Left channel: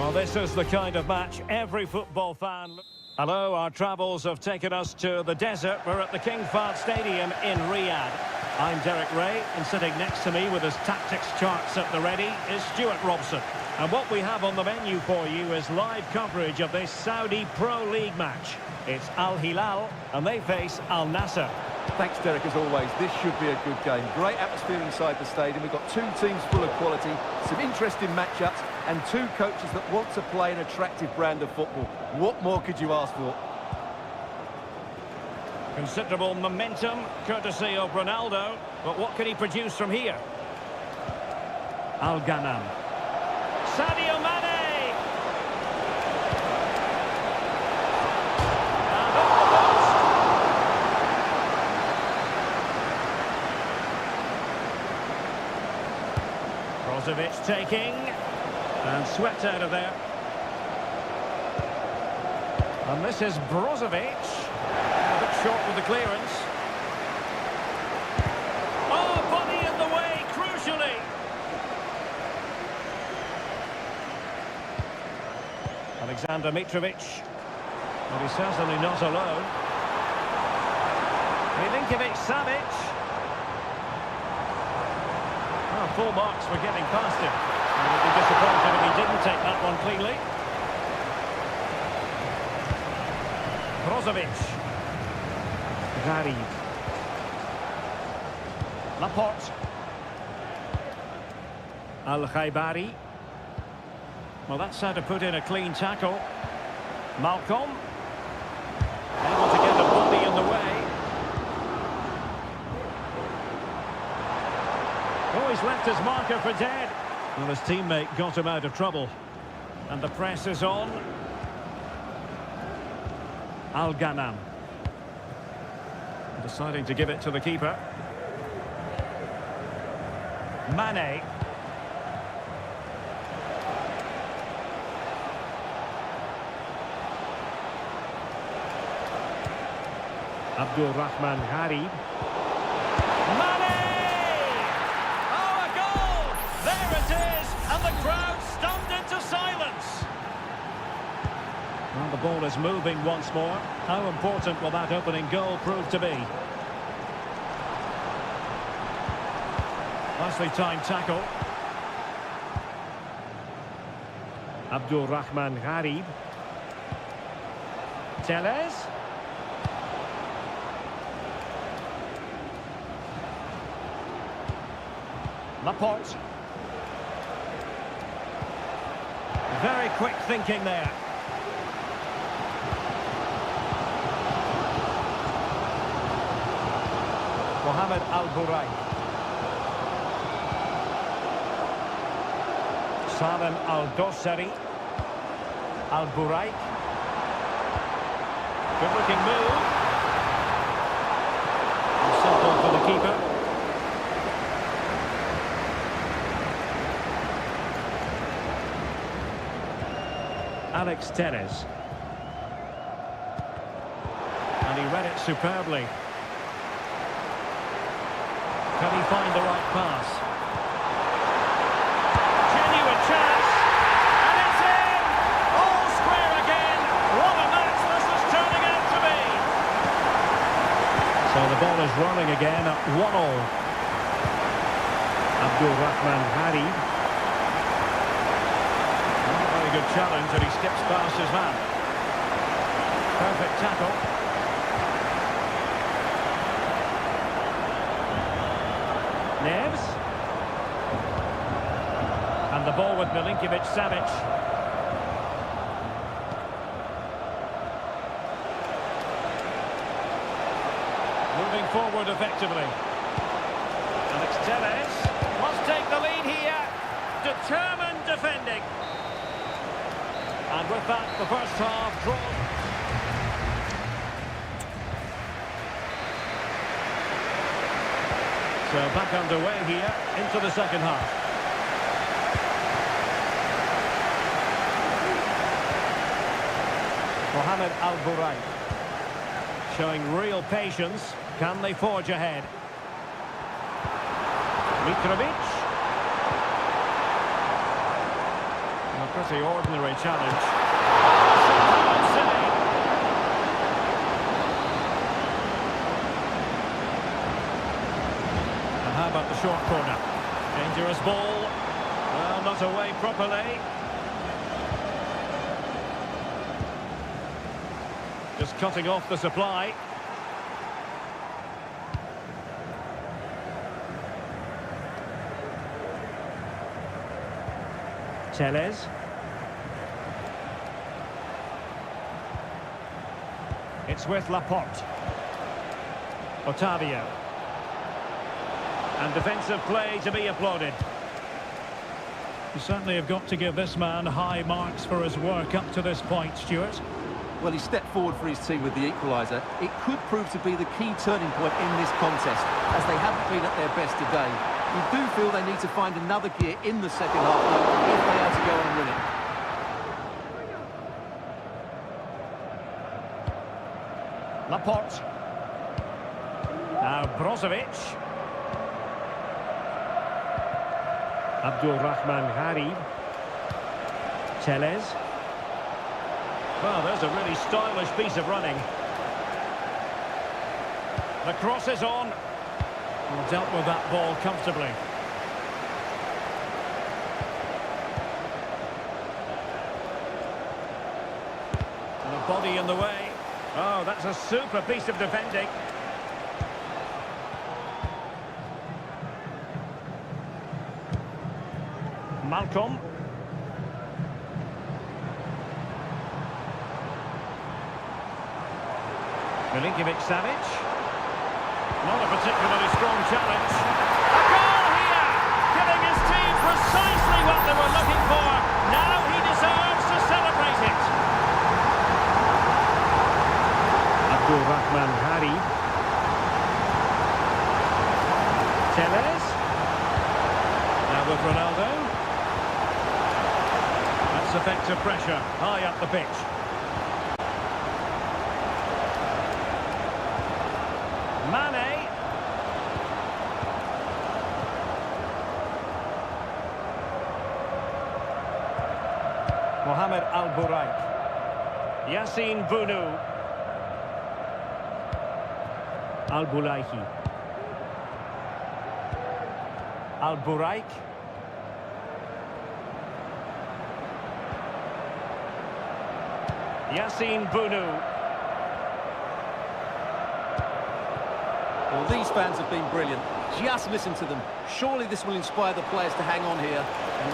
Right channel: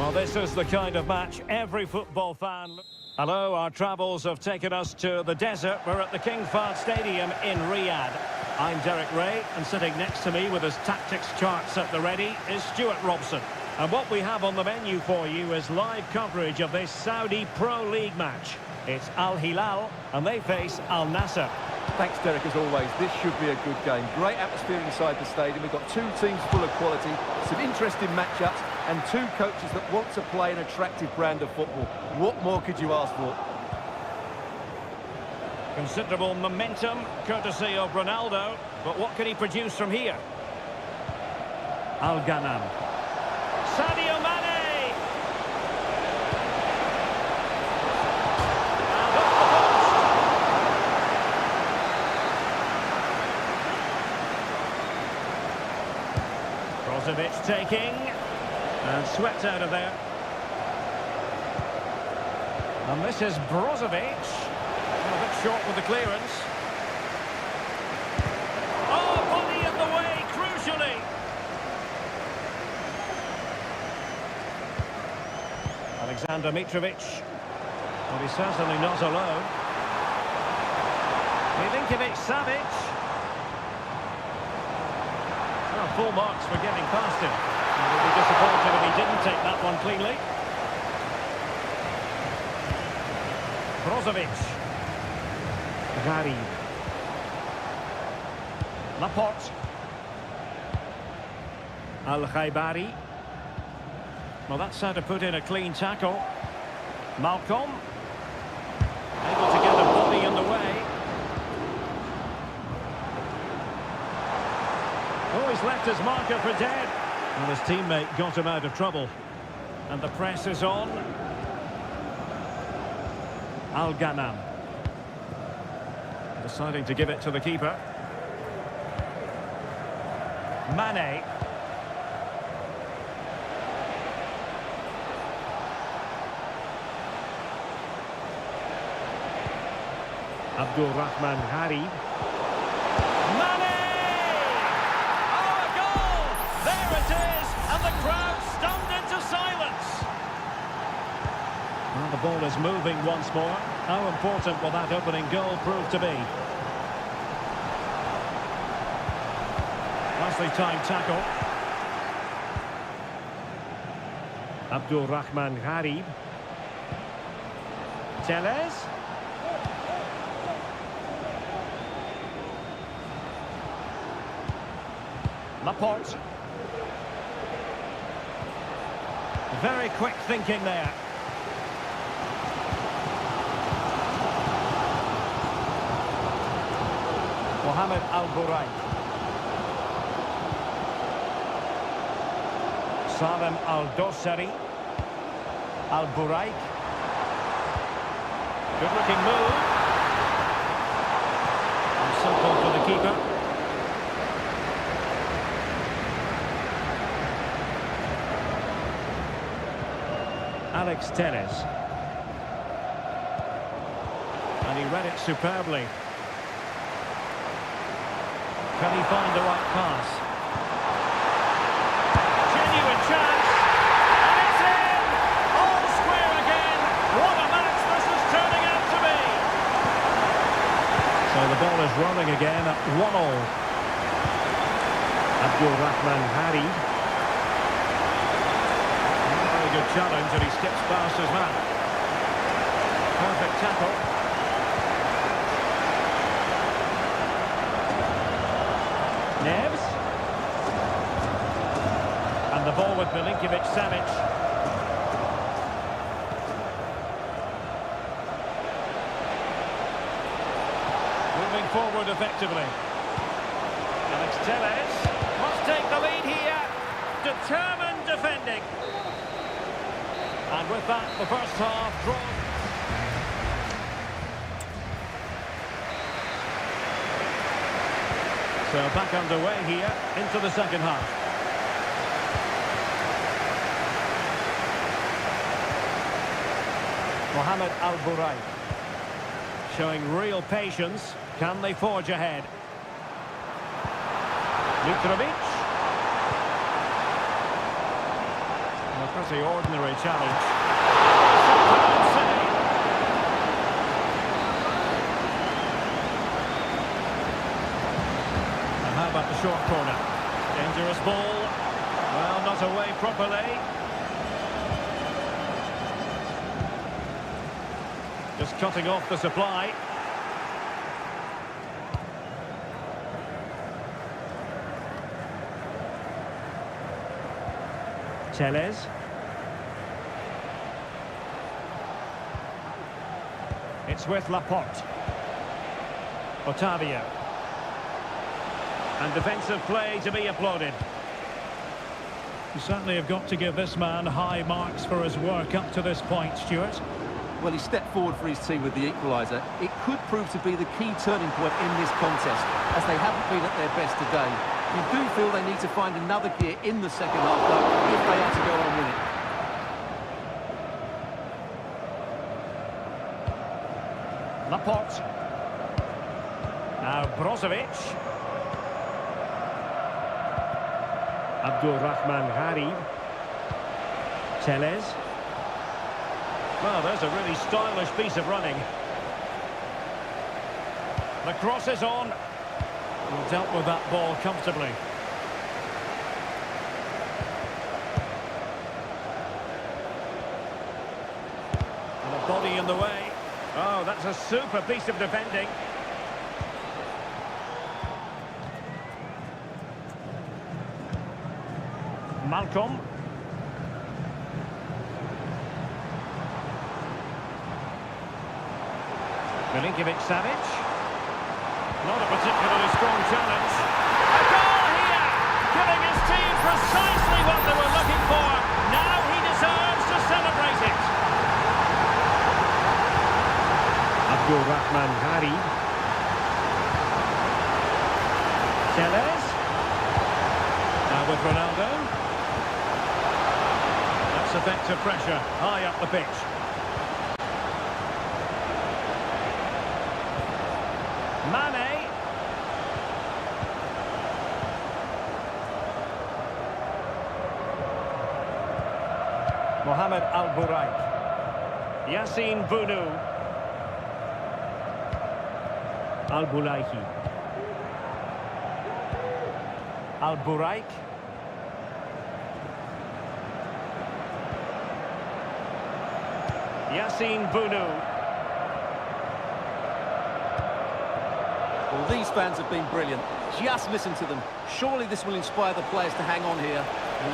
Well, this is the kind of match every football fan... Hello, our travels have taken us to the desert. We're at the King Fahd Stadium in Riyadh. I'm Derek Ray, and sitting next to me with his tactics charts at the ready is Stuart Robson. And what we have on the menu for you is live coverage of this Saudi Pro League match. It's Al Hilal, and they face Al Nassr. Thanks, Derek, as always. This should be a good game. Great atmosphere inside the stadium. We've got two teams full of quality, some interesting matchups, and two coaches that want to play an attractive brand of football. What more could you ask for? Considerable momentum, courtesy of Ronaldo. But what can he produce from here? Al-Ghanam. Sadio Mane! And off the post. Brozovic taking, and swept out of there. And this is Brozovic. A bit short with the clearance. Oh, body in the way, crucially. Alexander Mitrovic. And he's certainly not alone. Milinkovic-Savic. Oh, full marks for getting past him. He would be disappointed if he didn't take that one cleanly. Brozovic. Gharib. Laporte. Al-Khaibari. Well, that's how to put in a clean tackle. Malcolm. Able to get a body in the way. Oh, he's left his marker for dead. Well, his teammate got him out of trouble. And the press is on. Al-Ghanam. Deciding to give it to the keeper. Mane. Abdul Rahman Gharib. Mane! Oh, a goal! There it is! And the crowd stunned into silence. Well, the ball is moving once more. How important will that opening goal prove to be? Nicely timed tackle. Abdul Rahman Gharib. Tellez. Laporte. Very quick thinking there. Mohamed Al-Buraik. Salem Al-Dossari. Al-Buraik. Good looking move. And simple for the keeper. Alex Tellez. And he read it superbly. Can he find the right pass? Genuine chance. And it's in! All square again. What a match this is turning out to be. So the ball is rolling again at 1-1. Abdul Rahman Gharib. Very good challenge, and he skips past his man. Perfect tackle. Neves. And the ball with Milinkovic-Savic. Moving forward effectively. Alex Tellez must take the lead here. Determined defending. And with that, the first half drawn. So back underway here into the second half. Mohamed Al-Buraik showing real patience. Can they forge ahead? Mitrovic. pretty ordinary challenge. Oh, superb save. And how about the short corner? Dangerous ball. Well, not away properly. Just cutting off the supply. Teles. It's with Laporte. Otavio. And defensive play to be applauded. You certainly have got to give this man high marks for his work up to this point, Stuart. Well, he stepped forward for his team with the equaliser. It could prove to be the key turning point in this contest, as they haven't been at their best today. You do feel they need to find another gear in the second half, though, if they are to go on and win it. Laporte. Now Brozovic. Abdulrahman Gharib. Teles. Well, there's a really stylish piece of running. The cross is on. Well, dealt with that ball comfortably. And a body in the way. Oh, that's a super piece of defending. Malcolm. Milinkovic-Savic. Not a particularly strong challenge. A goal here! Giving his team precisely what they were looking for. Now he deserves to celebrate it. Abdulrahman Gharib. Teles. Now with Ronaldo. That's effective pressure, high up the pitch. Mane. Mohamed Al-Buraik. Yassine Bounou. Al-Bulaihi. Al-Buraik. Yassine Bounou. Well, these fans have been brilliant. Just listen to them. Surely this will inspire the players to hang on here.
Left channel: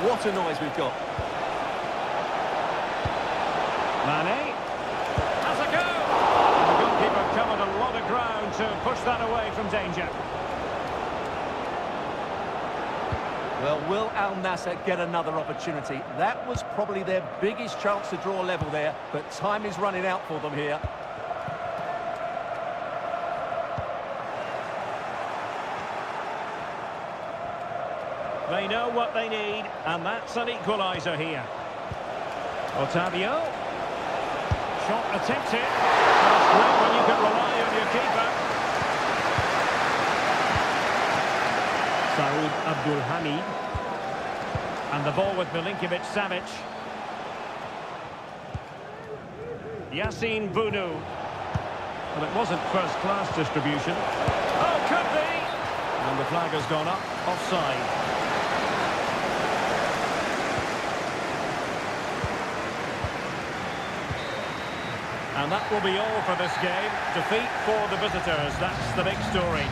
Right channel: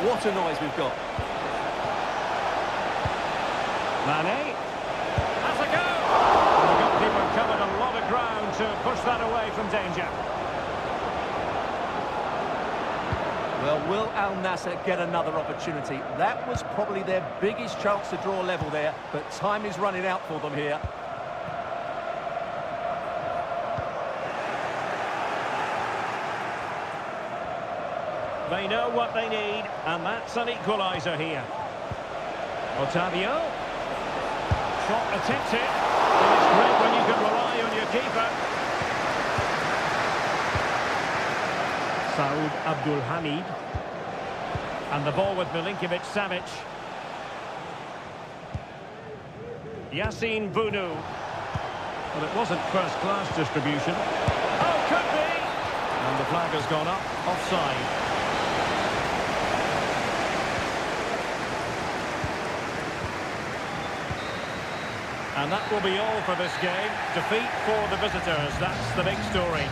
What a noise we've got. Mane. Has a go! And the goalkeeper covered a lot of ground to push that away from danger. Well, will Al Nassr get another opportunity? That was probably their biggest chance to draw level there, but time is running out for them here. They know what they need, and that's an equaliser here. Otavio. Shot attempted. Well, it's great when you can rely on your keeper. Saud Abdul Hamid. And the ball with Milinkovic-Savic. Yassine Bounou. Well, it wasn't first-class distribution. Oh, could be! And the flag has gone up, offside. And that will be all for this game. Defeat for the visitors, that's the big story.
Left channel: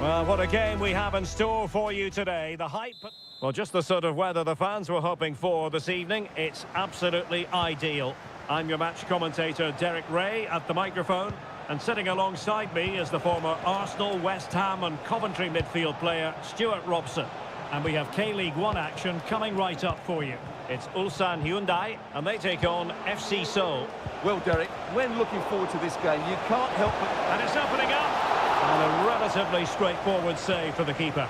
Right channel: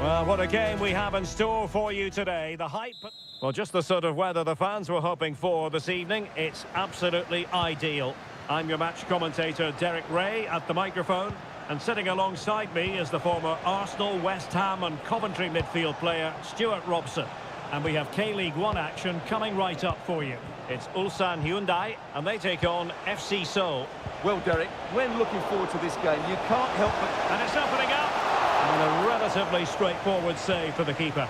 Well, what a game we have in store for you today. The hype... Well, just the sort of weather the fans were hoping for this evening. It's absolutely ideal. I'm your match commentator, Derek Ray, at the microphone. And sitting alongside me is the former Arsenal, West Ham and Coventry midfield player, Stuart Robson. And we have K-League 1 action coming right up for you. It's Ulsan Hyundai, and they take on FC Seoul. Well, Derek, when looking forward to this game, you can't help but... And it's opening up! And a relatively straightforward save for the keeper.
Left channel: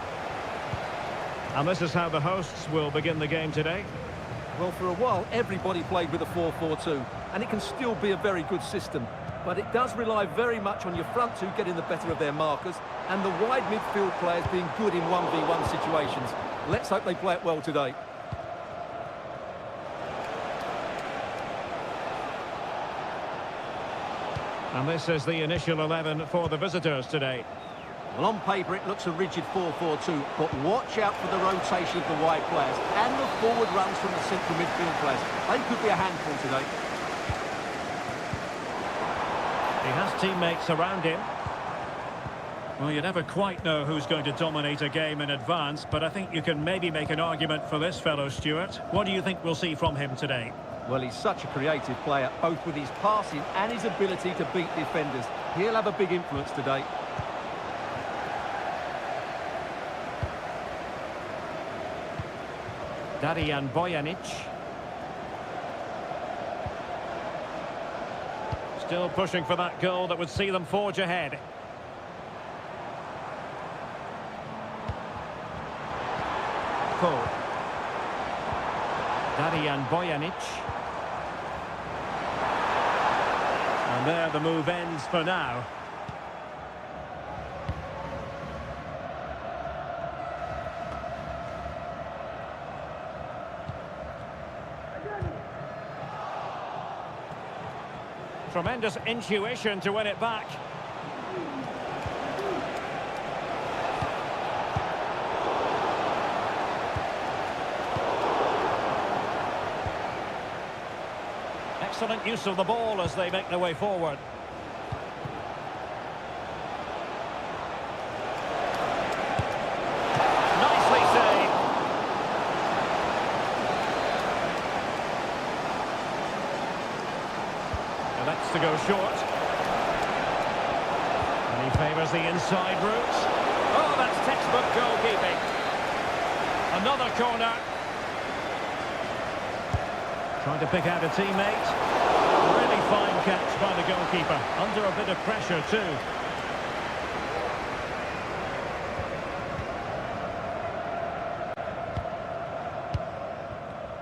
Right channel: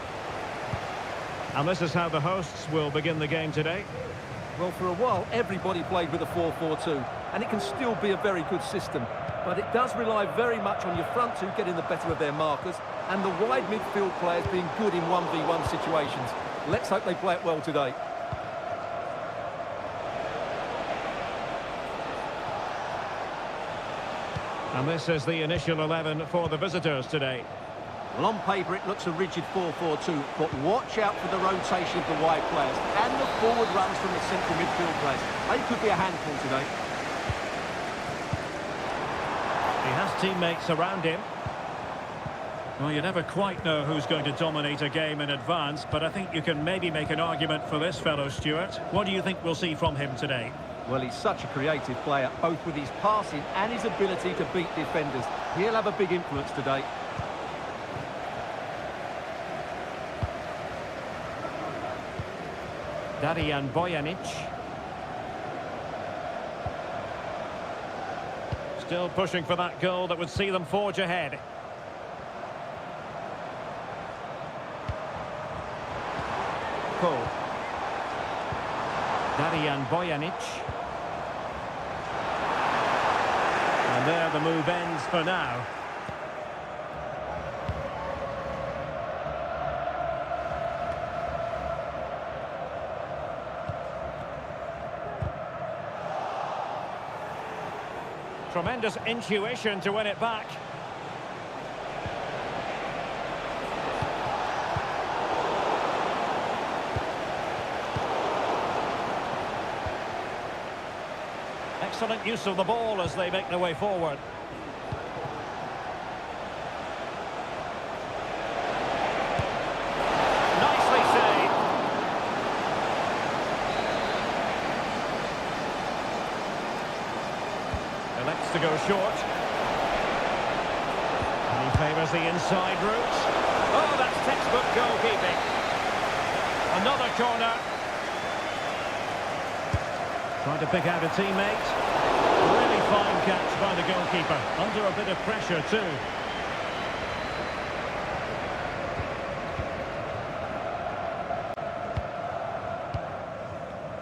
And this is how the hosts will begin the game today. Well, for a while, everybody played with a 4-4-2, and it can still be a very good system. But it does rely very much on your front two getting the better of their markers, and the wide midfield players being good in 1v1 situations. Let's hope they play it well today. And this is the initial 11 for the visitors today. Well, on paper it looks a rigid 4-4-2, but watch out for the rotation of the wide players and the forward runs from the central midfield players. They could be a handful today. He has teammates around him. Well, you never quite know who's going to dominate a game in advance, but I think you can maybe make an argument for this fellow, Stuart. What do you think we'll see from him today? Well, he's such a creative player, both with his passing and his ability to beat defenders. He'll have a big influence today. Darijan Bojanic. Still pushing for that goal that would see them forge ahead. Cole. Darijan Bojanic. And there the move ends for now. Tremendous intuition to win it back. Excellent use of the ball as they make their way forward. Nicely saved. Elects to go short. And he favours the inside route. Oh, that's textbook goalkeeping. Another corner. Trying to pick out a teammate. Really fine catch by the goalkeeper. Under a bit of pressure too.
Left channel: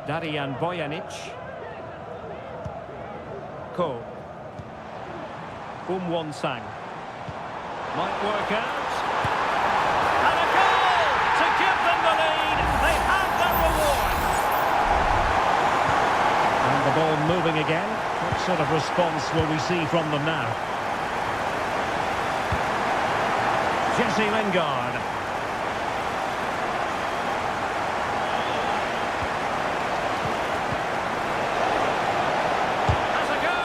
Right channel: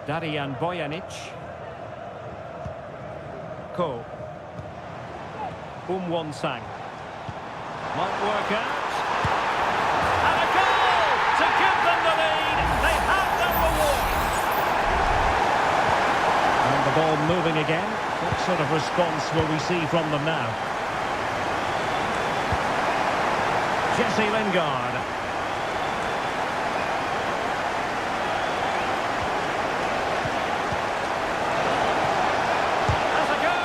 Darijan Bojanic. Ko. Won-sang. Might work out. And a goal to give them the lead. They have their reward. And the ball moving again. What sort of response will we see from them now? Jesse Lingard. Has a go!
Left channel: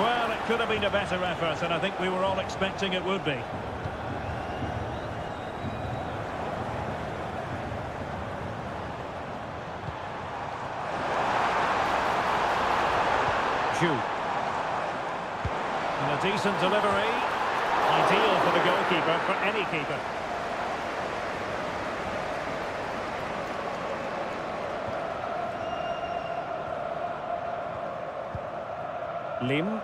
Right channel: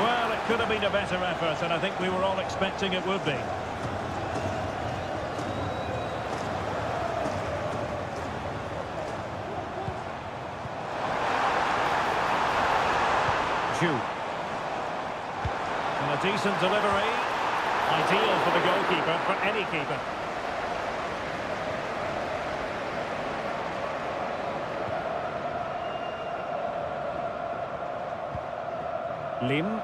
Well, it could have been a better effort, and I think we were all expecting it would be. And a decent delivery. Ideal for the goalkeeper, for any keeper. Lim.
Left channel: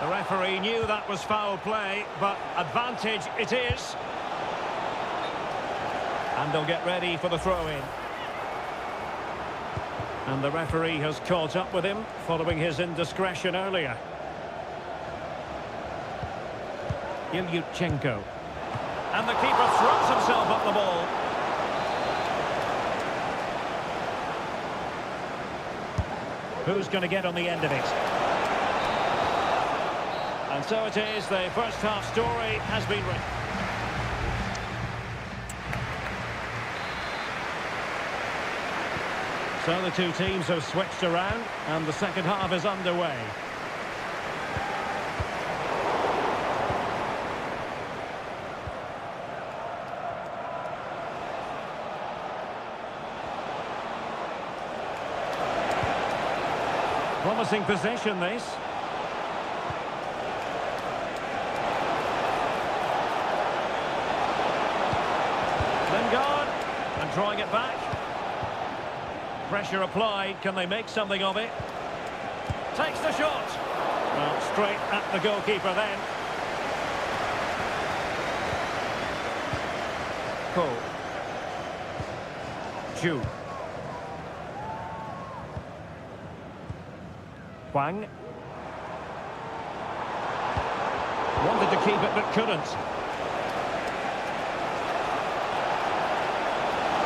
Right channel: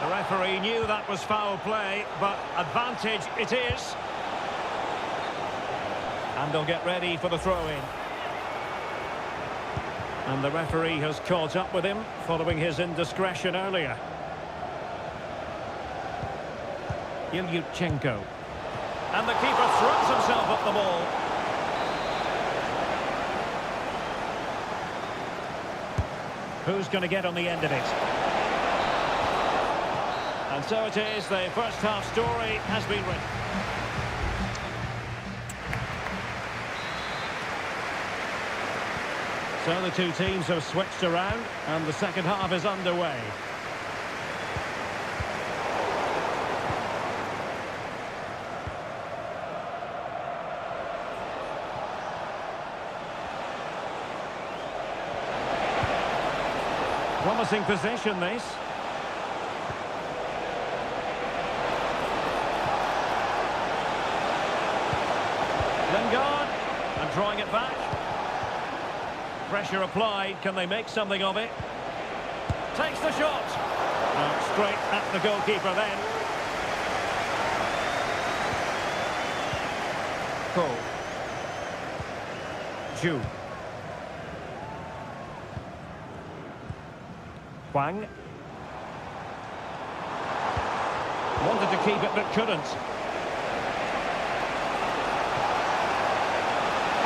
The referee knew that was foul play, but advantage it is. And they'll get ready for the throw-in. And the referee has caught up with him following his indiscretion earlier. Ilyutchenko. And the keeper throws himself at the ball. Who's going to get on the end of it? And so it is, the first half story has been written. So the two teams have switched around and the second half is underway. Promising possession, this. Lingard, and drawing it back. Pressure applied, can they make something of it? Takes the shot. Straight at the goalkeeper then. Cole. Ju. Huang. Wanted to keep it but couldn't.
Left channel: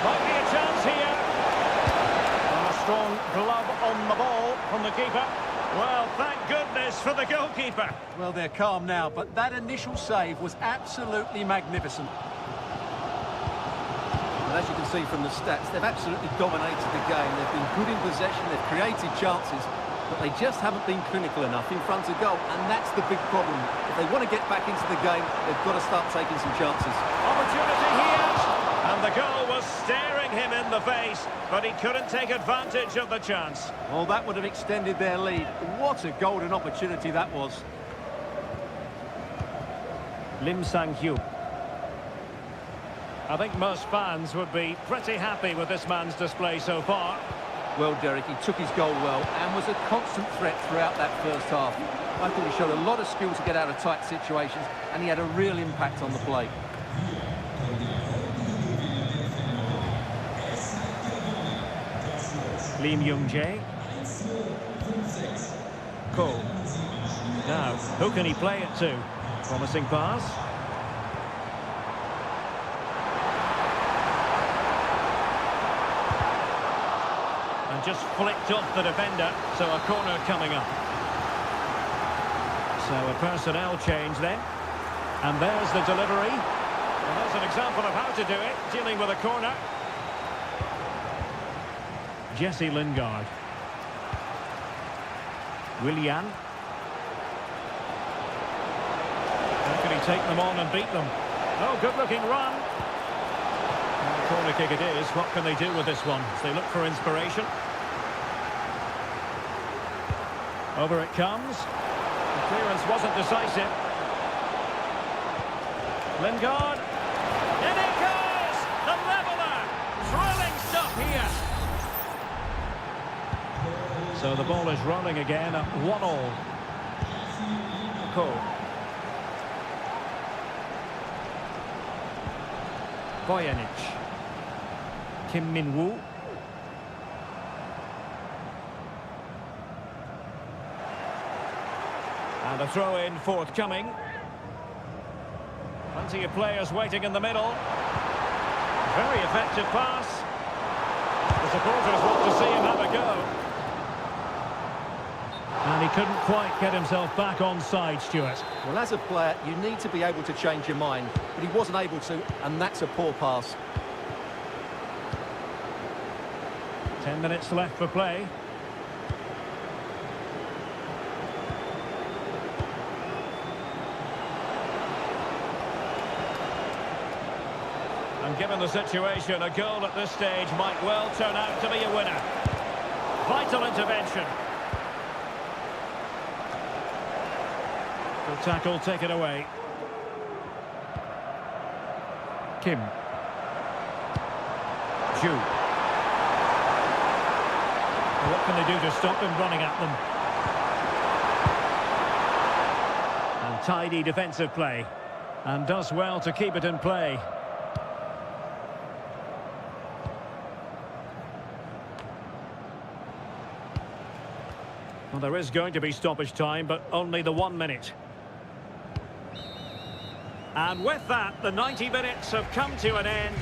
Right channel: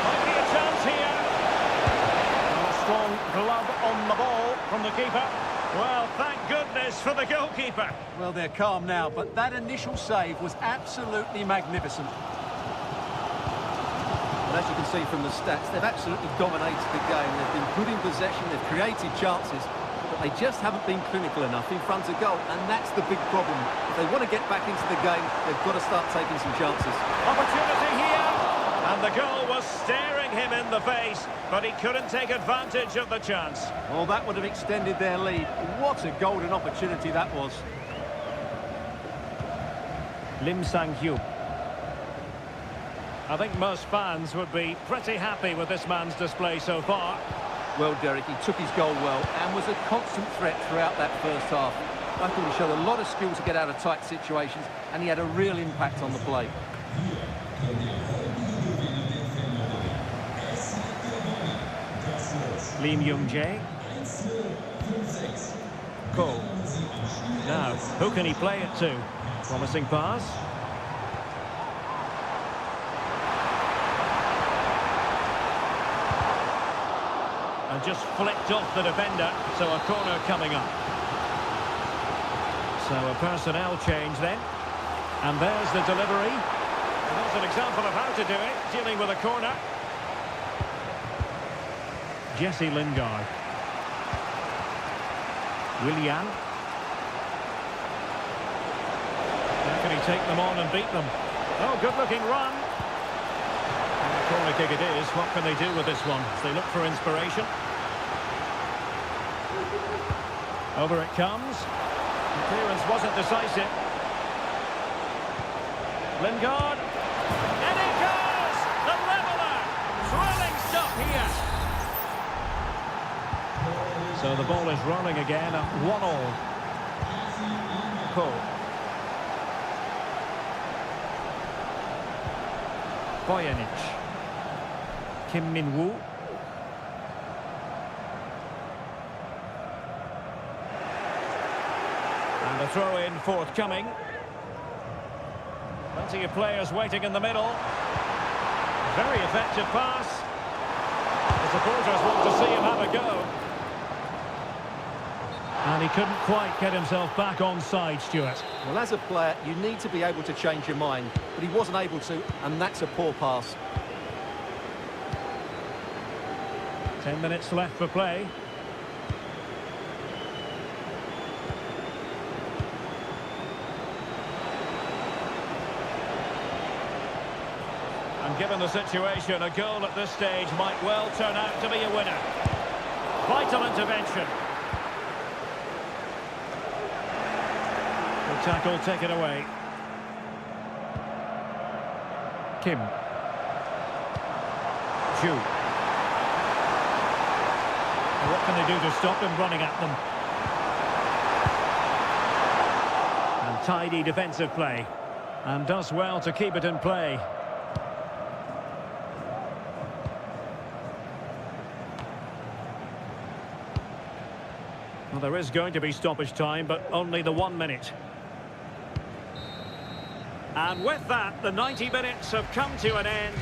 Might be a chance here. And a strong glove on the ball from the keeper. Well, thank goodness for the goalkeeper. Well, they're calm now, but that initial save was absolutely magnificent. And as you can see from the stats, they've absolutely dominated the game. They've been good in possession, they've created chances, but they just haven't been clinical enough in front of goal, and that's the big problem. If they want to get back into the game, they've got to start taking some chances. Opportunity here, and the goal was staring him in the face, but he couldn't take advantage of the chance. Well, that would have extended their lead. What a golden opportunity that was. Lim Sang-hyuk. I think most fans would be pretty happy with this man's display so far. Well, Derek, he took his goal well and was a constant threat throughout that first half. I thought he showed a lot of skill to get out of tight situations, and he had a real impact on the play. Lim Young-jae. Cole. Now, who can he play it to? Promising pass. And just flicked off the defender, so a corner coming up. So a personnel change then. And there's the delivery. And there's an example of how to do it, dealing with a corner. Jesse Lingard. Willian. How can he take them on and beat them? Oh, good-looking run. And the corner kick it is. What can they do with this one as they look for inspiration? Over it comes. The clearance wasn't decisive. Lingard. And it goes! The leveller! Thrilling stuff here. So the ball is rolling again at 1-1. Cole. Bojanic. Kim Min-woo. And a throw-in forthcoming. Plenty of players waiting in the middle. Very effective pass. The supporters want to see him have a go. And he couldn't quite get himself back on side, Stuart. Well, as a player, you need to be able to change your mind, but he wasn't able to, and that's a poor pass. 10 minutes left for play. And given the situation, a goal at this stage might well turn out to be a winner. Vital intervention. Good tackle, take it away. Kim. Ju. What can they do to stop him running at them? And tidy defensive play. And does well to keep it in play. Well, there is going to be stoppage time, but only the 1 minute. And with that, the 90 minutes have come to an end.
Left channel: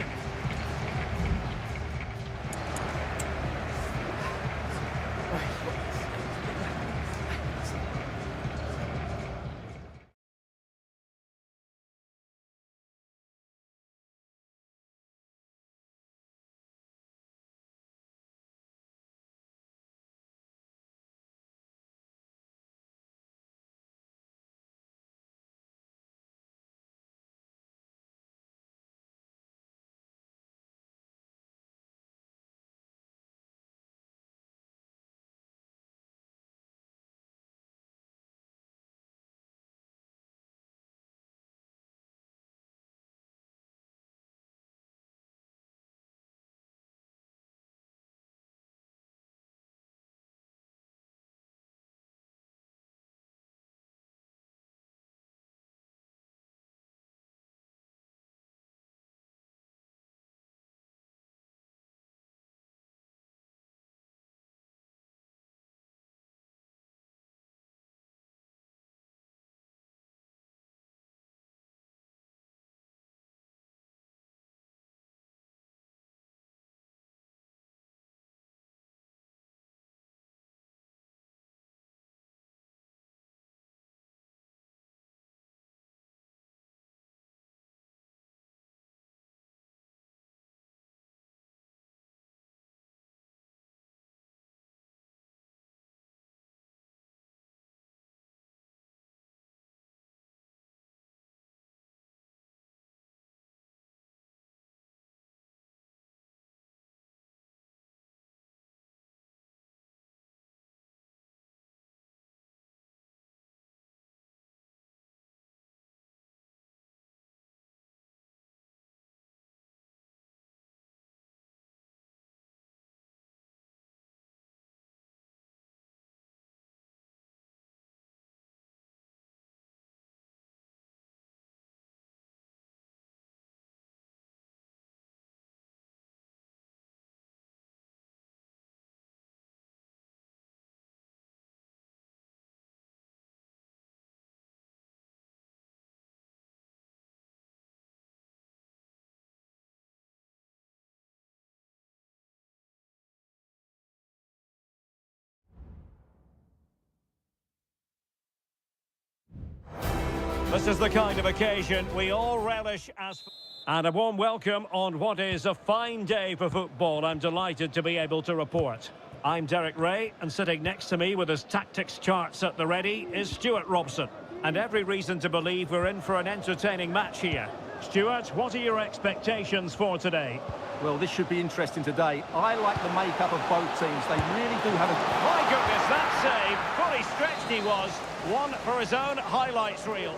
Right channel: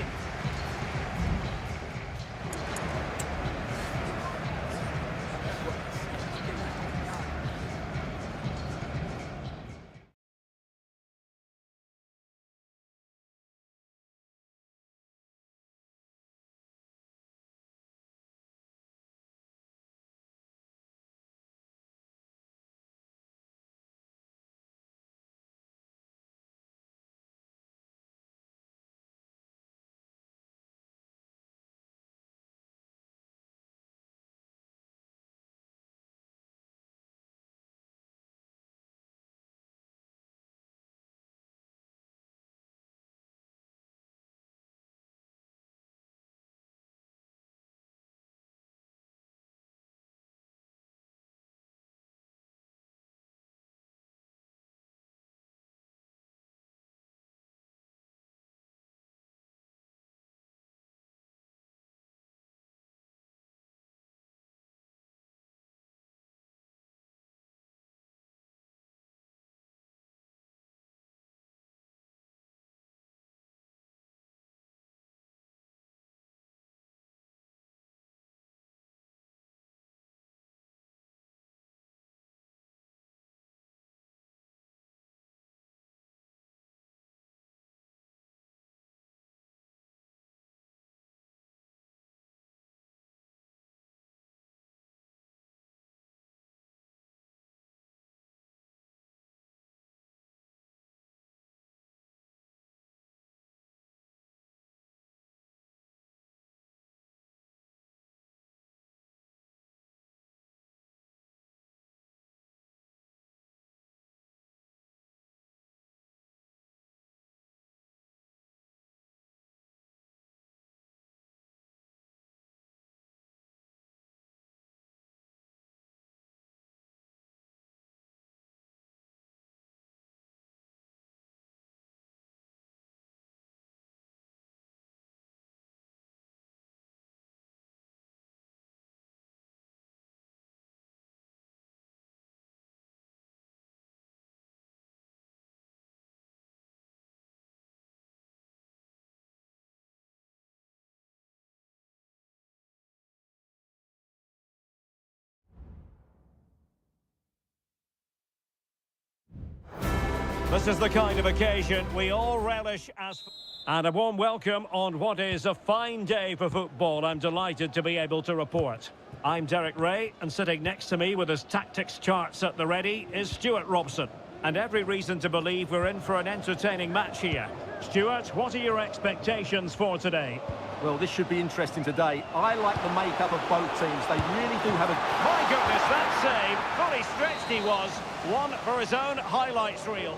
This is the kind of occasion we all relish as... And a warm welcome on what is a fine day for football. I'm delighted to be able to report. I'm Derek Ray, and sitting next to me with his tactics charts at the ready is Stuart Robson. And every reason to believe we're in for an entertaining match here. Stuart, what are your expectations for today? Well, this should be interesting today. I like the makeup of both teams. They really do have a... My goodness, that save. Fully stretched he was. One for his own highlights reel.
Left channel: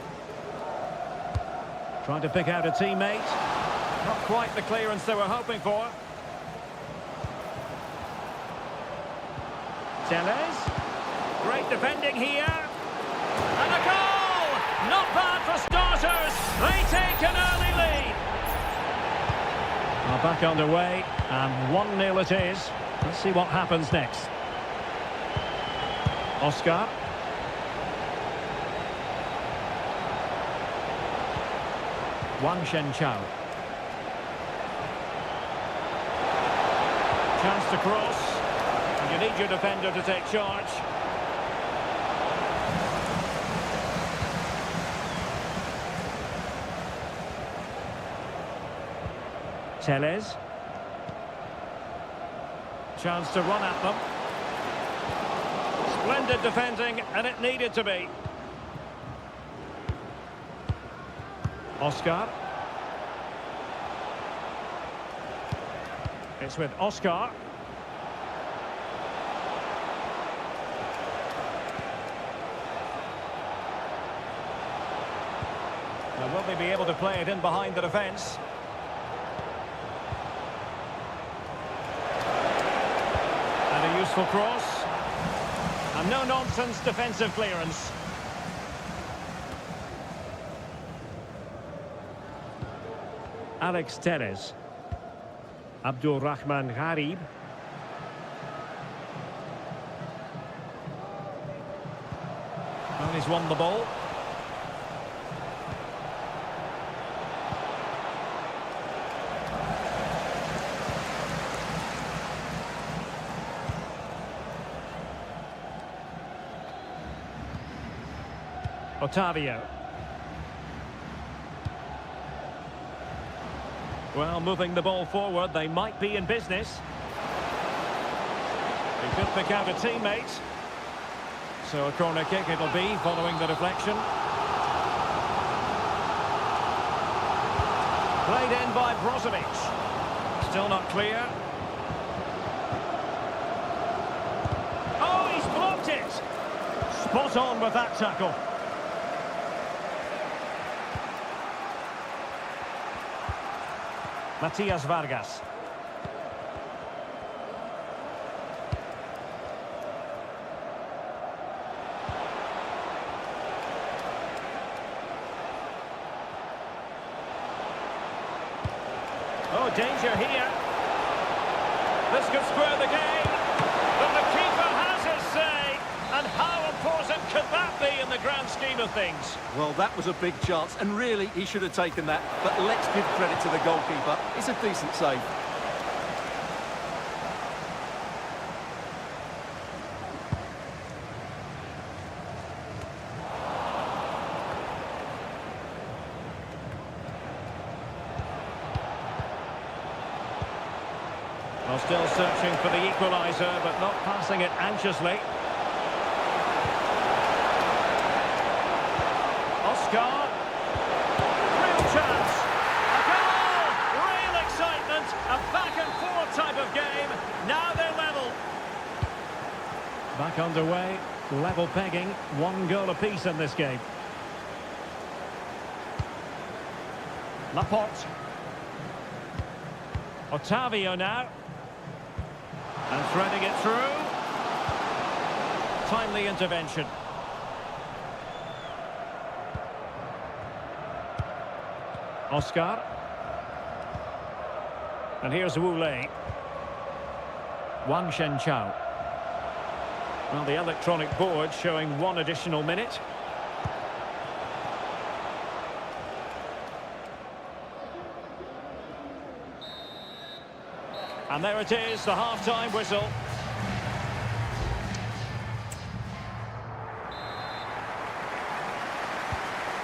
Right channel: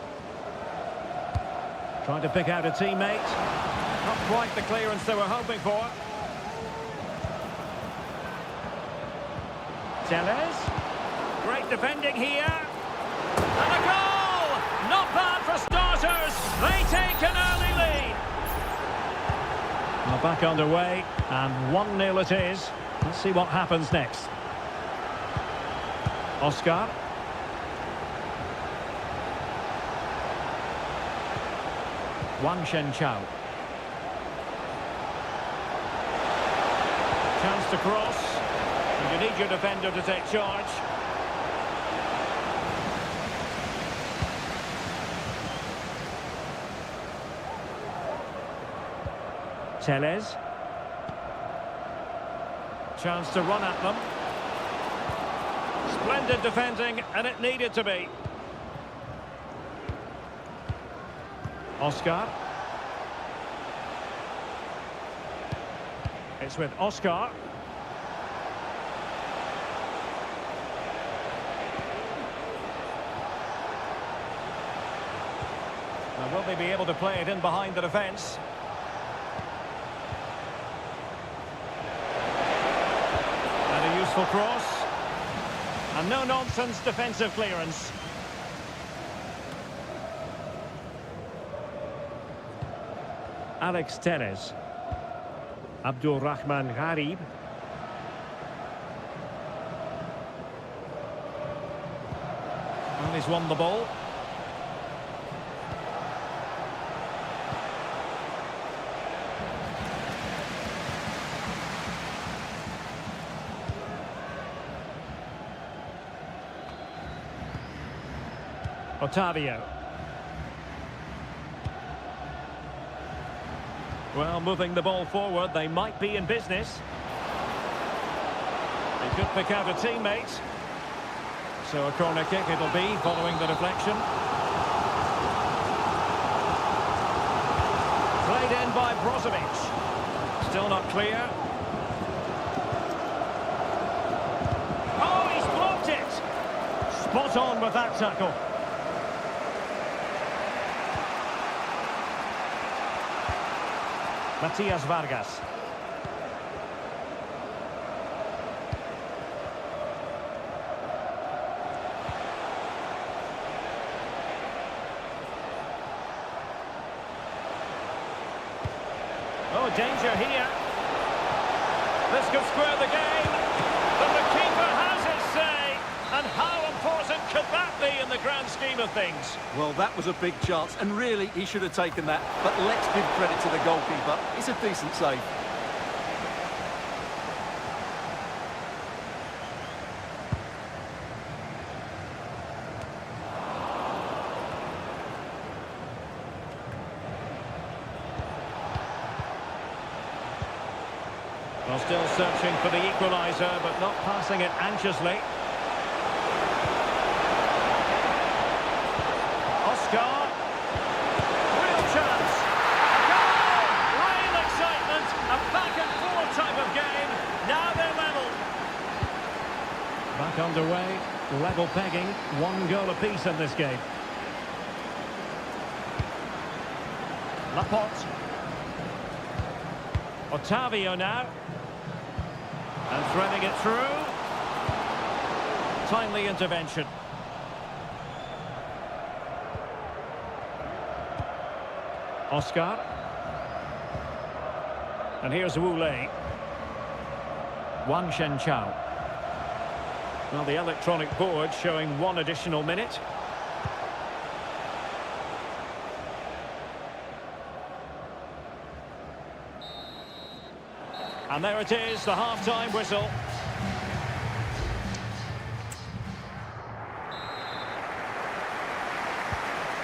Trying to pick out a teammate. Not quite the clearance they were hoping for. Tellez. Great defending here. And a goal! Not bad for starters. They take an early lead. Well, back underway, and 1-0 it is. Let's see what happens next. Oscar. Wang Shenchao. Chance to cross. And you need your defender to take charge. Tellez. Chance to run at them. Splendid defending, and it needed to be. Oscar. It's with Oscar. Now, will they be able to play it in behind the defence? And a useful cross. And no-nonsense defensive clearance. Alex Tellez. Abdul Rahman Gharib. And he's won the ball. Otavio. Well, moving the ball forward, they might be in business. They could pick out a teammate. So a corner kick it'll be, following the deflection. Played in by Brozovic. Still not clear. Oh, he's blocked it! Spot on with that tackle. Matias Vargas. Oh, danger here. This could square the game. But the keeper has his say. And how important could that be in the grand scheme of things? Well, that was a big chance, and really, he should have taken that. But let's give credit to the goalkeeper. It's a decent save. Well, still searching for the equaliser, but not passing it anxiously. Oscar. Real chance. A goal! Real excitement. A back-and-forth type of game. Now they're level. Back underway. Level pegging. 1 goal apiece in this game. Laporte. Otavio now. And threading it through. Timely intervention. Oscar. And here's Wu Lei. Wang Shenchao. Well, the electronic board showing 1 additional minute. And there it is, the half-time whistle.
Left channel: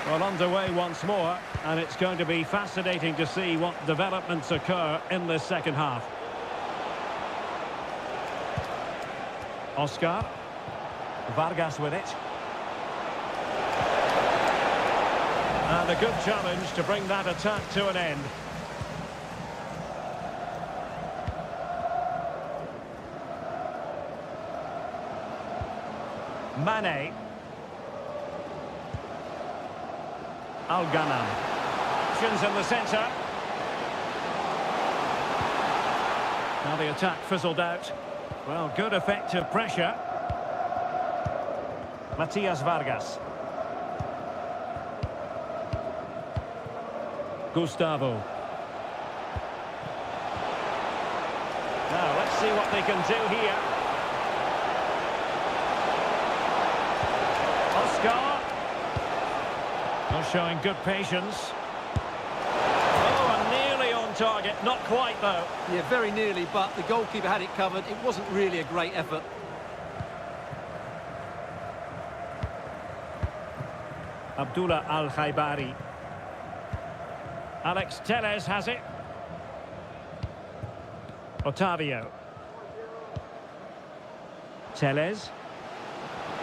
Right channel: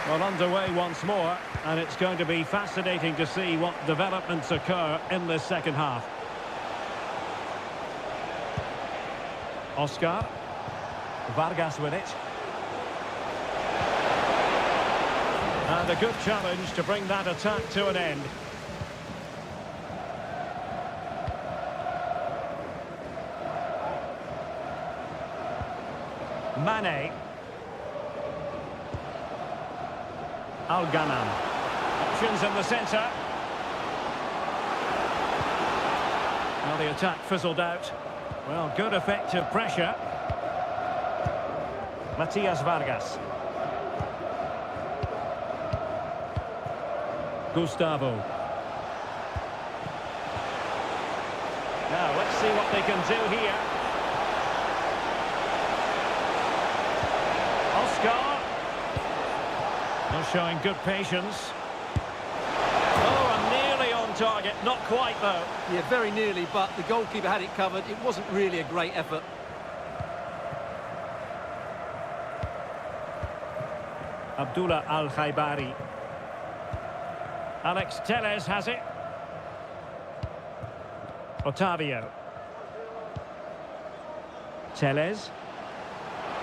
Well, underway once more, and it's going to be fascinating to see what developments occur in this second half. Oscar. Vargas with it. And a good challenge to bring that attack to an end. Mane. Al-Ghanam. Options in the centre. Now the attack fizzled out. Well, good effective pressure. Matias Vargas. Gustavo. Now, let's see what they can do here. Oscar. Not showing good patience. Oh, and nearly on target. Not quite, though. Yeah, very nearly, but the goalkeeper had it covered. It wasn't really a great effort. Abdullah Al-Khaibari. Alex Telles has it. Otavio. Telles.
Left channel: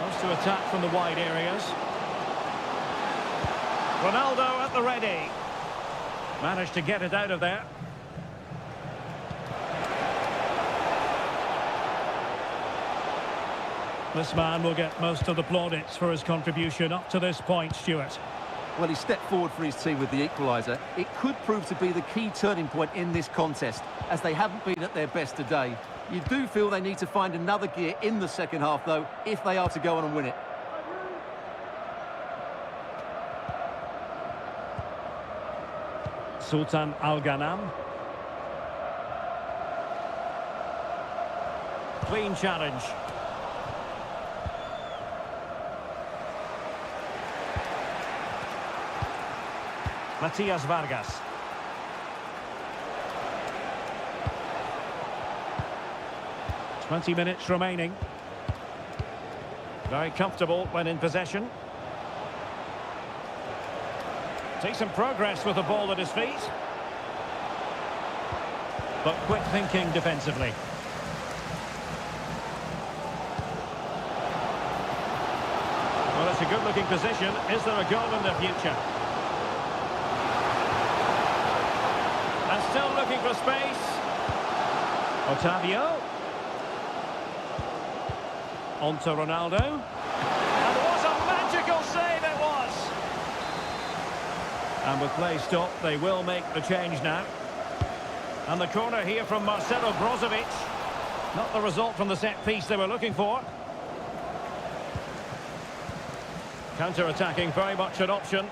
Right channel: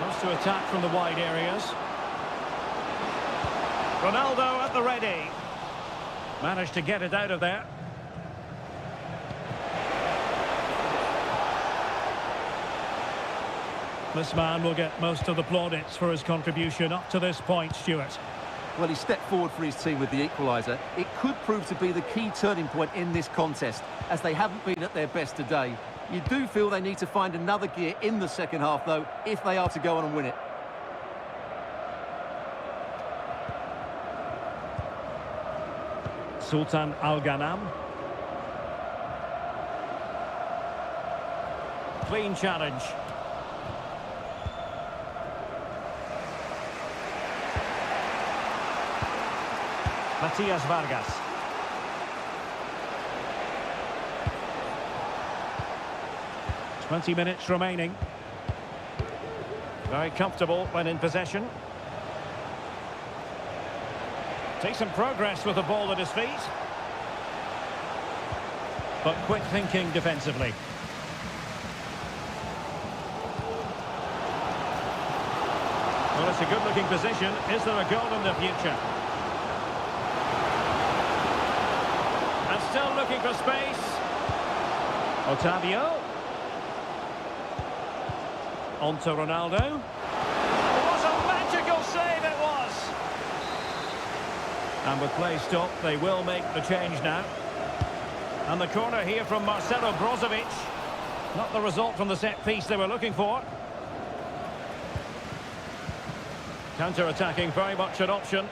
Wants to attack from the wide areas. Ronaldo at the ready. Managed to get it out of there. This man will get most of the plaudits for his contribution up to this point, Stuart. Well, he stepped forward for his team with the equaliser. It could prove to be the key turning point in this contest, as they haven't been at their best today. You do feel they need to find another gear in the second half, though, if they are to go on and win it. Sultan Al-Ghanam. Clean challenge. Matias Vargas. .20 remaining. Very comfortable when in possession. Decent progress with the ball at his feet. But quick thinking defensively. Well, it's a good-looking position. Is there a goal in the future? And still looking for space. Otavio. On to Ronaldo. And what a magical save it was! And with play stopped, they will make the change now. And the corner here from Marcelo Brozovic. Not the result from the set piece they were looking for. Counter-attacking, very much an option.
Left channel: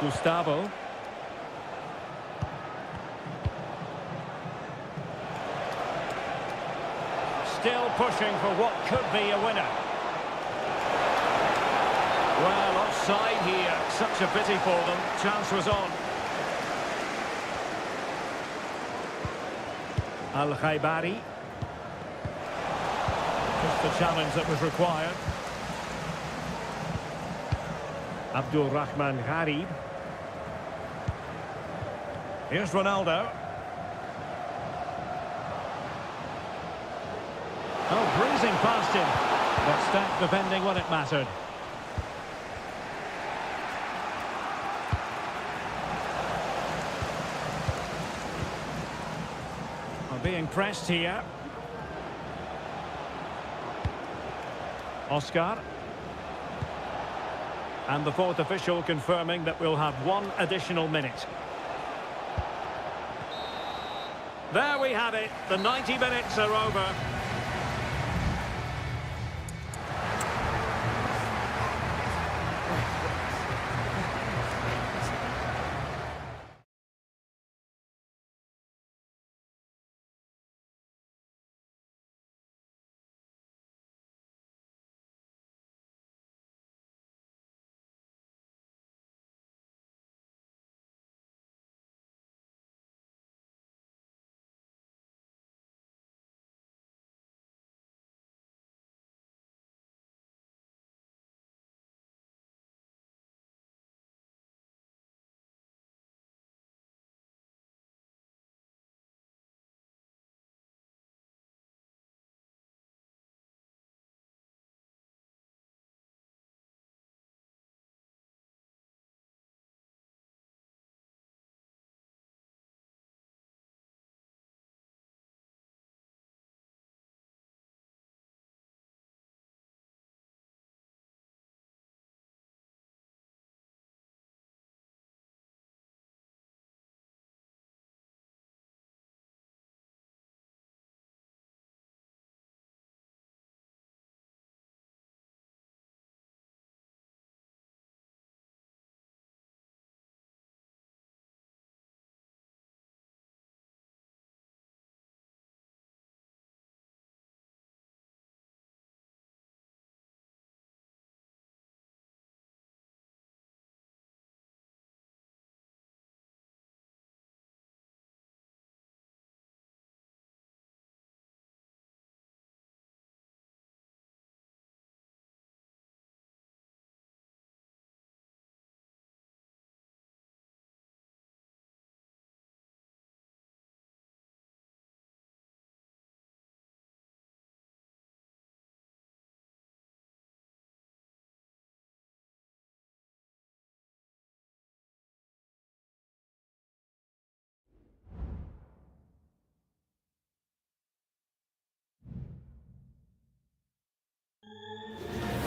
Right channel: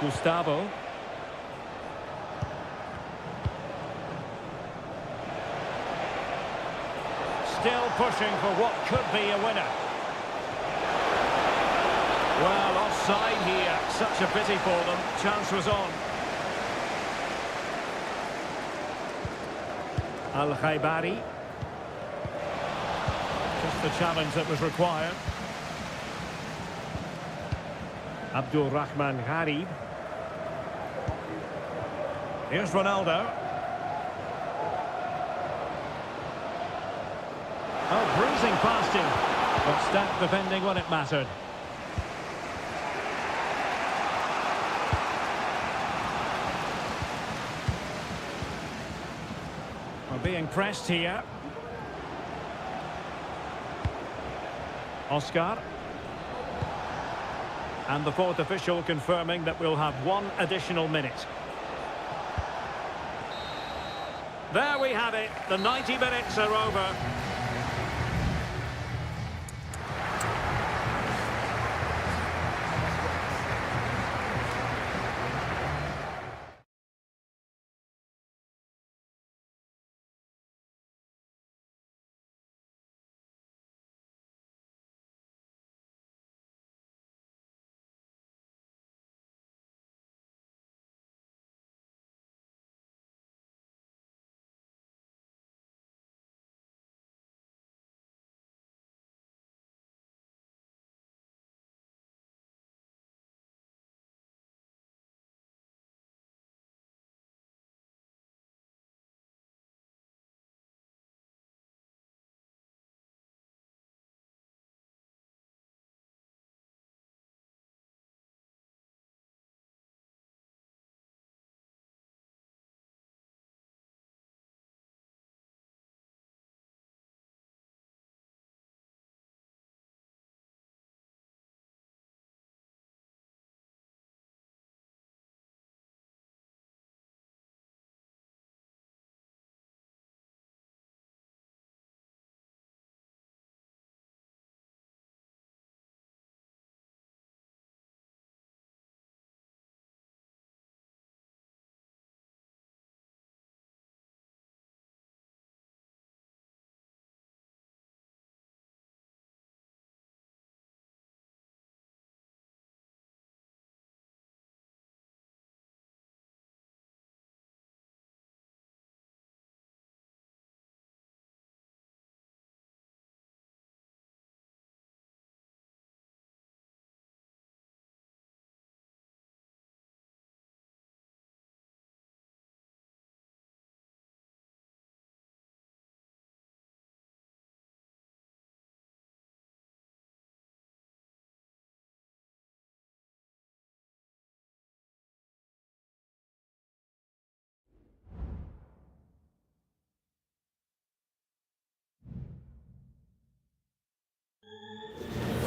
Gustavo. Still pushing for what could be a winner. Well, offside here. Such a pity for them. Chance was on. Al-Khaibari. Just the challenge that was required. Abdul Rahman Gharib. Here's Ronaldo. Oh, breezing past him. But stat defending when it mattered. We're being pressed here. Oscar. And the fourth official confirming that we'll have one additional minute. There we have it. The 90 minutes are over.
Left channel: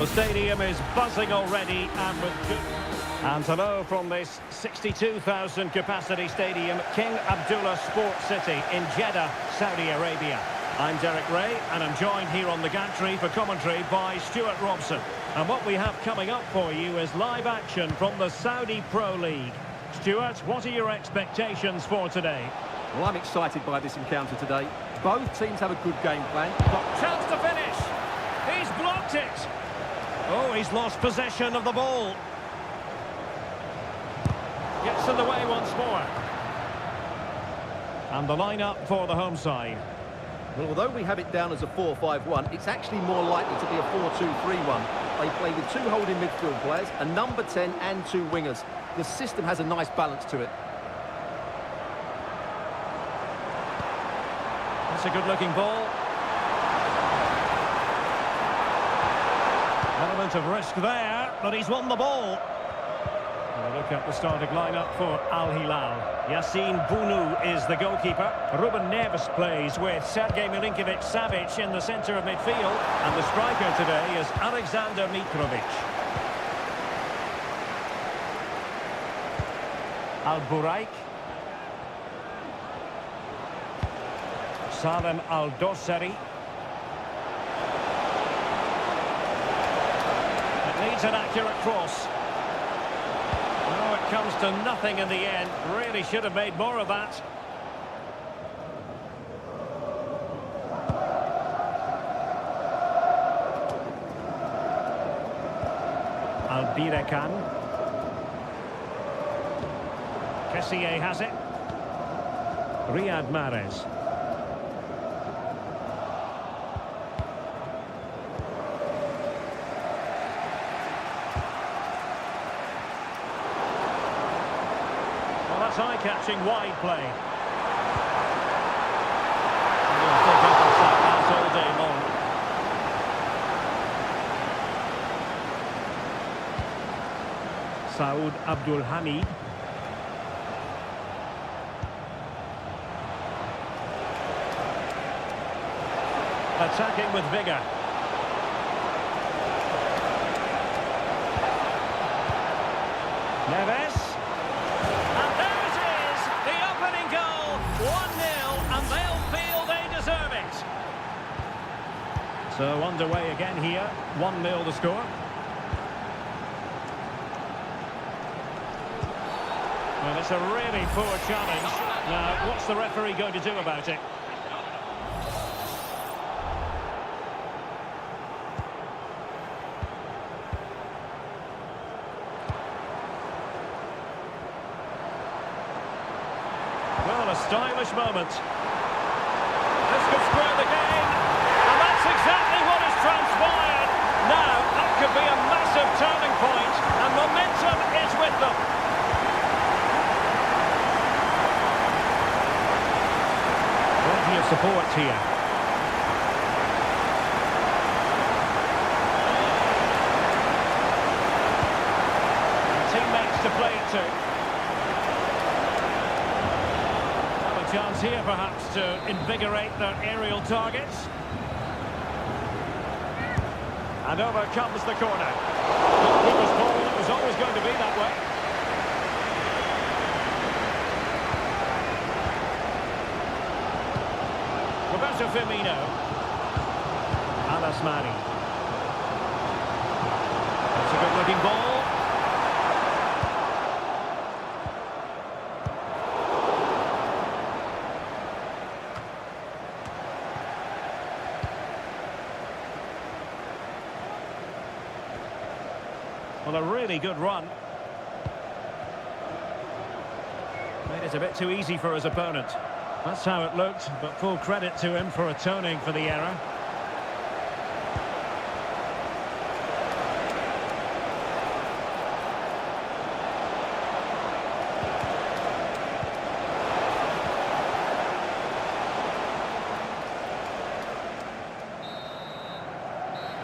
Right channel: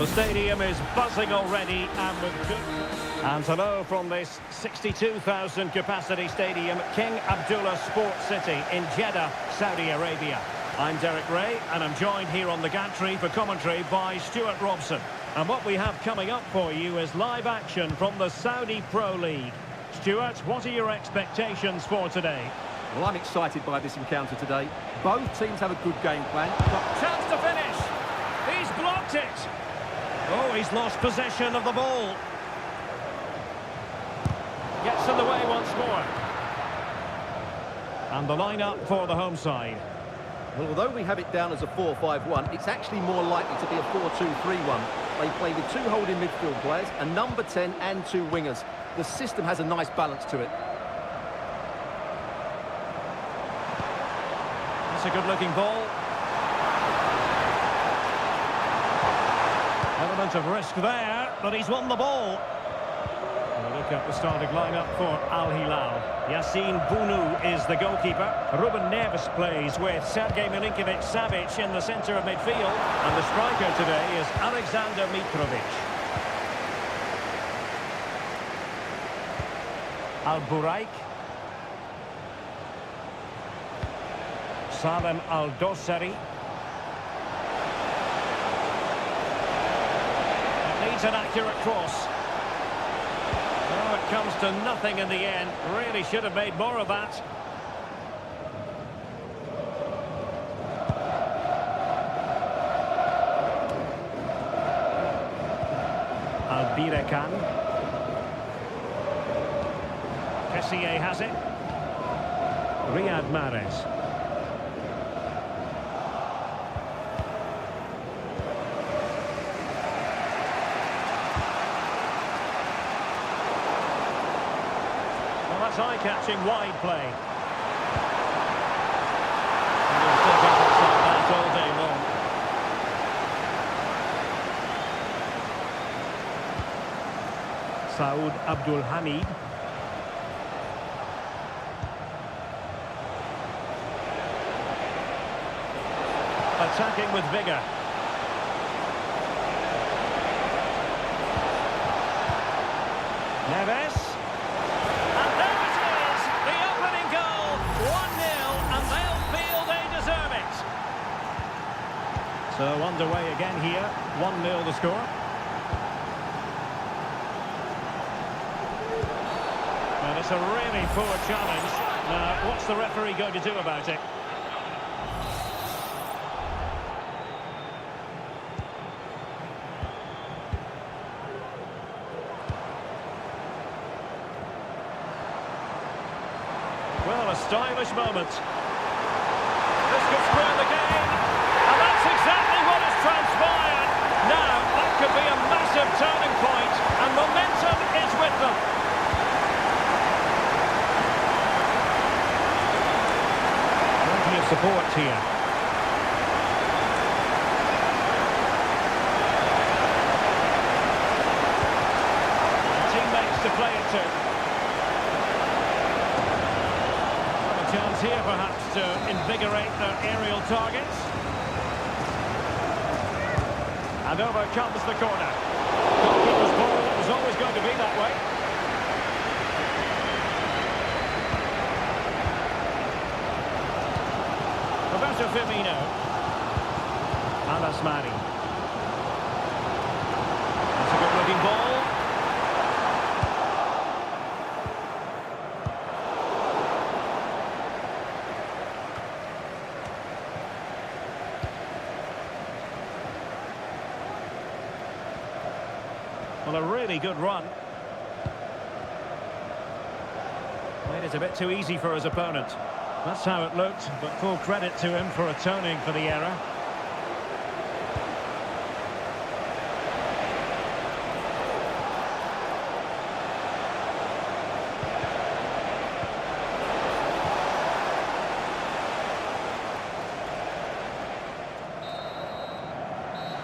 The stadium is buzzing already and with good... And hello from this 62,000 capacity stadium, King Abdullah Sports City in Jeddah, Saudi Arabia. I'm Derek Ray and I'm joined here on the gantry for commentary by Stuart Robson. And what we have coming up for you is live action from the Saudi Pro League. Stuart, what are your expectations for today? Well, I'm excited by this encounter today. Both teams have a good game plan. Got chance to finish. He's blocked it. Oh, he's lost possession of the ball. Gets in the way once more. And the lineup for the home side. Well, although we have it down as a 4-5-1, it's actually more likely to be a 4-2-3-1. They play with two holding midfield players, a number 10 and two wingers. The system has a nice balance to it. That's a good-looking ball. Element of risk there, but he's won the ball. And we look at the starting lineup for Al Hilal. Yassine Bounou is the goalkeeper. Ruben Neves plays with Sergej Milinkovic-Savic in the centre of midfield. And the striker today is Alexander Mitrovic. Al-Buraik. Salem Al-Dossari. It needs an accurate cross. No, it comes to nothing in the end. Really should have made more of that. Albirekan. Kessié has it. Riyad Mahrez. Well, that's eye-catching wide play. And you'll think efforts like that all day long. Saud Abdul Hamid. Attacking with vigour. Neves. And there it is! The opening goal! 1-0, and they'll feel they deserve it. So underway again here. 1-0 the score. Well, it's a really poor challenge. Now, what's the referee going to do about it? Well, a stylish moment. This could square the game, and that's exactly what has transpired. Now, that could be a massive turning point, and momentum is with them. Plenty of support here. And teammates to play it to. Chance here perhaps to invigorate their aerial targets. And over comes the corner. Goalkeeper's ball, it was always going to be that way. Roberto Firmino. Al-Asmani. That's a good looking ball. Well, a really good run. Made it a bit too easy for his opponent. That's how it looked, but full credit to him for atoning for the error.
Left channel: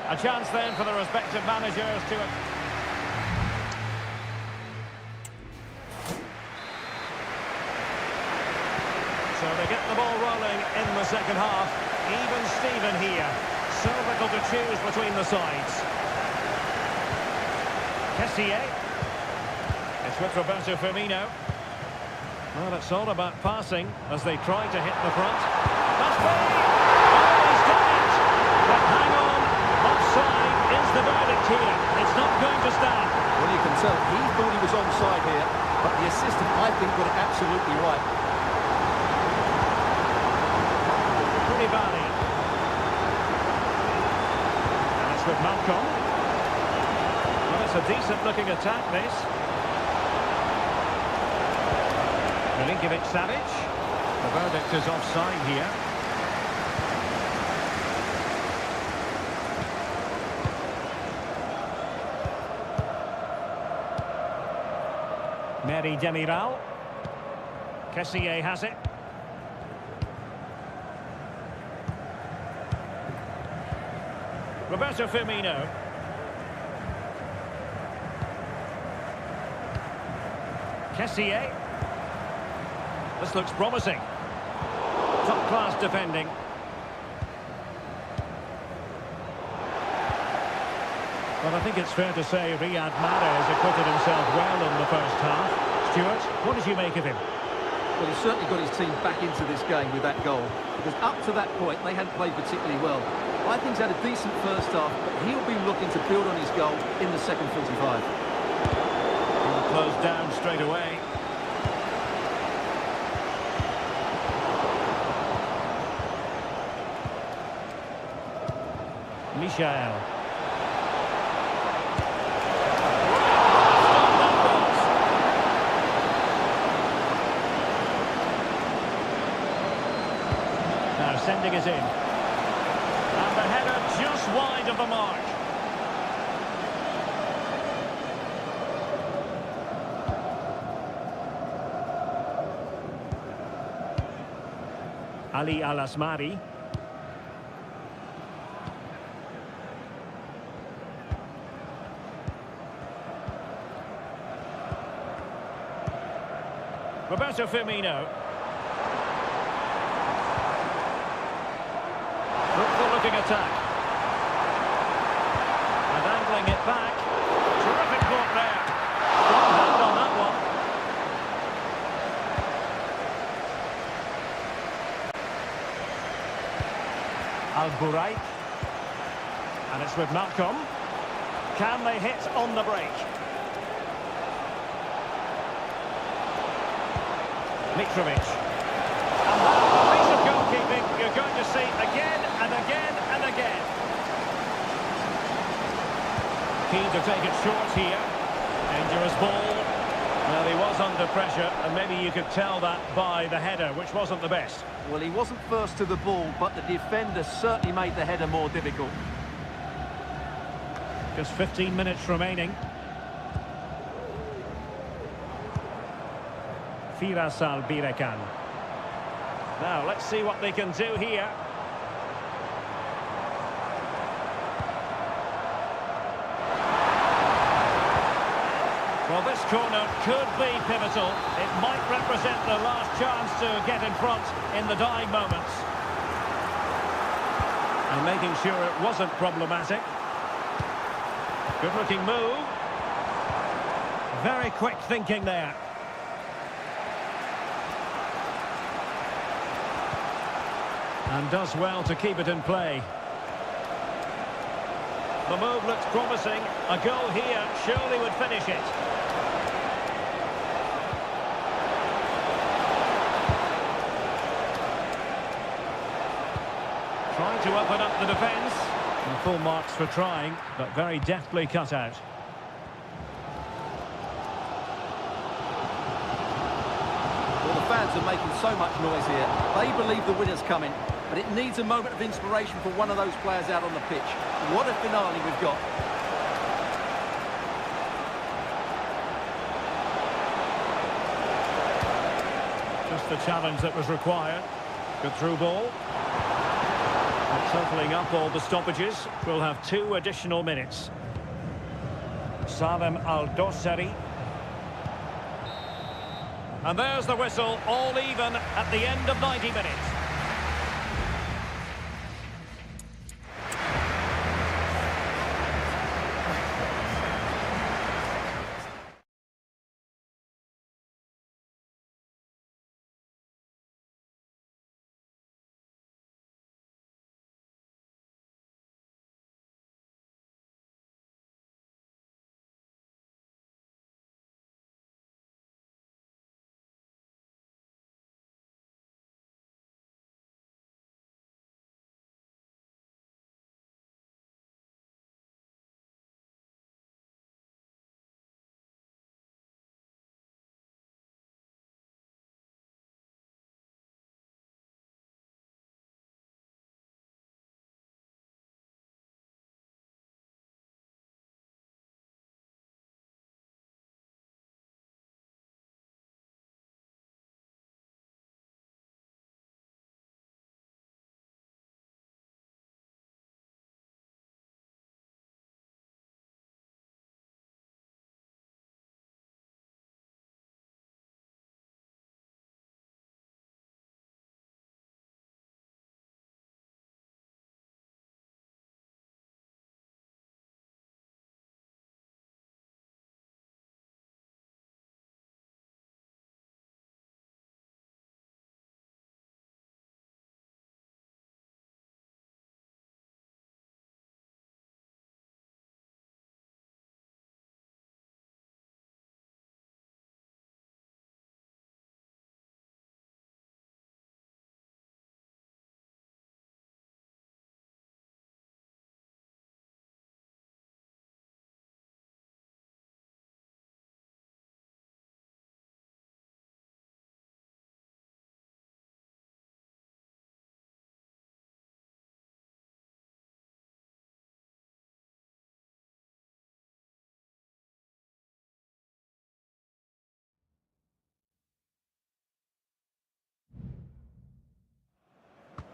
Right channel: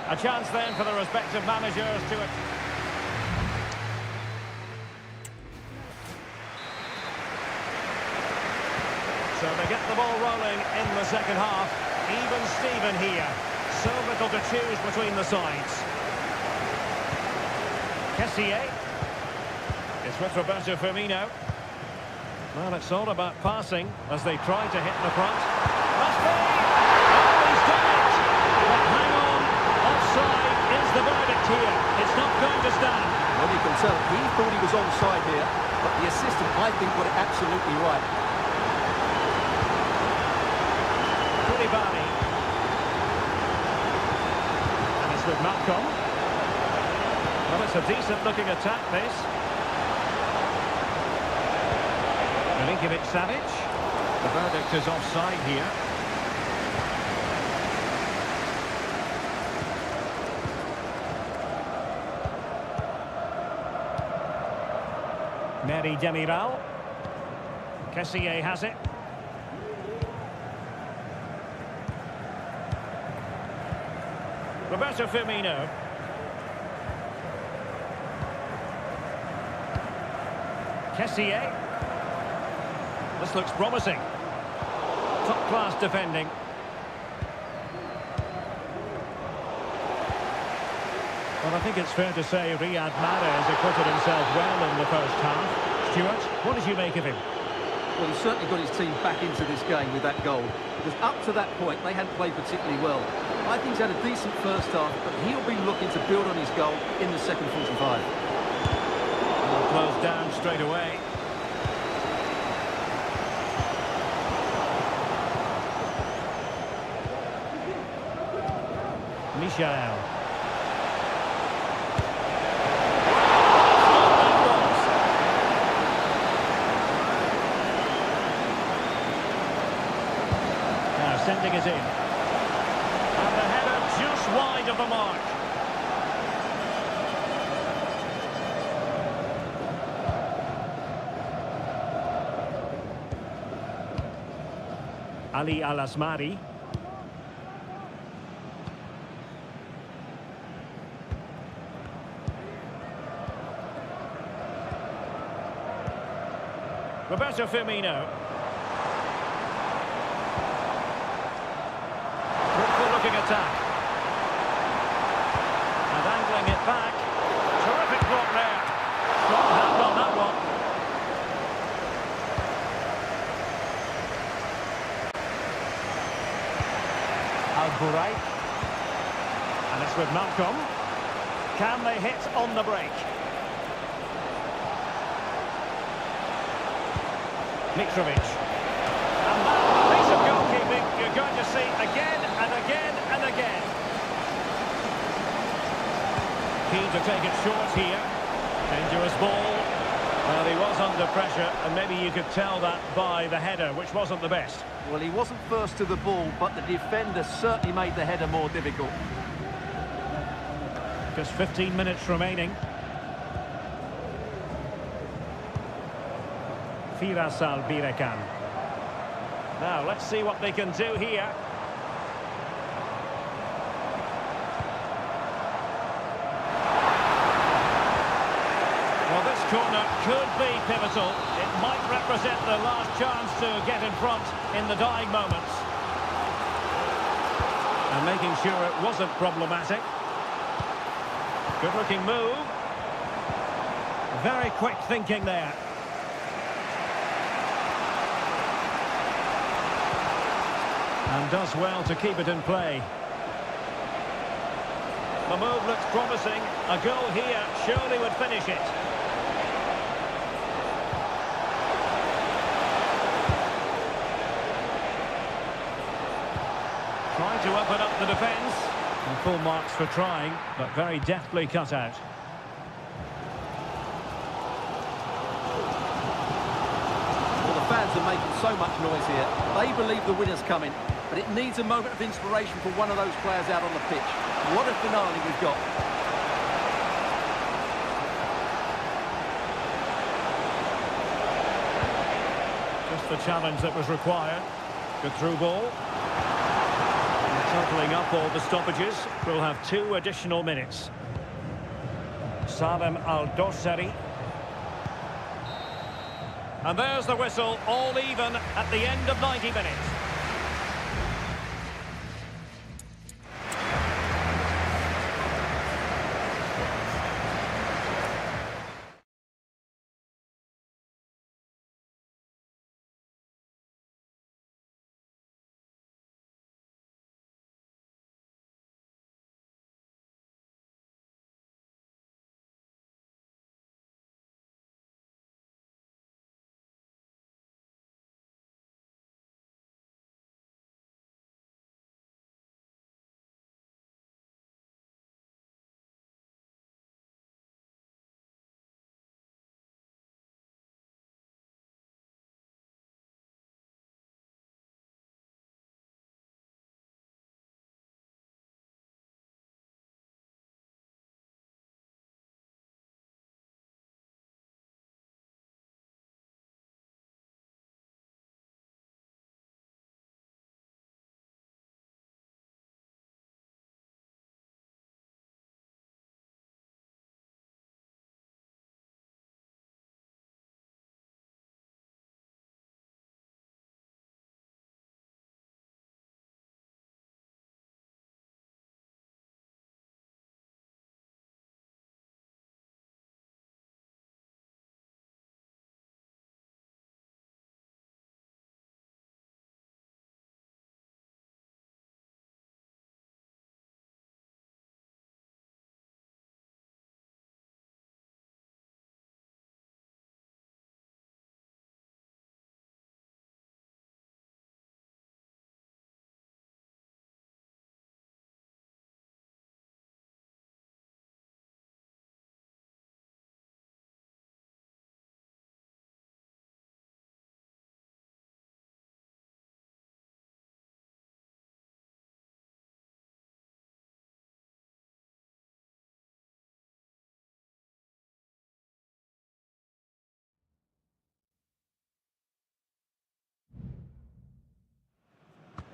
A chance then for the respective managers to... So they get the ball rolling in the second half. Even Steven here. So little to choose between the sides. Kessié. It's with Roberto Firmino. Well, it's all about passing as they try to hit the front. Must be! Oh, he's done it! But hang on, offside is the verdict here. It's not going to stand. Well, you can tell he thought he was onside here, but the assistant, I think, got it absolutely right. Koulibaly. And it's with Malcolm. Well, it's a decent-looking attack, this. Milinkovic-Savic. The verdict is offside here. Mary Demiral. Kessié has it. Roberto Firmino. Kessié. This looks promising. Top-class defending. Well, I think it's fair to say Riyad Mahrez acquitted himself well in the first half. Stuart, what did you make of him? Well, he certainly got his team back into this game with that goal, because up to that point, they hadn't played particularly well. I think he's had a decent first half, but he'll be looking to build on his goal in the second 45. Well, closed down straight away. Michael. Now sending it in. And the header just wide of the mark. Ali Al-Asmari. Roberto Firmino. Fruitful looking attack. And angling it back. Terrific block there. Strong hand on that one. Al-Buraik. And it's with Malcolm. Can they hit on the break? Mitrovic. And that, a piece of goalkeeping you're going to see again and again and again. Keen to take it short here. Dangerous ball. Well, he was under pressure, and maybe you could tell that by the header, which wasn't the best. Well, he wasn't first to the ball, but the defender certainly made the header more difficult. Just 15 minutes remaining. Firas Al-Birekan. Now, let's see what they can do here. Well, this corner could be pivotal. It might represent the last chance to get in front in the dying moments. And making sure it wasn't problematic. Good-looking move. Very quick thinking there. And does well to keep it in play. The move looks promising. A goal here surely would finish it. Trying to open up the defence. And full marks for trying, but very deftly cut out. Well, the fans are making so much noise here. They believe the winner's coming, but it needs a moment of inspiration for one of those players out on the pitch. What a finale we've got. Just the challenge that was required. Good through ball. And totalling up all the stoppages, we'll have 2 additional minutes. Salem Al-Dossari. And there's the whistle, all even at the end of 90 minutes.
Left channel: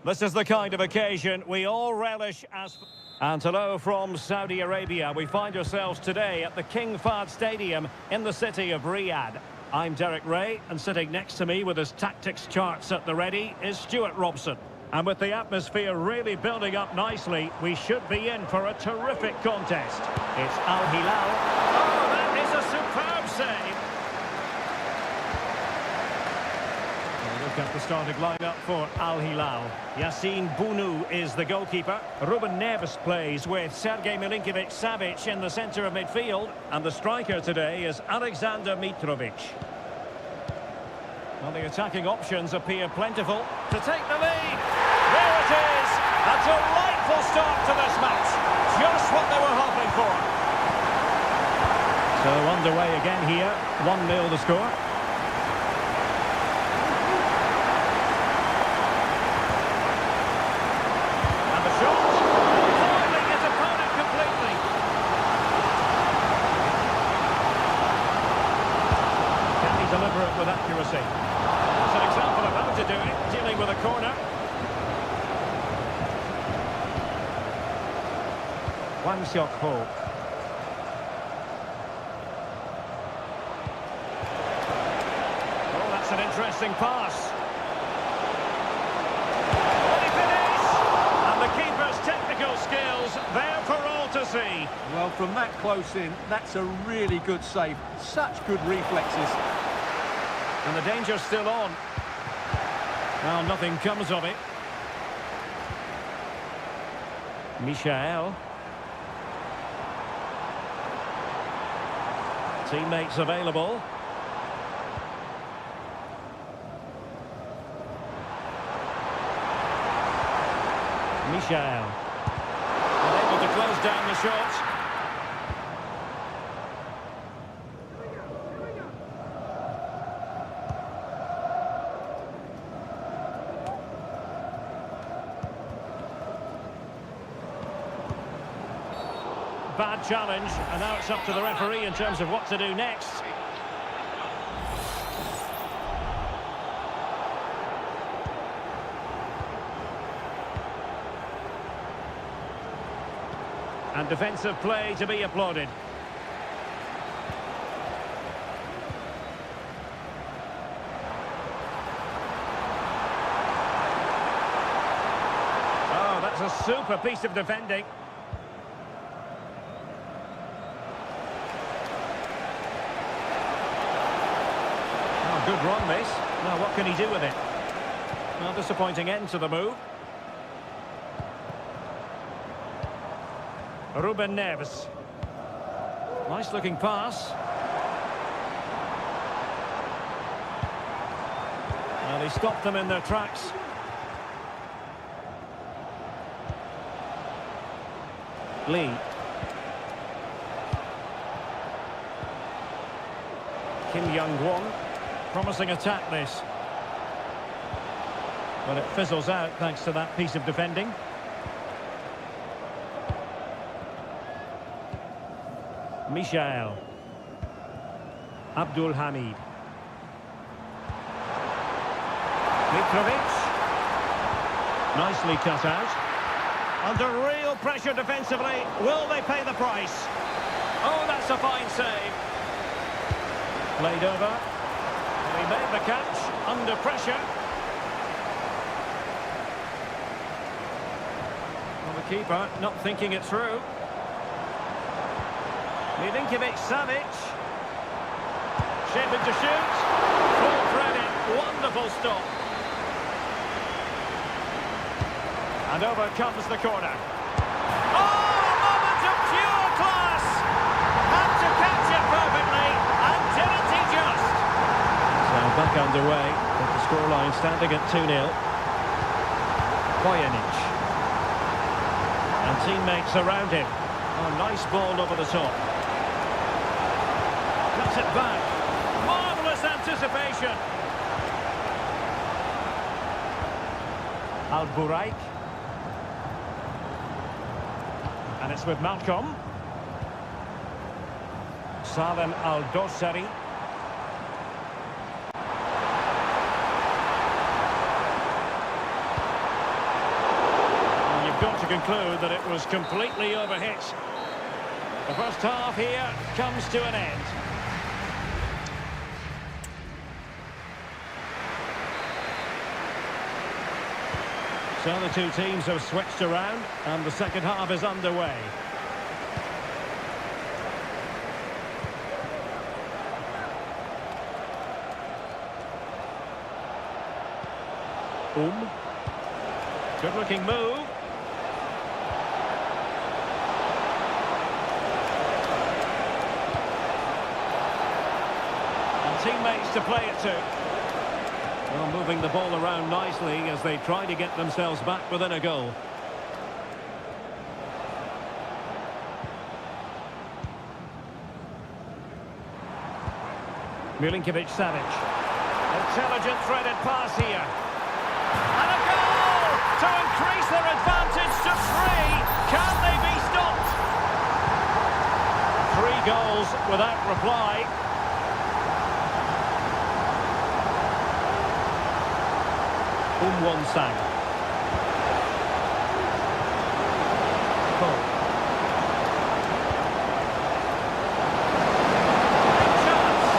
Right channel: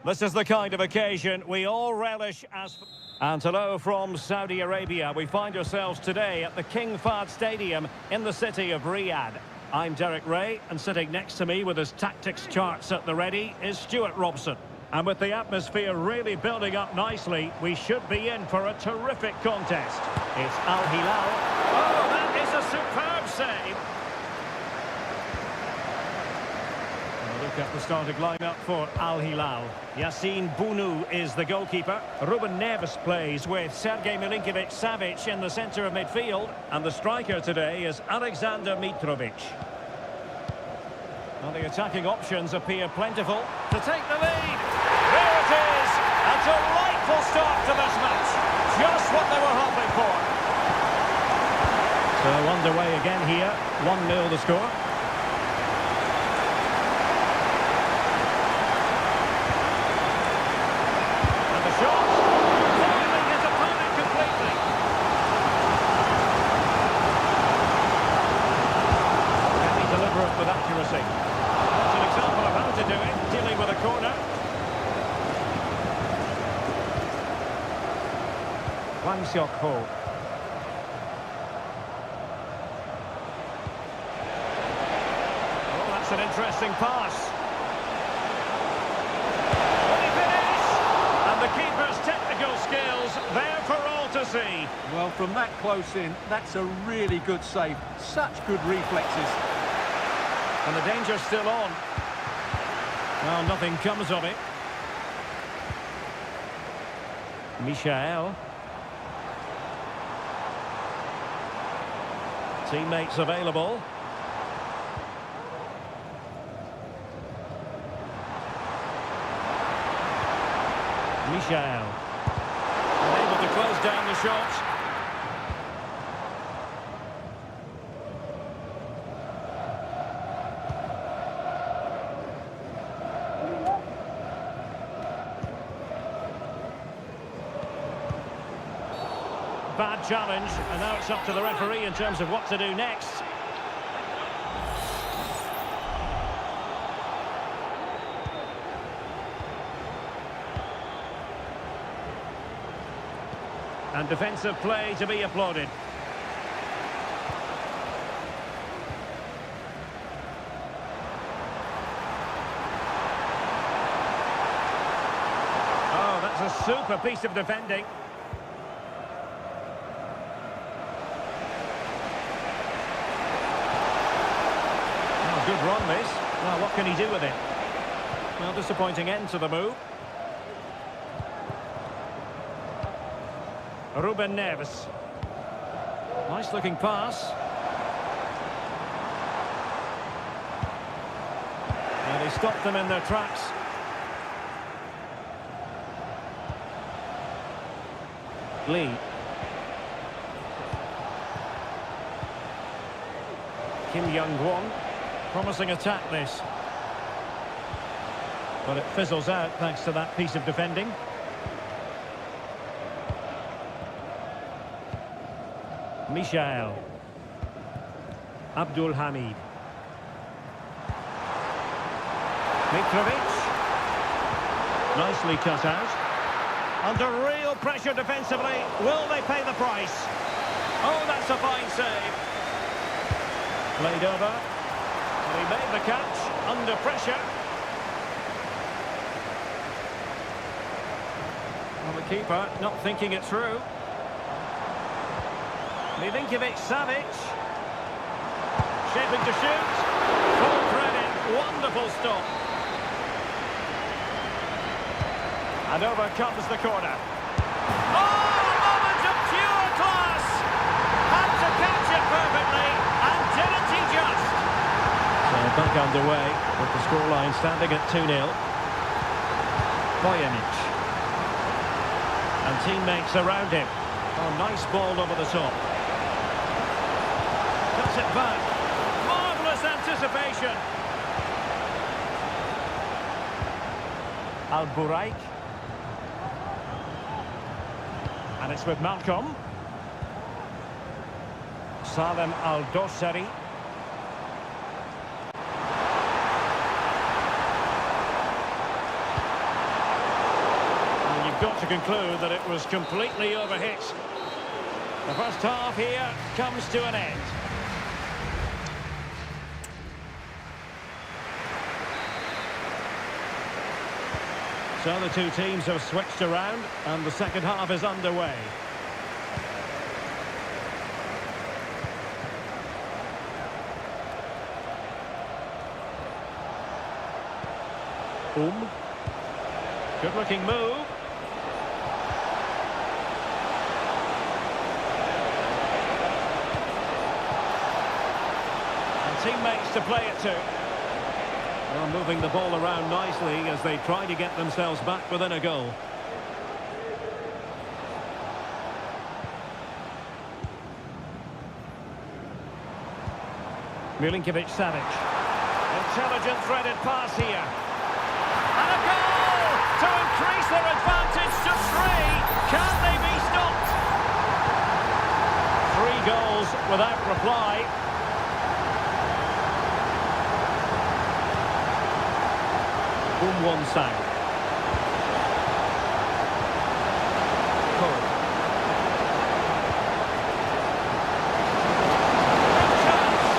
This is the kind of occasion we all relish as... And hello from Saudi Arabia. We find ourselves today at the King Fahd Stadium in the city of Riyadh. I'm Derek Ray, and sitting next to me with his tactics charts at the ready is Stuart Robson. And with the atmosphere really building up nicely, we should be in for a terrific contest. It's Al Hilal. Oh, that is a superb save. Look at the starting lineup for Al Hilal. Yassine Bounou is the goalkeeper. Ruben Neves plays with Sergej Milinkovic-Savic in the centre of midfield. And the striker today is Alexander Mitrovic. Well, the attacking options appear plentiful to take the lead. There it is! A delightful start to this match. Just what they were hoping for. So underway again here. 1-0 the score. The shot, foiling his opponent completely. Can he deliver it with accuracy? That's an example of how to do it, dealing with a corner. Wang Xiok-ho. Oh, that's an interesting pass. The keeper's technical skills there for all to see. Well, from that close in, that's a really good save. Such good reflexes. And the danger's still on. Well, nothing comes of it. Michael. Teammates available. Michael. Unable to close down the shot. Bad challenge, and now it's up to the referee in terms of what to do next. And defensive play to be applauded. Oh, that's a super piece of defending. Oh, good run this. Now, what can he do with it? Well, disappointing end to the move. Ruben Neves. Nice looking pass. And he stopped them in their tracks. Lee. Kim Young-won. Promising attack this. But it fizzles out thanks to that piece of defending. Michael. Abdul Hamid. Mitrovic. Nicely cut out. Under real pressure defensively. Will they pay the price? Oh, that's a fine save. Played over. And he made the catch under pressure. Well, the keeper not thinking it through. Milinkovic-Savic. Shaping to shoot. Full threading. Wonderful stop. And over comes the corner. Oh, a moment of pure class. Had to catch it perfectly. And didn't he just? So back underway with the scoreline standing at 2-0. Bojanic. And teammates around him. Oh, nice ball over the top. Cuts it back. Marvellous anticipation. Al-Buraik. And it's with Malcolm. Salem Al-Dossari. got to conclude that it was completely overhit. The first half here comes to an end. So the two teams have switched around and the second half is underway. Good looking move. And teammates to play it to. Well, moving the ball around nicely as they try to get themselves back within a goal. Milinkovic-Savic. Intelligent threaded pass here. And a goal to increase their advantage to 3. Can they be stopped? 3 goals without reply. Won-Sang. Cole. Big chance.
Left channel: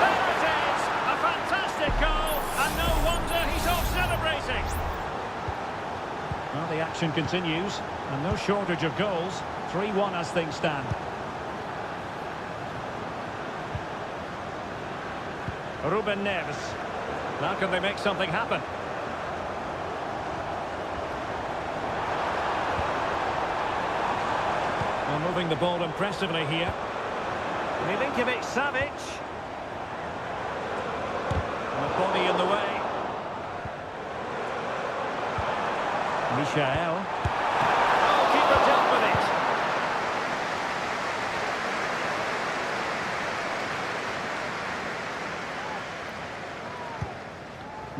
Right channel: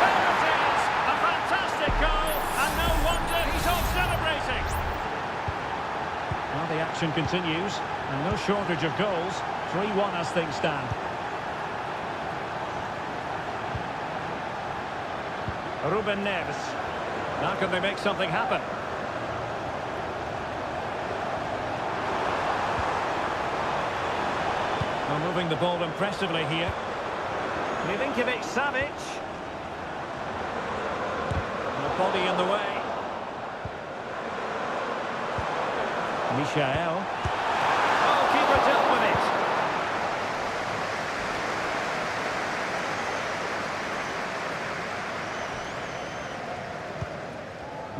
There it is. A fantastic goal. And no wonder he's off celebrating. Well, the action continues. And no shortage of goals. 3-1 as things stand. Ruben Neves. Now can they make something happen? Well, moving the ball impressively here. Milinkovic-Savic. And the body in the way. Michael. Oh, keeper dealt with it.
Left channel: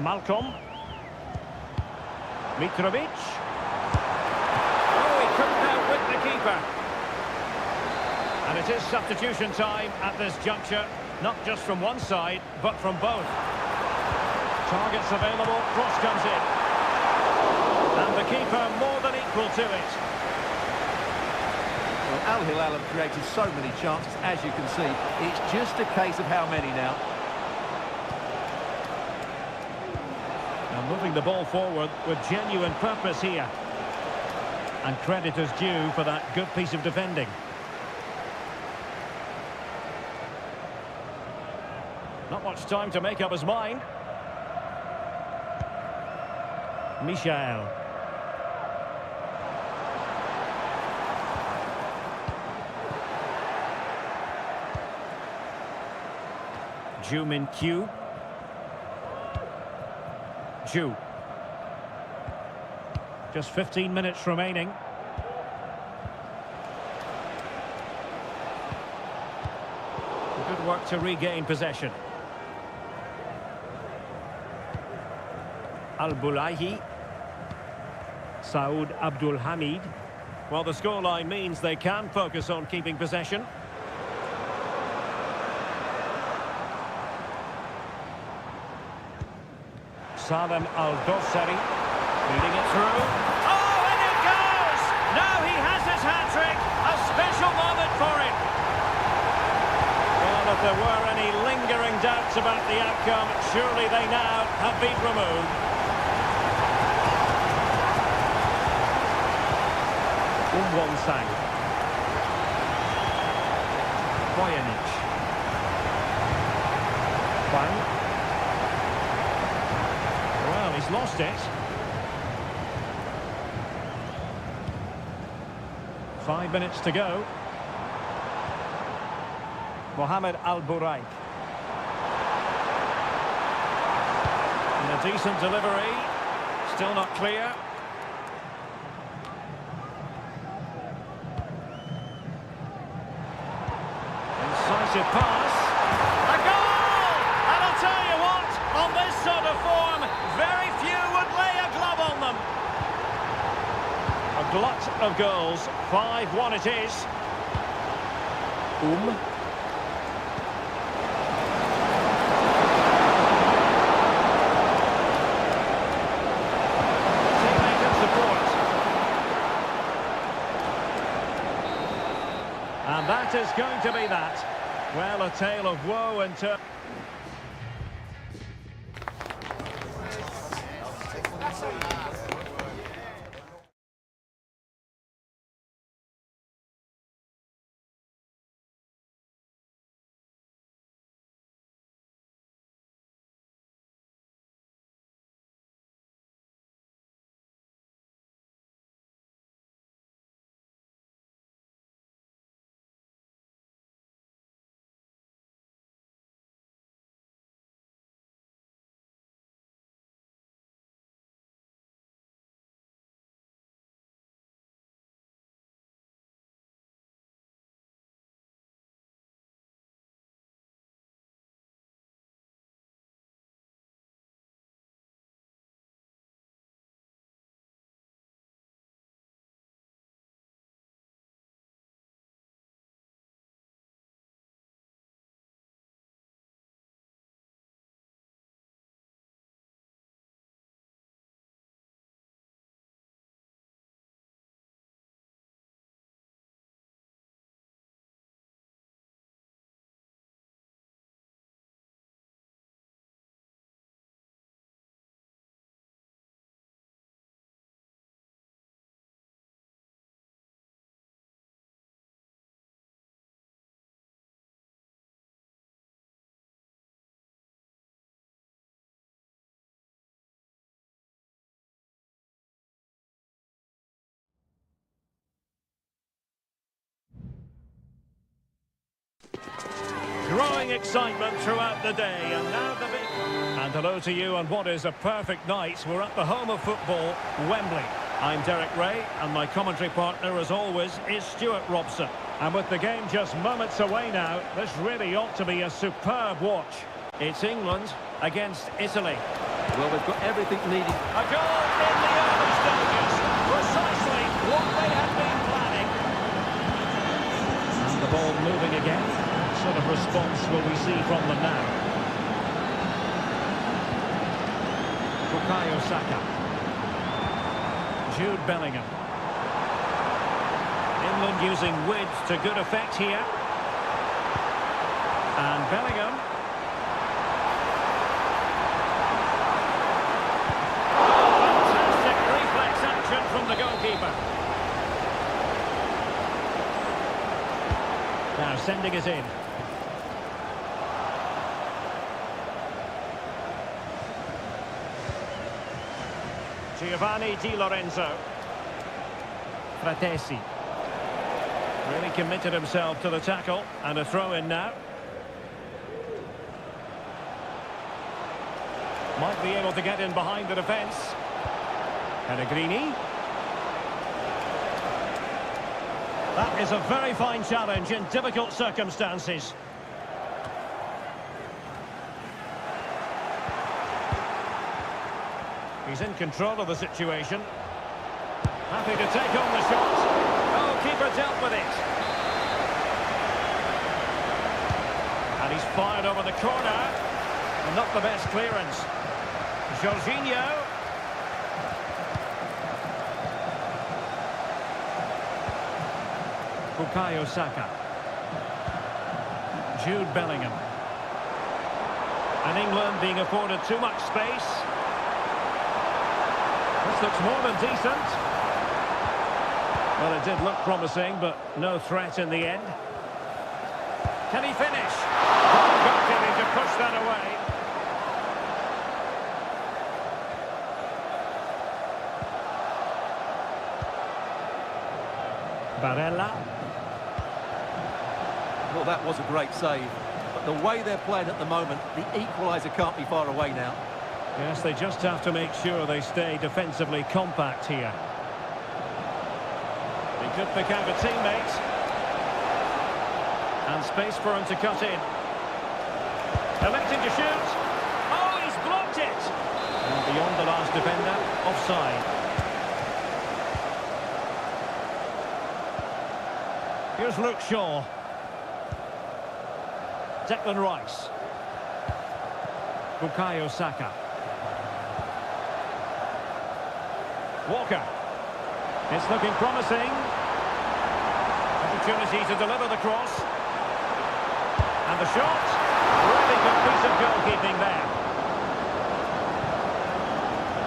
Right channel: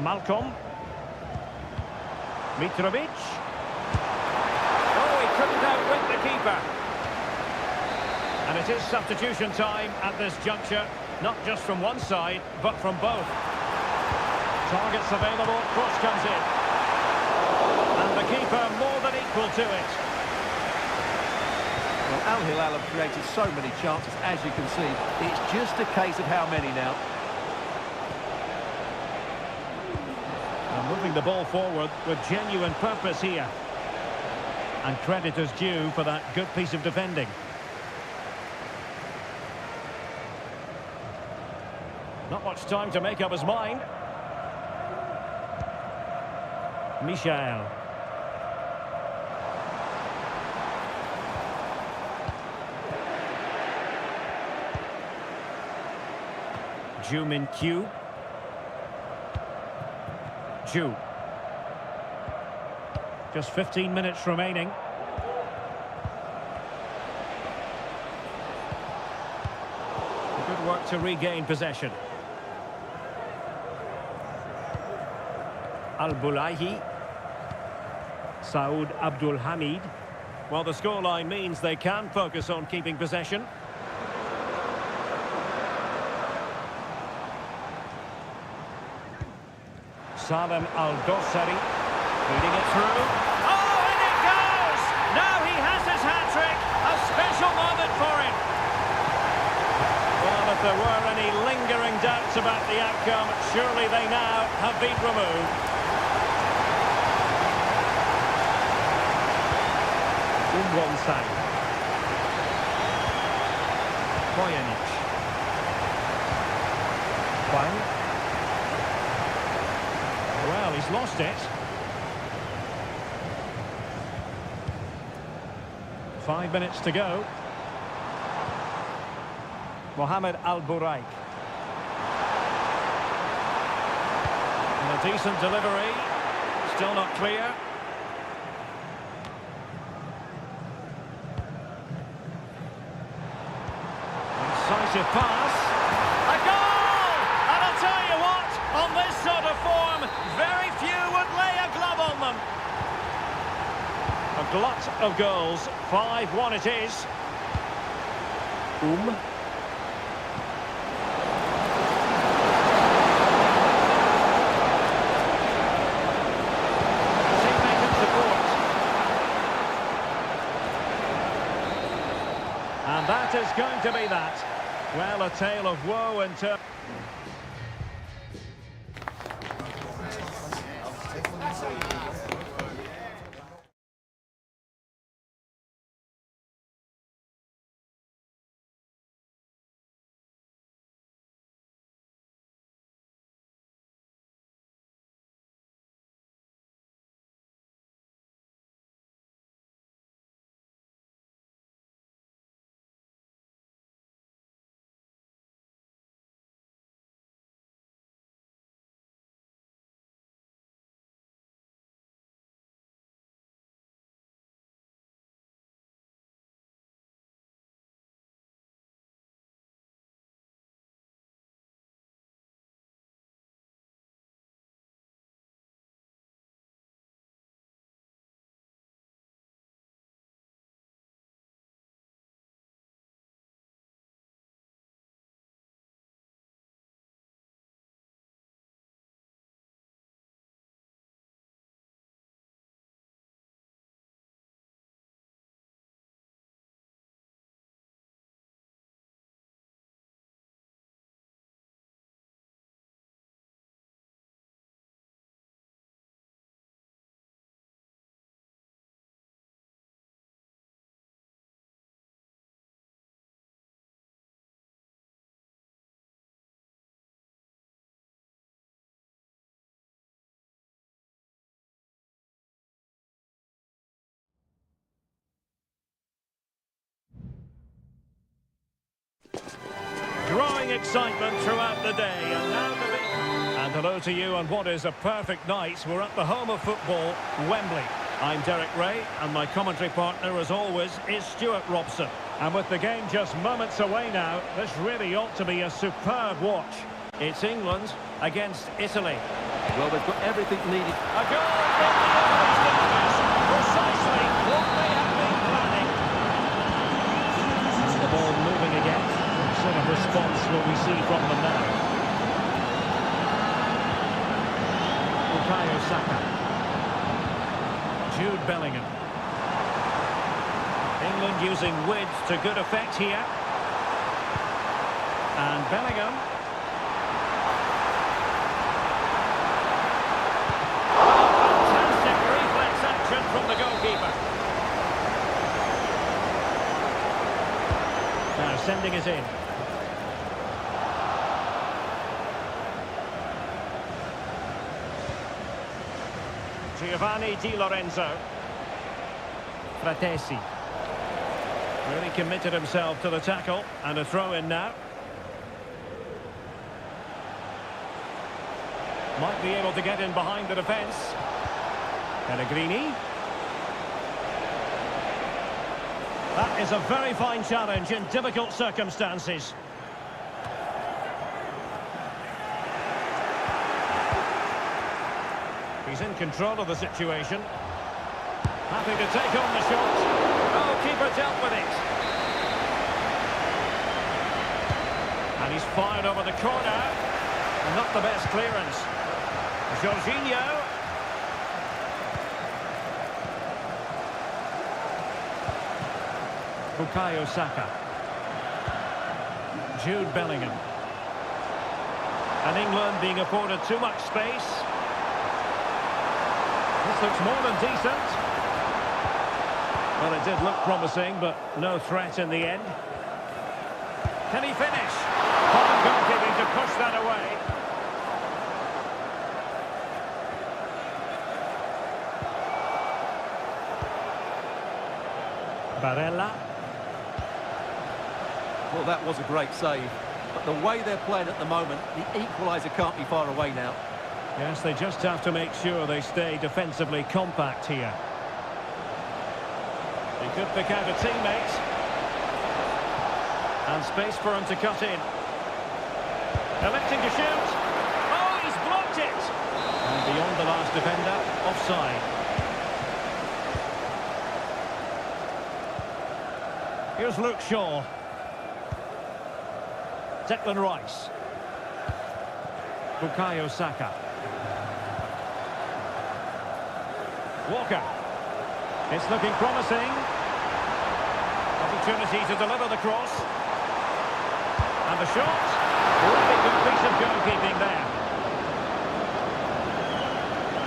Malcolm. Mitrovic. Oh, he couldn't outwit the keeper. And it is substitution time at this juncture, not just from one side, but from both. Targets available, cross comes in. And the keeper more than equal to it. Well, Al Hilal have created so many chances, as you can see. It's just a case of how many now. And moving the ball forward with genuine purpose here. And credit is due for that good piece of defending. Not much time to make up his mind. Michael. Ju Min-kyu. Ju. Just 15 minutes remaining. Good work to regain possession. Al-Bulaihi. Saud Abdul Hamid. Well, the scoreline means they can focus on keeping possession. Salem Al-Dossari. Feeding it through. Oh, and it goes! Now he has his hat-trick. A special moment for him. Well, if there were any lingering doubts about the outcome, surely they now have been removed. Won-Sang. Bojanic. Huang. Well, he's lost it. 5 minutes to go. Mohamed Al-Buraik. And a decent delivery. Still not clear. Incisive pass. A goal! And I'll tell you what, on this sort of form, very few would lay a glove on them. A glut of goals. 5-1 it is. Teammate and support. And that is going to be that. Well, a tale of woe and turn. Growing excitement throughout the day, and now the big... And hello to you on what is a perfect night. We're at the home of football, Wembley. I'm Derek Ray, and my commentary partner, as always, is Stuart Robson. And with the game just moments away now, this really ought to be a superb watch. It's England against Italy. Well, they've got everything needed. A goal in the early stages. Precisely what they have been planning. And the ball moving again. What sort of response will we see from them now? Bukayo Saka. Jude Bellingham. England using width to good effect here. And Bellingham. Oh, fantastic reflex action from the goalkeeper. Now sending it in. Giovanni Di Lorenzo. Fratesi. Really committed himself to the tackle, and a throw-in now. Might be able to get in behind the defence. Pellegrini. That is a very fine challenge in difficult circumstances. He's in control of the situation. Happy to take on the shot. Oh, keeper dealt with it. And he's fired over the corner. And not the best clearance. Jorginho. Bukayo Saka. Jude Bellingham. And England being afforded too much space. This looks more than decent. Well, it did look promising, but no threat in the end. Can he finish? Fine goalkeeping to push that away. Barella. Well, that was a great save. But the way they're playing at the moment, the equaliser can't be far away now. Yes, they just have to make sure they stay defensively compact here. He could pick out a teammate. And space for him to cut in. Electing to shoot. Oh, he's blocked it! And beyond the last defender, offside. Here's Luke Shaw. Declan Rice. Bukayo Saka. Walker. It's looking promising. Opportunity to deliver the cross. And the shot. Really good piece of goalkeeping there.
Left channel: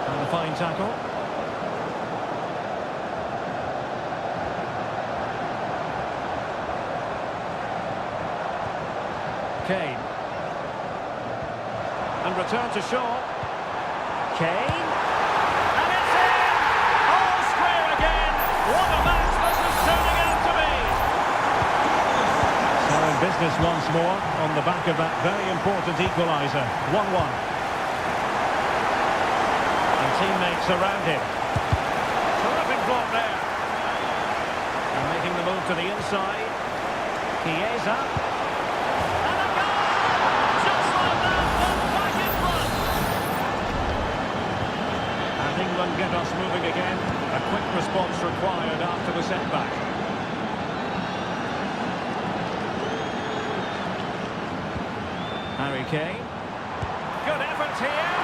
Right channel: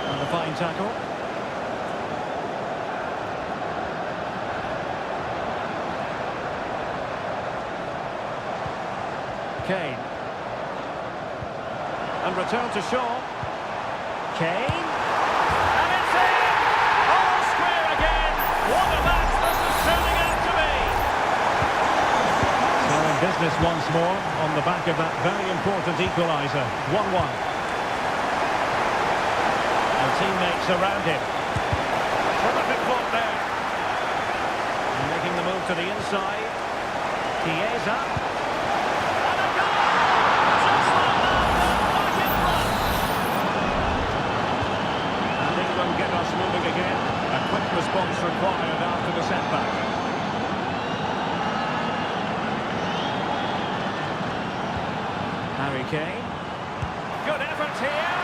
And the fine tackle. Kane. And return to Shaw. Kane. And it's in! All square again. What a match this is turning out to be. So in business once more on the back of that very important equaliser. 1-1. And teammates around him. Terrific block there. And making the move to the inside. Chiesa. England get us moving again. A quick response required after the setback. Harry Kane. Good effort here.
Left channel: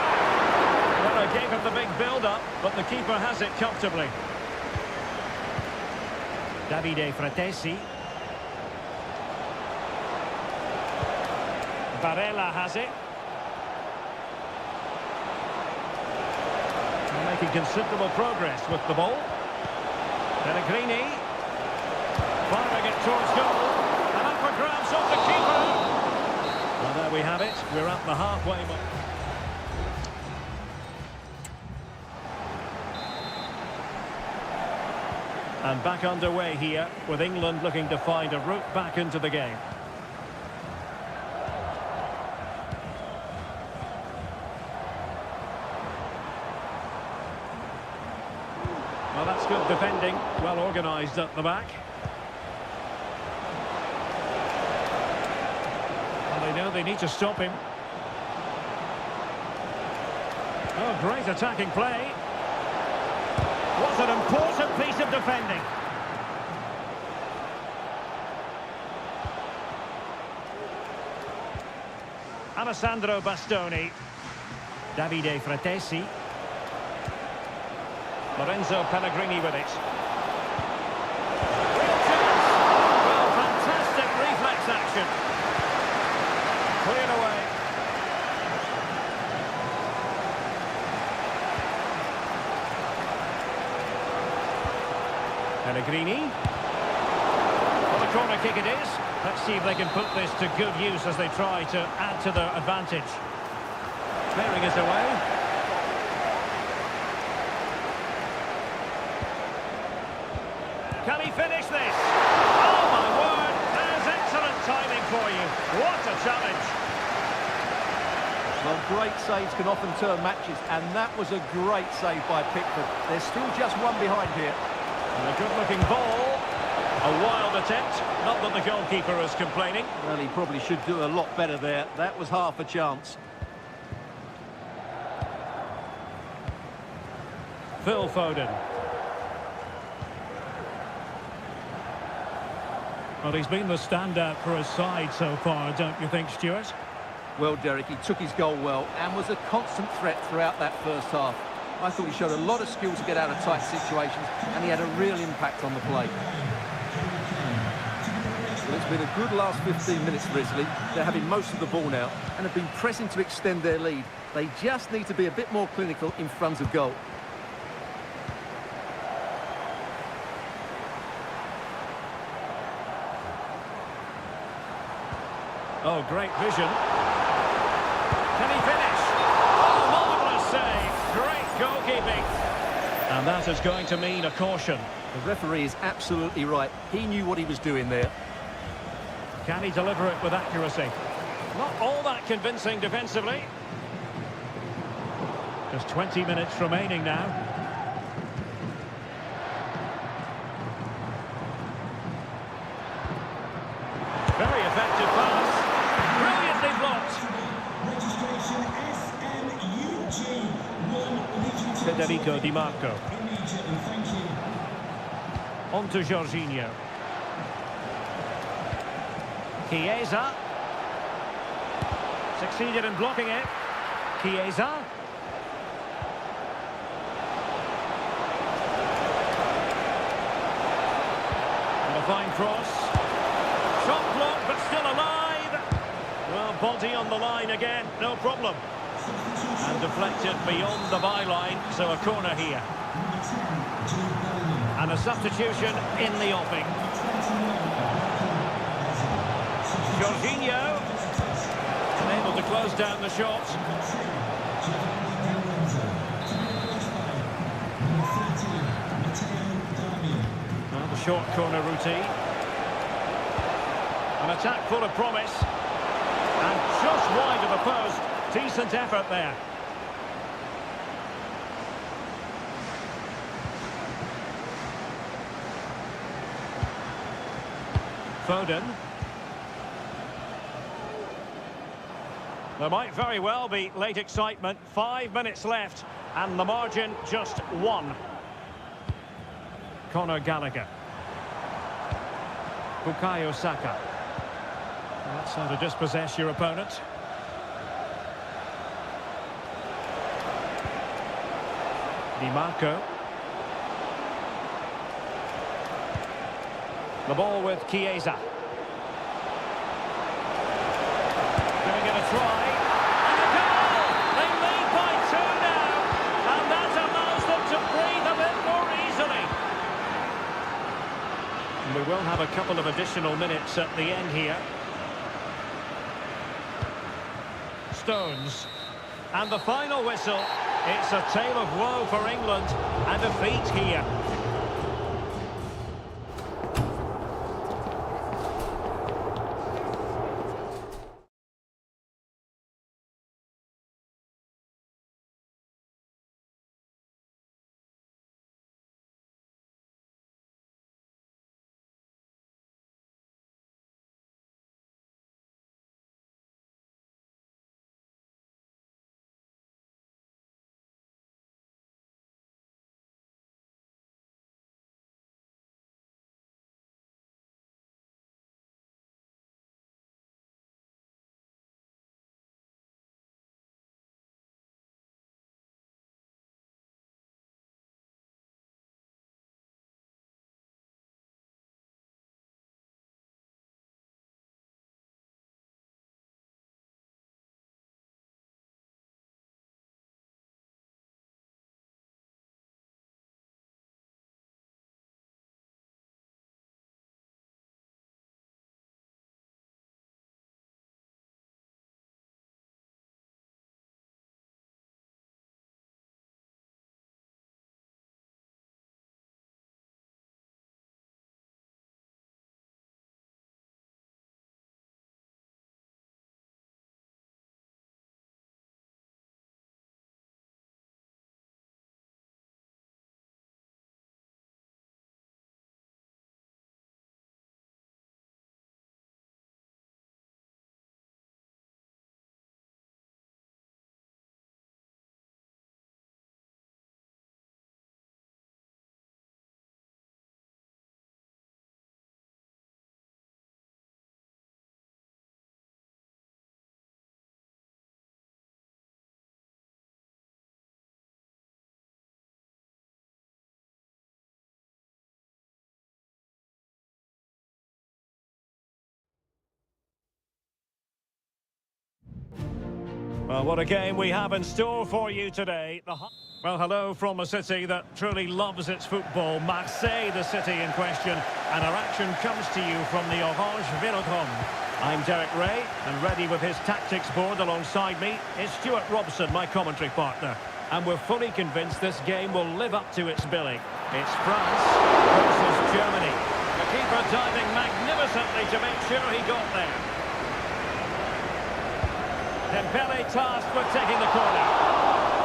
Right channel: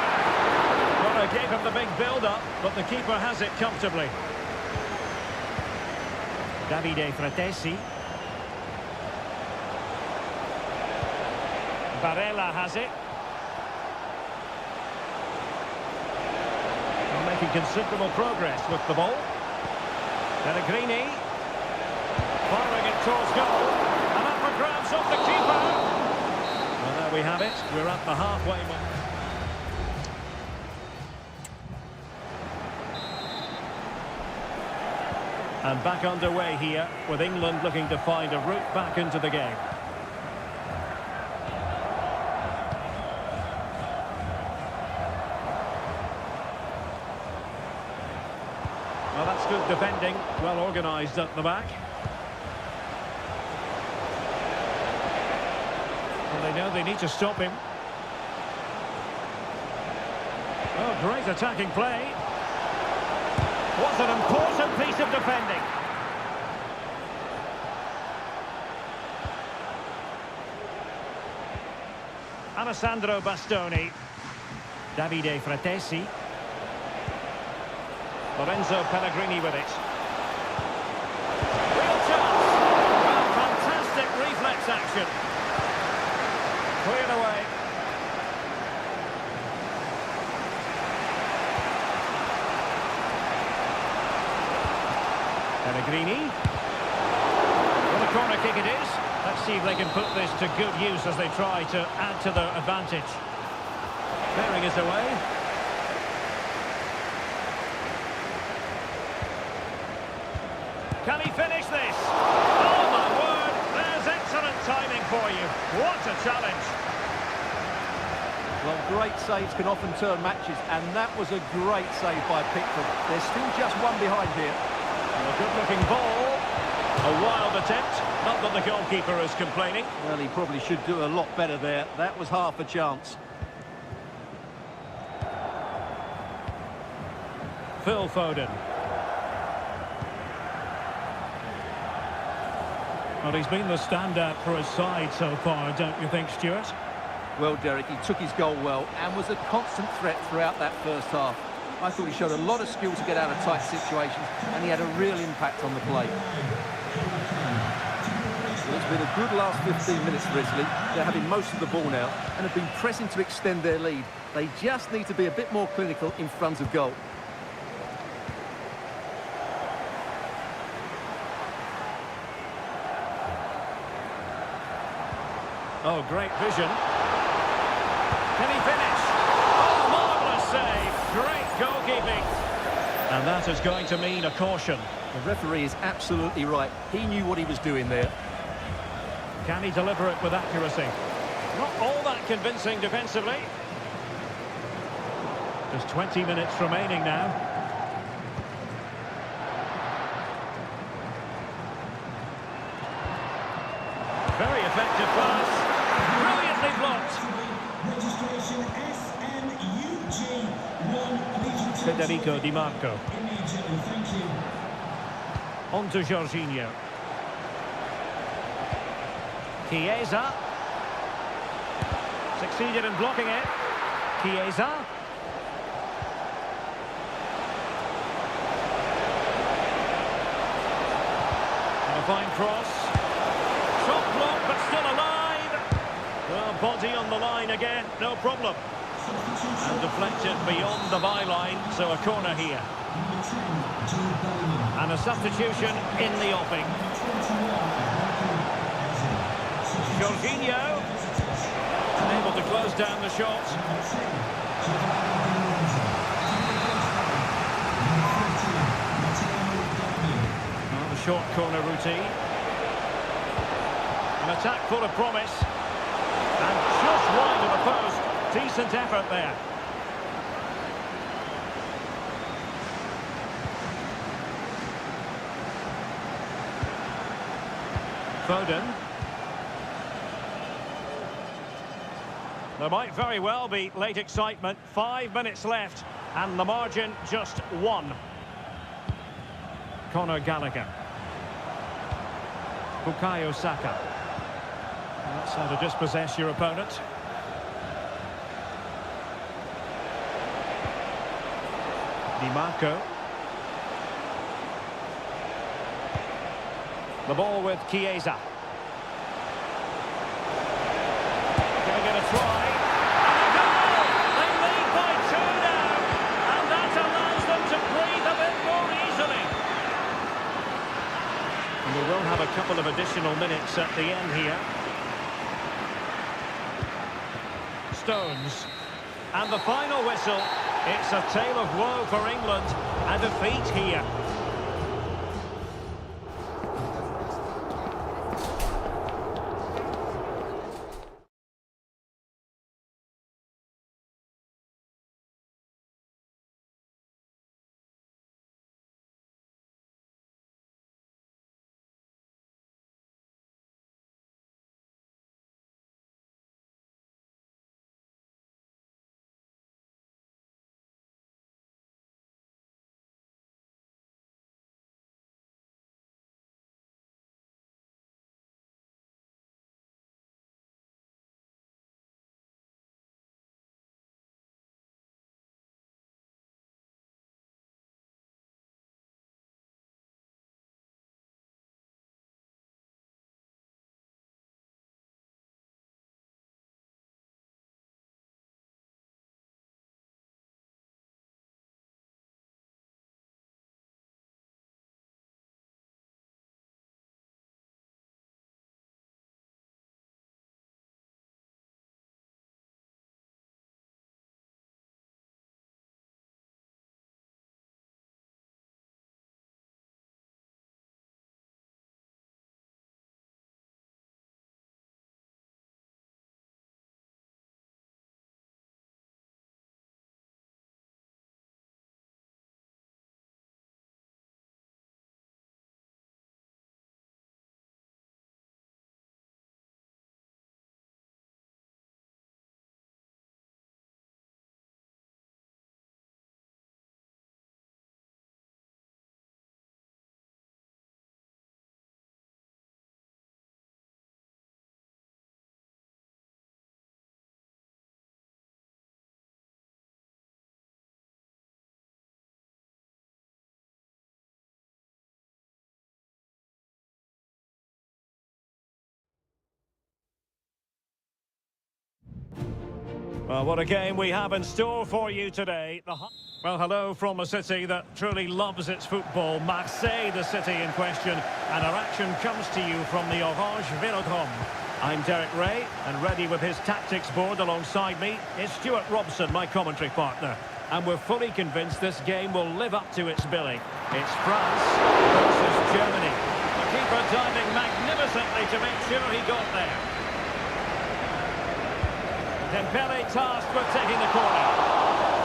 Well, I gave him the big build-up, but the keeper has it comfortably. Davide Fratesi. Barella has it. Making considerable progress with the ball. Pellegrini. Firing it towards goal. And up for grabs off the keeper. Well, there we have it. We're at the halfway mark. And back underway here, with England looking to find a route back into the game. Well, that's good defending, well organised at the back. Well, they know they need to stop him. Oh, great attacking play. What an important piece of defending. Alessandro Bastoni. Davide Fratesi. Lorenzo Pellegrini with it. Real chance. Well, fantastic reflex action. Cleared away. Pellegrini. Well, a corner kick it is. Let's see if they can put this to good use as they try to add to their advantage. Clearing is away. Can he finish this? Oh, my word. There's excellent timing for you. What a challenge. Well, great saves can often turn matches, and that was a great save by Pickford. There's still just one behind here. And a good-looking ball. A wild attempt. Not that the goalkeeper is complaining. Well, he probably should do a lot better there. That was half a chance. Phil Foden. Well, he's been the standout for his side so far, don't you think, Stuart? Well, Derek, he took his goal well and was a constant threat throughout that first half. I thought he showed a lot of skill to get out of tight situations, and he had a real impact on the play. Well, it's been a good last 15 minutes for Italy. They're having most of the ball now and have been pressing to extend their lead. They just need to be a bit more clinical in front of goal. Oh, great vision. Can he finish? Oh, marvellous save. Great goalkeeping. And that is going to mean a caution. The referee is absolutely right. He knew what he was doing there. Can he deliver it with accuracy? Not all that convincing defensively. Just 20 minutes remaining now. Very effective pass. Brilliantly blocked. Registration SMUG1 Federico Di Marco. Immediately, thank you. On to Jorginho. Chiesa. Succeeded in blocking it. Chiesa. And a fine cross. Shot blocked, but still alive. Well, body on the line again, no problem. And deflected beyond the byline, so a corner here. Number 10, Jude Bellingham. And a substitution in the offing. 21, Jorginho, unable to close down the shot. Number 10, Giovanni Lorenzo. Replaced by number 13, Matteo Darmian. Well, the short corner routine. An attack full of promise. And just wide of the post. Decent effort there. Foden. There might very well be late excitement. 5 minutes left, and the margin just 1. Conor Gallagher. Bukayo Saka. Well, that's how to dispossess your opponent. Di Marco. The ball with Chiesa. Gonna get a try. And a goal! They lead by 2 now. And that allows them to breathe a bit more easily. And we will have a couple of additional minutes at the end here. Stones. And the final whistle. It's a tale of woe for England. A defeat here. Well, what a game we have in store for you today. Well, hello from a city that truly loves its football. Marseille, the city in question. And our action comes to you from the Orange Vélodrome. I'm Derek Ray, and ready with his tactics board alongside me is Stuart Robson, my commentary partner. And we're fully convinced this game will live up to its billing. It's France versus Germany. The keeper diving magnificently to make sure he got there. Dembele tasked with taking the corner.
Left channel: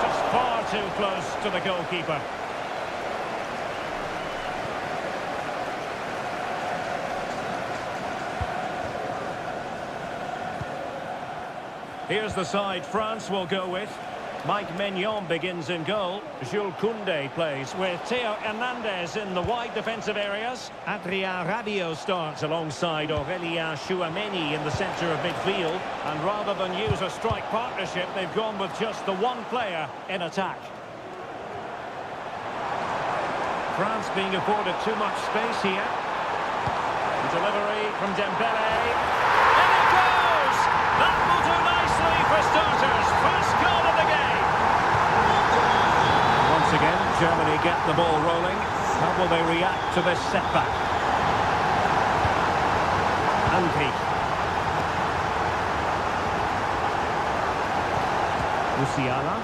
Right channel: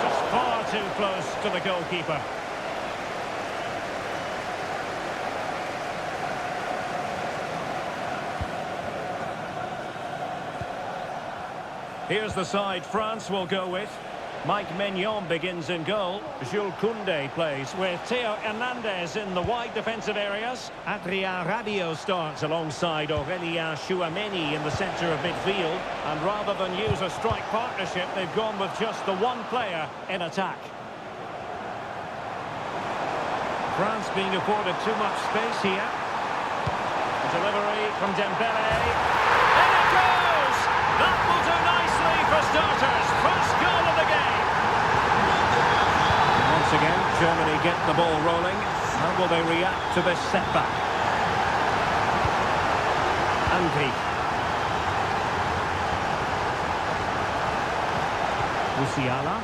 Just far too close to the goalkeeper. Here's the side France will go with. Mike Maignan begins in goal. Jules Koundé plays with Theo Hernandez in the wide defensive areas. Adrien Rabiot starts alongside Aurélien Chouameni in the centre of midfield. And rather than use a strike partnership, they've gone with just the one player in attack. France being afforded too much space here. Delivery from Dembele. In it goes! That will do nicely for starters. First goal of the game. Once again, Germany get the ball rolling. How will they react to this setback? Andri. Musiala.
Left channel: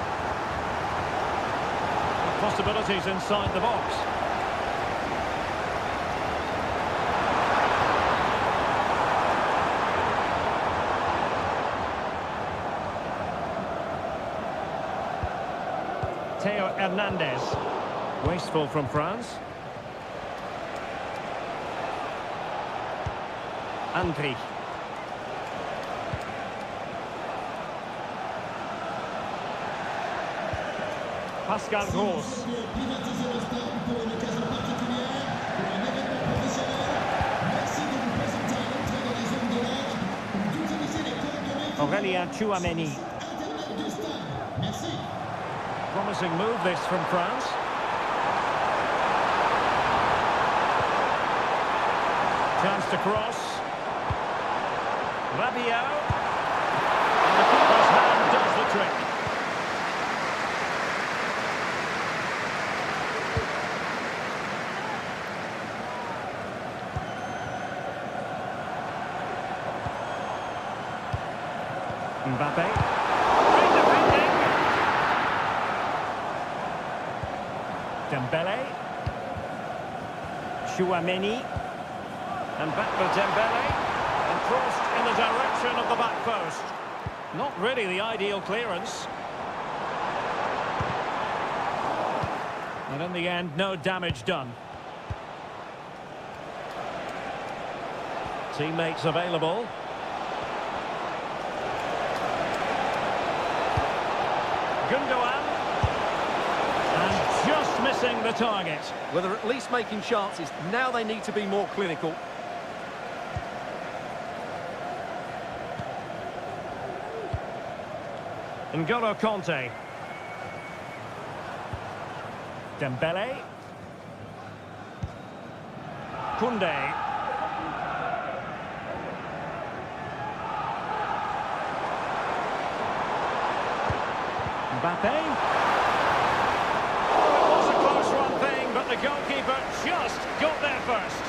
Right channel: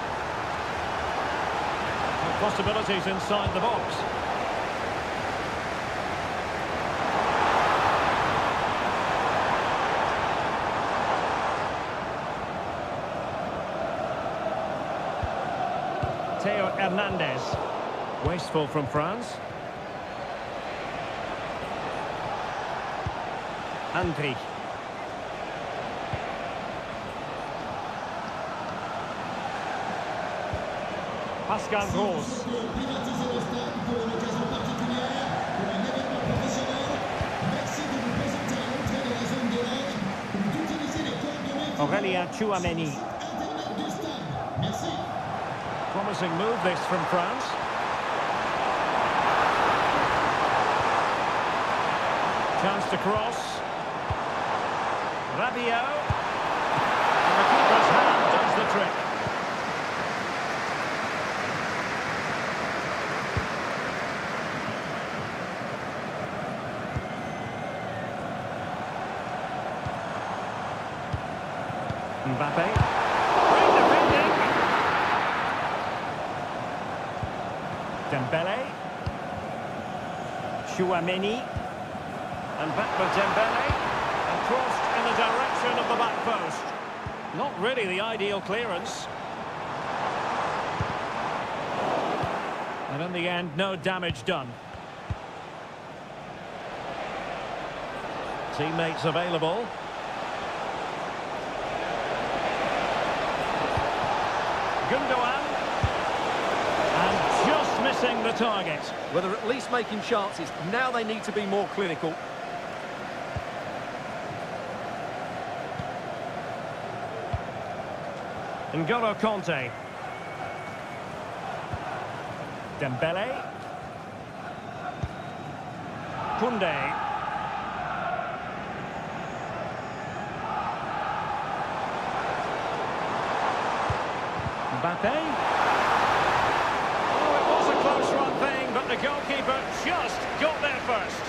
Possibilities inside the box. Theo Hernandez. Wasteful from France. Andri. Pascal Gross. Privatiser le stade pour une occasion particulière, pour un événement professionnel. Merci de vous présenter à l'entrée de la zone de match ou d'utiliser les coordonnées Aurélien Tchouameni. Internet du stade. Merci. Promising move this from France. Chance to cross. Rabiot. And the keeper's hand does the trick. Mbappe. Great defending. Dembele. Tchouameni. And back with Dembele. And crossed in the direction of the back post. Not really the ideal clearance. And in the end, no damage done. Teammates available. Gundogan. And just missing the target. Well, they're at least making chances. Now they need to be more clinical. N'Golo Kanté. Dembele. Koundé. Mbappe. Oh, it was a close run thing, but the goalkeeper just got there first.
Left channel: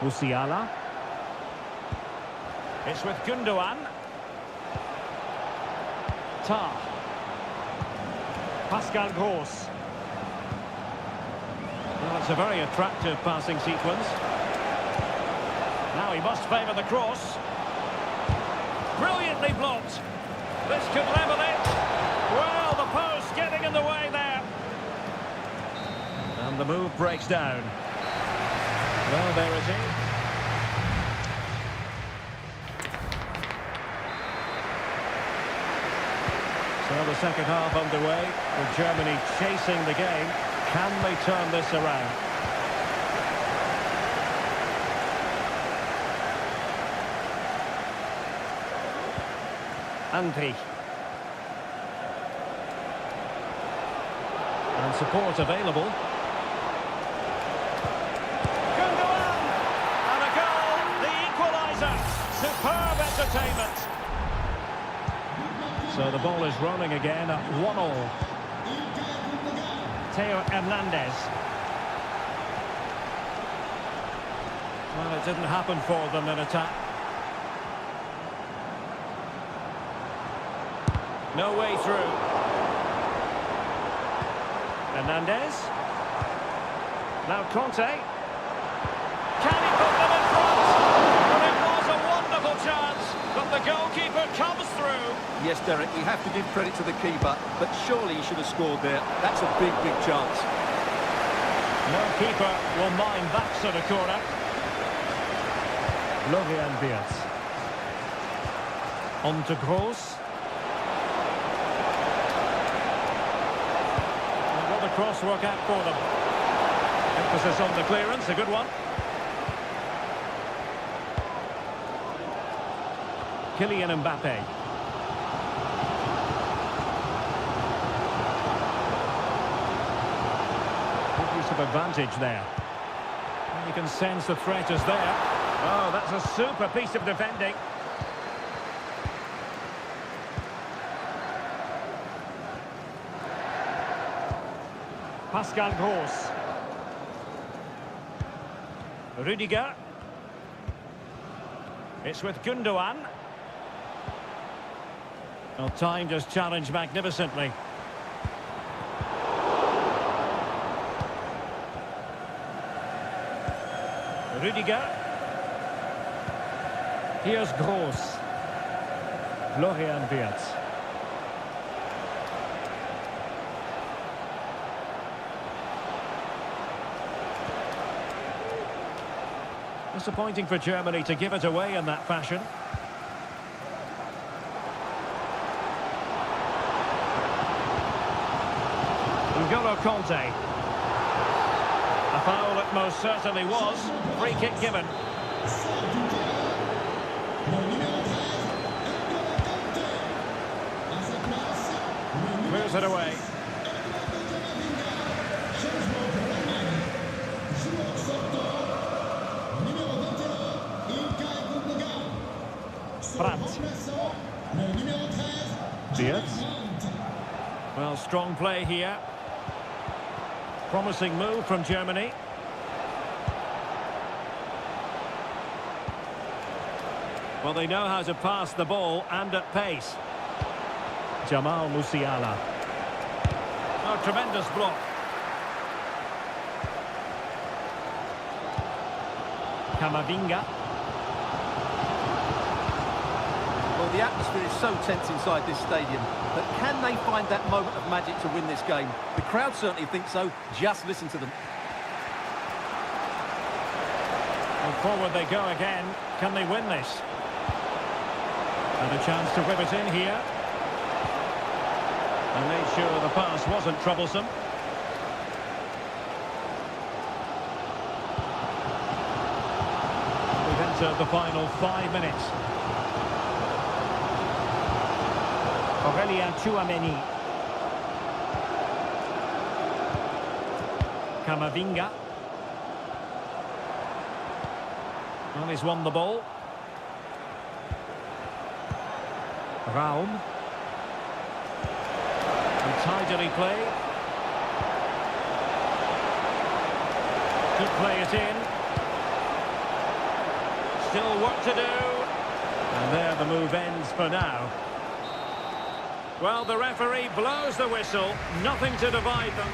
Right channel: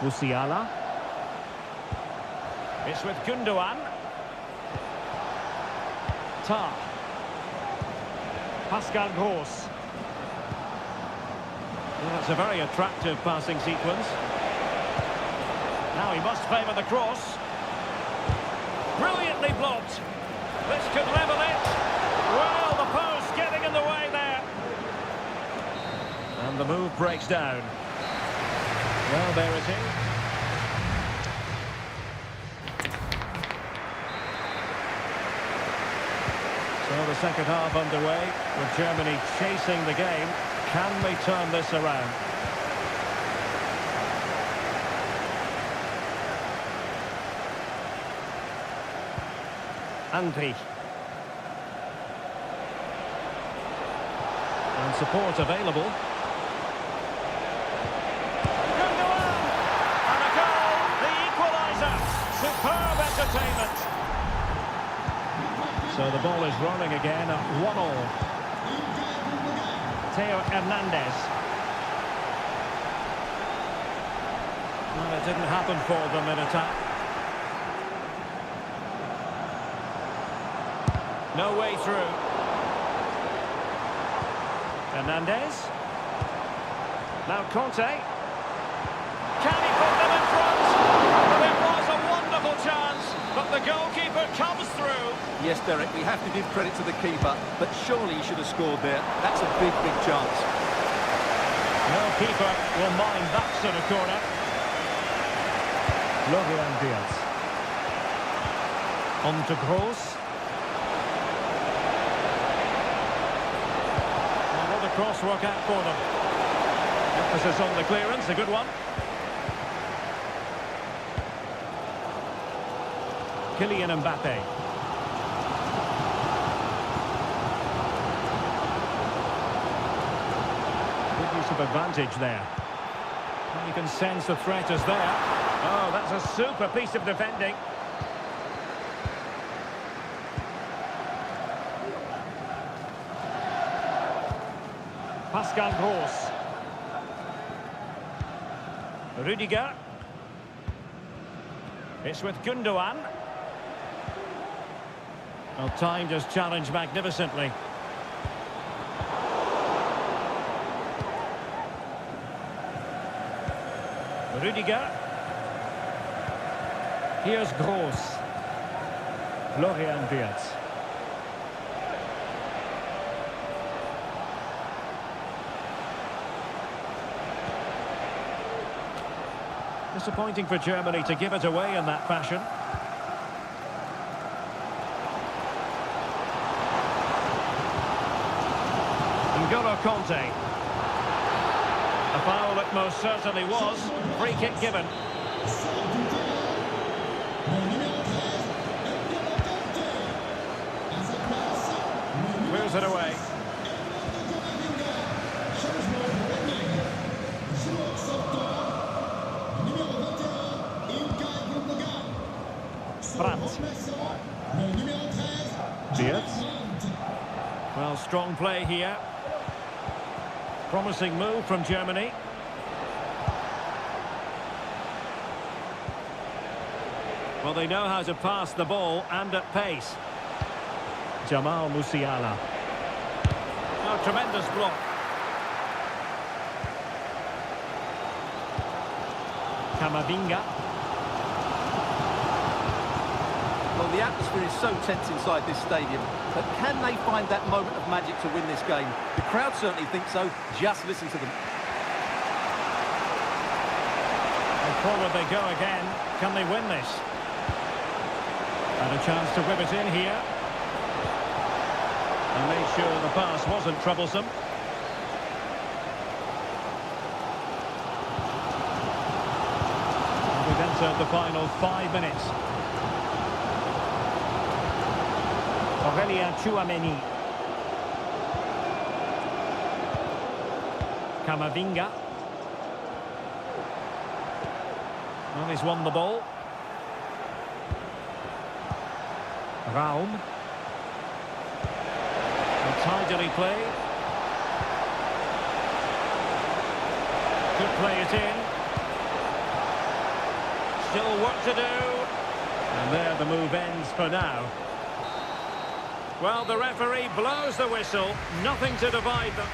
Musiala. It's with Gundogan. Tar. Pascal Gross. Well, it's a very attractive passing sequence. Now he must favour the cross. Brilliantly blocked. This could level it. Well, the post getting in the way there. And the move breaks down. Well, there it is. So the second half underway, with Germany chasing the game. Can they turn this around? Andri. And support available. Gundogan! And a goal, the equaliser. Superb entertainment. So the ball is rolling again at 1-1. Theo Hernandez. Well, it didn't happen for them in attack. No way through. Hernandez. Now Conte. Can he put them in front? Well, it was a wonderful chance, but the goalkeeper comes through. Yes, Derek, we have to give credit to the keeper, but surely he should have scored there. That's a big, big chance. No keeper will mind that sort of corner. Florian Wirtz. On to Gross. Will the cross work out for them? Emphasis on the clearance, a good one. Kylian Mbappe. Good use of advantage there. And you can sense the threat is there. Oh, that's a super piece of defending. Pascal Gross. Rudiger. It's with Gundogan. Well, time just challenged magnificently. Rudiger. Here's Gross. Florian Wirtz. Disappointing for Germany to give it away in that fashion. N'Golo Conte. A foul it most certainly was. Free kick given. Sort du terrain. Le numéro 13, N'Golo Kanté. À sa place, le numéro Clears it away. 6, Eduardo Camavinga. Changement pour l'Allemagne. Joueur sortant, le numéro 21, Ilkay Gundogan. Son Brandt. remplaçant, le numéro 13, Wirtz. Brandt. Well, strong play here. Promising move from Germany. Well, they know how to pass the ball and at pace. Jamal Musiala. Oh, tremendous block. Camavinga. Well, the atmosphere is so tense inside this stadium, but can they find that moment of magic to win this game? The crowd certainly think so. Just listen to them. And forward they go again. Can they win this? And a chance to whip it in here. And made sure the pass wasn't troublesome. And we've entered the final 5 minutes. Aurélien Tchouameni. Camavinga. Well, he's won the ball. Raum. And tidily played. Could play it in. Still work to do. And there the move ends for now. Well, the referee blows the whistle. Nothing to divide them.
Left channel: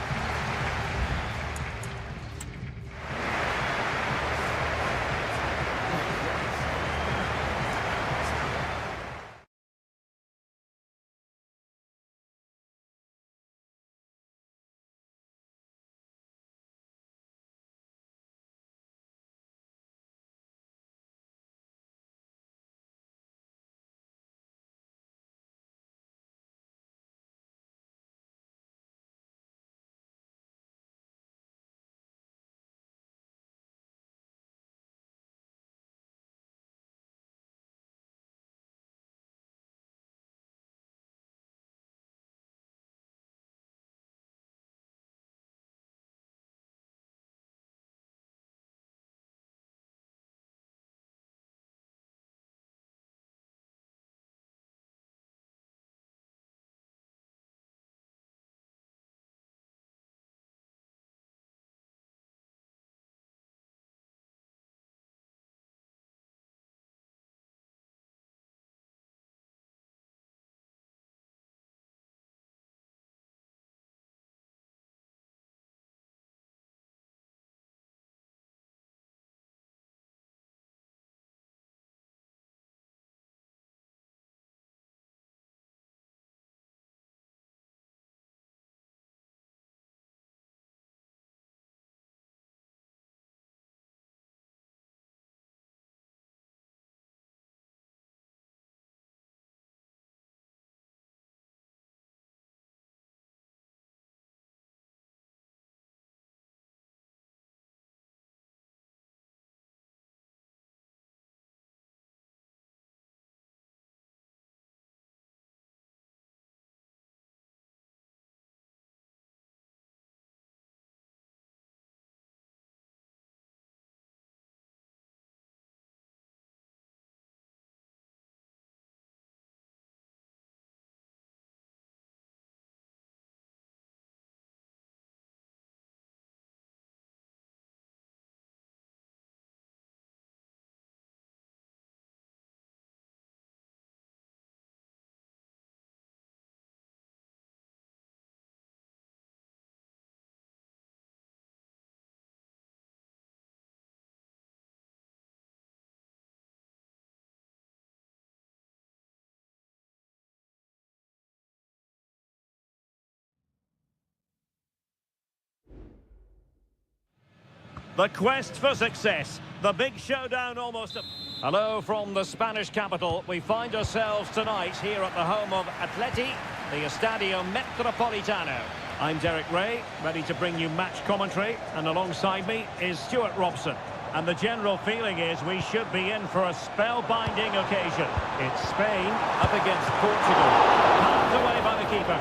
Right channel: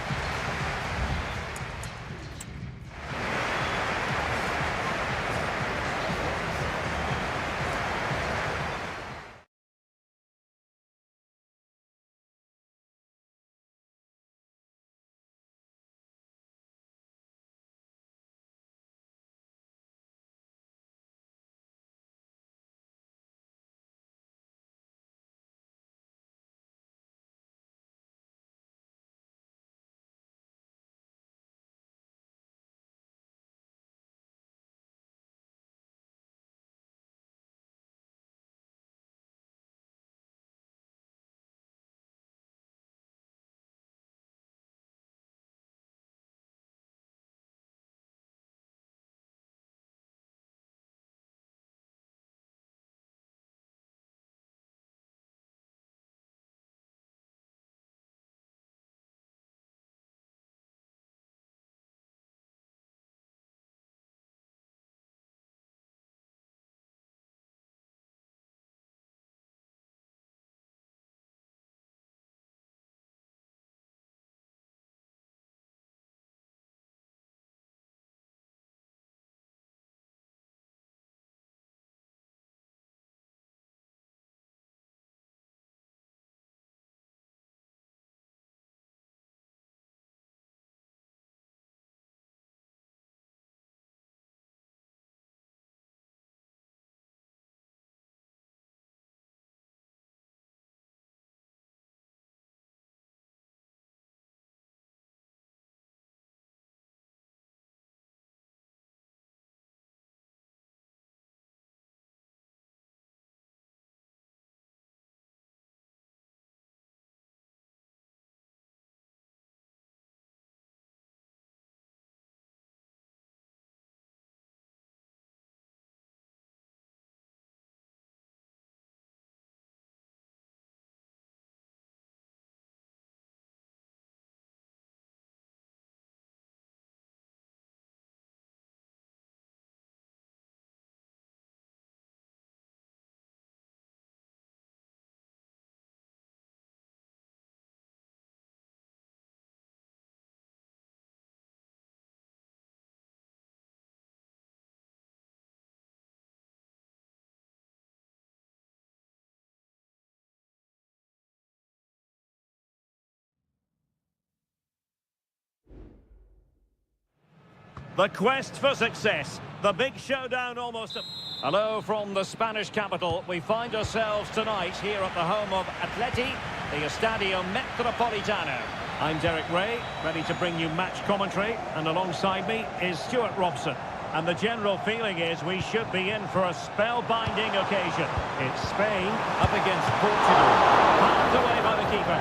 The quest for success. The big showdown almost. Hello from the Spanish capital. We find ourselves tonight here at the home of Atleti, the Estadio Metropolitano. I'm Derek Ray, ready to bring you match commentary, and alongside me is Stuart Robson. And the general feeling is we should be in for a spellbinding occasion. It's Spain up against Portugal. Halved away by the keeper.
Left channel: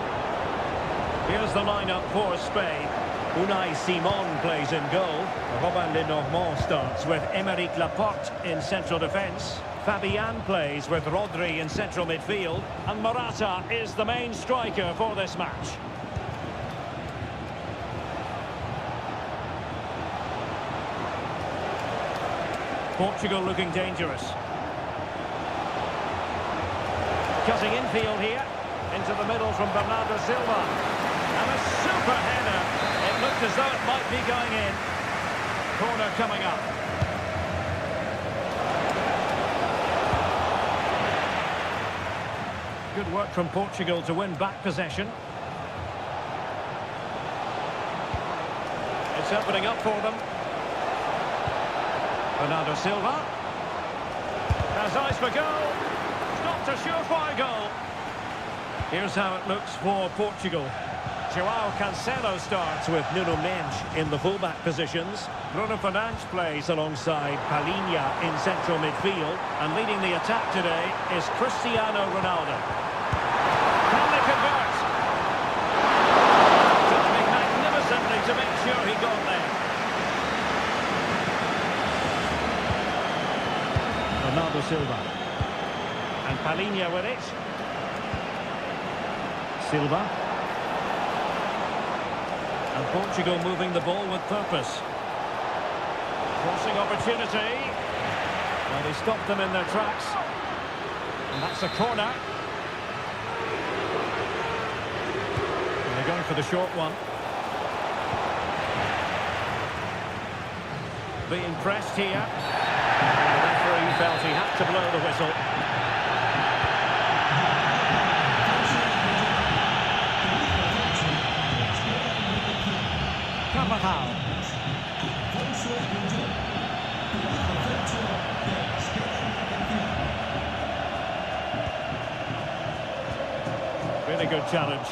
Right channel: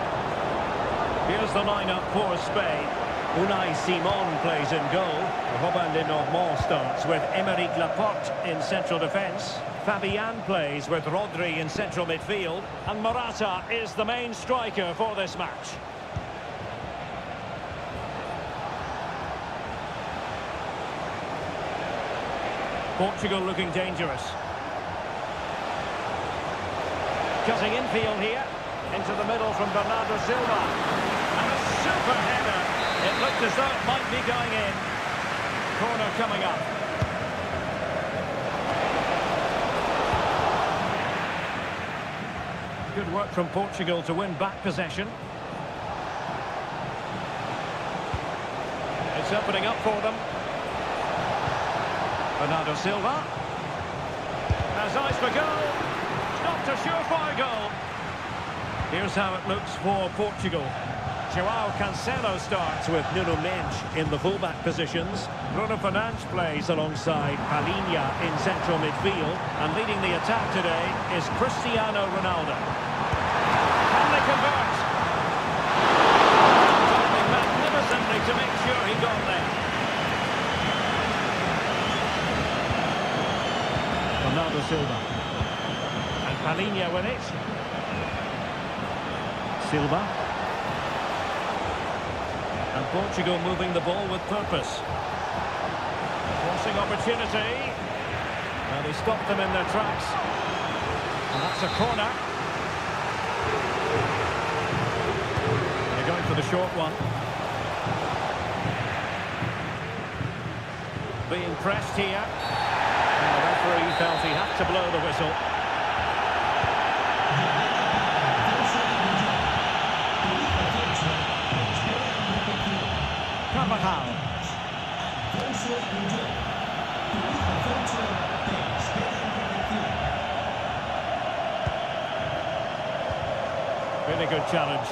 Here's the lineup for Spain. Unai Simon plays in goal. Robin Lenormand starts with Aymeric Laporte in central defence. Fabian plays with Rodri in central midfield. And Morata is the main striker for this match. Portugal looking dangerous. Cutting infield here. Into the middle from Bernardo Silva. And a super header. It looked as though it might be going in. Corner coming up. Good work from Portugal to win back possession. It's opening up for them. Bernardo Silva. Has eyes for goal. Stopped a surefire goal. Here's how it looks for Portugal. Joao Cancelo starts with Nuno Mendes in the fullback positions. Bruno Fernandes plays alongside Palhinha in central midfield. And leading the attack today is Cristiano Ronaldo. Can they convert? Timing magnificently to make sure he got there. Bernardo Silva. And Palhinha with it. Silva. And Portugal moving the ball with purpose. Crossing opportunity. And he stopped them in their tracks. And that's a corner. And they're going for the short one. Being pressed here. And the referee felt he had to blow the whistle. Carvajal. Really good challenge.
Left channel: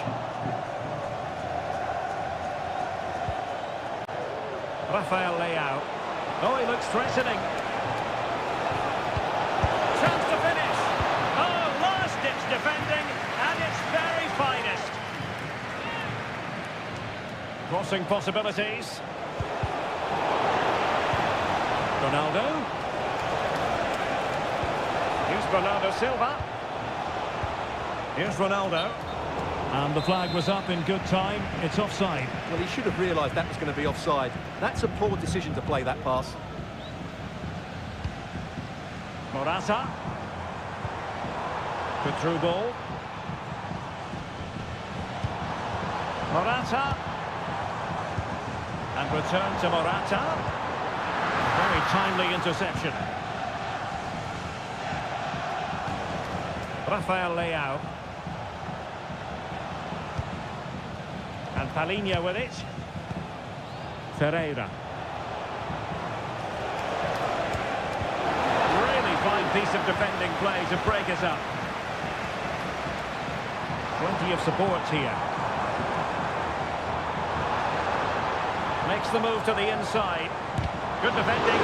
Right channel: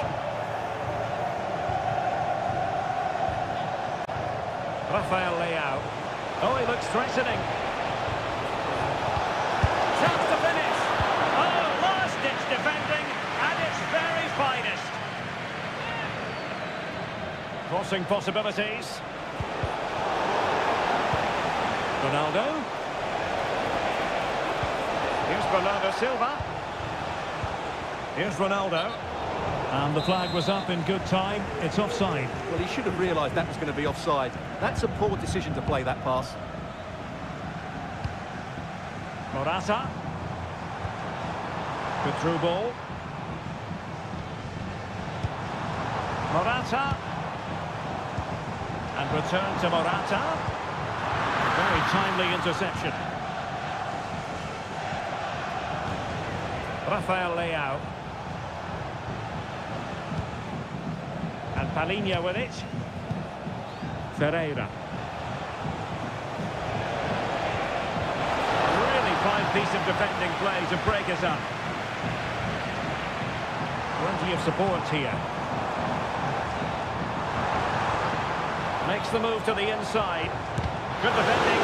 Rafael Leao. Oh, he looks threatening. Chance to finish. Oh, last-ditch defending at its very finest. Crossing possibilities. Ronaldo. Here's Bernardo Silva. Here's Ronaldo. And the flag was up in good time. It's offside. Well, he should have realised that was going to be offside. That's a poor decision to play that pass. Morata. Good through ball. Morata. And return to Morata. A very timely interception. Rafael Leao. And Palhinha with it. Ferreira. Really fine piece of defending play to break us up. Plenty of support here. Makes the move to the inside. Good defending.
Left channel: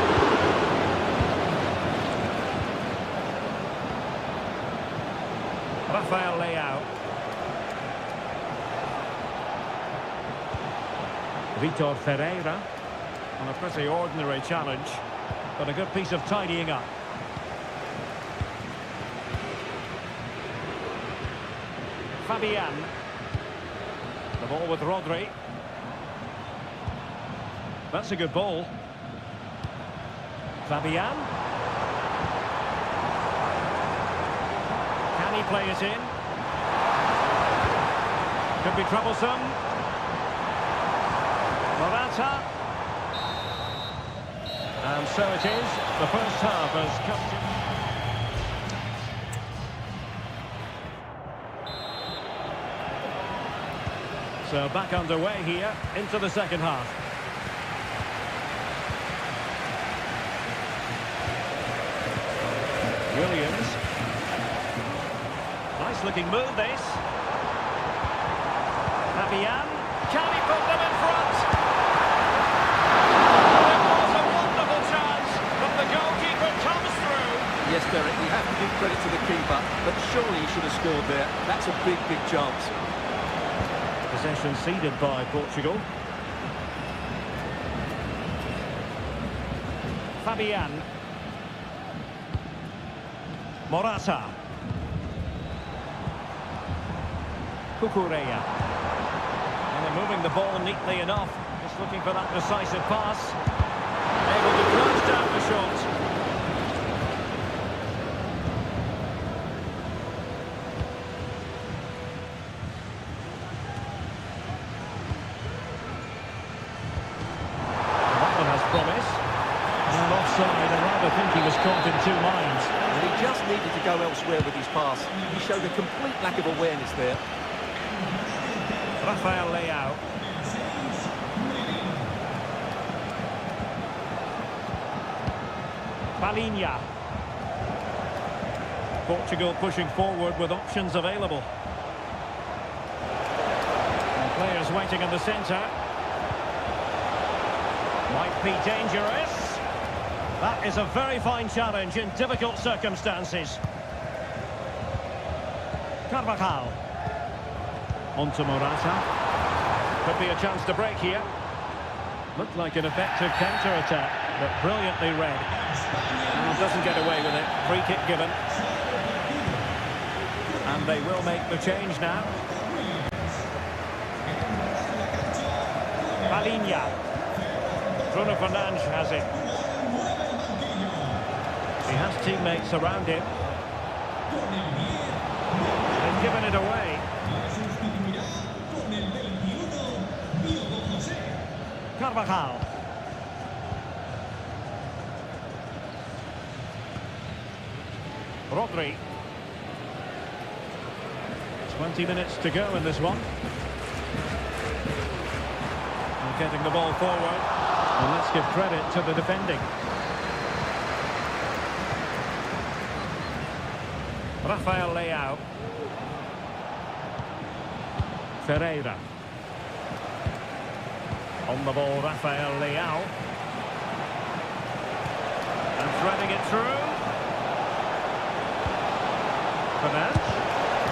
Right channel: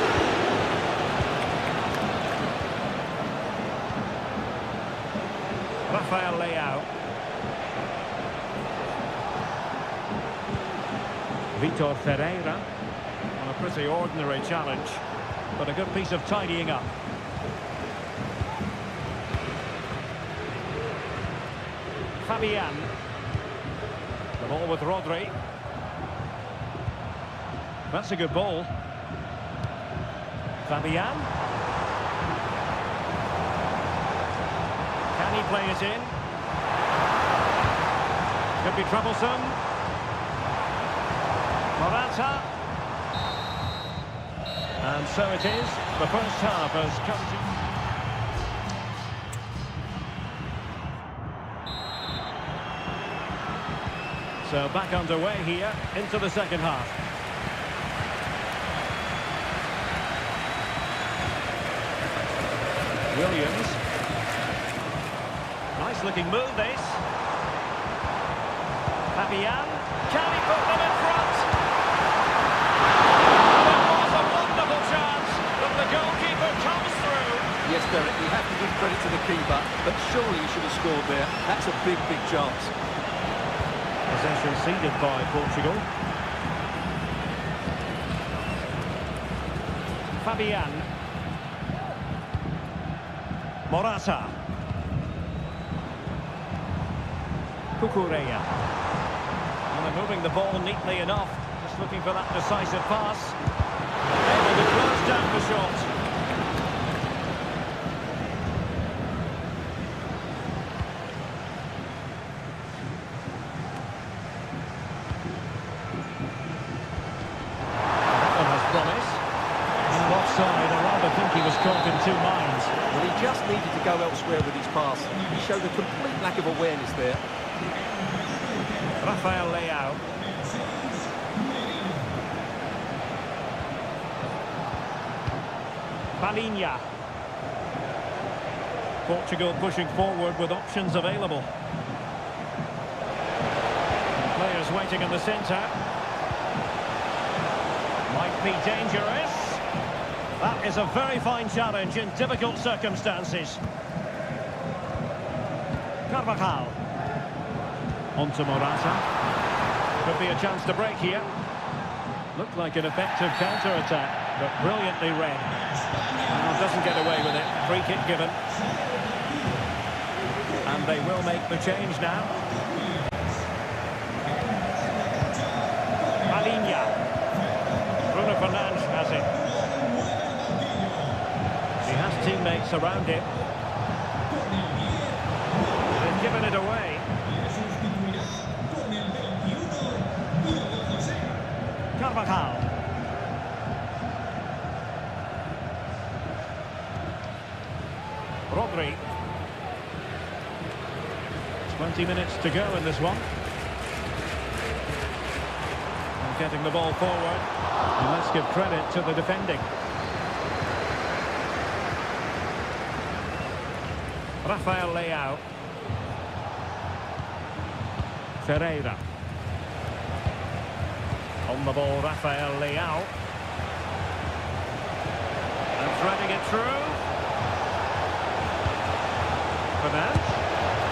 Rafael Leao. Vitor Ferreira on a pretty ordinary challenge, but a good piece of tidying up. Fabian. The ball with Rodri. That's a good ball. Fabian. Can he play it in? Could be troublesome. Morata. And so it is. The first half has come to... So back underway here into the second half. Williams. Nice looking move this. Fabian. Can he put them in front? And it was a wonderful chance, but the goalkeeper comes through. Yes, Derek, we have to give credit to the keeper, but surely he should have scored there. That's a big, big chance. Possession ceded by Portugal. Fabian. Morata. Cucurella. And they're moving the ball neatly enough. Just looking for that decisive pass. Able to close down the shot. Well, that one has promise. And offside, I rather think he was caught in two minds. Well, he just needed to go elsewhere with his pass. He showed a complete lack of awareness there. Rafael Leao. Palhinha. Portugal pushing forward with options available. And players waiting in the centre. Might be dangerous. That is a very fine challenge in difficult circumstances. Carvajal. On to Morata. Could be a chance to break here. Looked like an effective counter-attack, but brilliantly read. Well, doesn't get away with it. Free kick given. And they will make the change now. Palhinha. Bruno Fernandes has it. He has teammates around him. They've given it away. Carvajal. Rodri. 20 minutes to go in this one. And getting the ball forward. And let's give credit to the defending. Rafael Leao. Ferreira. On the ball, Rafael Leao. And threading it through. Fernandes.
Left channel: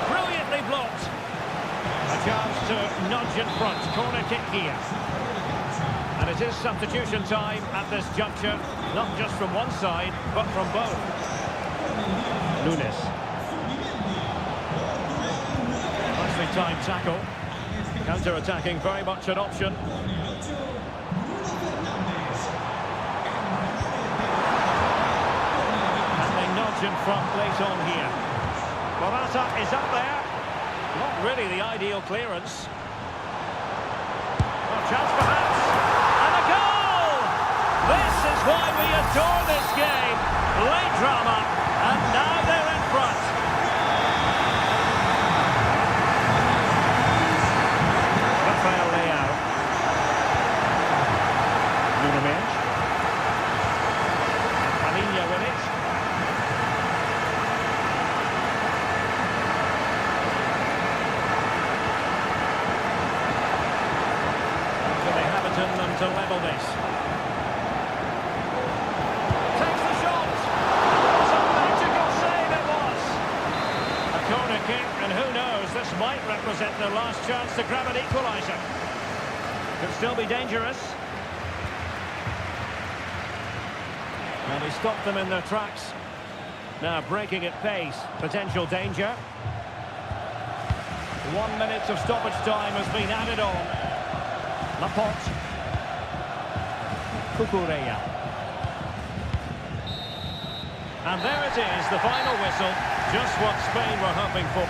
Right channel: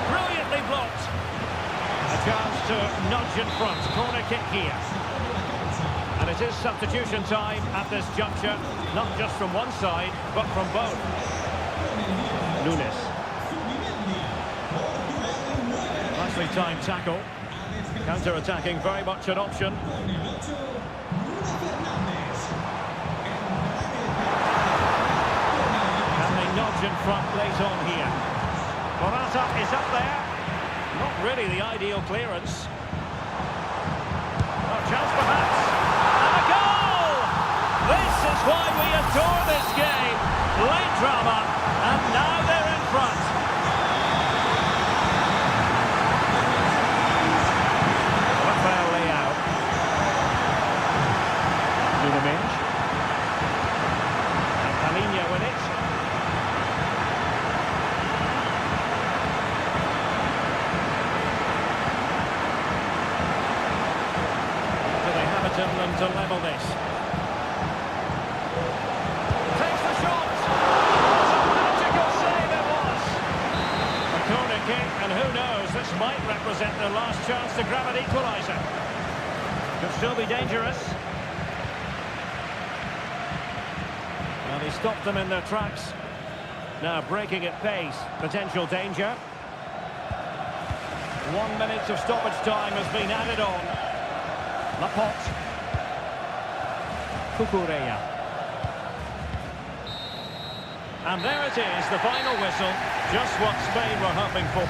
Brilliantly blocked. A chance to nudge in front. Corner kick here. And it is substitution time at this juncture. Not just from one side, but from both. Nunes. Nicely timed tackle. Counter-attacking, very much an option. And they nudge in front late on here. Morata is up there. Not really the ideal clearance. Oh, chance perhaps. And a goal! This is why we adore this game. Late drama, and now they're in front. Rafael Leao. Nuno Mendes. And Palhinha with it. Do they have it in them to level this? Takes the shot. What a magical save it was. A corner kick, and who knows, this might represent their last chance to grab an equaliser. Could still be dangerous. Well, he stopped them in their tracks. Now breaking at pace. Potential danger. 1 minute of stoppage time has been added on. Laporte. Cucurella. And there it is, the final whistle. Just what Spain were hoping for.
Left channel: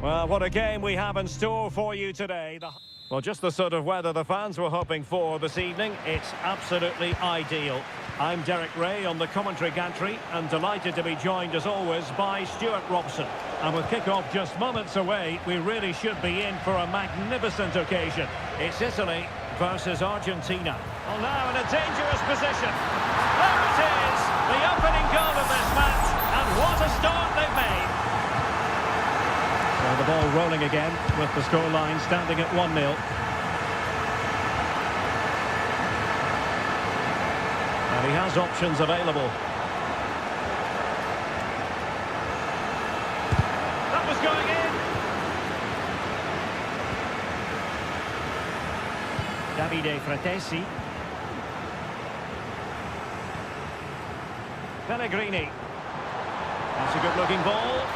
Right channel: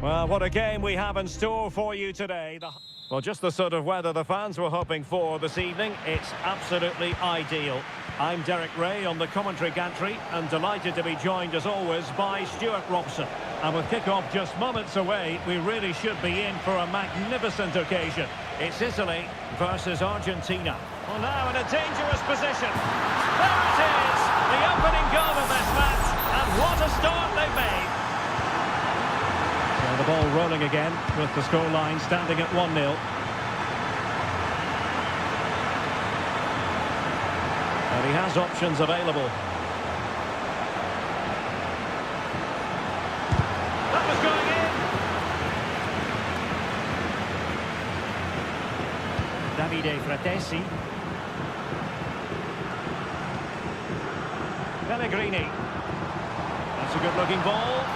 Well, what a game we have in store for you today. Well, just the sort of weather the fans were hoping for this evening. It's absolutely ideal. I'm Derek Ray on the commentary gantry and delighted to be joined as always by Stuart Robson. And with kick-off just moments away, we really should be in for a magnificent occasion. It's Italy versus Argentina. Well, now in a dangerous position. There it is, the opening goal of this match, and what a start they've made. So the ball rolling again with the scoreline standing at 1-0. And he has options available. That was going in. Davide Fratesi. Pellegrini. That's a good-looking ball.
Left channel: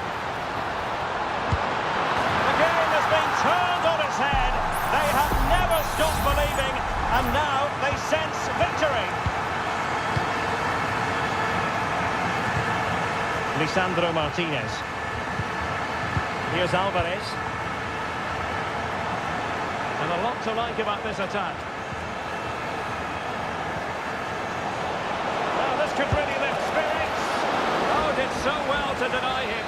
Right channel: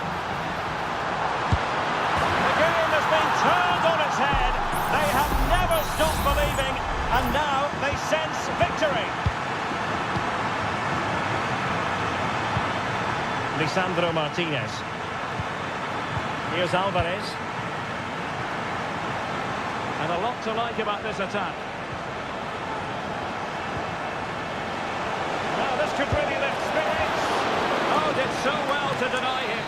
The game has been turned on its head. They have never stopped believing, and now they sense victory. Lisandro Martinez. Here's Alvarez. And a lot to like about this attack. Now this could really lift spirits. Oh, did so well to deny him.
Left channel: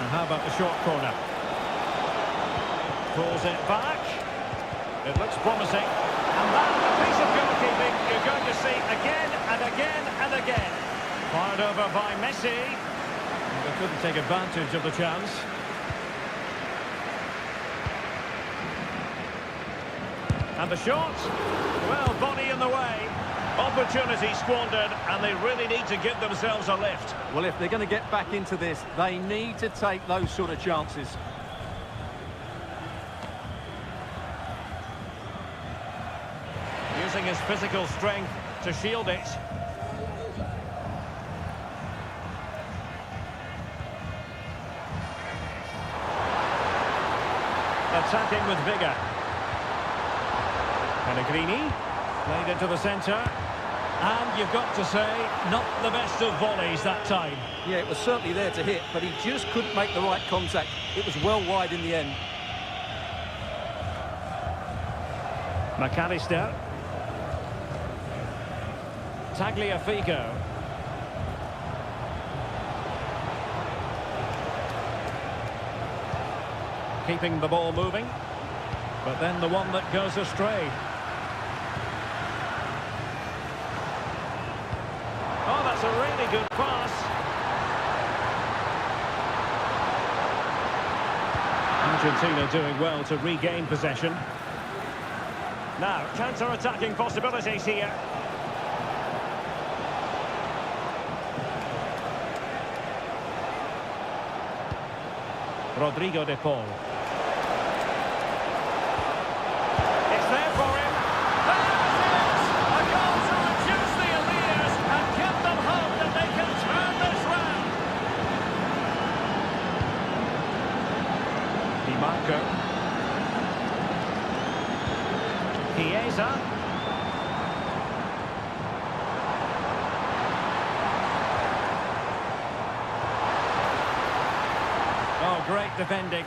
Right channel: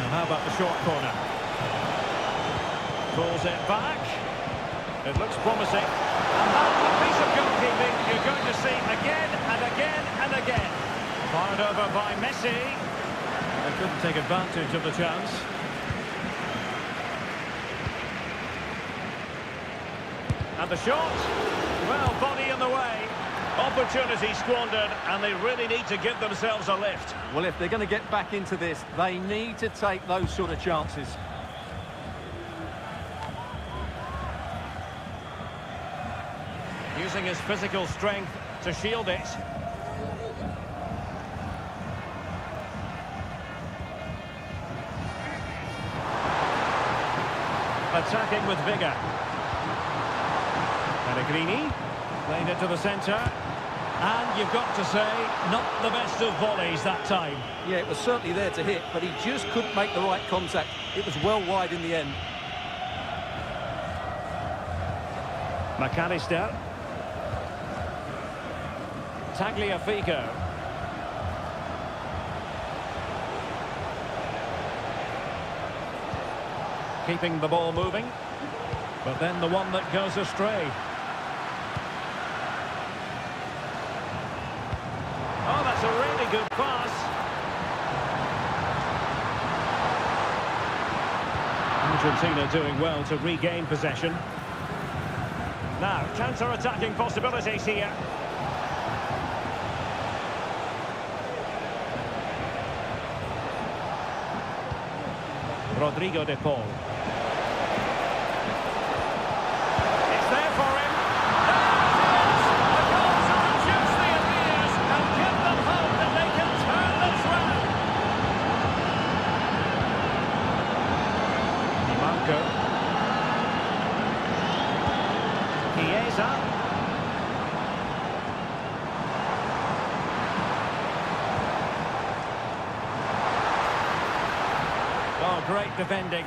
Now how about the short corner? Pulls it back. It looks promising. And that, a piece of goalkeeping you're going to see again and again and again. Fired over by Messi. Well, they couldn't take advantage of the chance. And the shot. Well, body in the way. Opportunity squandered, and they really need to give themselves a lift. Well, if they're going to get back into this, they need to take those sort of chances. Using his physical strength to shield it. Attacking with vigour. Pellegrini played it to the centre. And you've got to say, not the best of volleys that time. Yeah, it was certainly there to hit, but he just couldn't make the right contact. It was well wide in the end. McAllister. Tagliafico. Keeping the ball moving, but then the one that goes astray. Oh, that's a really good pass. Argentina doing well to regain possession. Now, counter-attacking possibilities here. Rodrigo de Paul. It's there for him. There it is! A goal to reduce the arrears and give them hope that they can turn this round. Di Marco. Chiesa. Oh, great defending.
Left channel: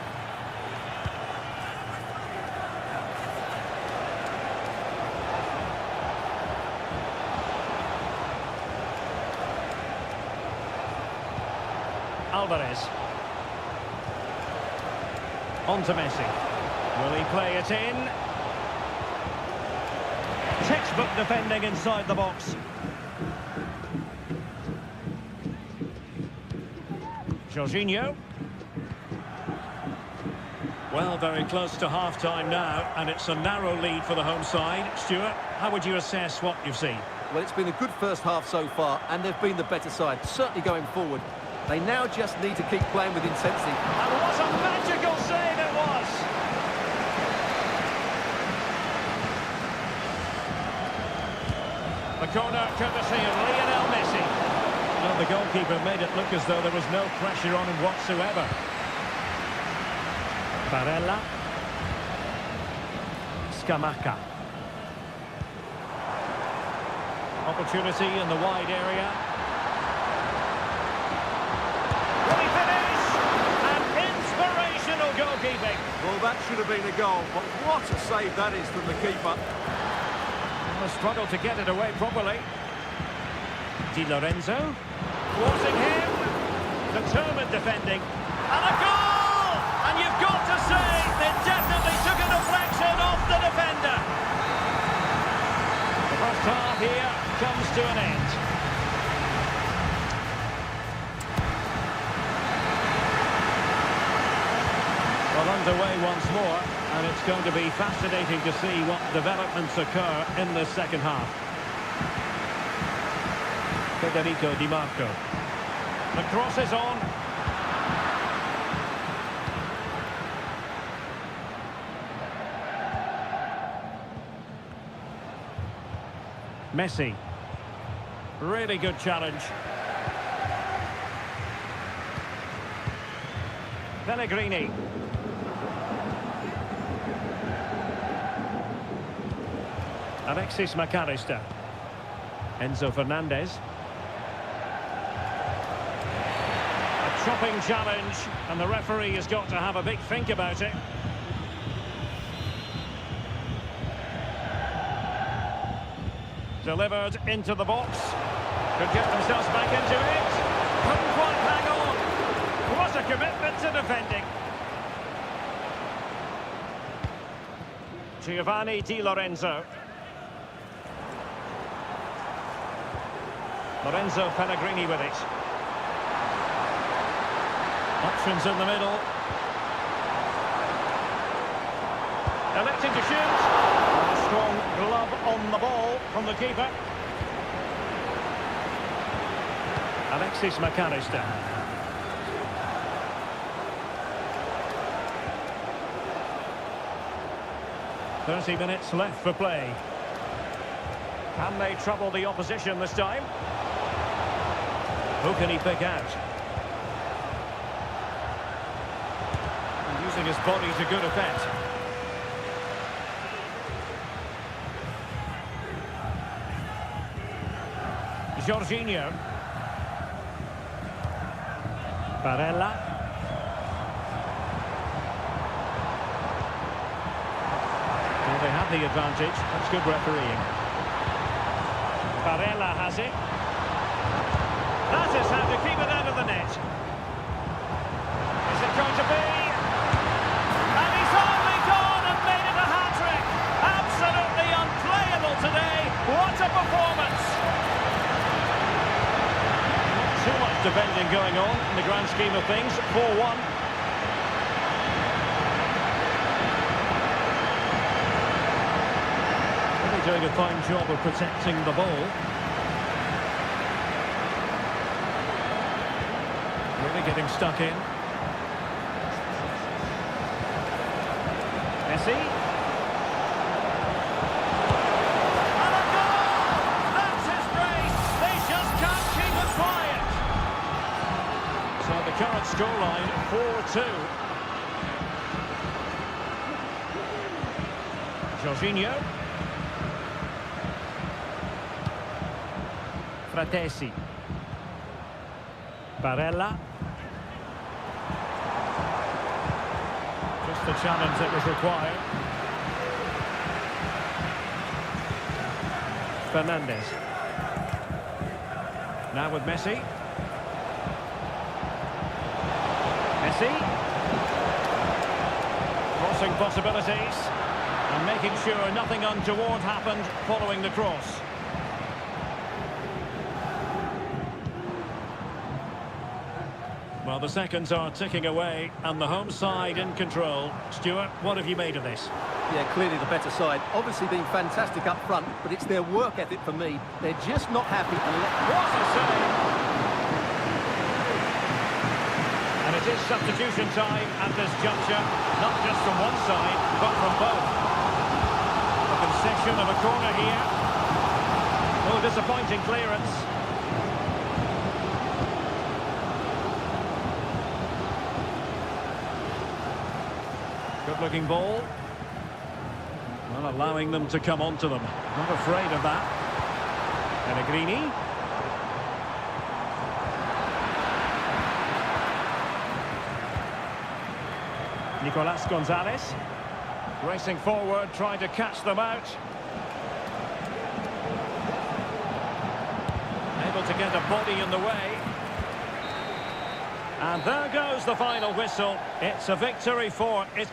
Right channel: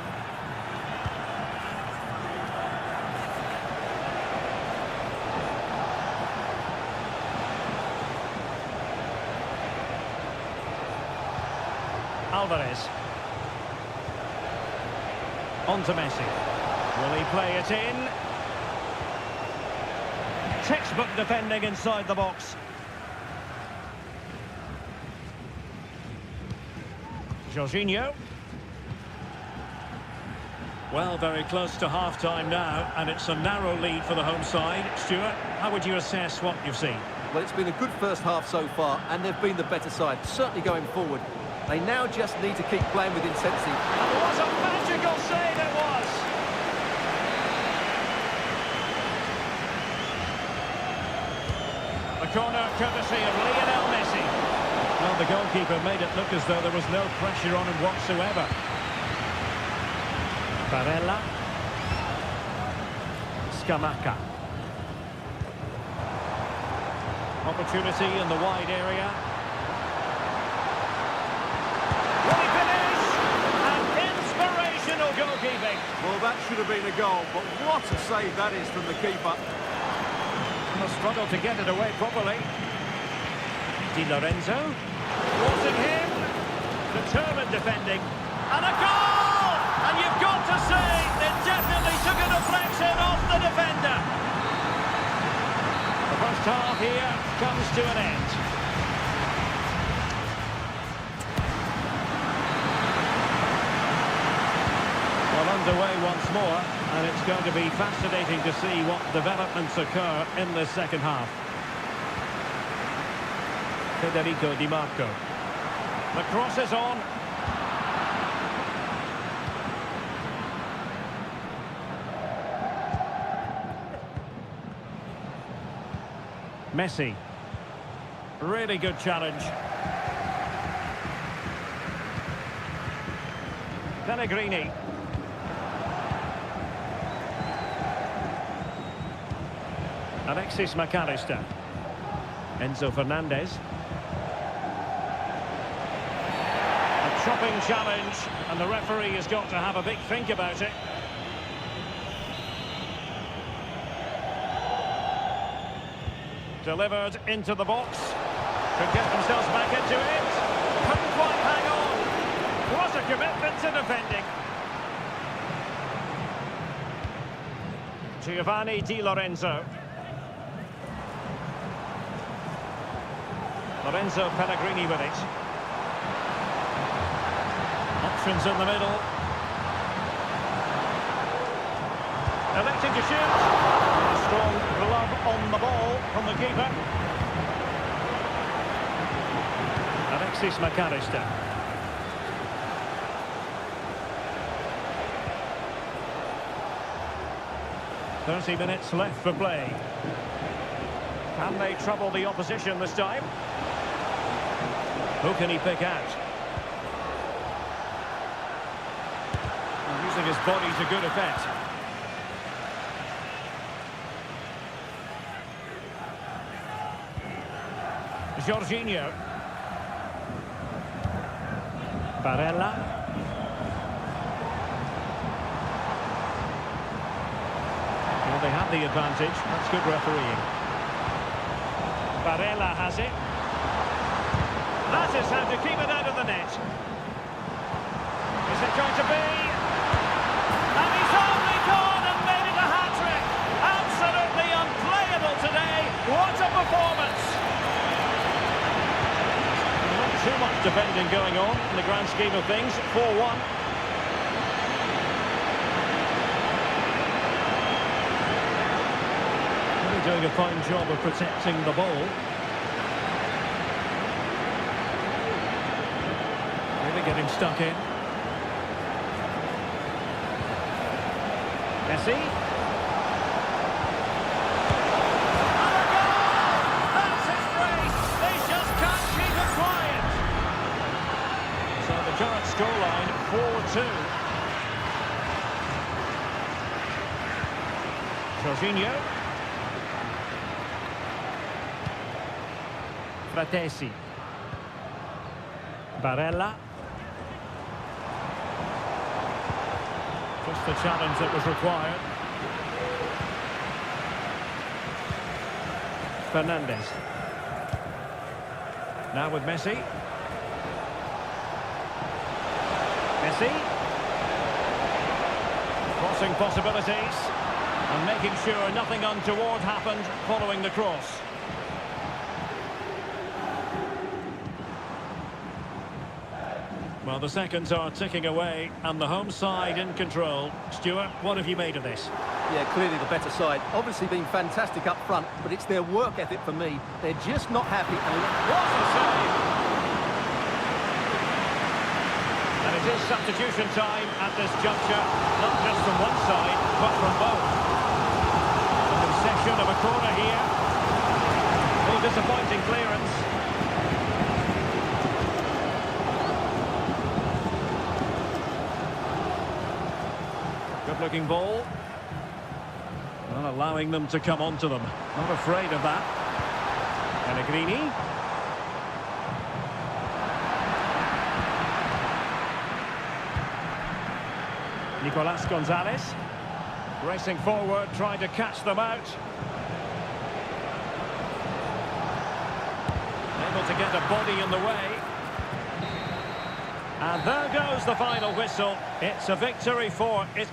Alvarez. On to Messi. Will he play it in? Textbook defending inside the box. Jorginho. Well, very close to half-time now, and it's a narrow lead for the home side. Stuart, how would you assess what you've seen? Well, it's been a good first half so far, and they've been the better side, certainly going forward. They now just need to keep playing with intensity. And what a magical save it was! The corner courtesy of Lionel Messi. Well, the goalkeeper made it look as though there was no pressure on him whatsoever. Barella. Scamacca. Opportunity in the wide area. Will he finish? And inspirational goalkeeping. Well, that should have been a goal, but what a save that is from the keeper. And a struggle to get it away properly. Di Lorenzo. Thwarting him. Determined defending. And a goal! And you've got to say, it definitely took a deflection off the defender. The first half here comes to an end. Well, underway once more, and it's going to be fascinating to see what developments occur in this second half. Federico Di Marco. The cross is on. Messi. Really good challenge. Pellegrini. Alexis McAllister. Enzo Fernandez. A chopping challenge, and the referee has got to have a big think about it. Delivered into the box. Could get themselves back into it. Couldn't quite hang on. What a commitment to defending. Giovanni Di Lorenzo. Lorenzo Pellegrini with it. Options in the middle. Electing to shoot. And a strong glove on the ball from the keeper. Alexis McAllister. "30 minutes left for play. Can they trouble the opposition this time? Who can he pick out? And using his body to good effect. Jorginho. Barella. Well, they have the advantage. That's good refereeing. Barella has it. That is how to keep it out of the net. Is it going to be? And he's only gone and made it a hat-trick. Absolutely unplayable today. What a performance. Not too much defending going on in the grand scheme of things. 4-1. Really doing a fine job of protecting the ball. Really getting stuck in. Messi. And a goal! That's his brace! They just can't keep it quiet. So the current scoreline, 4-2. Jorginho. Fratesi. Barella. Just the challenge that was required. Fernandez. Now with Messi. Messi. Crossing possibilities. And making sure nothing untoward happened following the cross. Well, the seconds are ticking away, and the home side in control. Stuart, what have you made of this? Yeah, clearly the better side. Obviously been fantastic up front, but it's their work ethic for me. They're just not happy. What a save! And it is substitution time at this juncture, not just from one side, but from both. The concession of a corner here. Oh, disappointing clearance. Good-looking ball. Well, allowing them to come onto them. Not afraid of that. Pellegrini. Nicolas Gonzalez. Racing forward, trying to catch them out. Able to get a body in the way. And there goes the final whistle. It's a victory for it.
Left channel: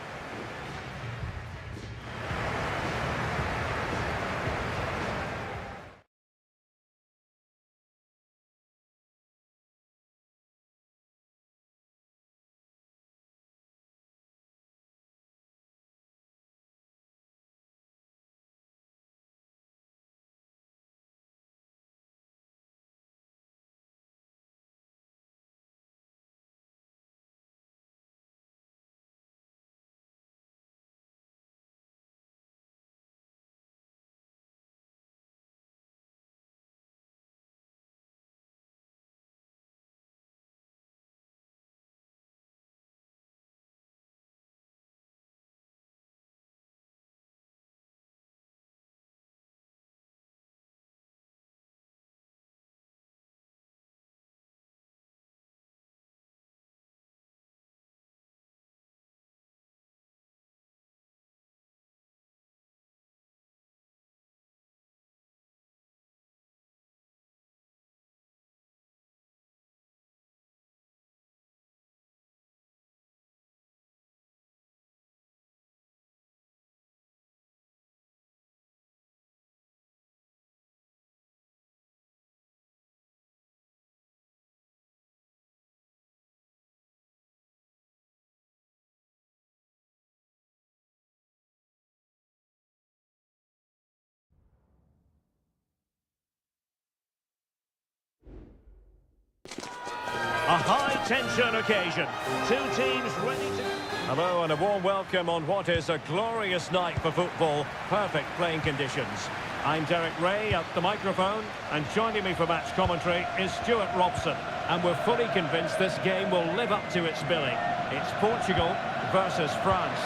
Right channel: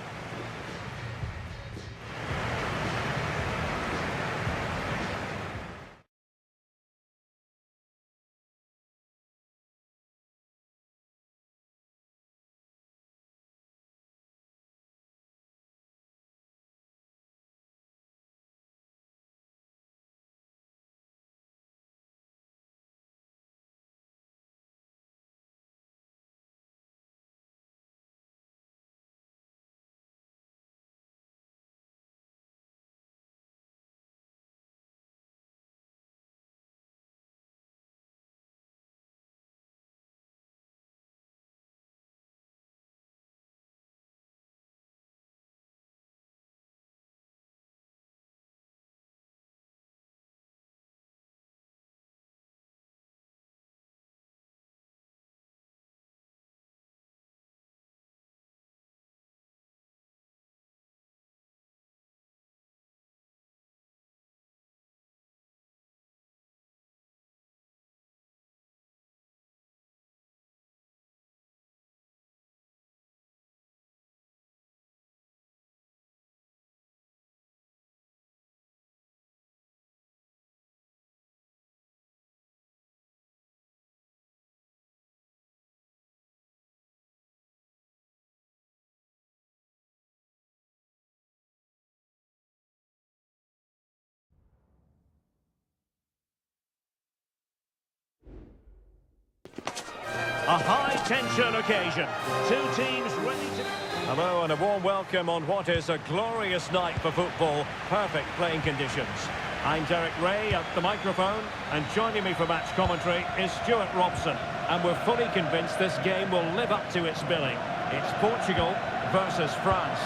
A high-tension occasion. Two teams ready to... Hello and a warm welcome on what is a glorious night for football. Perfect playing conditions. I'm Derek Ray at the microphone, and joining me for match commentary is Stuart Robson. And we're fully convinced this game will live up to its billing. It's Portugal versus France.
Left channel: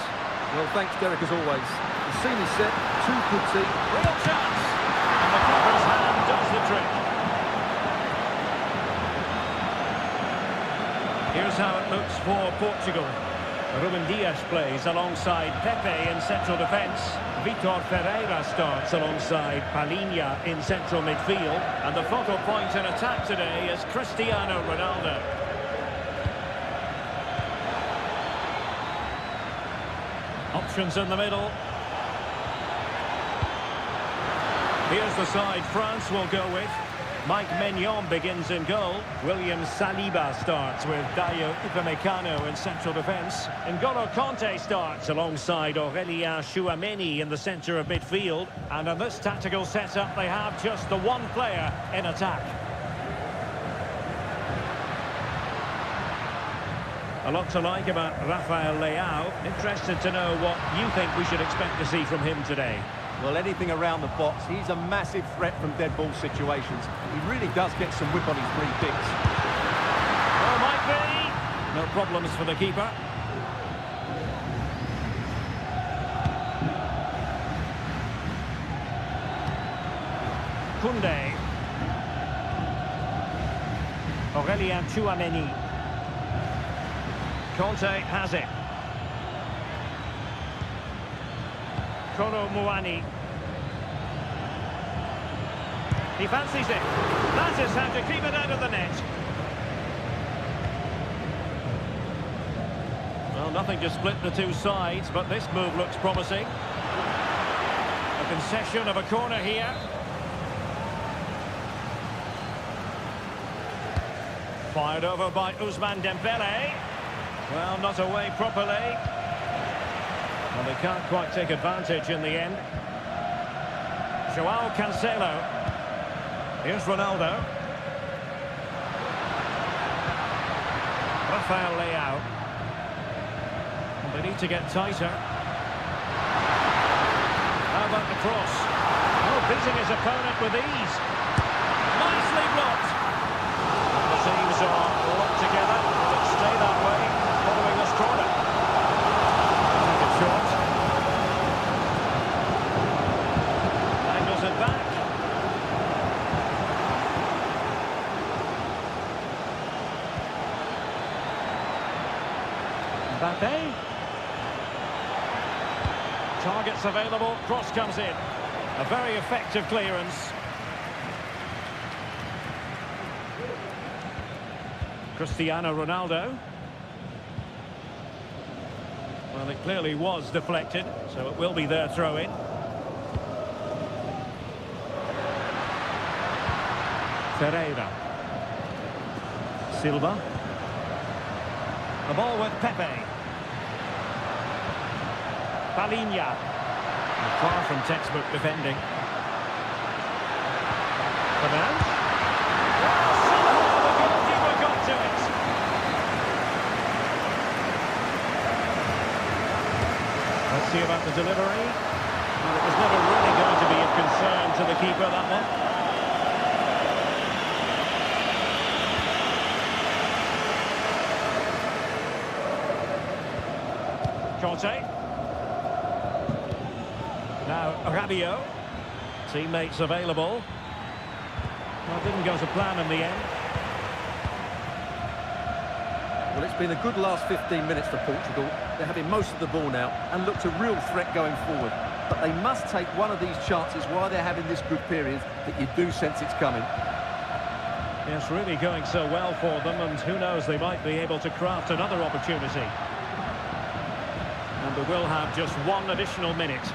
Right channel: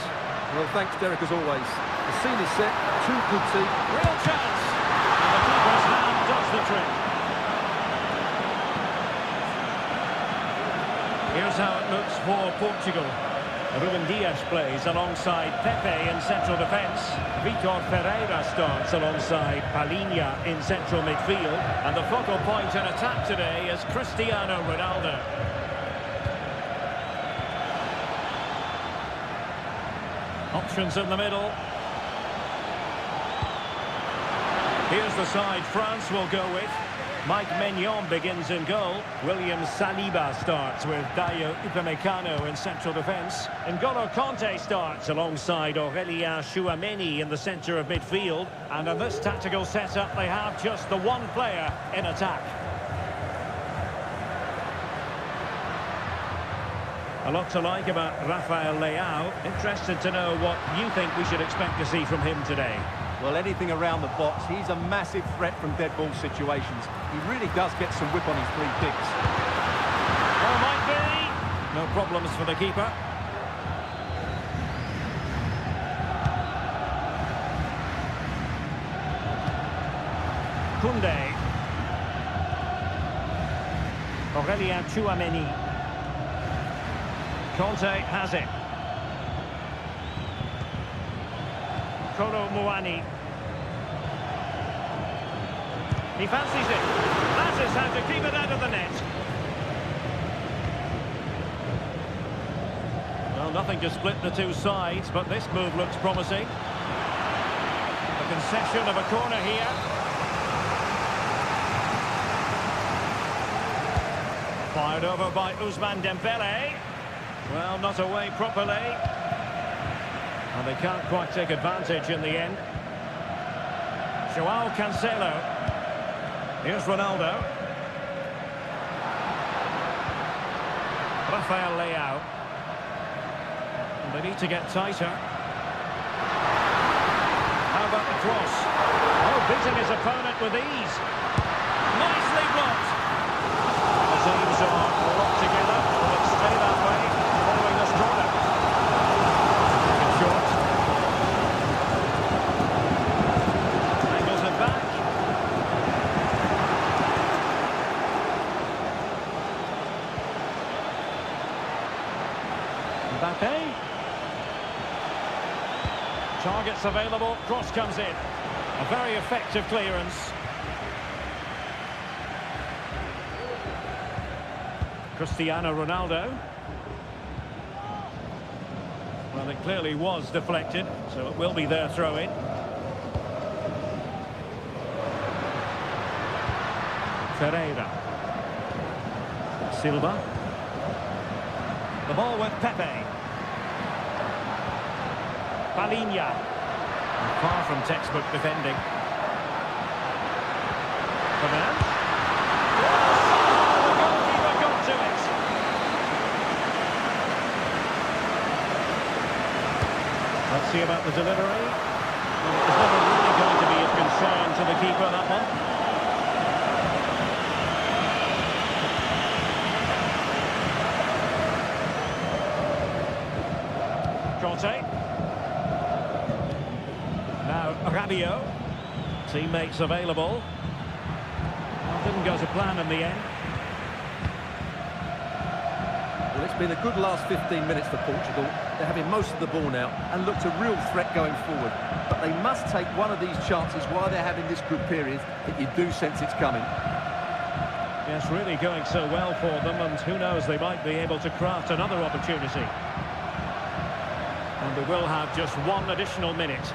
Well, thanks, Derek, as always. The scene is set, two good teams. Real chance! And the keeper's hand does the trick. Here's how it looks for Portugal. Ruben Dias plays alongside Pepe in central defence. Vitor Ferreira starts alongside Palhinha in central midfield. And the focal point in attack today is Cristiano Ronaldo. Options in the middle. Here's the side France will go with. Mike Maignan begins in goal. William Saliba starts with Dayo Upamecano in central defence. N'Golo Kanté starts alongside Aurélien Tchouameni in the centre of midfield. And in this tactical setup, they have just the one player in attack. A lot to like about Rafael Leao. Interested to know what you think we should expect to see from him today. Well, anything around the box. He's a massive threat from dead ball situations. He really does get some whip on his free kicks. Oh, might be. No problems for the keeper. Koundé. Aurélien Tchouameni. Kanté has it. Kolo Muani. He fancies it. That is how to keep it out of the net. Well, nothing to split the two sides, but this move looks promising. A concession of a corner here. Fired over by Ousmane Dembele. Well, not away properly. Well, they can't quite take advantage in the end. João Cancelo. Here's Ronaldo. Rafael Leao. Well, they need to get tighter. How about the cross? Oh, beating his opponent with ease. Nicely blocked. The teams are locked together. Will it stay that way following this corner? Take it short. Angles it back. Mbappe. Targets available, cross comes in. A very effective clearance. Cristiano Ronaldo. Well, it clearly was deflected, so it will be their throw-in. Ferreira. Silva. The ball with Pepe. Palinha. Far from textbook defending. Fernand. Well, somehow the goalkeeper got to it. Let's see about the delivery. Well, it was never really going to be of concern to the keeper, that one. Conte. Now Rabiot. Teammates available. Well, didn't go to plan in the end. Well, it's been a good last 15 minutes for Portugal. They're having most of the ball now and looked a real threat going forward. But they must take one of these chances while they're having this good period that you do sense it's coming. Yes, really going so well for them, and who knows, they might be able to craft another opportunity. And we will have just one additional minute.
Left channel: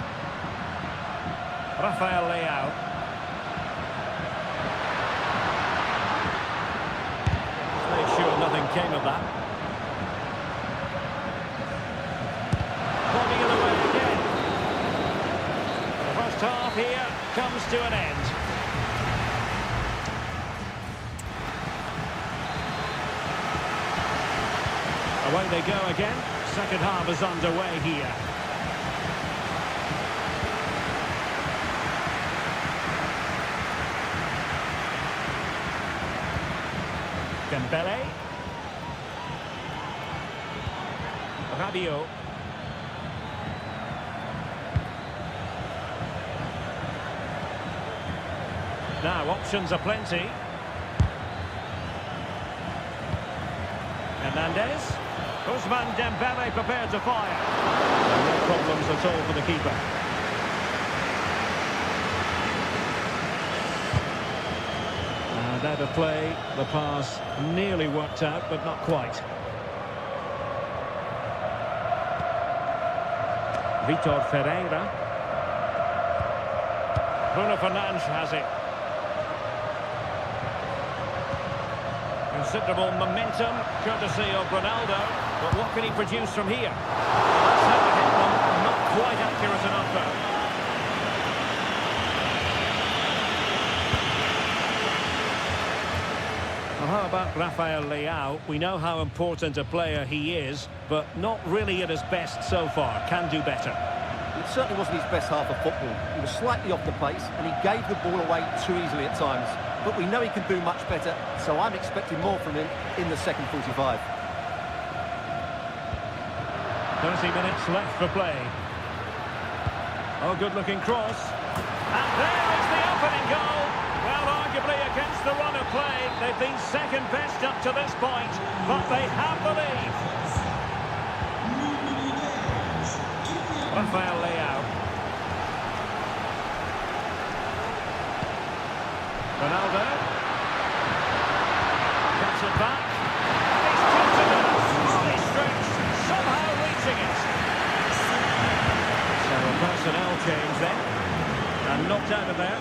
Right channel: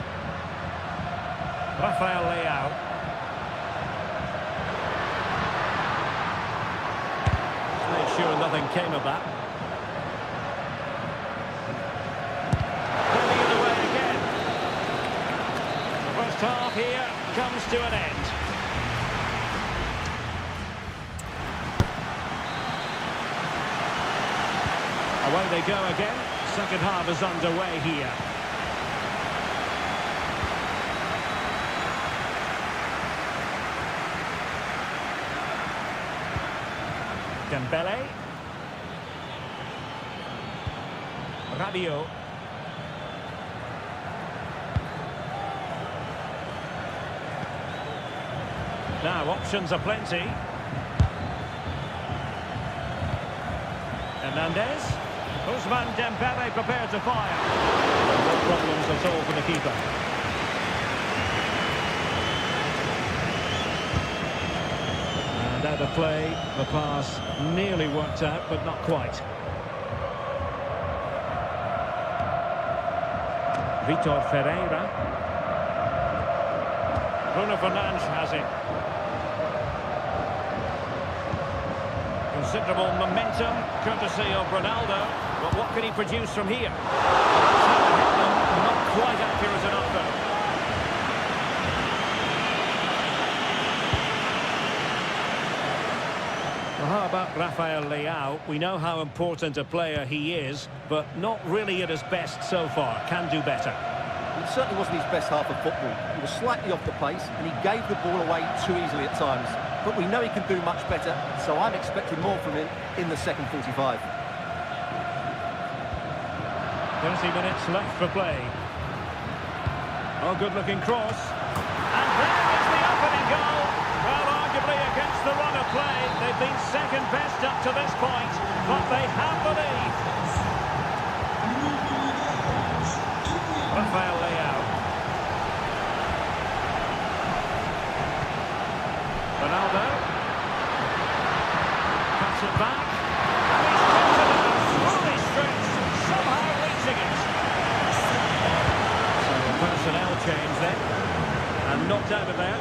Rafael Leao. Just made sure nothing came of that. Body of the way again. The first half here comes to an end. Away they go again. Second half is underway here. Dembele. Rabiot. Now options are plenty. Hernandez. Ousmane Dembele prepared to fire. And no problems at all for the keeper. And out of play, the pass nearly worked out, but not quite. Vitor Ferreira. Bruno Fernandes has it. Considerable momentum, courtesy of Ronaldo. But what can he produce from here? Well, that's how it hit them. Not quite accurate enough, though. Well, how about Rafael Leao? We know how important a player he is, but not really at his best so far. Can do better. It certainly wasn't his best half of football. He was slightly off the pace and he gave the ball away too easily at times. But we know he can do much better, so I'm expecting more from him in the second 45. 30 minutes left for play. Oh, good-looking cross. And there is the opening goal. Well, arguably against the run of play, they've been second best up to this point, but they have the lead. Rafael Leao. Ronaldo. Cuts it back. And he's tipped it out. Fully stretched. Somehow reaching it. So a personnel change then. And knocked out of there.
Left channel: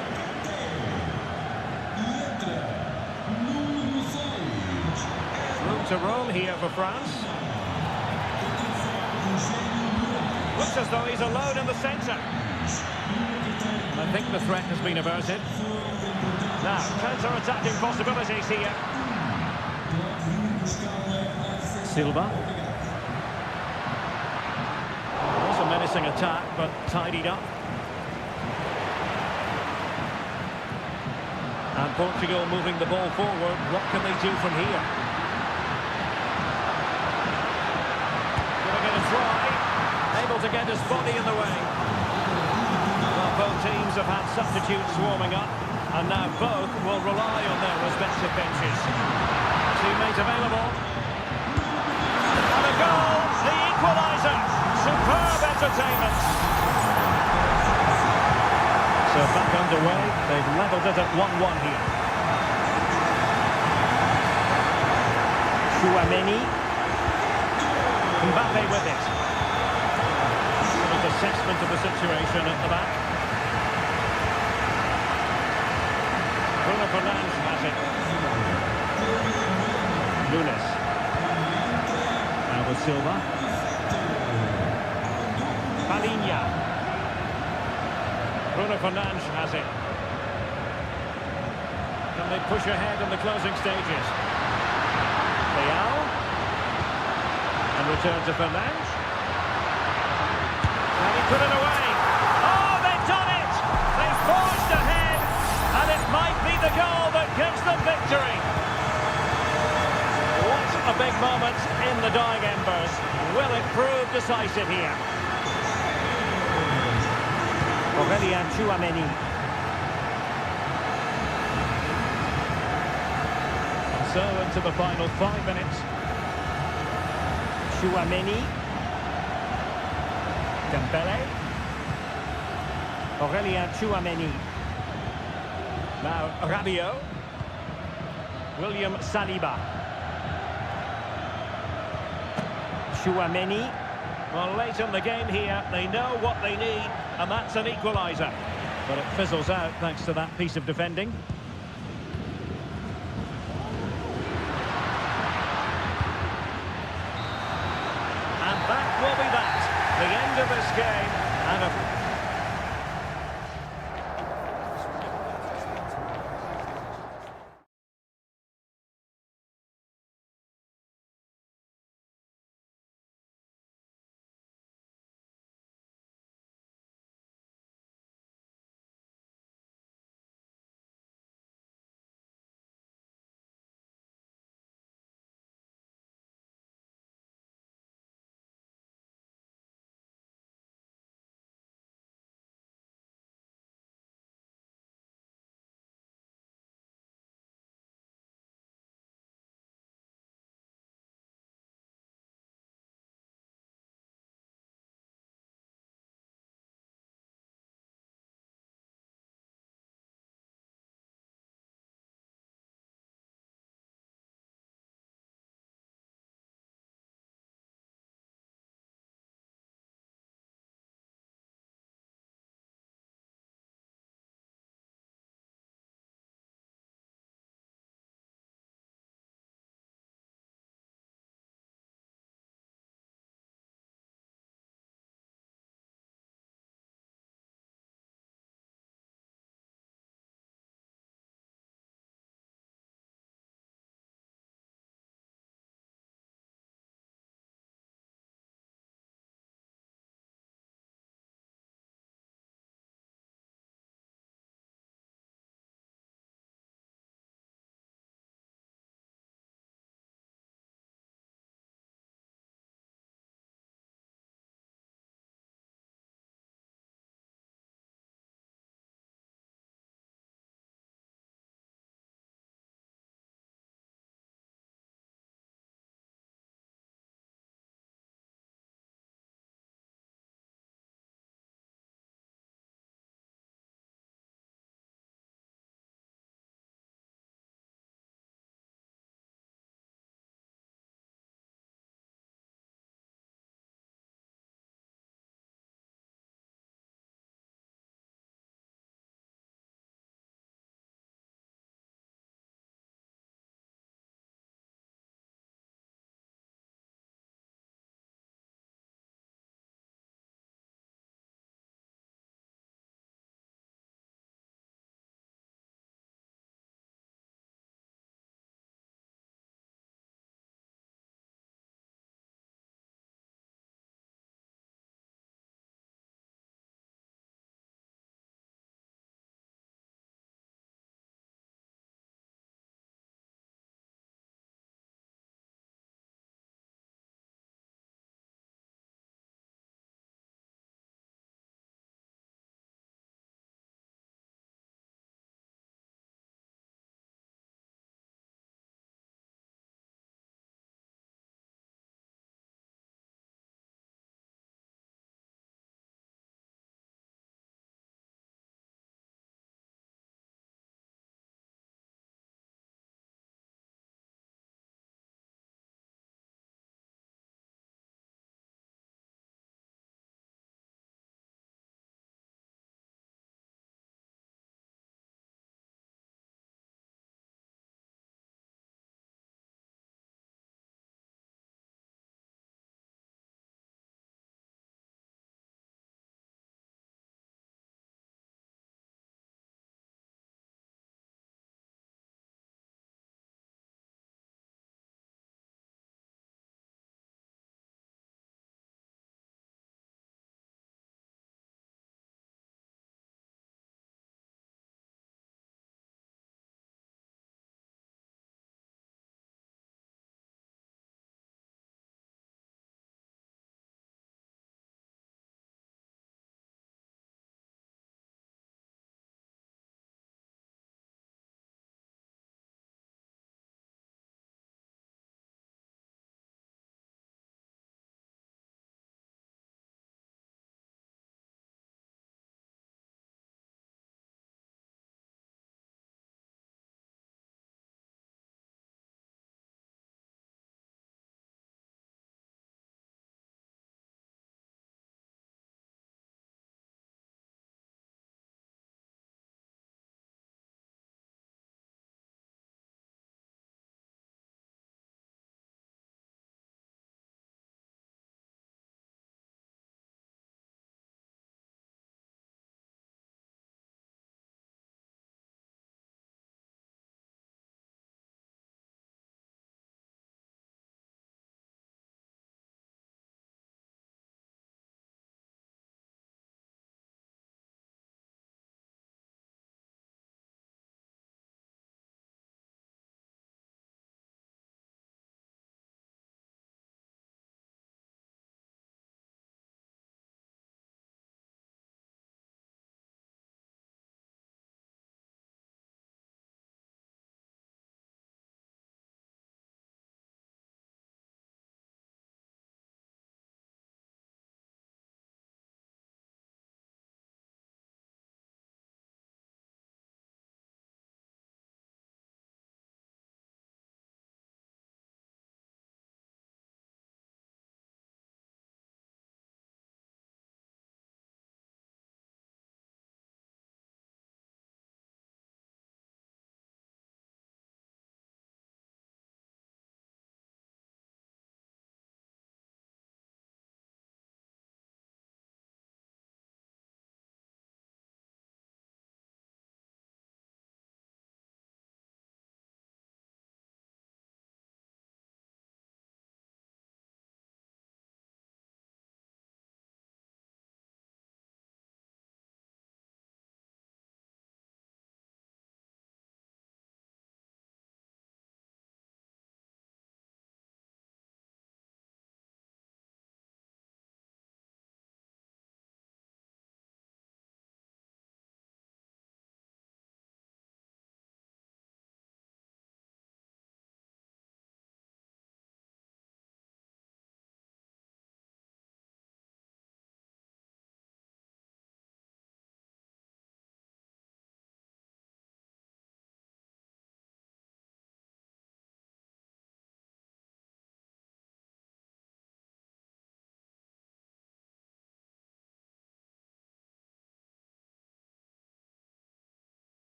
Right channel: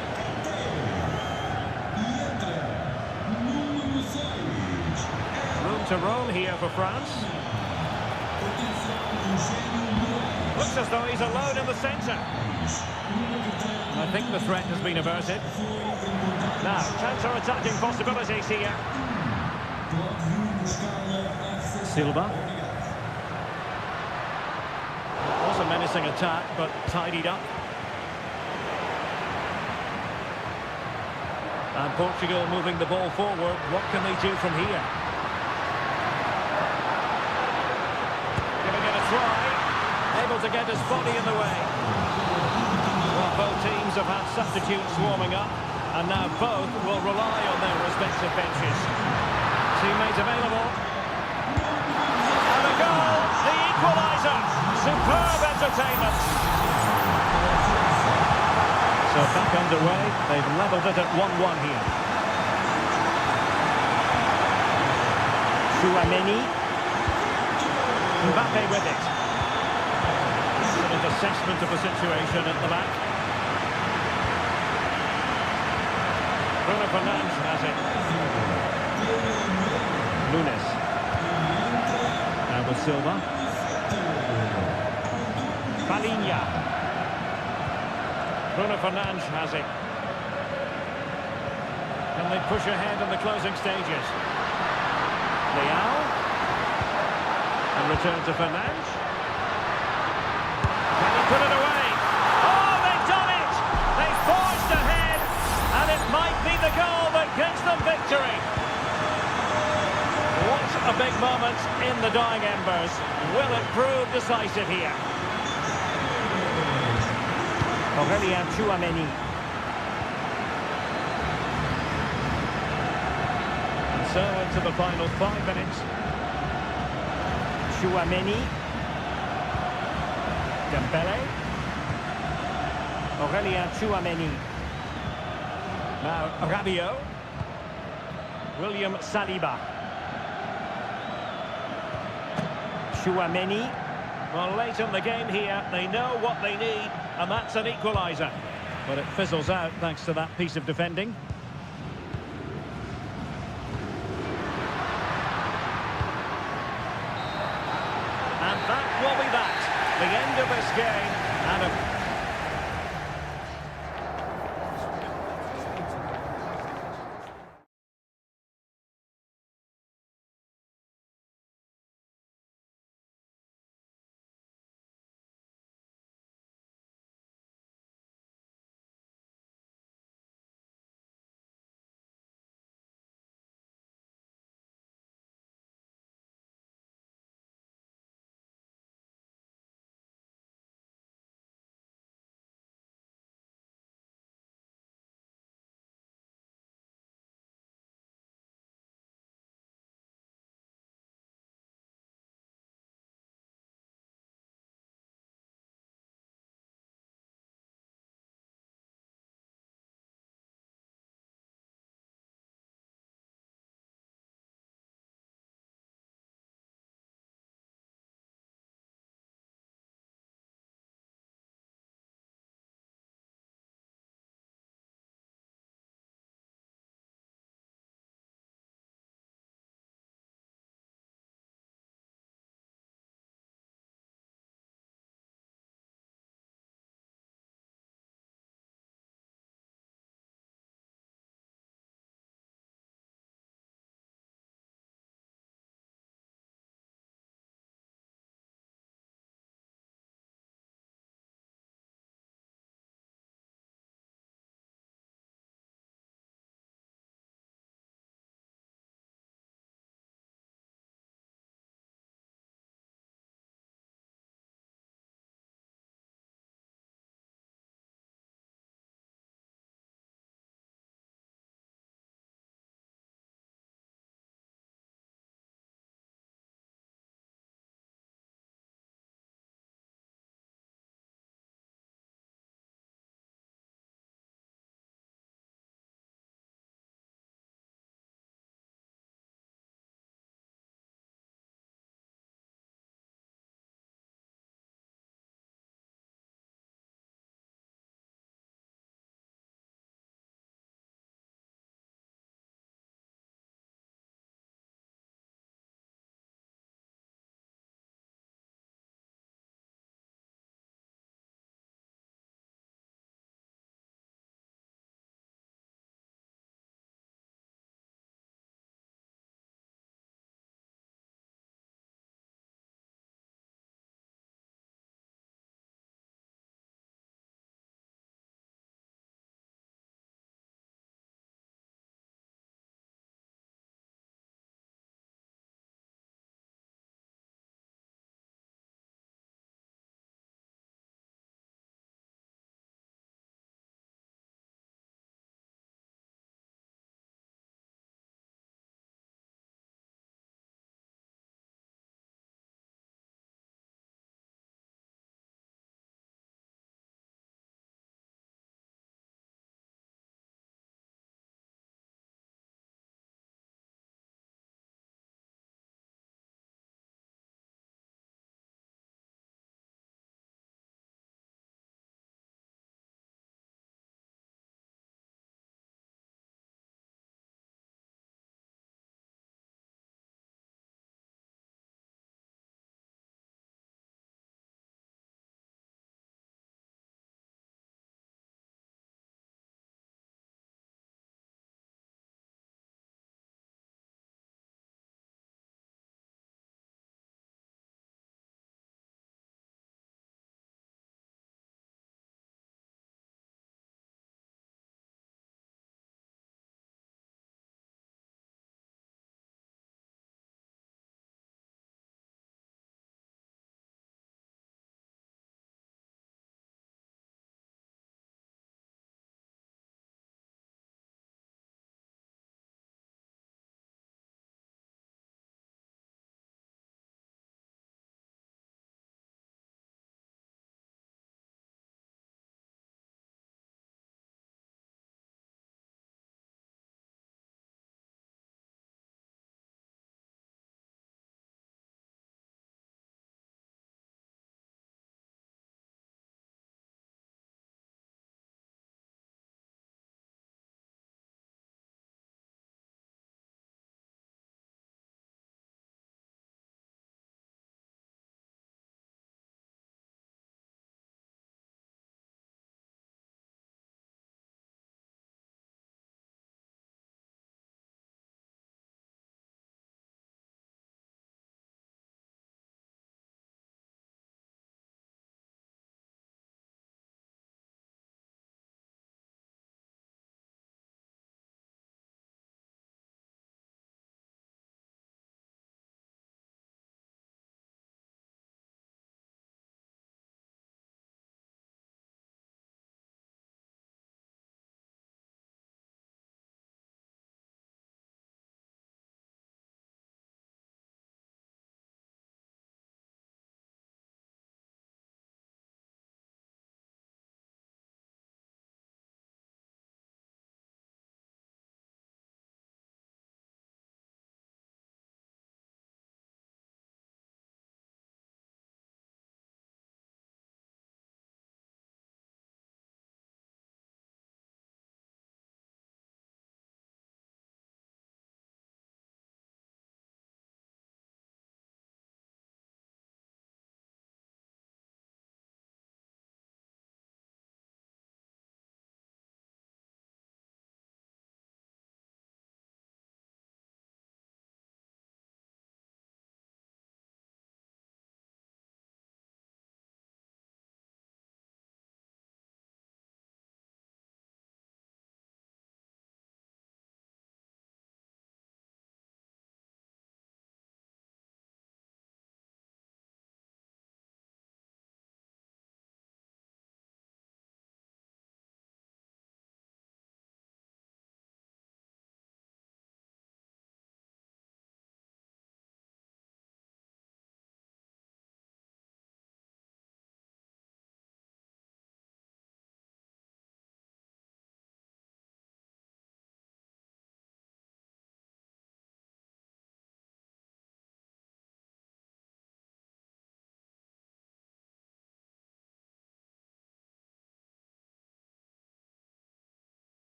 Room to roam here for France. Looks as though he's alone in the centre. I think the threat has been averted. Now, counter-attacking possibilities here. Silva. It was a menacing attack, but tidied up. And Portugal moving the ball forward. What can they do from here? Giving it a try. Able to get his body in the way. Well, both teams have had substitutes warming up, and now both will rely on their respective benches. Teammate available. And a goal, the equaliser. Superb entertainment. So back underway. They've levelled it at 1-1 here. Chouameni. Mbappe with it. Excellent assessment of the situation at the back. Bruno Fernandes has it. Nunes. Now with Silva. Palinha. Bruno Fernandes has it. Can they push ahead in the closing stages? Leao. And return to Fernandes. Can he put it away? Oh, they've done it! They've forged ahead, and it might be the goal that gives them victory. What a big moment in the dying embers. Will it prove decisive here? Aurélien Chouameni. And so into the final 5 minutes. Chouameni. Dembele. Aurélien Chouameni. Now Rabiot. William Saliba. Chouameni. Well, late in the game here, they know what they need, and that's an equaliser. But it fizzles out thanks to that piece of defending. And that will be that. The end of this game, and a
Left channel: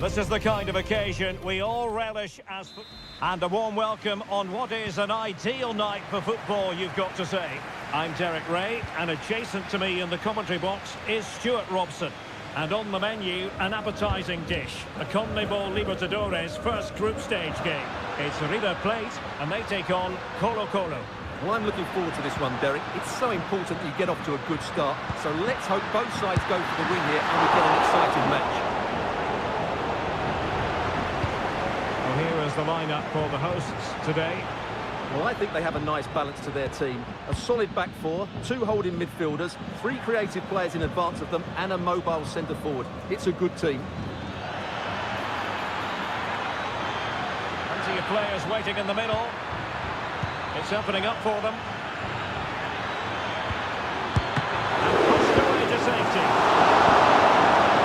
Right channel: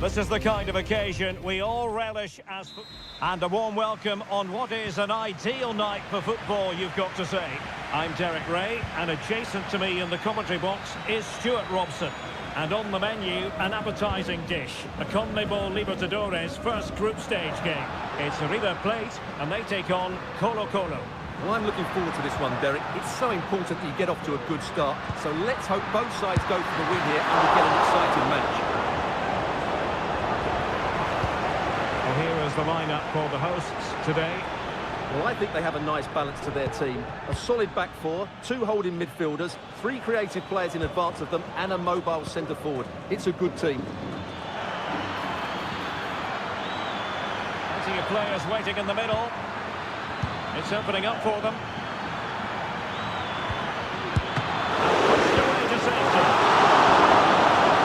This is the kind of occasion we all relish as... And a warm welcome on what is an ideal night for football, you've got to say. I'm Derek Ray, and adjacent to me in the commentary box is Stuart Robson. And on the menu, an appetising dish, a CONMEBOL Libertadores first group stage game. It's River Plate, and they take on Colo-Colo. Well, I'm looking forward to this one, Derek. It's so important that you get off to a good start. So let's hope both sides go for the win here and we get an exciting match. Well, here is the lineup for the hosts today. Well, I think they have a nice balance to their team. A solid back four, two holding midfielders, three creative players in advance of them, and a mobile centre-forward. It's a good team. Plenty of players waiting in the middle. It's opening up for them. And pushed away to safety.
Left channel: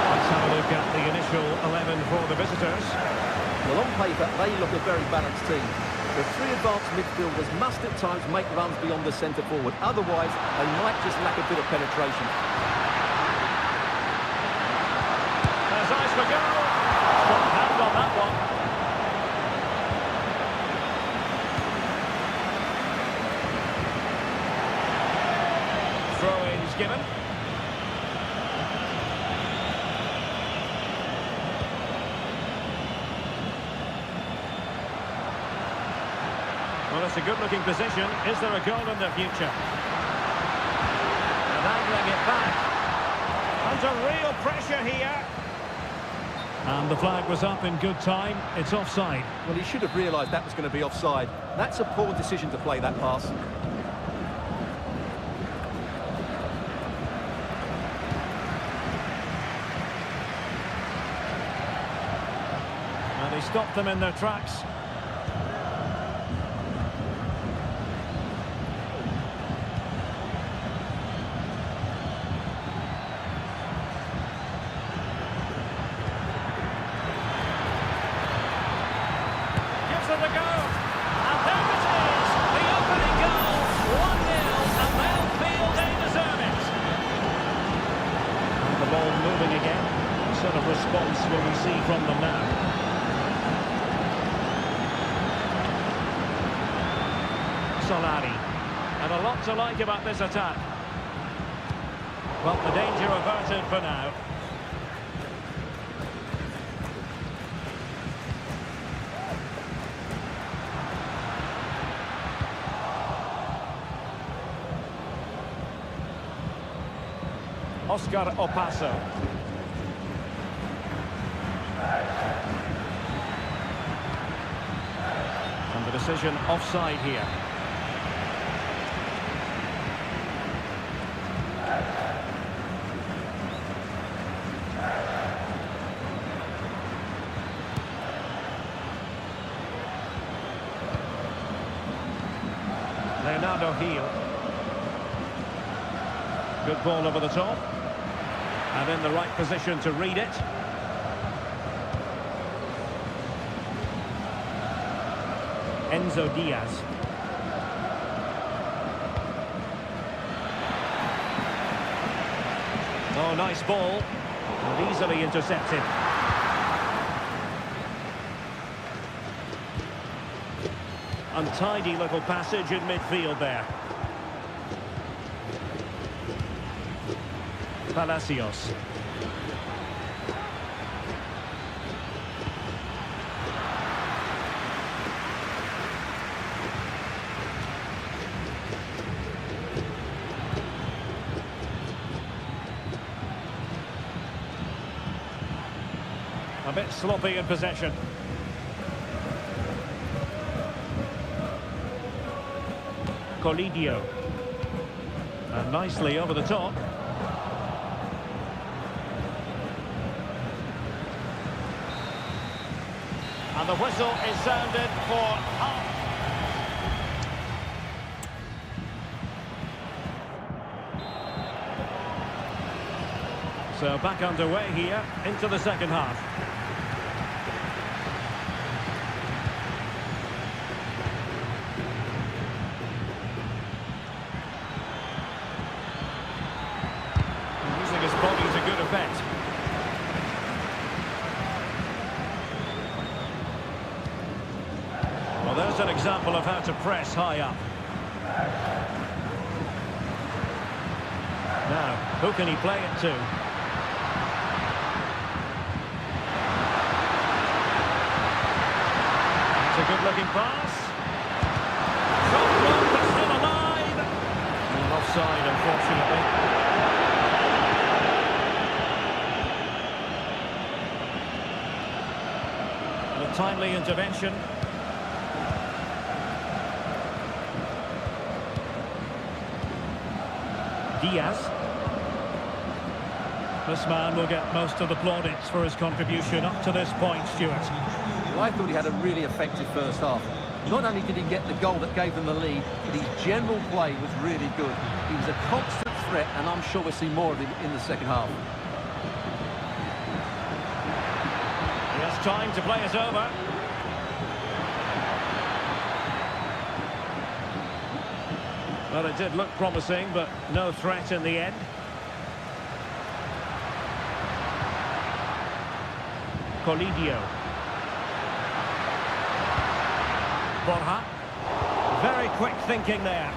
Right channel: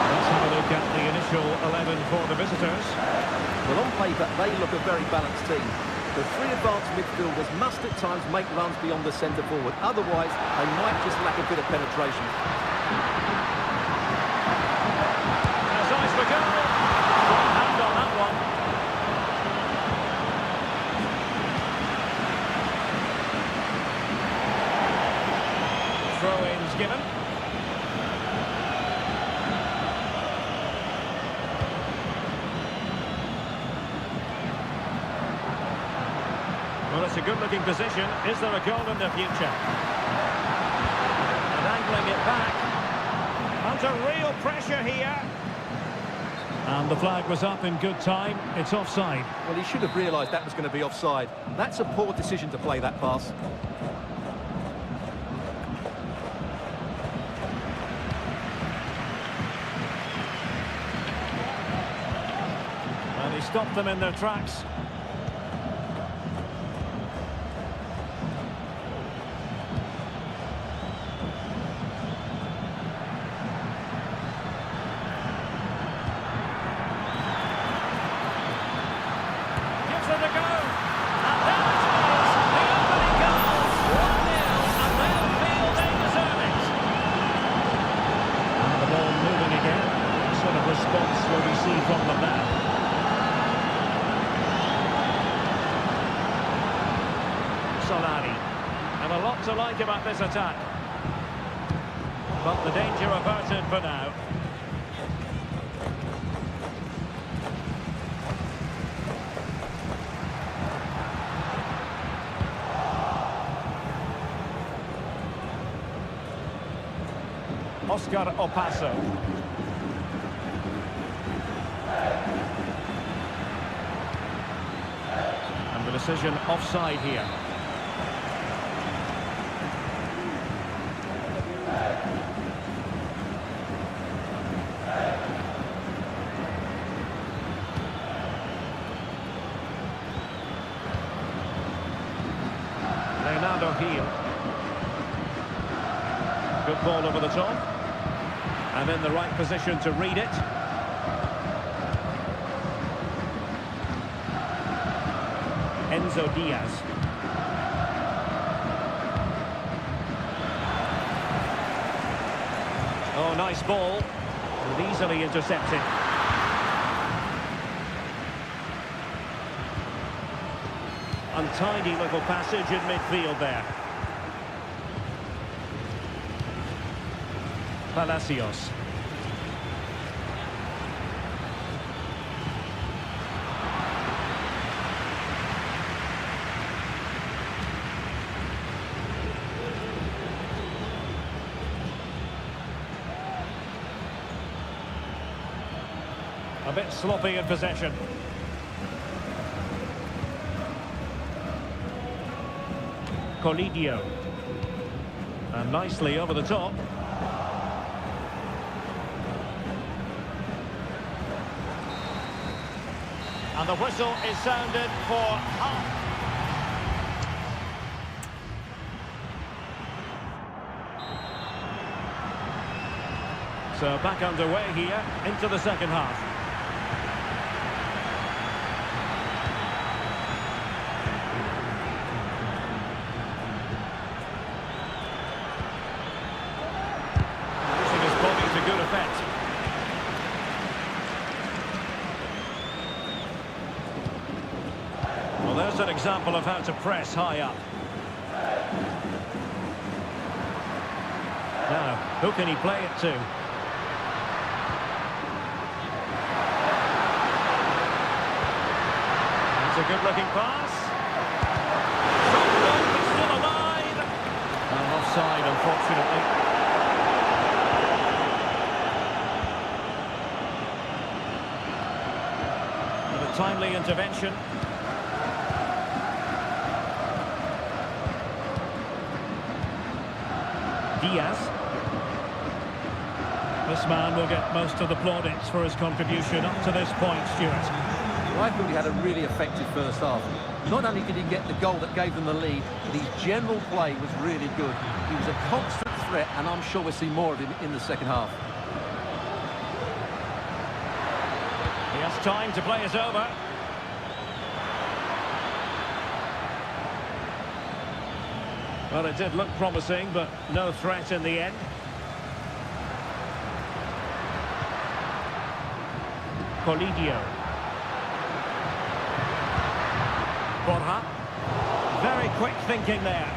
Let's have a look at the initial 11 for the visitors. Well, on paper, they look a very balanced team. The three advanced midfielders must at times make runs beyond the centre-forward. Otherwise, they might just lack a bit of penetration. There's eyes for goal. Strong hand on that one. Throw-ins given. Well, it's a good-looking position. Is there a goal in the future? And angling it back. Under real pressure here. And the flag was up in good time. It's offside. Well, he should have realised that was going to be offside. That's a poor decision to play that pass. And he stopped them in their tracks. Gives it a go. And there it is. The opening goal. 1-0, and they'll feel they deserve it. And the ball moving again. What sort of response will we see from them now? Solari. And a lot to like about this attack. But the danger averted for now. Oscar Opaso. And the decision offside here. Leonardo Gil. Good ball over the top. And in the right position to read it. Enzo Diaz. Oh, nice ball. And easily intercepted. Untidy little passage in midfield there. Palacios. A bit sloppy in possession. Colidio. And nicely over the top. And the whistle is sounded for half. So back underway here into the second half. Using his body to good effect. Well, there's an example of how to press high up. Now, who can he play it to? That's a good-looking pass. Shot blocked, but still alive. And offside, unfortunately. And a timely intervention. Diaz. This man will get most of the plaudits for his contribution up to this point, Stuart. Well, I thought he had a really effective first half. Not only did he get the goal that gave them the lead, but his general play was really good. He was a constant threat, and I'm sure we'll see more of him in the second half. He has time to play it over. Well, it did look promising, but no threat in the end. Colidio. Borja. Very quick thinking there.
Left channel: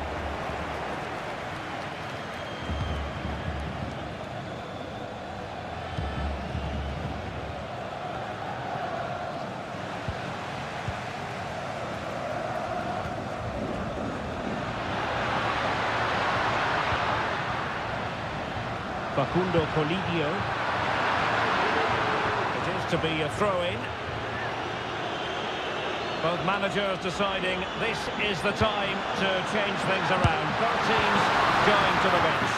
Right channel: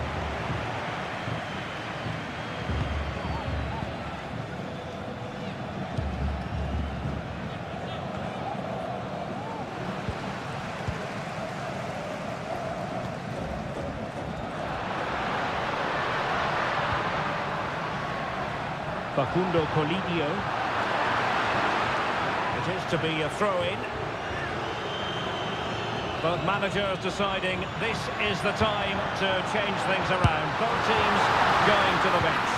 Facundo Colidio. It is to be a throw-in. Both managers deciding this is the time to change things around. Both teams going to the bench.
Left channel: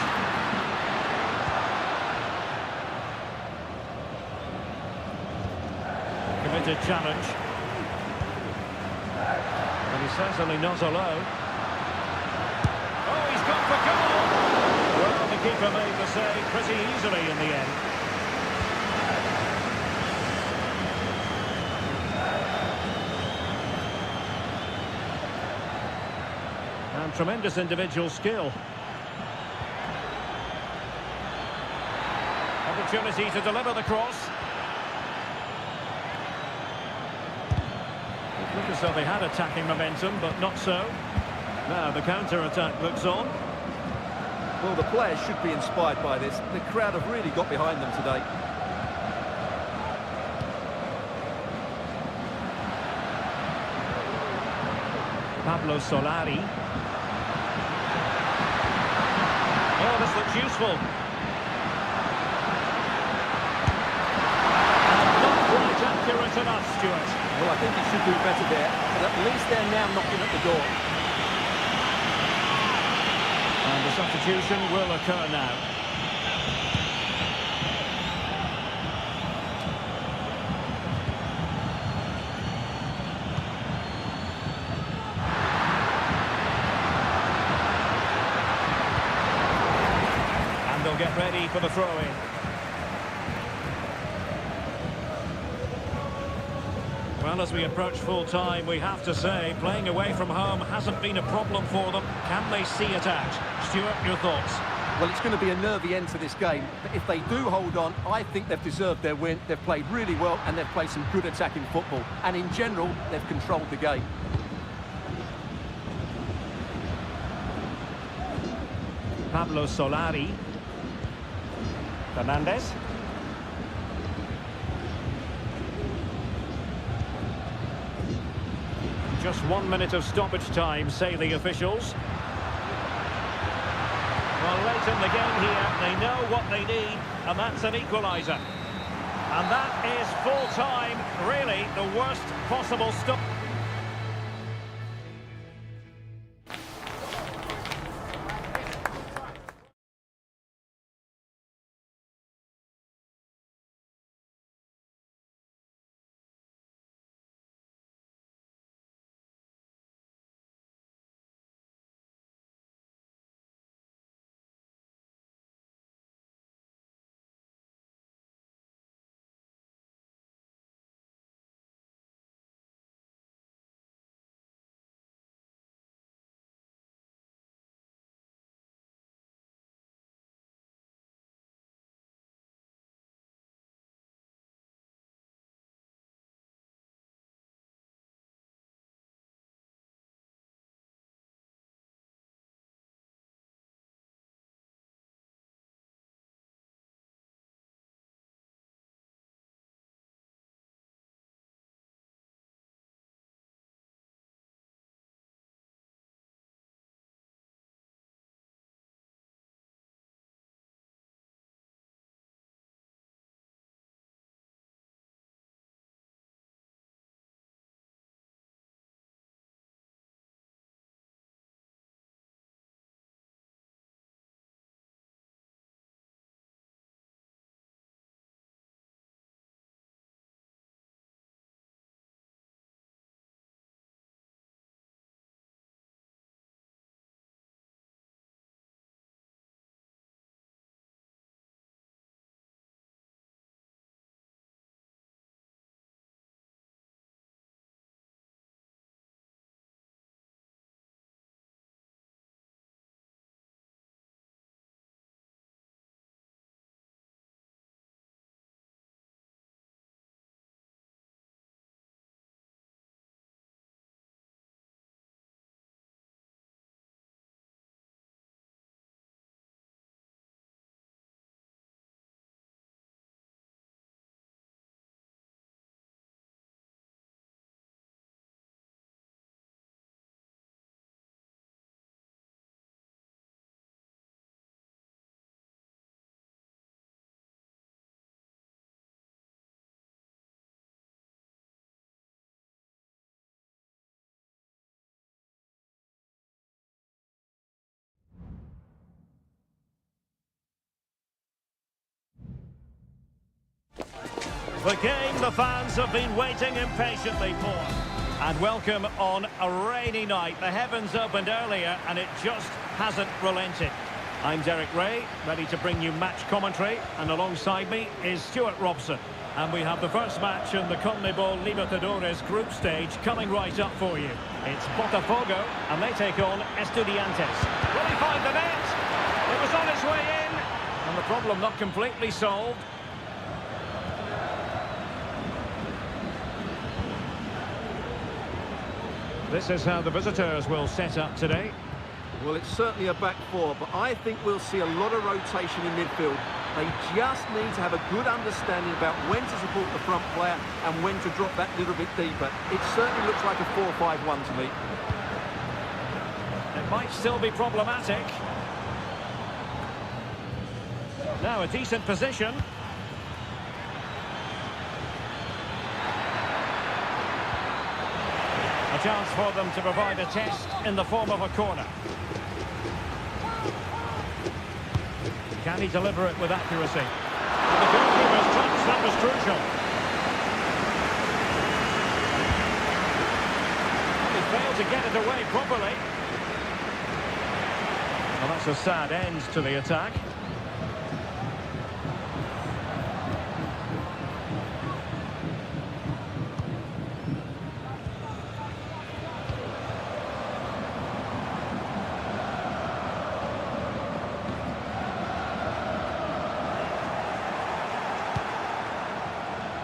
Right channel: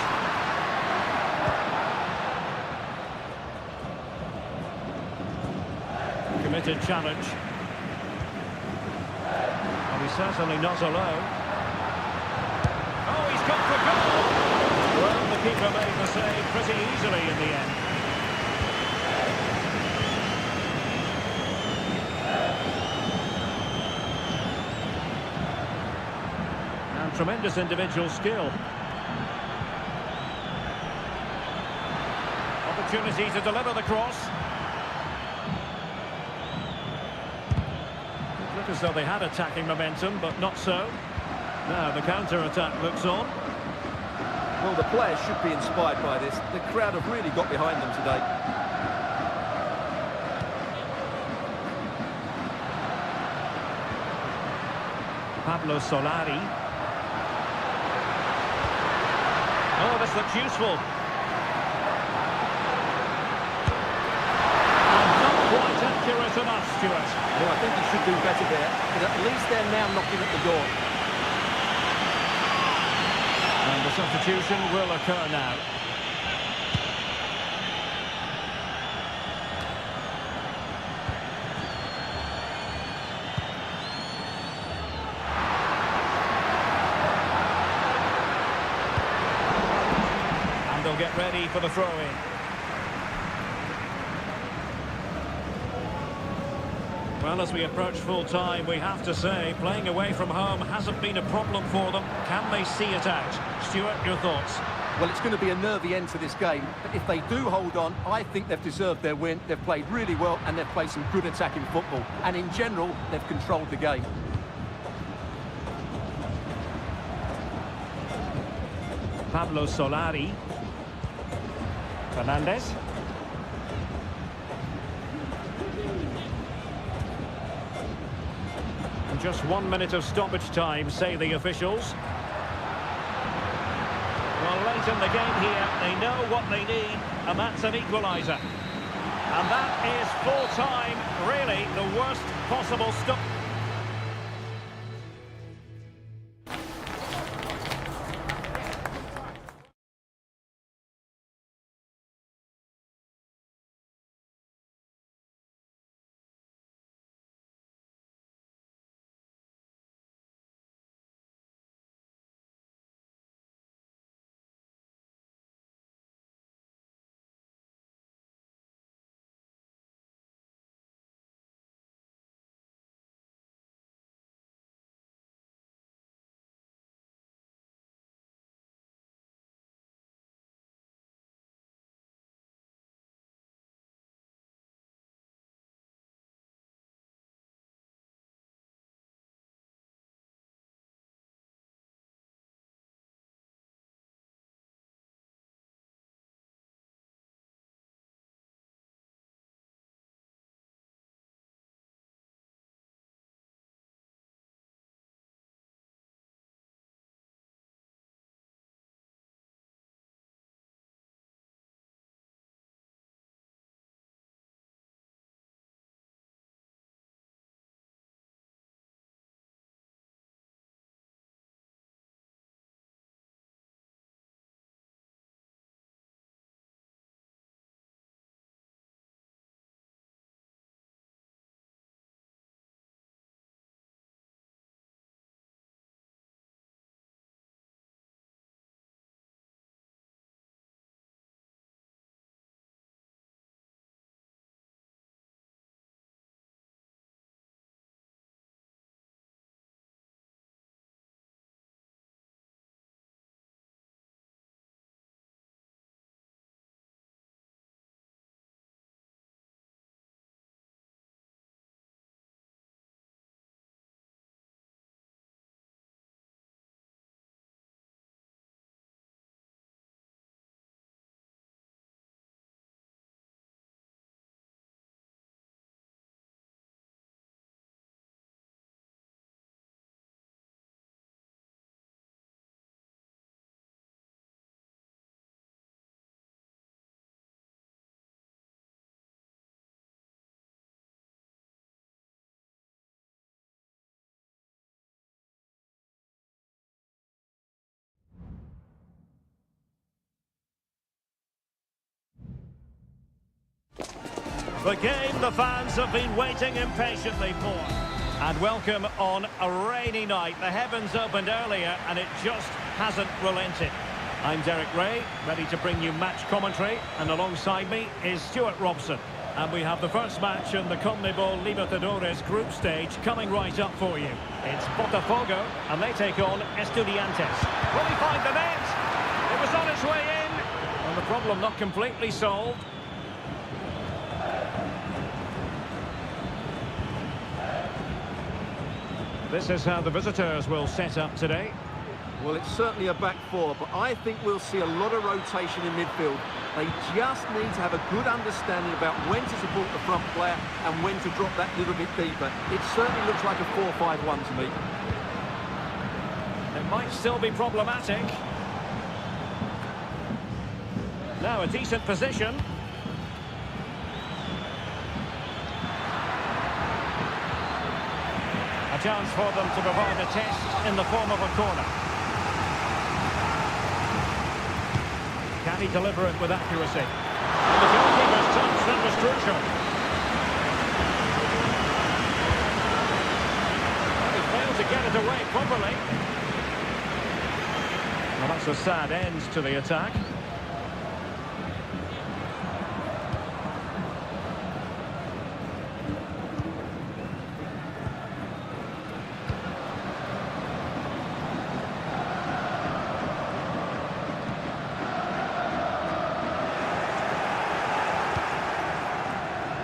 Committed challenge. But he's certainly not alone. Oh, he's gone for goal! Well, the keeper made the save pretty easily in the end. And tremendous individual skill. Opportunity to deliver the cross. It looked as though they had attacking momentum, but not so. Now the counter-attack looks on. Well, the players should be inspired by this. The crowd have really got behind them today. Pablo Solari. Oh, this looks useful. And not quite accurate enough, Stuart. Well, I think he should do better there, but at least they're now knocking at the door. And the substitution will occur now. And they'll get ready for the throw-in. Well, as we approach full-time, we have to say, playing away from home hasn't been a problem for them. Can they see it out? Stuart, your thoughts? Well, it's going to be a nervy end to this game, but if they do hold on, I think they've deserved their win. They've played really well, and they've played some good attacking football. And in general, they've controlled the game. Pablo Solari. Fernandez. Just 1 minute of stoppage time, say the officials. Well, late in the game here, they know what they need, and that's an equaliser. And that is full time, really the worst possible stop. The game the fans have been waiting impatiently for. And welcome on a rainy night. The heavens opened earlier and it just hasn't relented. I'm Derek Ray, ready to bring you match commentary, and alongside me is Stuart Robson. And we have the first match in the CONMEBOL Libertadores group stage coming right up for you. It's Botafogo, and they take on Estudiantes. Will he find the net? It was on its way in, and the problem not completely solved. This is how the visitors will set up today. Well, it's certainly a back four, but I think we'll see a lot of rotation in midfield. They just need to have a good understanding about when to support the front player and when to drop that little bit deeper. It certainly looks like a 4-5-1 to me. It might still be problematic. Now a decent position. A chance for them to provide a test in the form of a corner. Can he deliver it with accuracy? And the goalkeeper's touch, that was crucial. And he failed to get it away properly. Well, that's a sad end to the attack.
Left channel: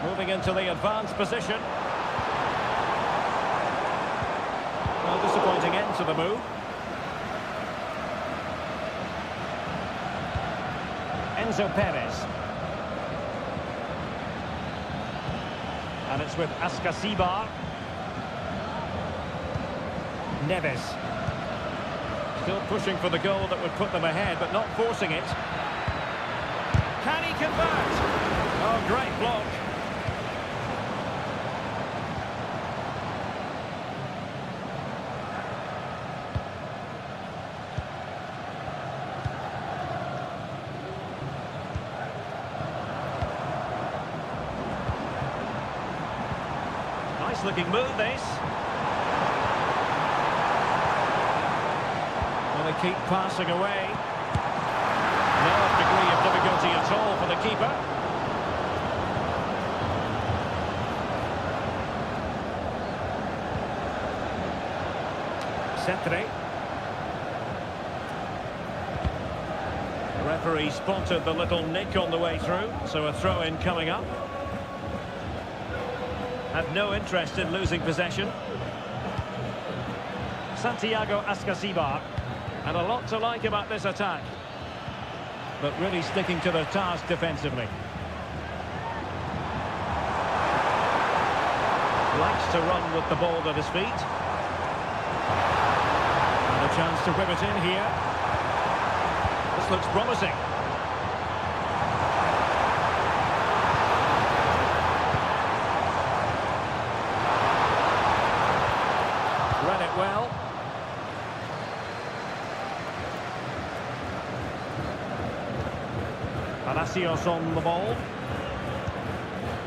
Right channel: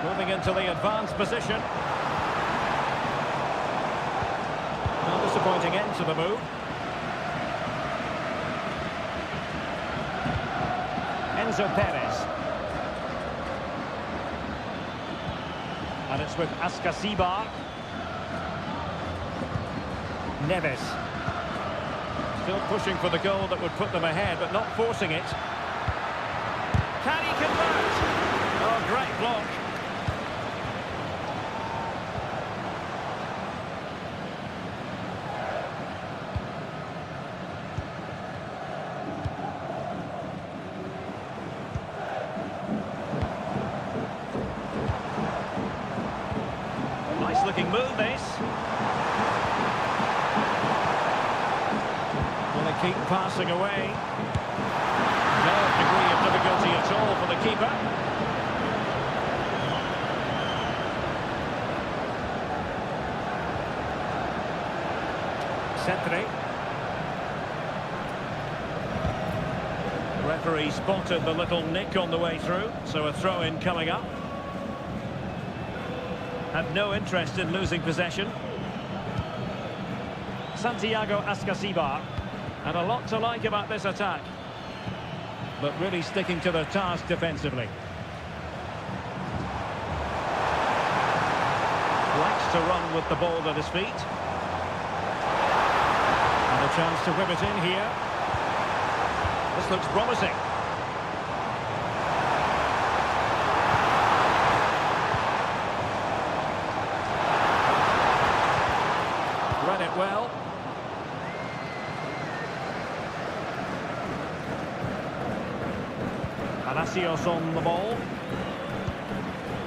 Moving into the advanced position. Well, disappointing end to the move. Enzo Perez. And it's with Ascasibar. Neves. Still pushing for the goal that would put them ahead, but not forcing it. Can he convert? Oh, great block. Nice looking move, this. Well, they keep passing away. No degree of difficulty at all for the keeper. Cetre. The referee spotted the little nick on the way through, so a throw-in coming up. Have no interest in losing possession. Santiago Ascasibar. And a lot to like about this attack. But really sticking to their task defensively. Likes to run with the ball at his feet. And a chance to whip it in here. This looks promising. Read it well. Palacios on the ball.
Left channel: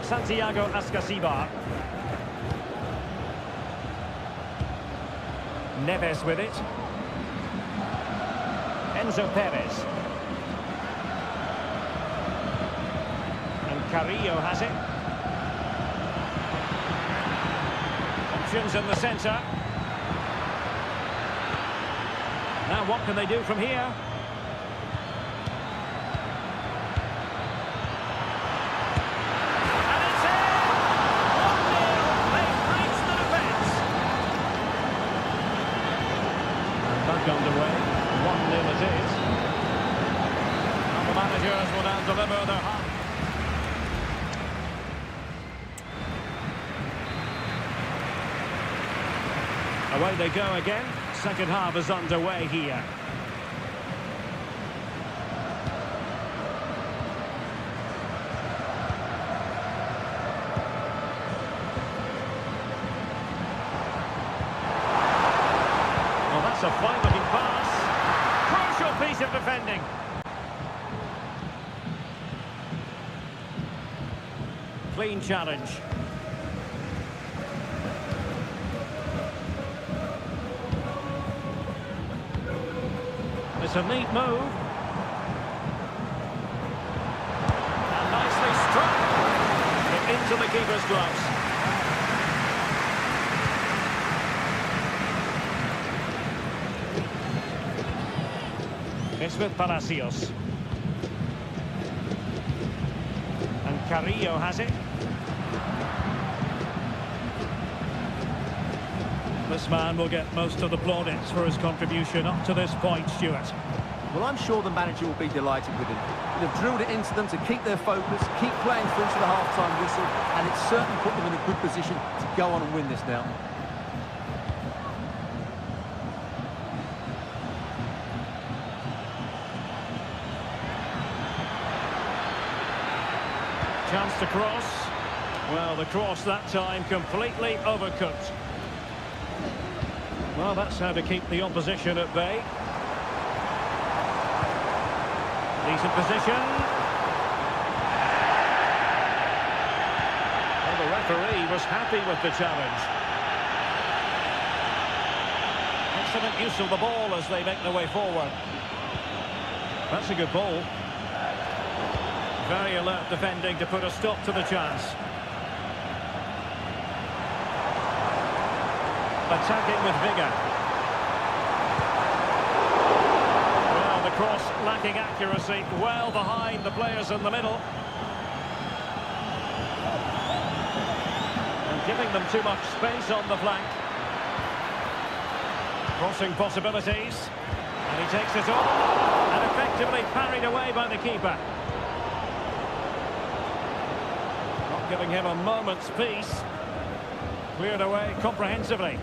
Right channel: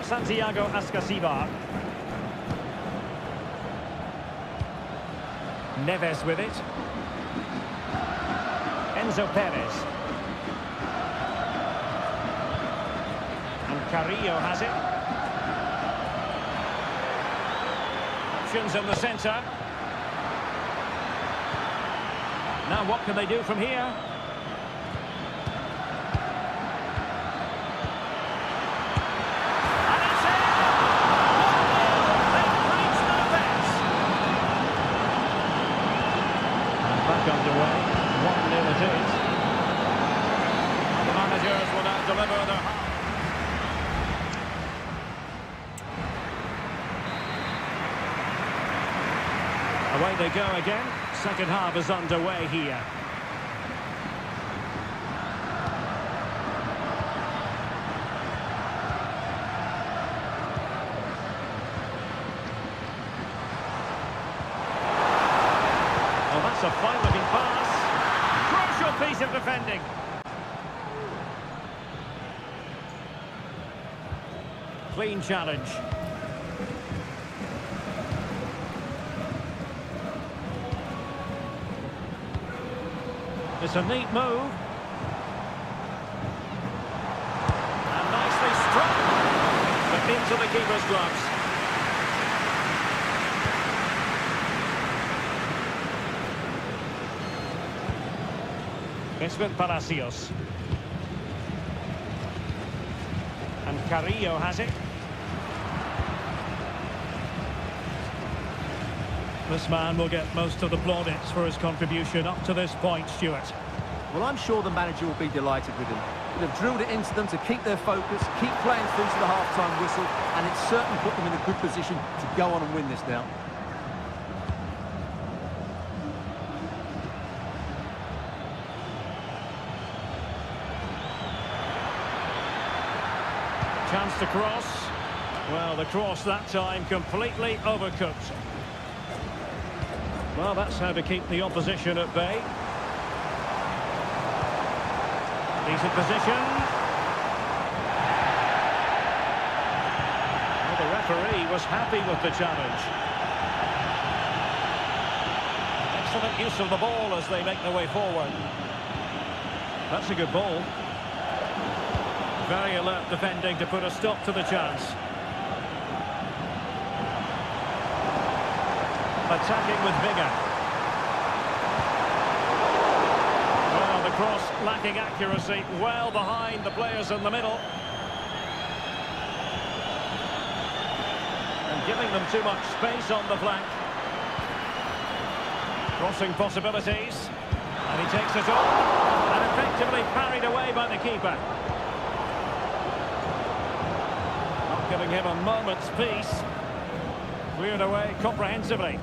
Santiago Ascasibar. Neves with it. Enzo Perez. And Carrillo has it. Options in the centre. Now what can they do from here? And it's in! 1-0. They've breached the defence. And back underway. 1-0 it is. Now the managers will now deliver their half. Away they go again. Second half is underway here. Well, that's a fine-looking pass. Crucial piece of defending. clean challenge. It's a neat move. And nicely struck. But into the keeper's gloves. It's with Palacios. And Carrillo has it. This man will get most of the plaudits for his contribution up to this point, Stuart. Well, I'm sure the manager will be delighted with him. They've drilled it into them to keep their focus, keep playing through to the half-time whistle, and it's certainly put them in a good position to go on and win this now. Chance to cross. Well, the cross that time completely overcooked. Well, that's how to keep the opposition at bay. Decent position. Well, the referee was happy with the challenge. Excellent use of the ball as they make their way forward. That's a good ball. Very alert defending to put a stop to the chance. Attacking with vigour. Well, the cross lacking accuracy, well behind the players in the middle. And giving them too much space on the flank. Crossing possibilities. And he takes it on. And effectively parried away by the keeper. Not giving him a moment's peace. Cleared away comprehensively.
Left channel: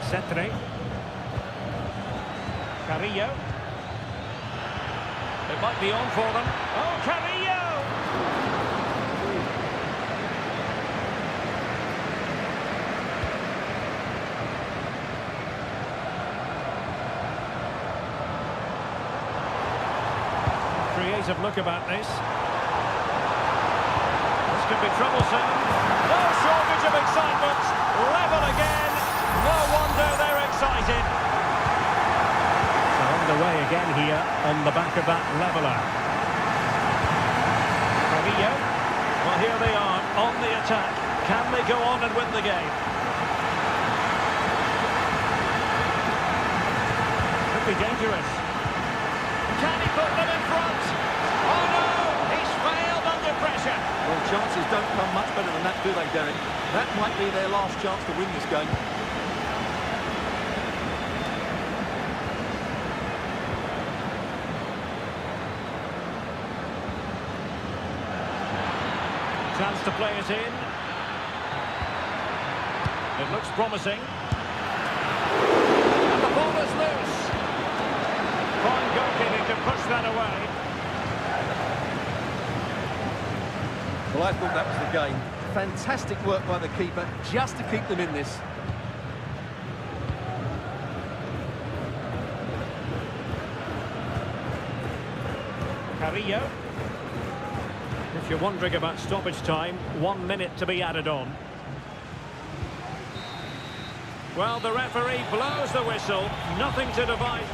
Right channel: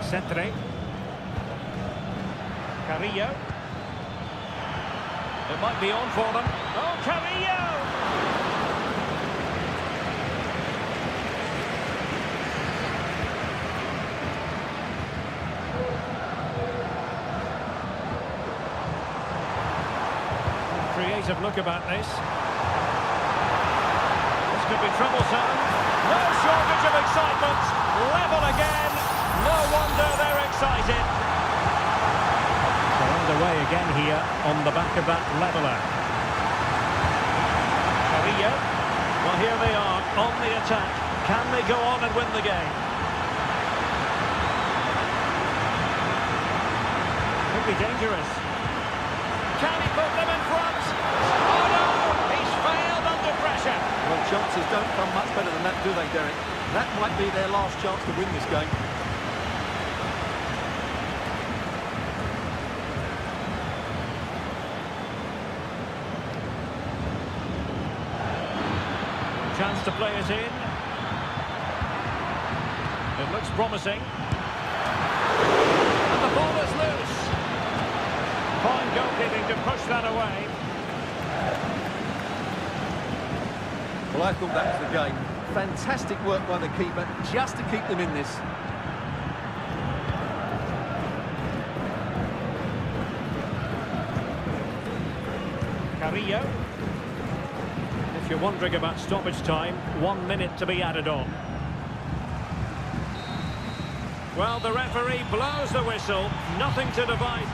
Centre. Carrillo. It might be on for them. Oh, Carrillo! Creative look about this. This could be troublesome. No shortage of excitement. Level again. No wonder they're excited. So underway again here on the back of that leveller. Carrillo. Well, here they are on the attack. Can they go on and win the game? Could be dangerous. Can he put them in front? Oh no! He's failed under pressure. Well, chances don't come much better than that, do they, Derek? That might be their last chance to win this game. Chance to play it in. It looks promising. And the ball is loose. Fine goalkeeping to push that away. Well, I thought that was the game. Fantastic work by the keeper just to keep them in this. Carrillo. If you're wondering about stoppage time, 1 minute to be added on. Well, the referee blows the whistle. Nothing to divide.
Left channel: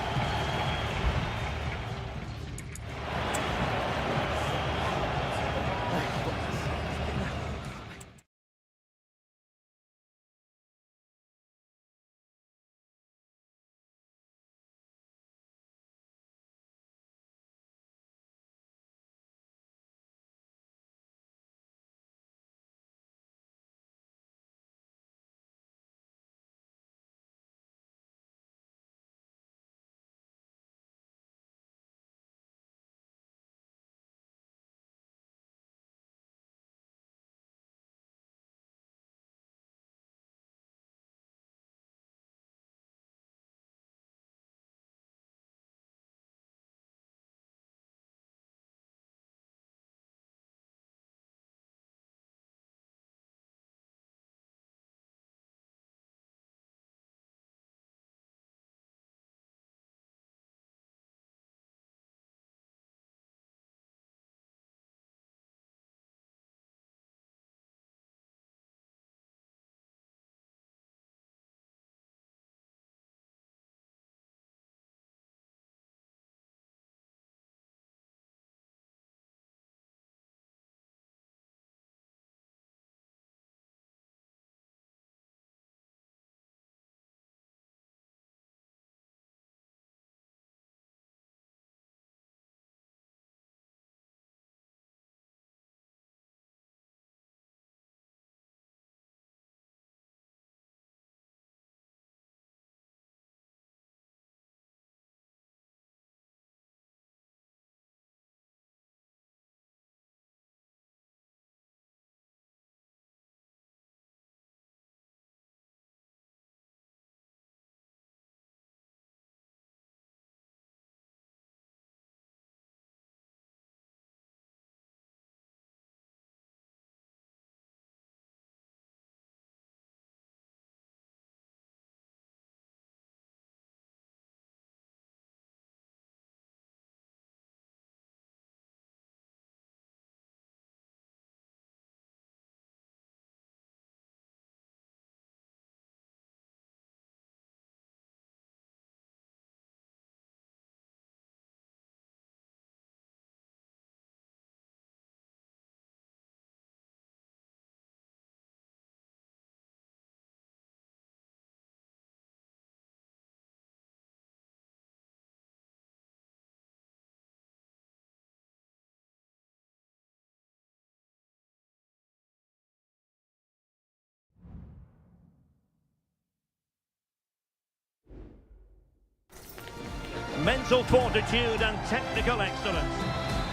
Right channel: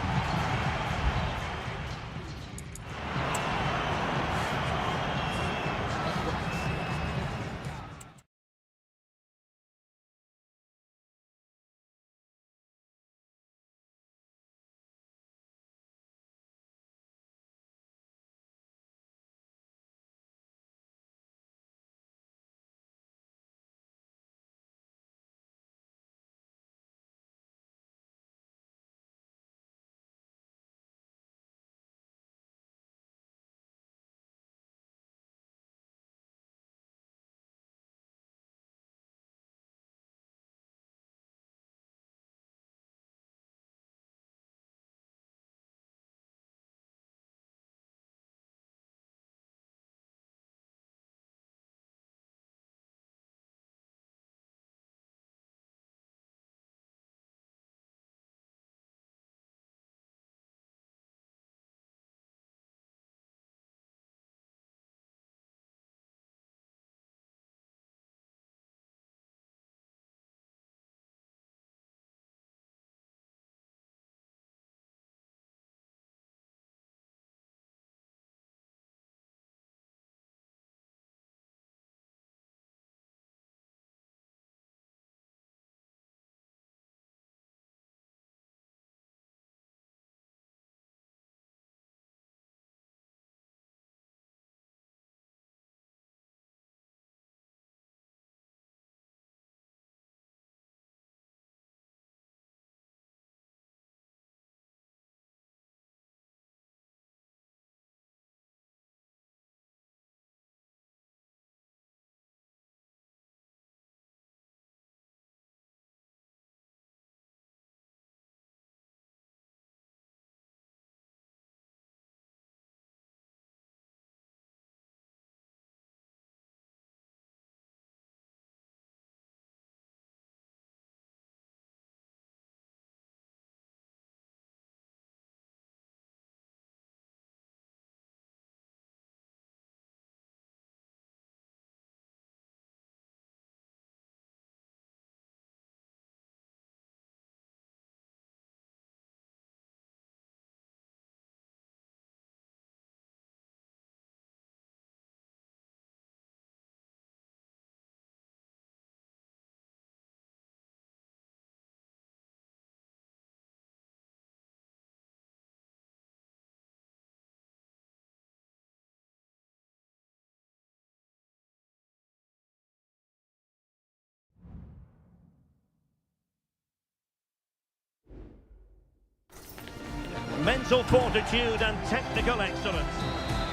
mental fortitude and technical excellence.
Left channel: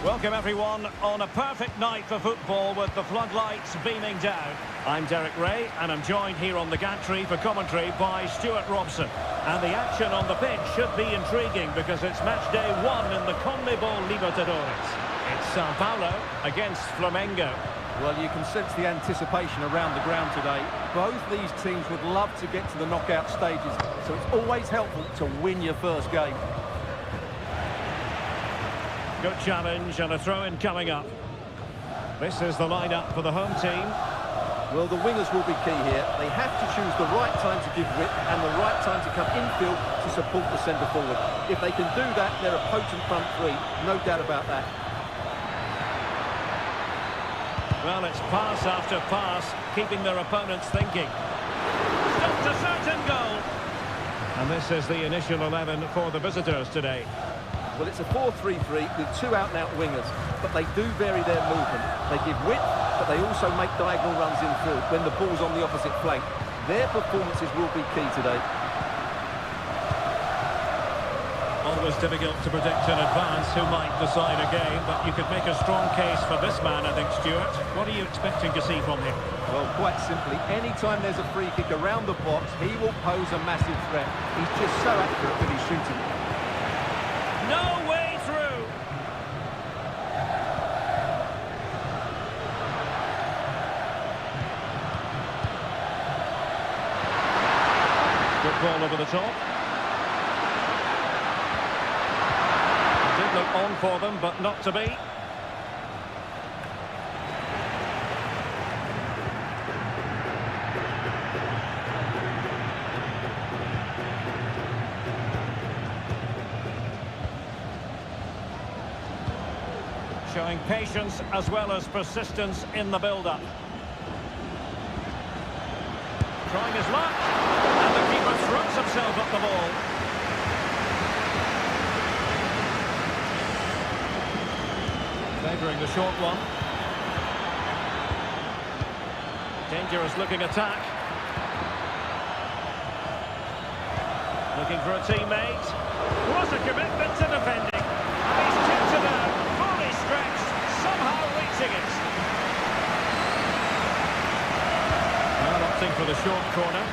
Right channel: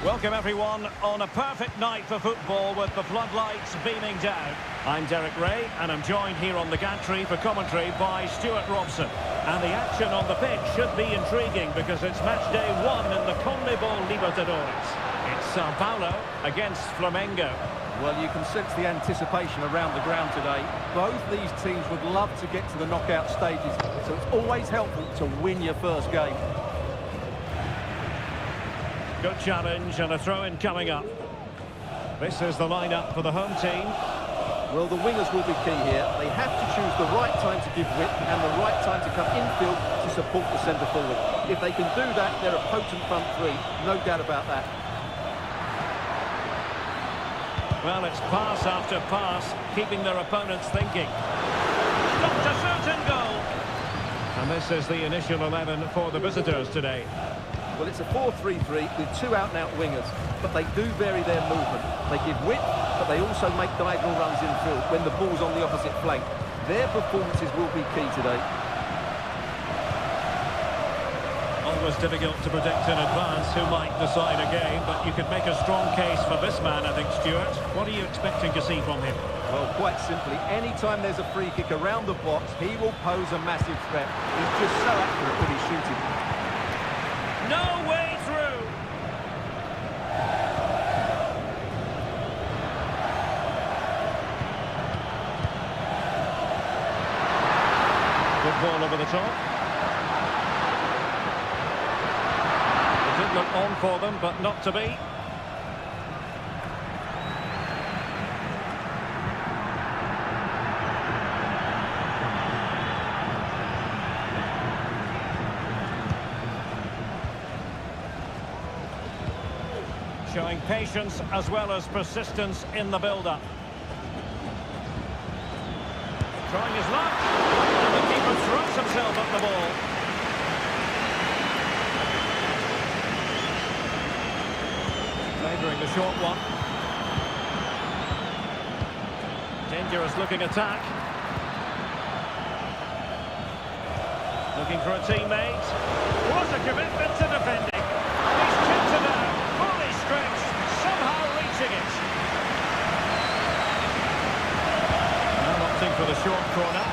Welcome everyone on a perfect night for football with the floodlights beaming down. I'm Derek Ray and I'm joined here on the gantry for commentary by Stuart Robson. And the action on the pitch should be intriguing because it's match day 1 in the CONMEBOL Libertadores. It's Sao Paulo against Flamengo. Well, you can sense the anticipation around the ground today. Both these teams would love to get to the knockout stages, so it's always helpful to win your first game. Good challenge and a throw-in coming up. This is the lineup for the home team. Well, the wingers will be key here. They have to choose the right time to give width and the right time to come infield to support the centre forward. If they can do that, they're a potent front three, no doubt about that. Well, it's pass after pass, keeping their opponents thinking. Stopped a certain goal. And this is the initial 11 for the visitors today. Well, it's a 4-3-3 with two out-and-out wingers, but they do vary their movement. They give width, but they also make diagonal runs infield when the ball's on the opposite flank. Their performances will be key today. Always difficult to predict in advance who might decide a game, but you could make a strong case for this man, I think, Stuart. What are you expecting to see from him? Well, quite simply, any time there's a free kick around the box, he will pose a massive threat. He's just so accurate with his shooting. No way through! Good ball over the top. It did look on for them, but not to be. Showing patience as well as persistence in the build-up. Trying his luck, and the keeper throws himself at the ball. Favouring the short one. Dangerous looking attack. Looking for a teammate. What a commitment to defending. And he's kicked it out, fully stretched, somehow reaching it. Now opting for the short corner.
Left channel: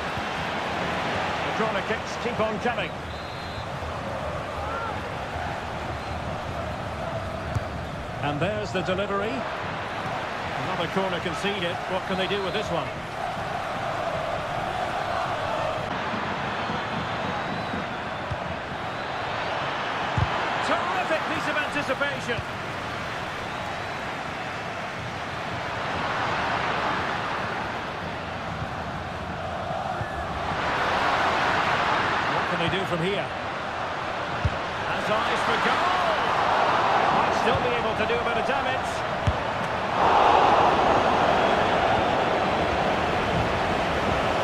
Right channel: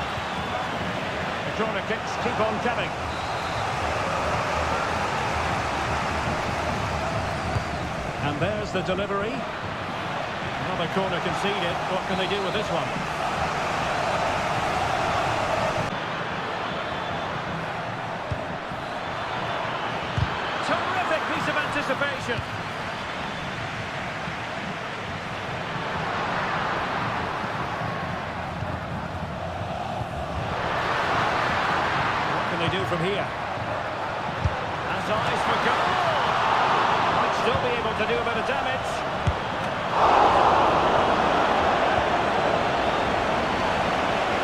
The corner kicks keep on coming. And there's the delivery. Another corner conceded. What can they do with this one? Terrific piece of anticipation. What can they do from here? Has eyes for goal. Might still be able to do a bit of damage.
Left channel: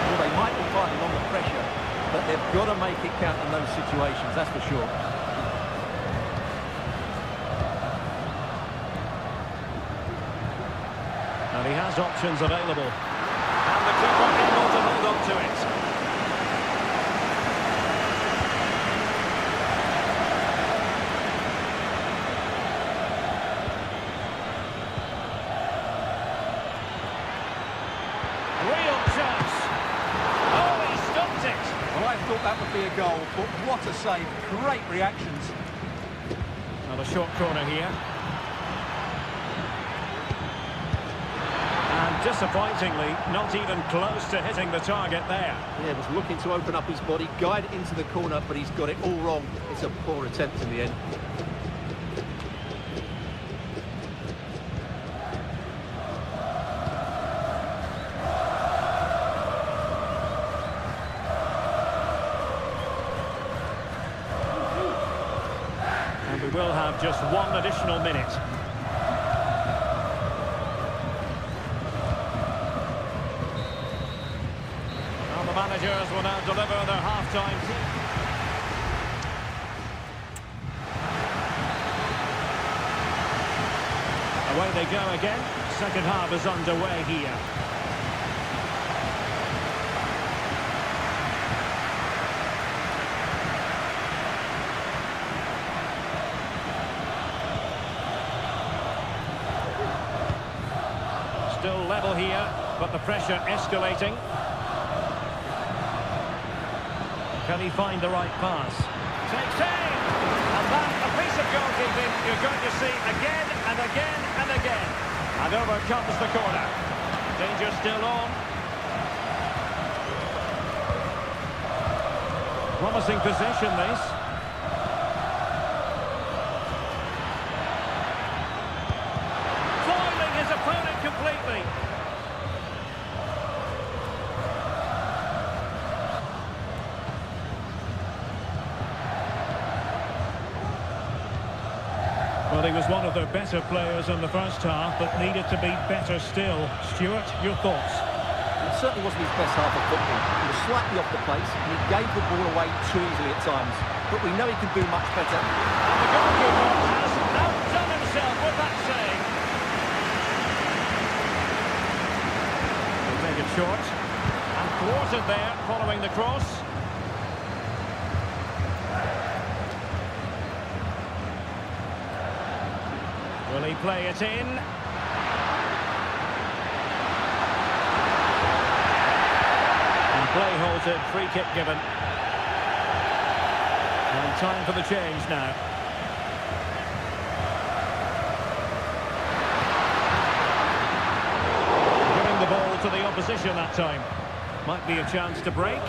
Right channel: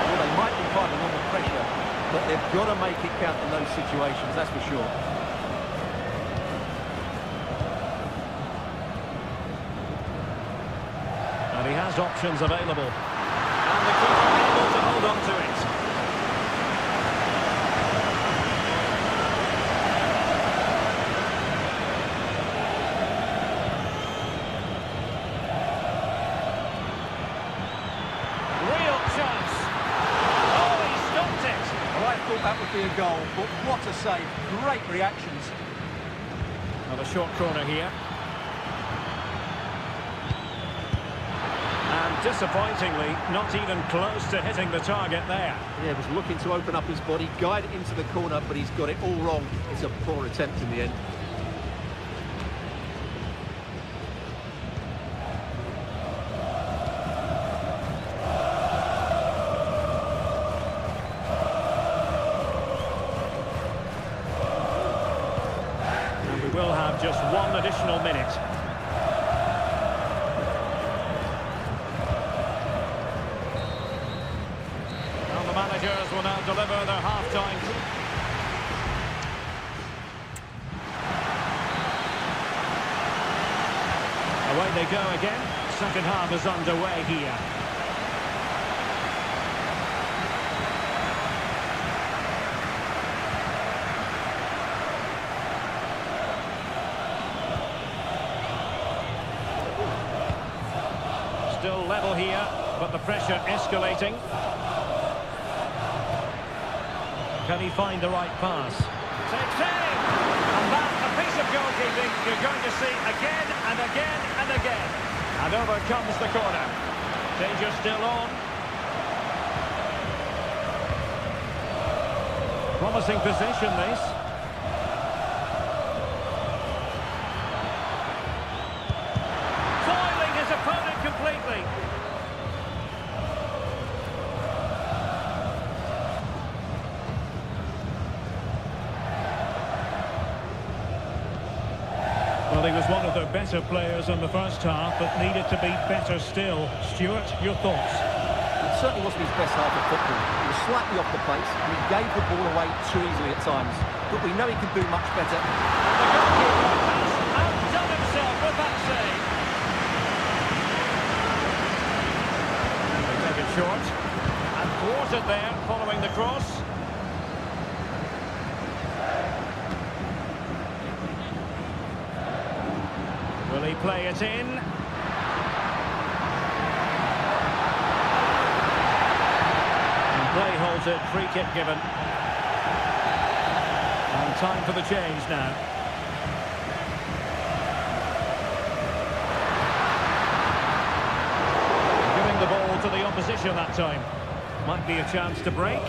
Well, they might be fighting on the pressure, but they've got to make it count in those situations, that's for sure. And he has options available. And the keeper able to hold on to it. Real chance. Oh, he stopped it. Well, I thought that would be a goal, but what a save. Great reactions. Another short corner here. And disappointingly, not even close to hitting the target there. Yeah, was looking to open up his body, guide it into the corner, but he's got it all wrong. It's a poor attempt in the end. And we will have just one additional minute. And the managers will now deliver their half-time. Away they go again. Second half is underway here. Still level here, but the pressure escalating. Can he find the right pass? Takes aim! And that, a piece of goalkeeping you're going to see again and again and again. And over comes the corner. Danger still on. Promising possession, this. Foiling his opponent completely. Well, he was one of their better players in the first half, but needed to be better still. Stuart, your thoughts? It certainly wasn't his best half of football. He was slightly off the pace and he gave the ball away too easily at times. But we know he can do much better. And the goalkeeper has outdone himself with that save. They take it short. And thwarted there following the cross. Will he play it in? And play halted, free kick given. And time for the change now. Giving the ball to the opposition that time. Might be a chance to break.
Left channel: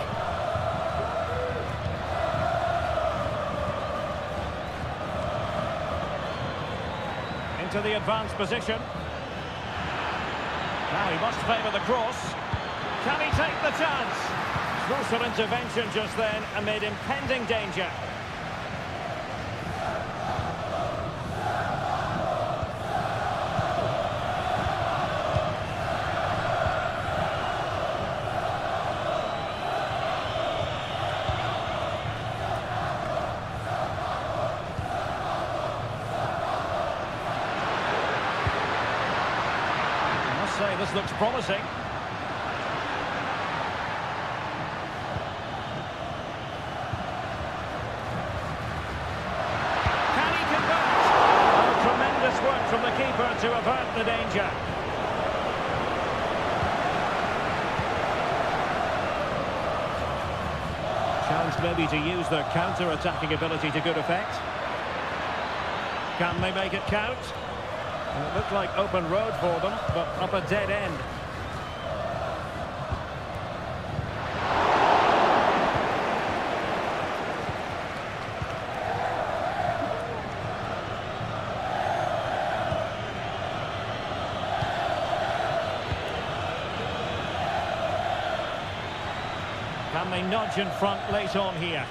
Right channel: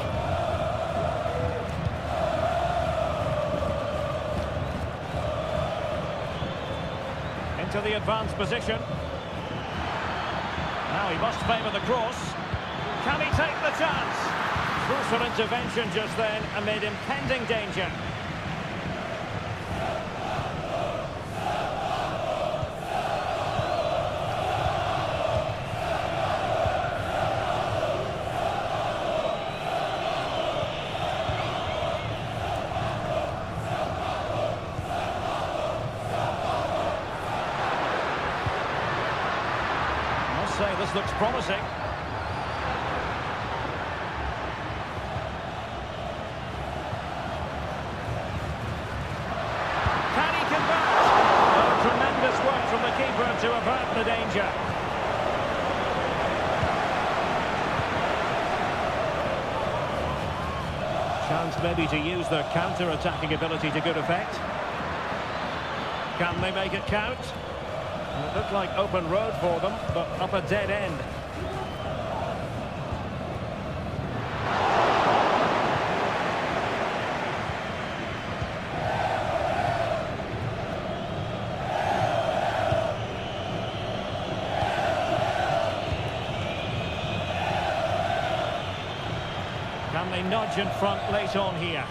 Into the advanced position. Now he must favour the cross. Can he take the chance? Crucial intervention just then amid impending danger. I must say this looks promising. Can he convert? Oh, tremendous work from the keeper to avert the danger. Chance maybe to use their counter-attacking ability to good effect. Can they make it count? It looked like open road for them, but up a dead end. Can they nudge in front late on here?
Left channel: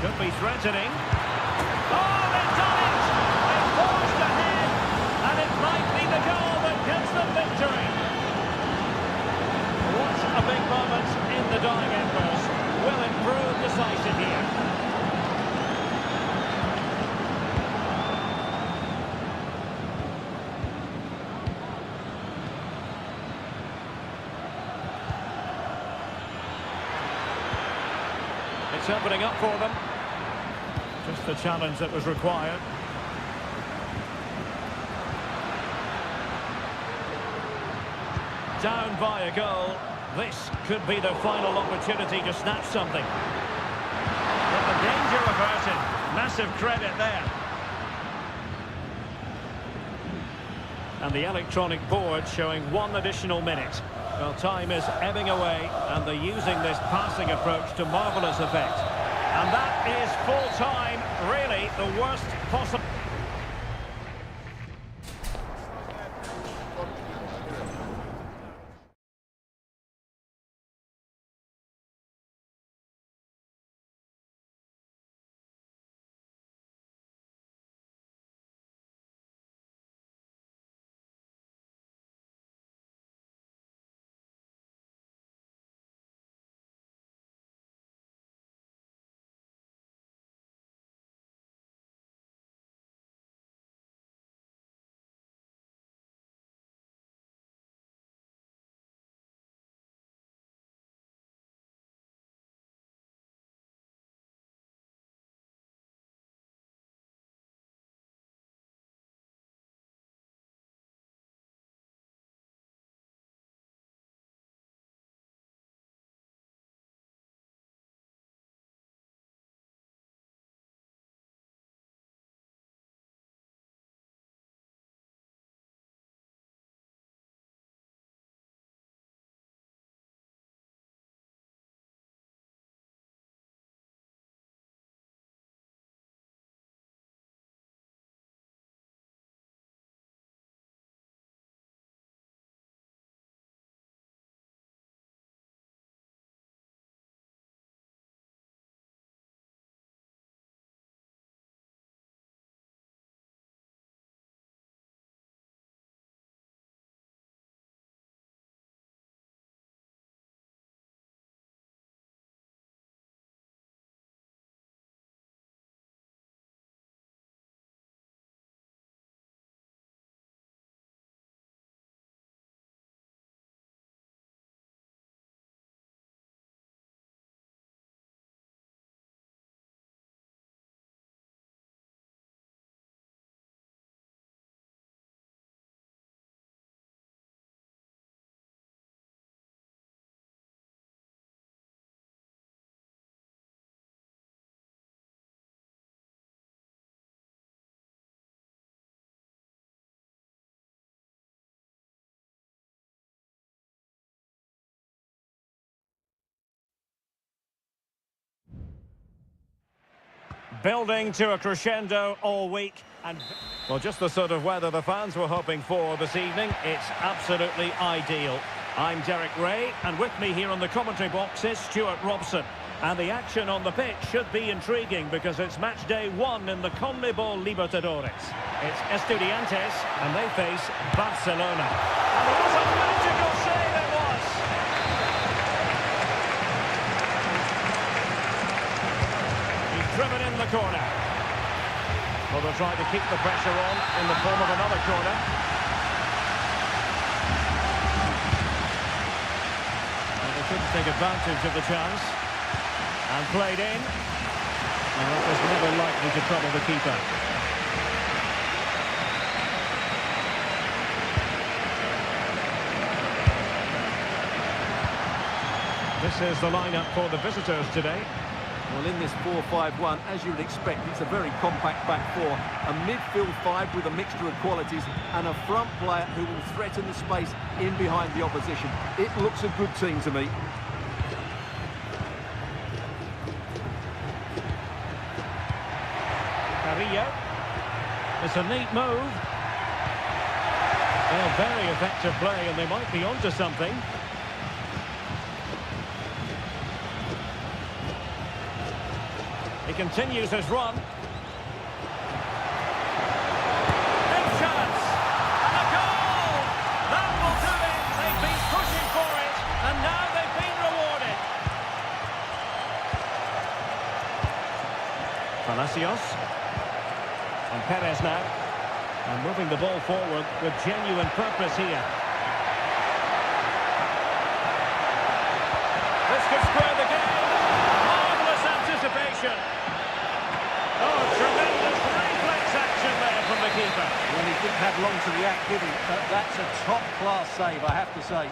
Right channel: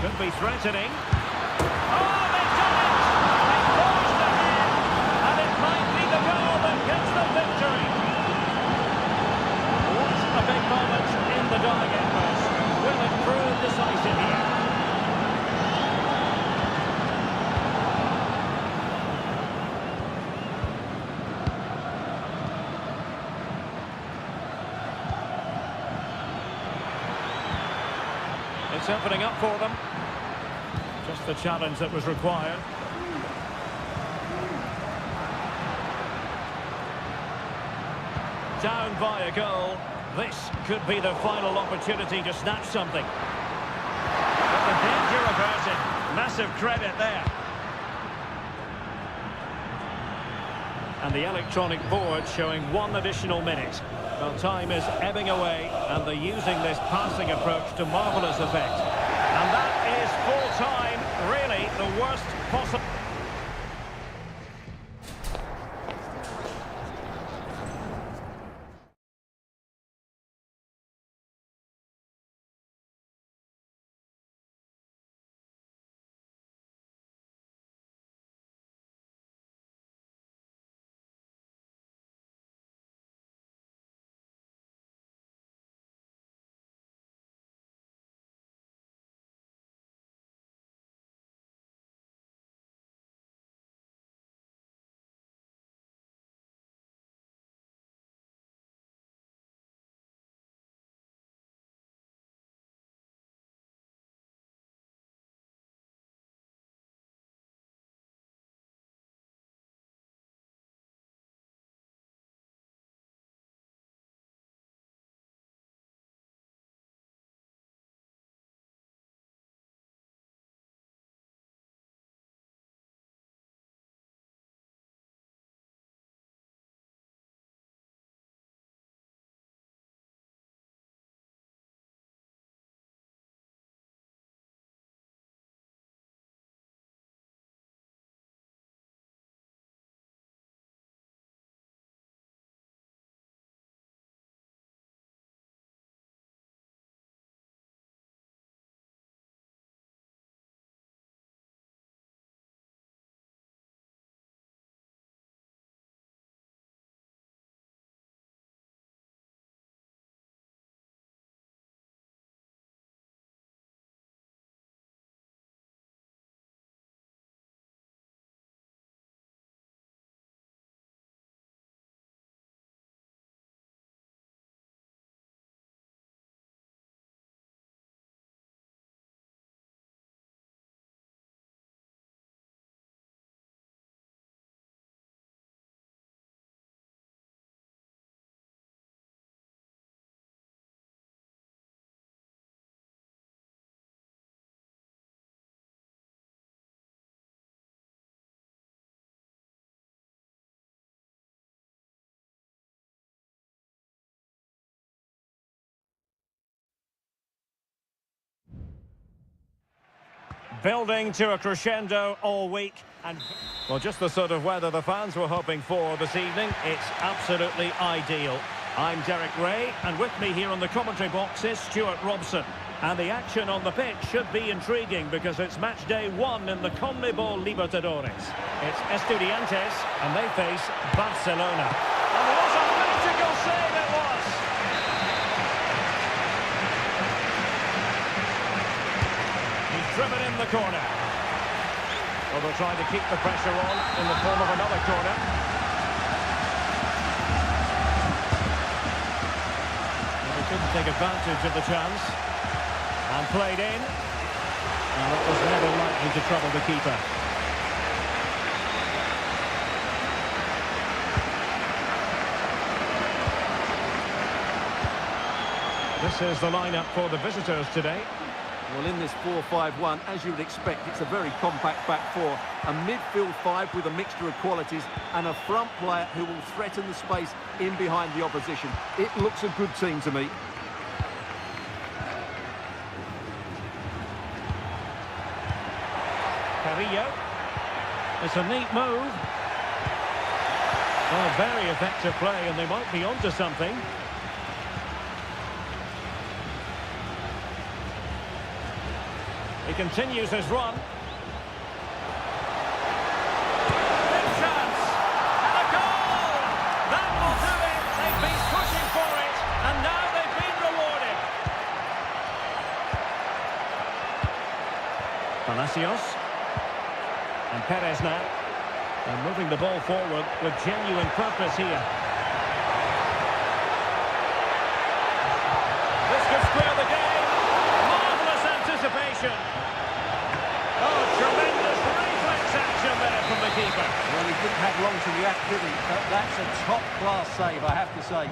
Could be threatening. Oh, they've done it! They forged ahead, and it might be the goal that gives them victory. What a big moment in the dying embers. Will it prove decisive here? It's opening up for them. Just the challenge that was required. Down by a goal. This could be the final opportunity to snatch something. But the danger averted. Massive credit there. And the electronic board showing 1 additional minute. Well, time is ebbing away, and they're using this passing approach to marvellous effect. And that is full time, really the worst possible. Building to a crescendo all week. And well, just the sort of weather the fans were hoping for this evening. It's absolutely ideal. I'm Derek Ray, and with me here on the commentary box is Stuart Robson. And the action on the pitch should be intriguing because it's match day 1 in the CONMEBOL Libertadores. It's Estudiantes, and they face Barcelona. And what a magical save it was! He's driven in the corner. Well, they'll try to keep the pressure on in the form of another corner. Well, they couldn't take advantage of the chance. And played in. Well, that was never likely to trouble the keeper. This is the lineup for the visitors today. Well, in this 4-5-1, as you would expect, it's a very compact back four. A midfield five with a mixture of qualities and a front player who will threaten the space in behind the opposition. It looks a good team to me. Carrillo. It's a neat move. Oh, very effective play, and they might be onto something. He continues his run. Big chance! And a goal! That will do it! They've been pushing for it, and now they've been rewarded. Palacios. And Perez now. And moving the ball forward with genuine purpose here. This could square the game. Marvellous anticipation. Oh, tremendous reflex action there from the keeper. Well, he didn't have long to react, did he? But that's a top-class save, I have to say.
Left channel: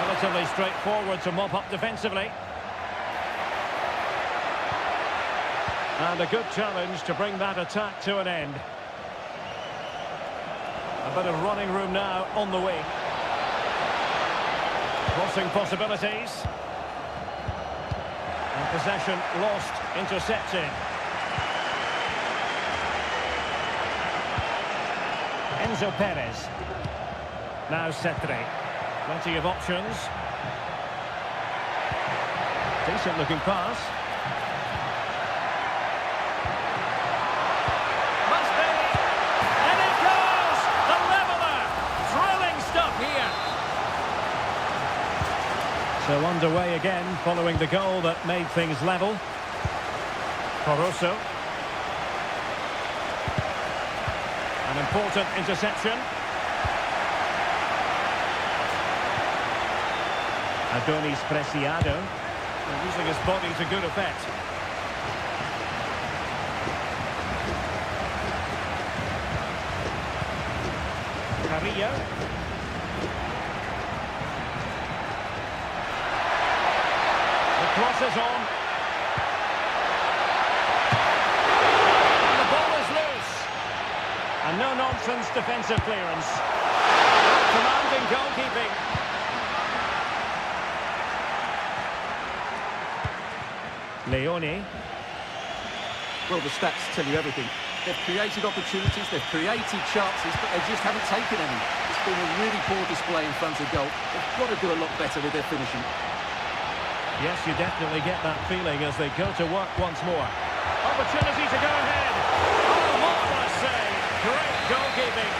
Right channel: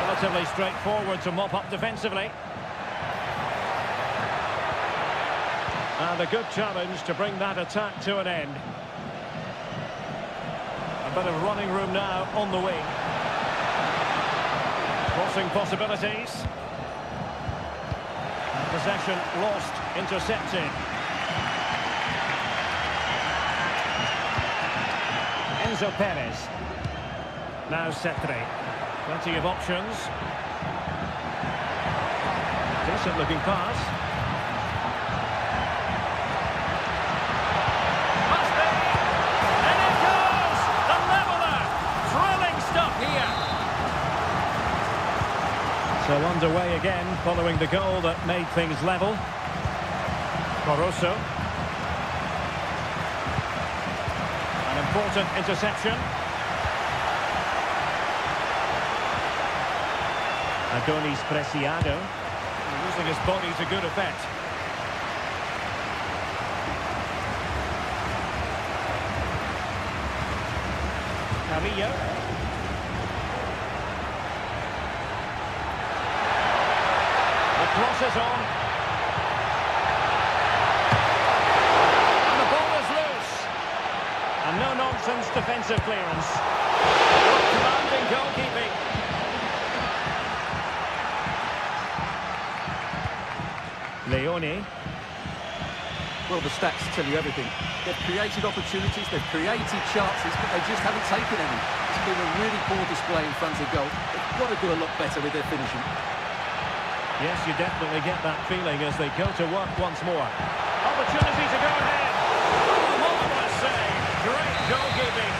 Relatively straightforward to mop up defensively. And a good challenge to bring that attack to an end. A bit of running room now on the wing. Crossing possibilities. And possession lost, intercepted. Enzo Perez. Now Cetre. Plenty of options. Decent looking pass. So underway again, following the goal that made things level. Coroso. An important interception. Adonis Preciado. Using his body to good effect. Carrillo. The cross is on. And the ball is loose. And no-nonsense defensive clearance. Commanding goalkeeping. Leone. Well, the stats tell you everything. They've created opportunities, they've created chances, but they just haven't taken any. It's been a really poor display in front of goal. They've got to do a lot better with their finishing. Yes, you definitely get that feeling as they go to work once more. Opportunity to go ahead. Oh, marvellous save. Great goalkeeping.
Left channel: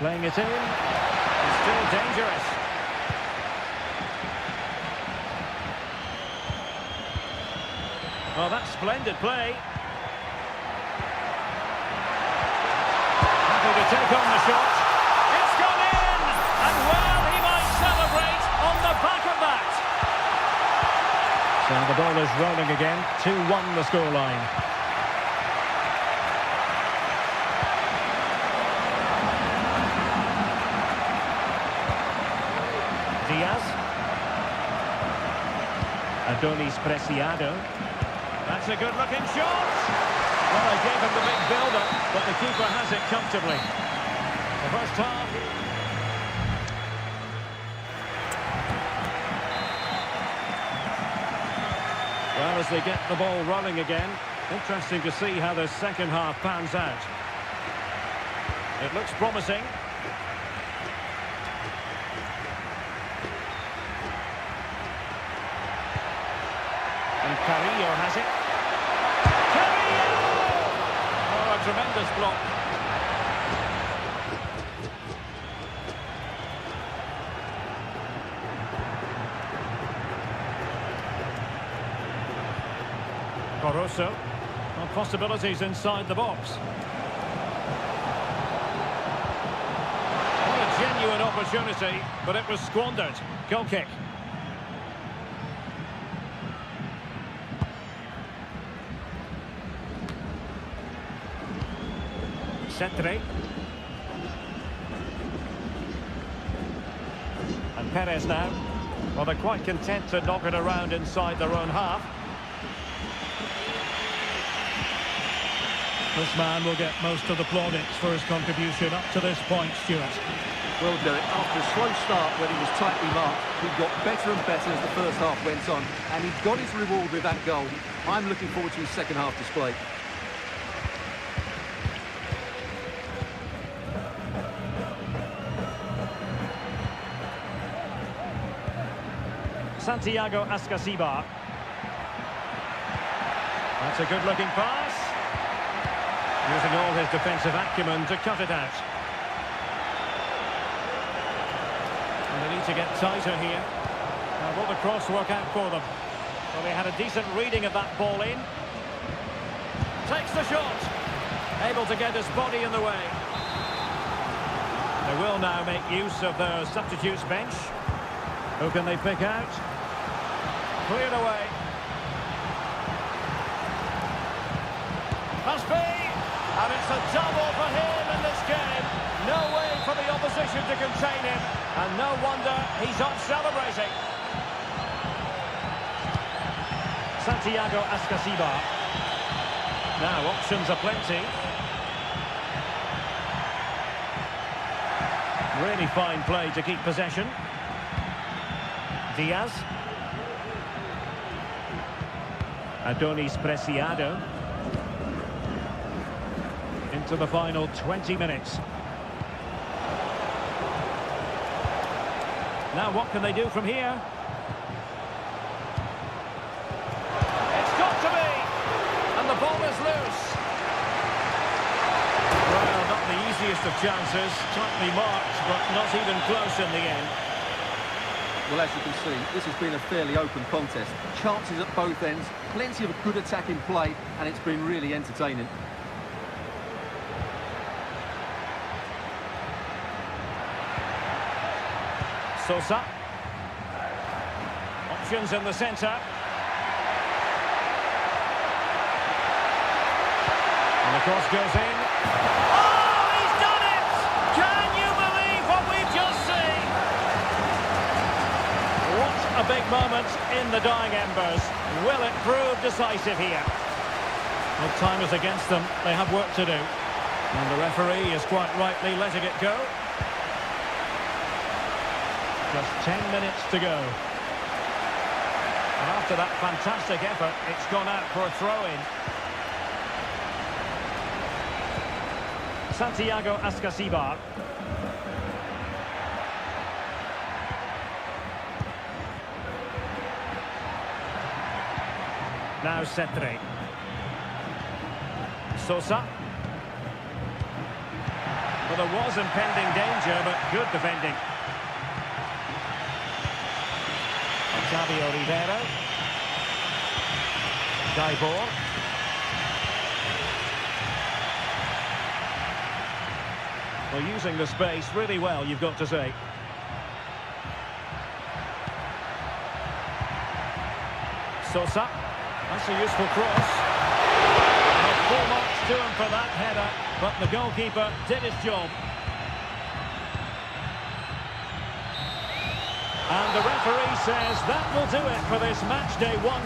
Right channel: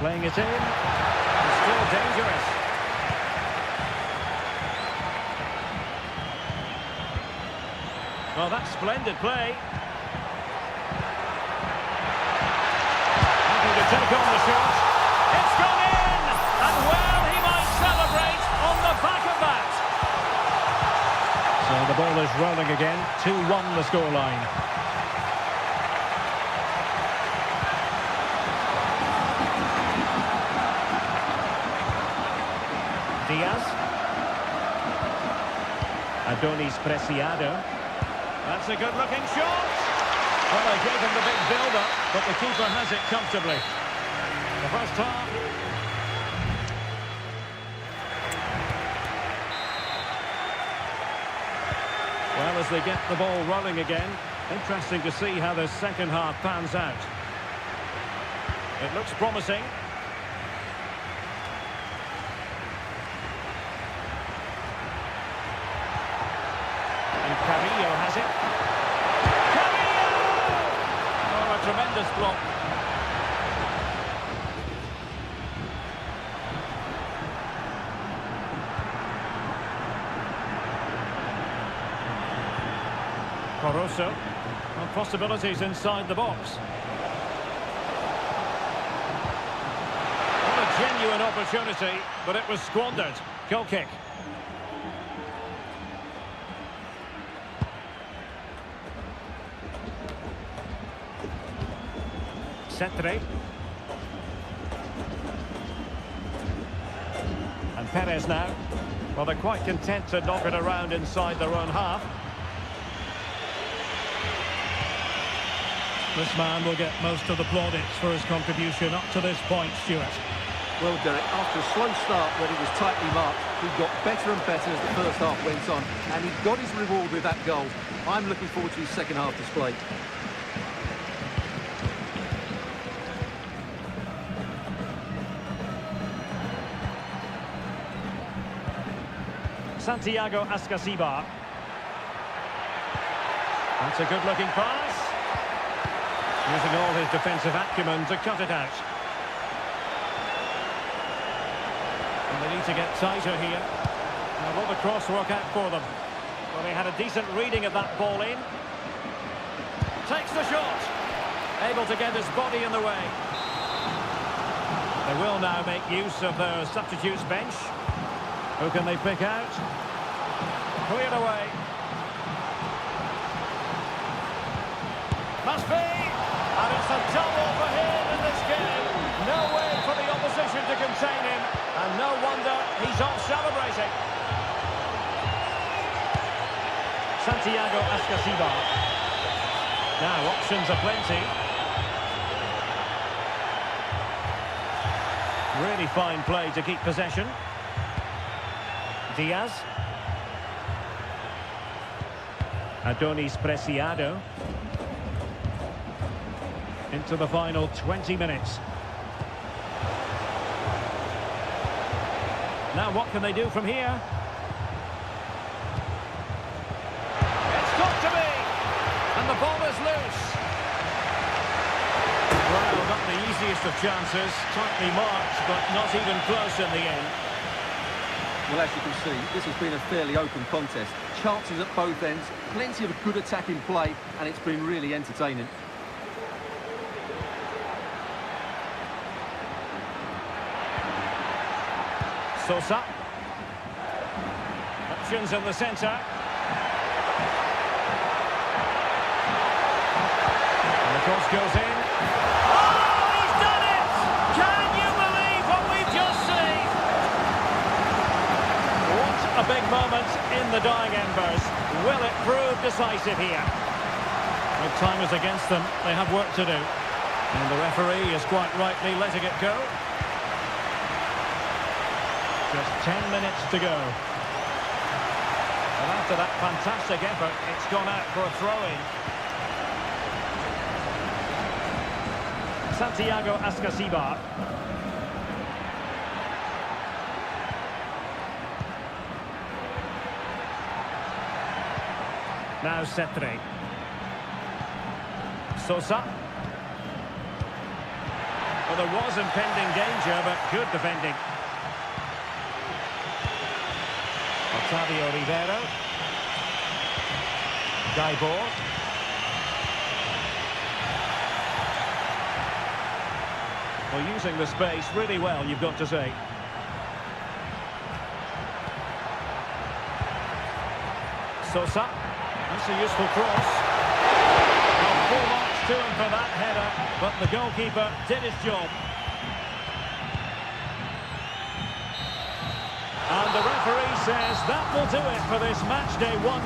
Playing it in. And still dangerous. Well, that's splendid play. Happy to take on the shot. It's gone in! And well, he might celebrate on the back of that. So the ball is rolling again. 2-1 the scoreline. Diaz. Adonis Preciado. That's a good-looking shot. Well, they gave him the big build-up, but the keeper has it comfortably. The first half. Well, as they get the ball rolling again, interesting to see how the second half pans out. It looks promising. And Carrillo has it. Carrillo! Oh, a tremendous block. Caruso. Well, possibilities inside the box. What a genuine opportunity, but it was squandered. Goal kick. Cetre. And Perez now. Well, they're quite content to knock it around inside their own half. This man will get most of the plaudits for his contribution up to this point, Stuart. Well, Derek, after a slow start when he was tightly marked, he got better and better as the first half went on, and he got his reward with that goal. I'm looking forward to his second half display. Santiago Ascasibar. That's a good-looking pass. Using all his defensive acumen to cut it out. And they need to get tighter here. Now, will the cross work out for them? Well, they had a decent reading of that ball in. Takes the shot. Able to get his body in the way. They will now make use of their substitutes bench. Who can they pick out? Cleared away. Must be. And it's a double for him in this game. No way for the opposition to contain him. And no wonder he's off celebrating. Santiago Ascasibar. Now options are plenty. Really fine play to keep possession. Diaz. Adonis Preciado. Into the final 20 minutes. Now what can they do from here? It's got to be! And the ball is loose. Well, not the easiest of chances. Tightly marked, but not even close in the end. Well, as you can see, this has been a fairly open contest. Chances at both ends, plenty of good attacking play, and it's been really entertaining. Sosa. Options in the centre. And the cross goes in. Oh, he's done it! Can you believe what we've just seen? What a big moment in the dying embers. Will it prove decisive here? Well, time is against them. They have work to do. And the referee is quite rightly letting it go. Just 10 minutes to go. And after that fantastic effort, it's gone out for a throw-in. Santiago Ascasibar. Now Cetre. Sosa. Well, there was impending danger, but good defending. Octavio Rivero. Gaibor. Well, using the space really well, you've got to say. Sosa. That's a useful cross. Well, full marks to him for that header, but the goalkeeper did his job. And the referee says that will do it for this match day one.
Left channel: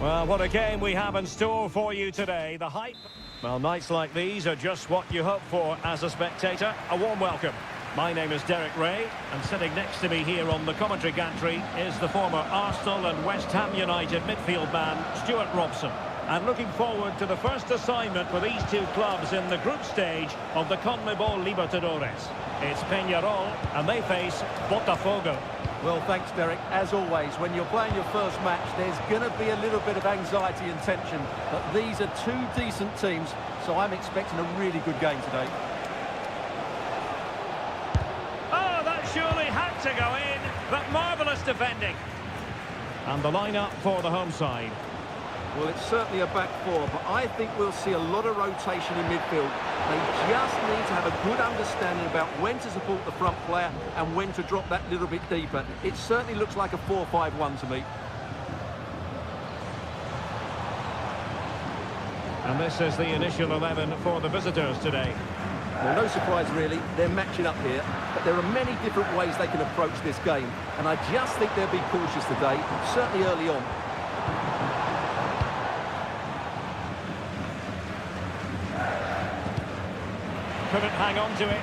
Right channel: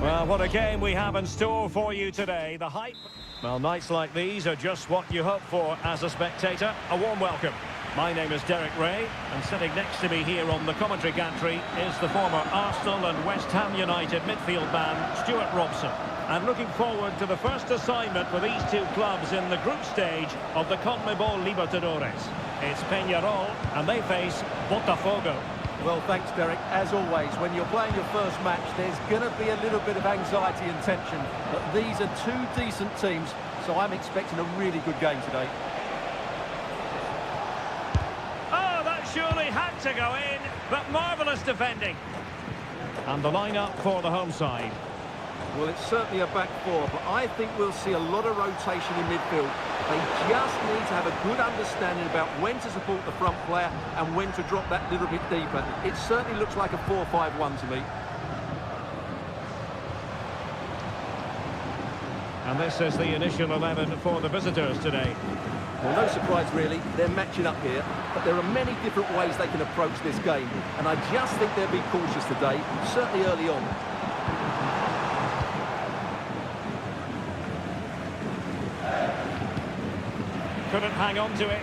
Well, what a game we have in store for you today. The hype. Well, nights like these are just what you hope for as a spectator. A warm welcome. My name is Derek Ray, and sitting next to me here on the commentary gantry is the former Arsenal and West Ham United midfield man, Stuart Robson. And looking forward to the first assignment for these two clubs in the group stage of the CONMEBOL Libertadores. It's Peñarol, and they face Botafogo. Well, thanks, Derek. As always, when you're playing your first match, there's going to be a little bit of anxiety and tension. But these are two decent teams, so I'm expecting a really good game today. Oh, that surely had to go in, but marvellous defending. And the lineup for the home side. Well, it's certainly a back four, but I think we'll see a lot of rotation in midfield. They just need to have a good understanding about when to support the front player and when to drop that little bit deeper. It certainly looks like a 4-5-1 to me. And this is the initial 11 for the visitors today. Well, no surprise really, they're matching up here, but there are many different ways they can approach this game, and I just think they'll be cautious today, certainly early on. Couldn't hang on to it.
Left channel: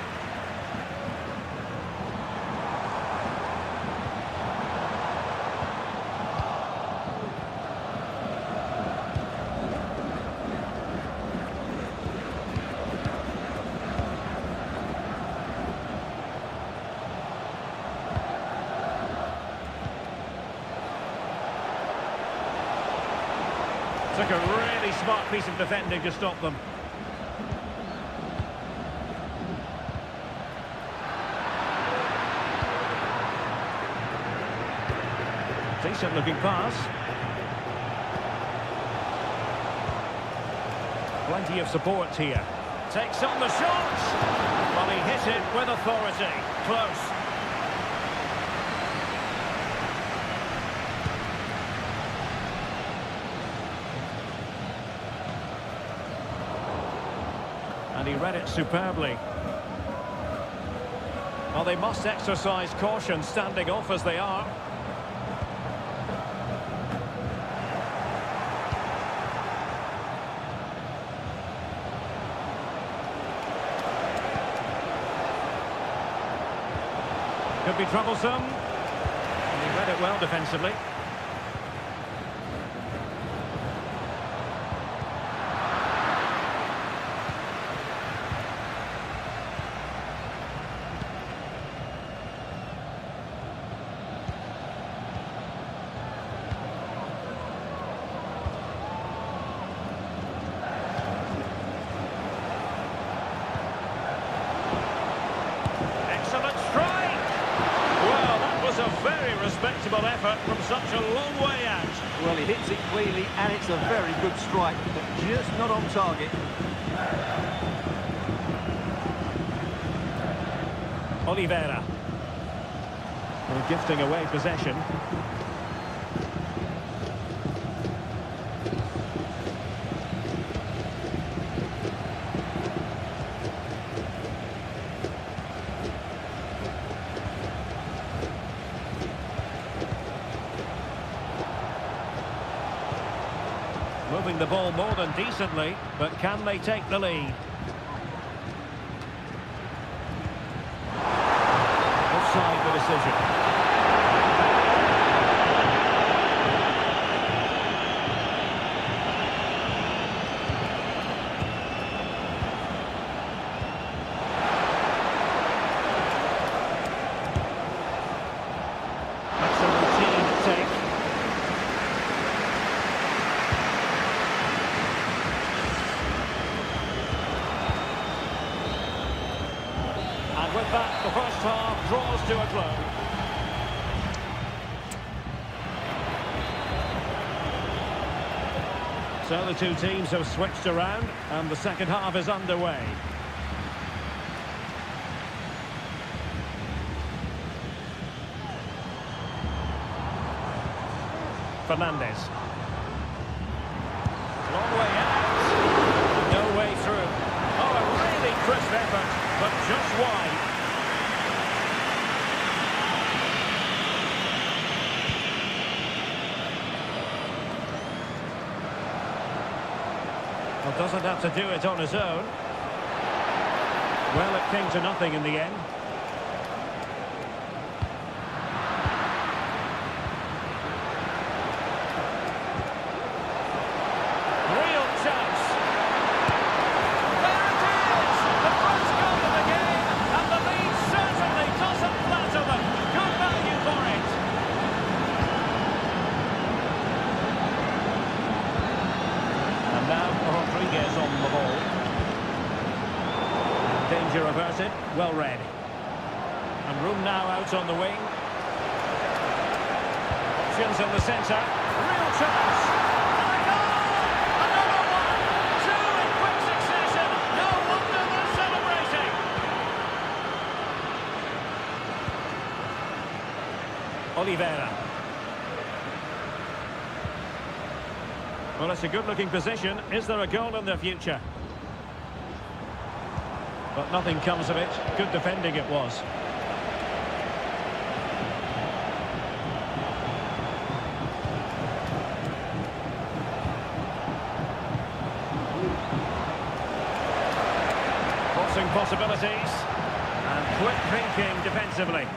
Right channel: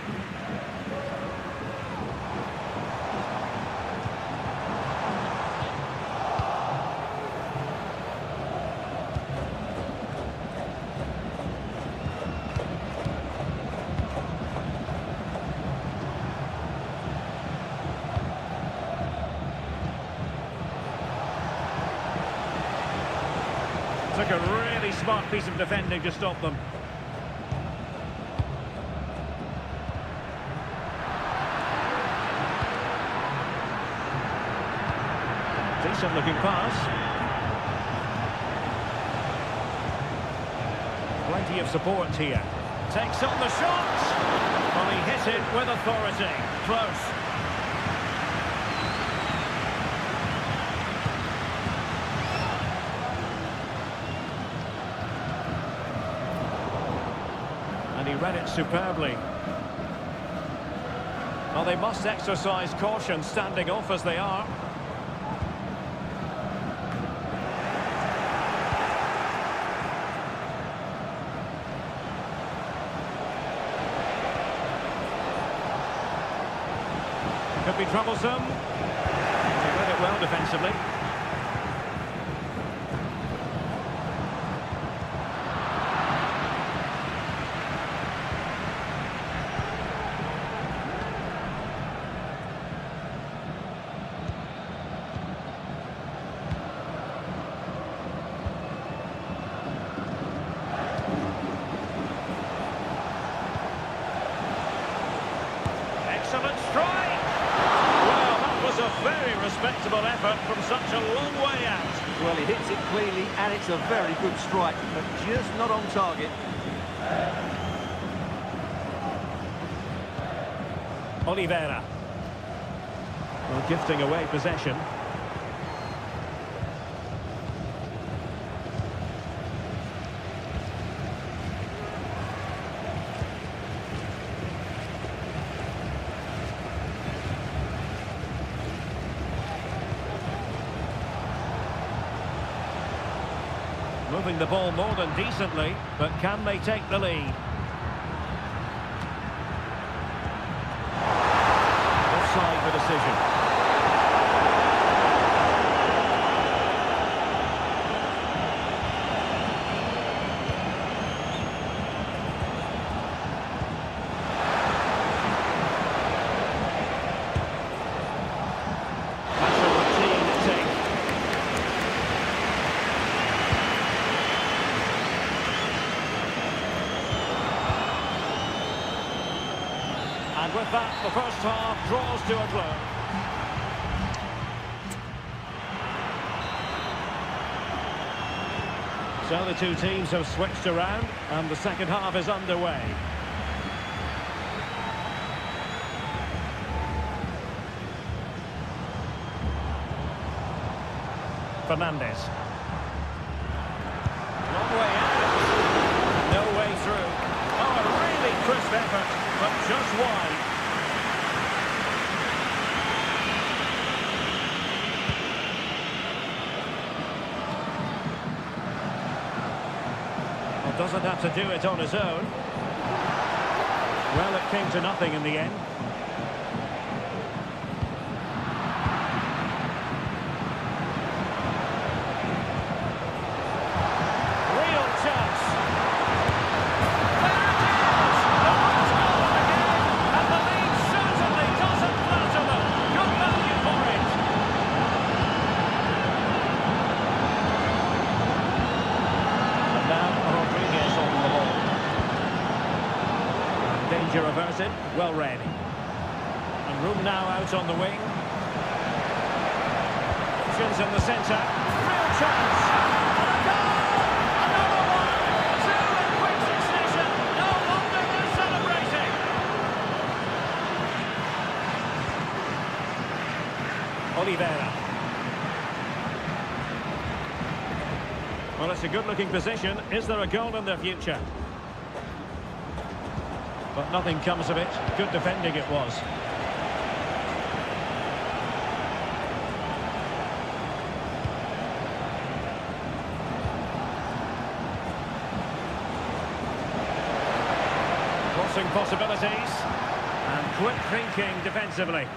Took a really smart piece of defending to stop them. Decent looking pass. Plenty of support here. Takes on the shot. Well, he hit it with authority. Close. And he read it superbly. Well, they must exercise caution standing off as they are. Could be troublesome. He read it well defensively. Excellent strike! Well, that was a very respectable effort from such a long way out. Well, he hits it cleanly, and it's a very good strike, but just not on target. Oliveira. Well, gifting away possession. Moving the ball more than decently, but can they take the lead? Offside the decision. That's a routine take. And with that, the first half draws to a close. So the two teams have switched around, and the second half is underway. Fernandez. Long way out, and no way through. Oh, a really crisp effort, but just wide. Doesn't have to do it on his own. Well, it came to nothing in the end. Real chance. There it is! The first goal of the game, and the lead certainly doesn't flatter them. Good value for it. And now Rodriguez on the ball. And danger averted, well read. And room now out on the wing. Options in the centre. Real chance. And a goal! Another one! Two in quick succession. No wonder they're celebrating. Oliveira. Well, it's a good-looking position. Is there a goal in their future? But nothing comes of it. Good defending it was. Crossing possibilities. And quick thinking defensively.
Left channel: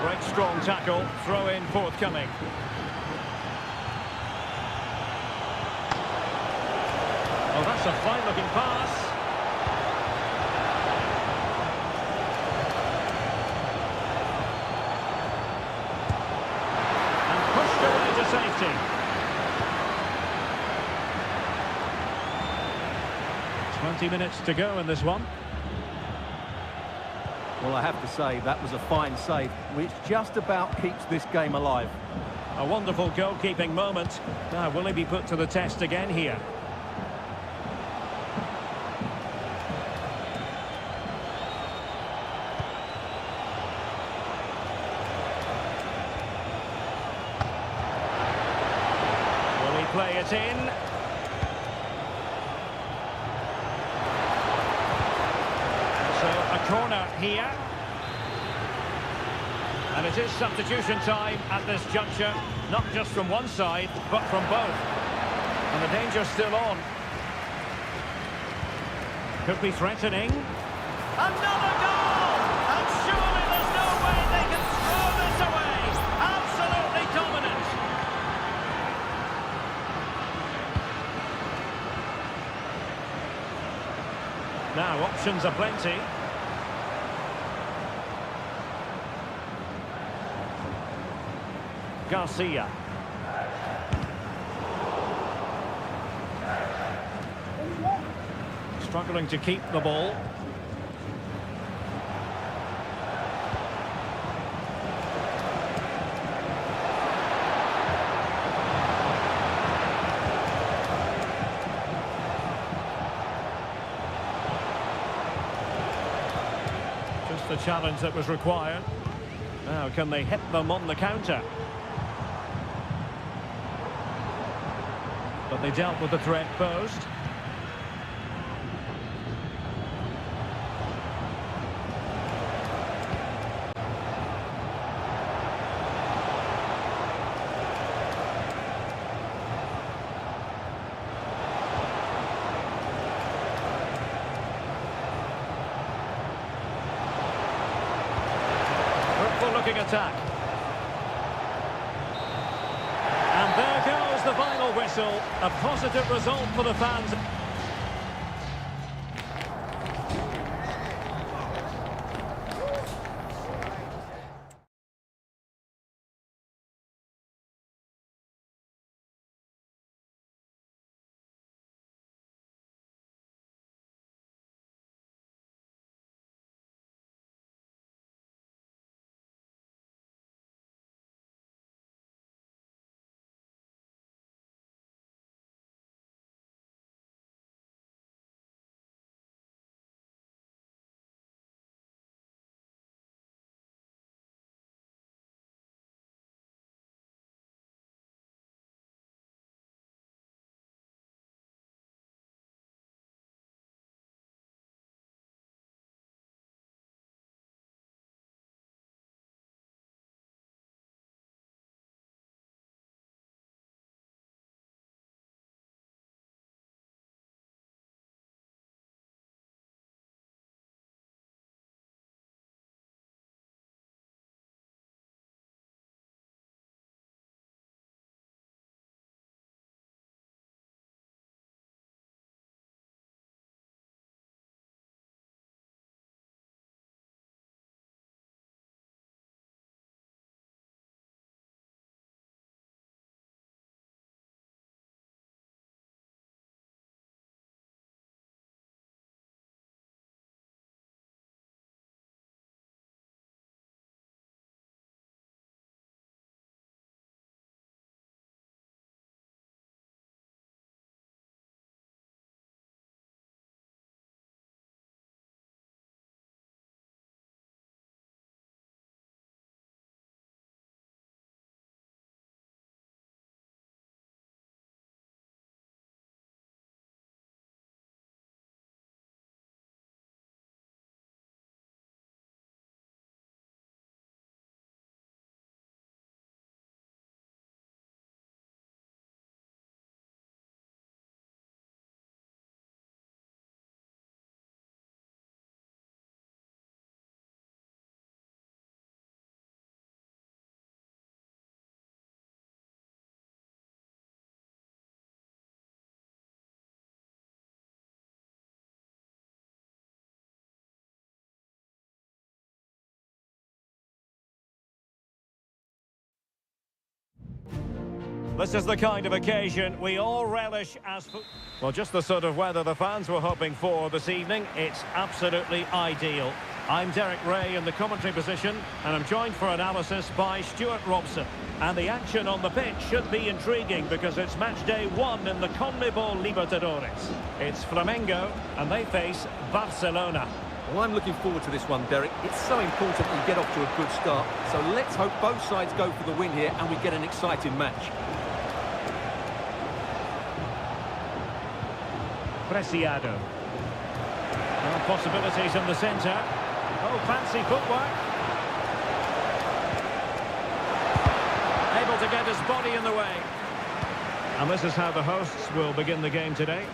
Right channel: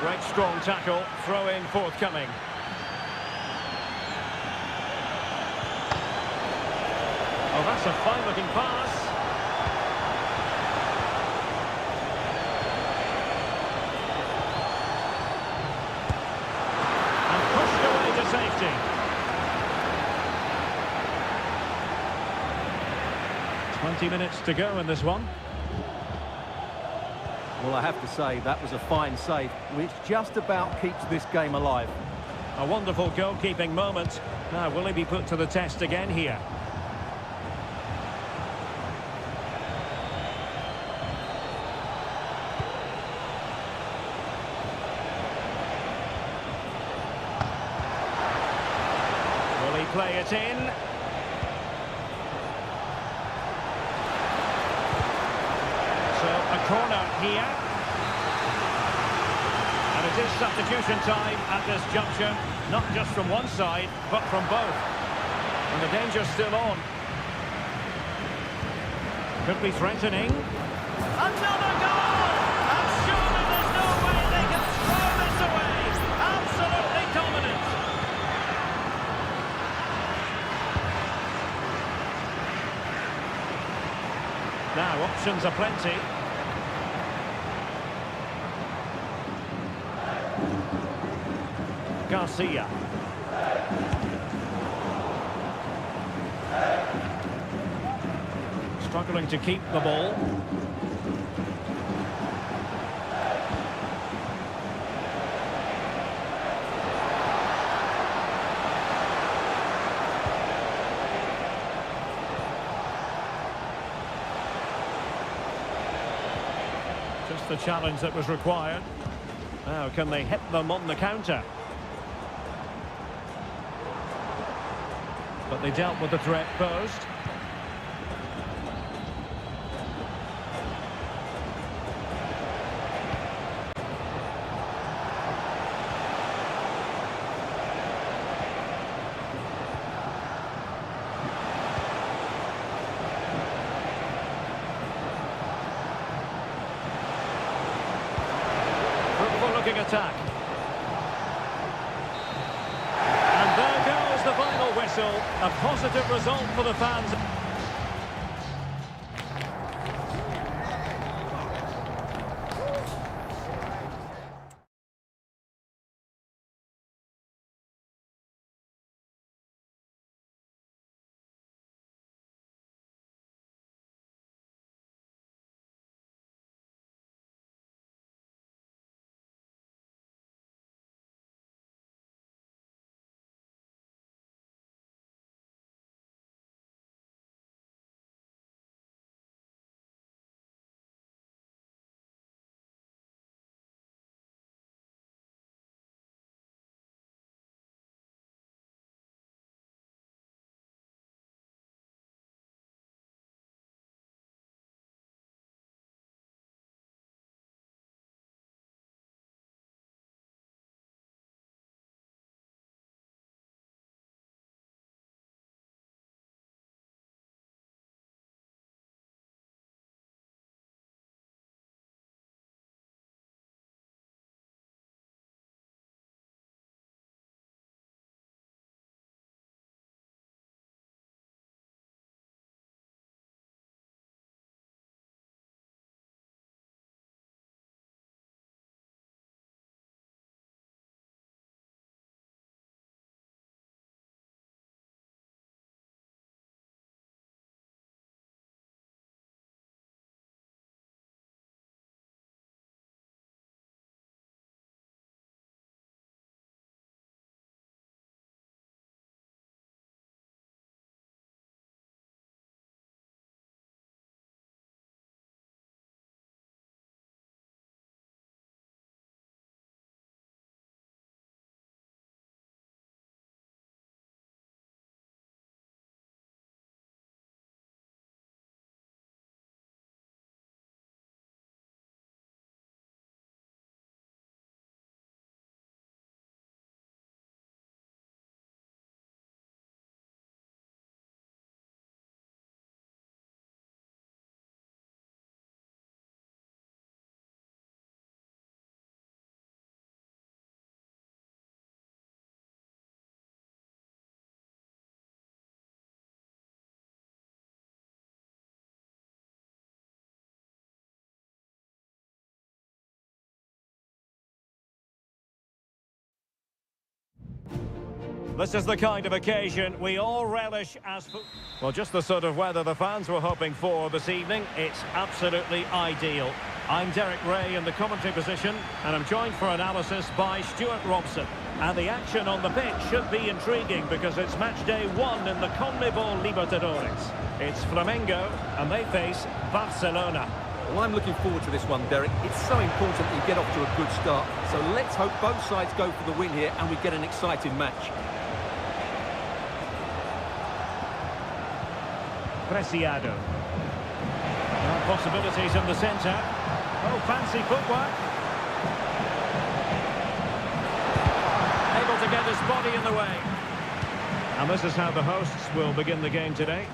Great strong tackle, throw in forthcoming. Oh, that's a fine looking pass. And pushed away to safety. "20 minutes to go in this one." Well, I have to say, that was a fine save, which just about keeps this game alive. A wonderful goalkeeping moment. Now, will he be put to the test again here? Will he play it in? So, a corner here. And it is substitution time at this juncture, not just from one side, but from both. And the danger's still on. Could be threatening. Another goal! And surely there's no way they can throw this away. Absolutely dominant. Now, options are plenty. Garcia. Struggling to keep the ball. Just the challenge that was required. Now, can they hit them on the counter? But they dealt with the threat posed. Fruitful looking attack. And there goes the final whistle. A positive result for the fans. This is the kind of occasion we all relish as... Well, just the sort of weather the fans were hoping for this evening. It's absolutely ideal. I'm Derek Ray in the commentary position, and I'm joined for analysis by Stuart Robson. And the action on the pitch should be intriguing because it's match day 1 in the CONMEBOL Libertadores. It's Flamengo, and they face Barcelona. Well, I'm looking forward to this one, Derek. It's so important that you get off to a good start. So let's hope both sides go for the win here and we get an exciting match. Preciado. Well, possibilities in the centre. Oh, fancy footwork. Able to get his body in the way. And this is how the hosts will begin the game today.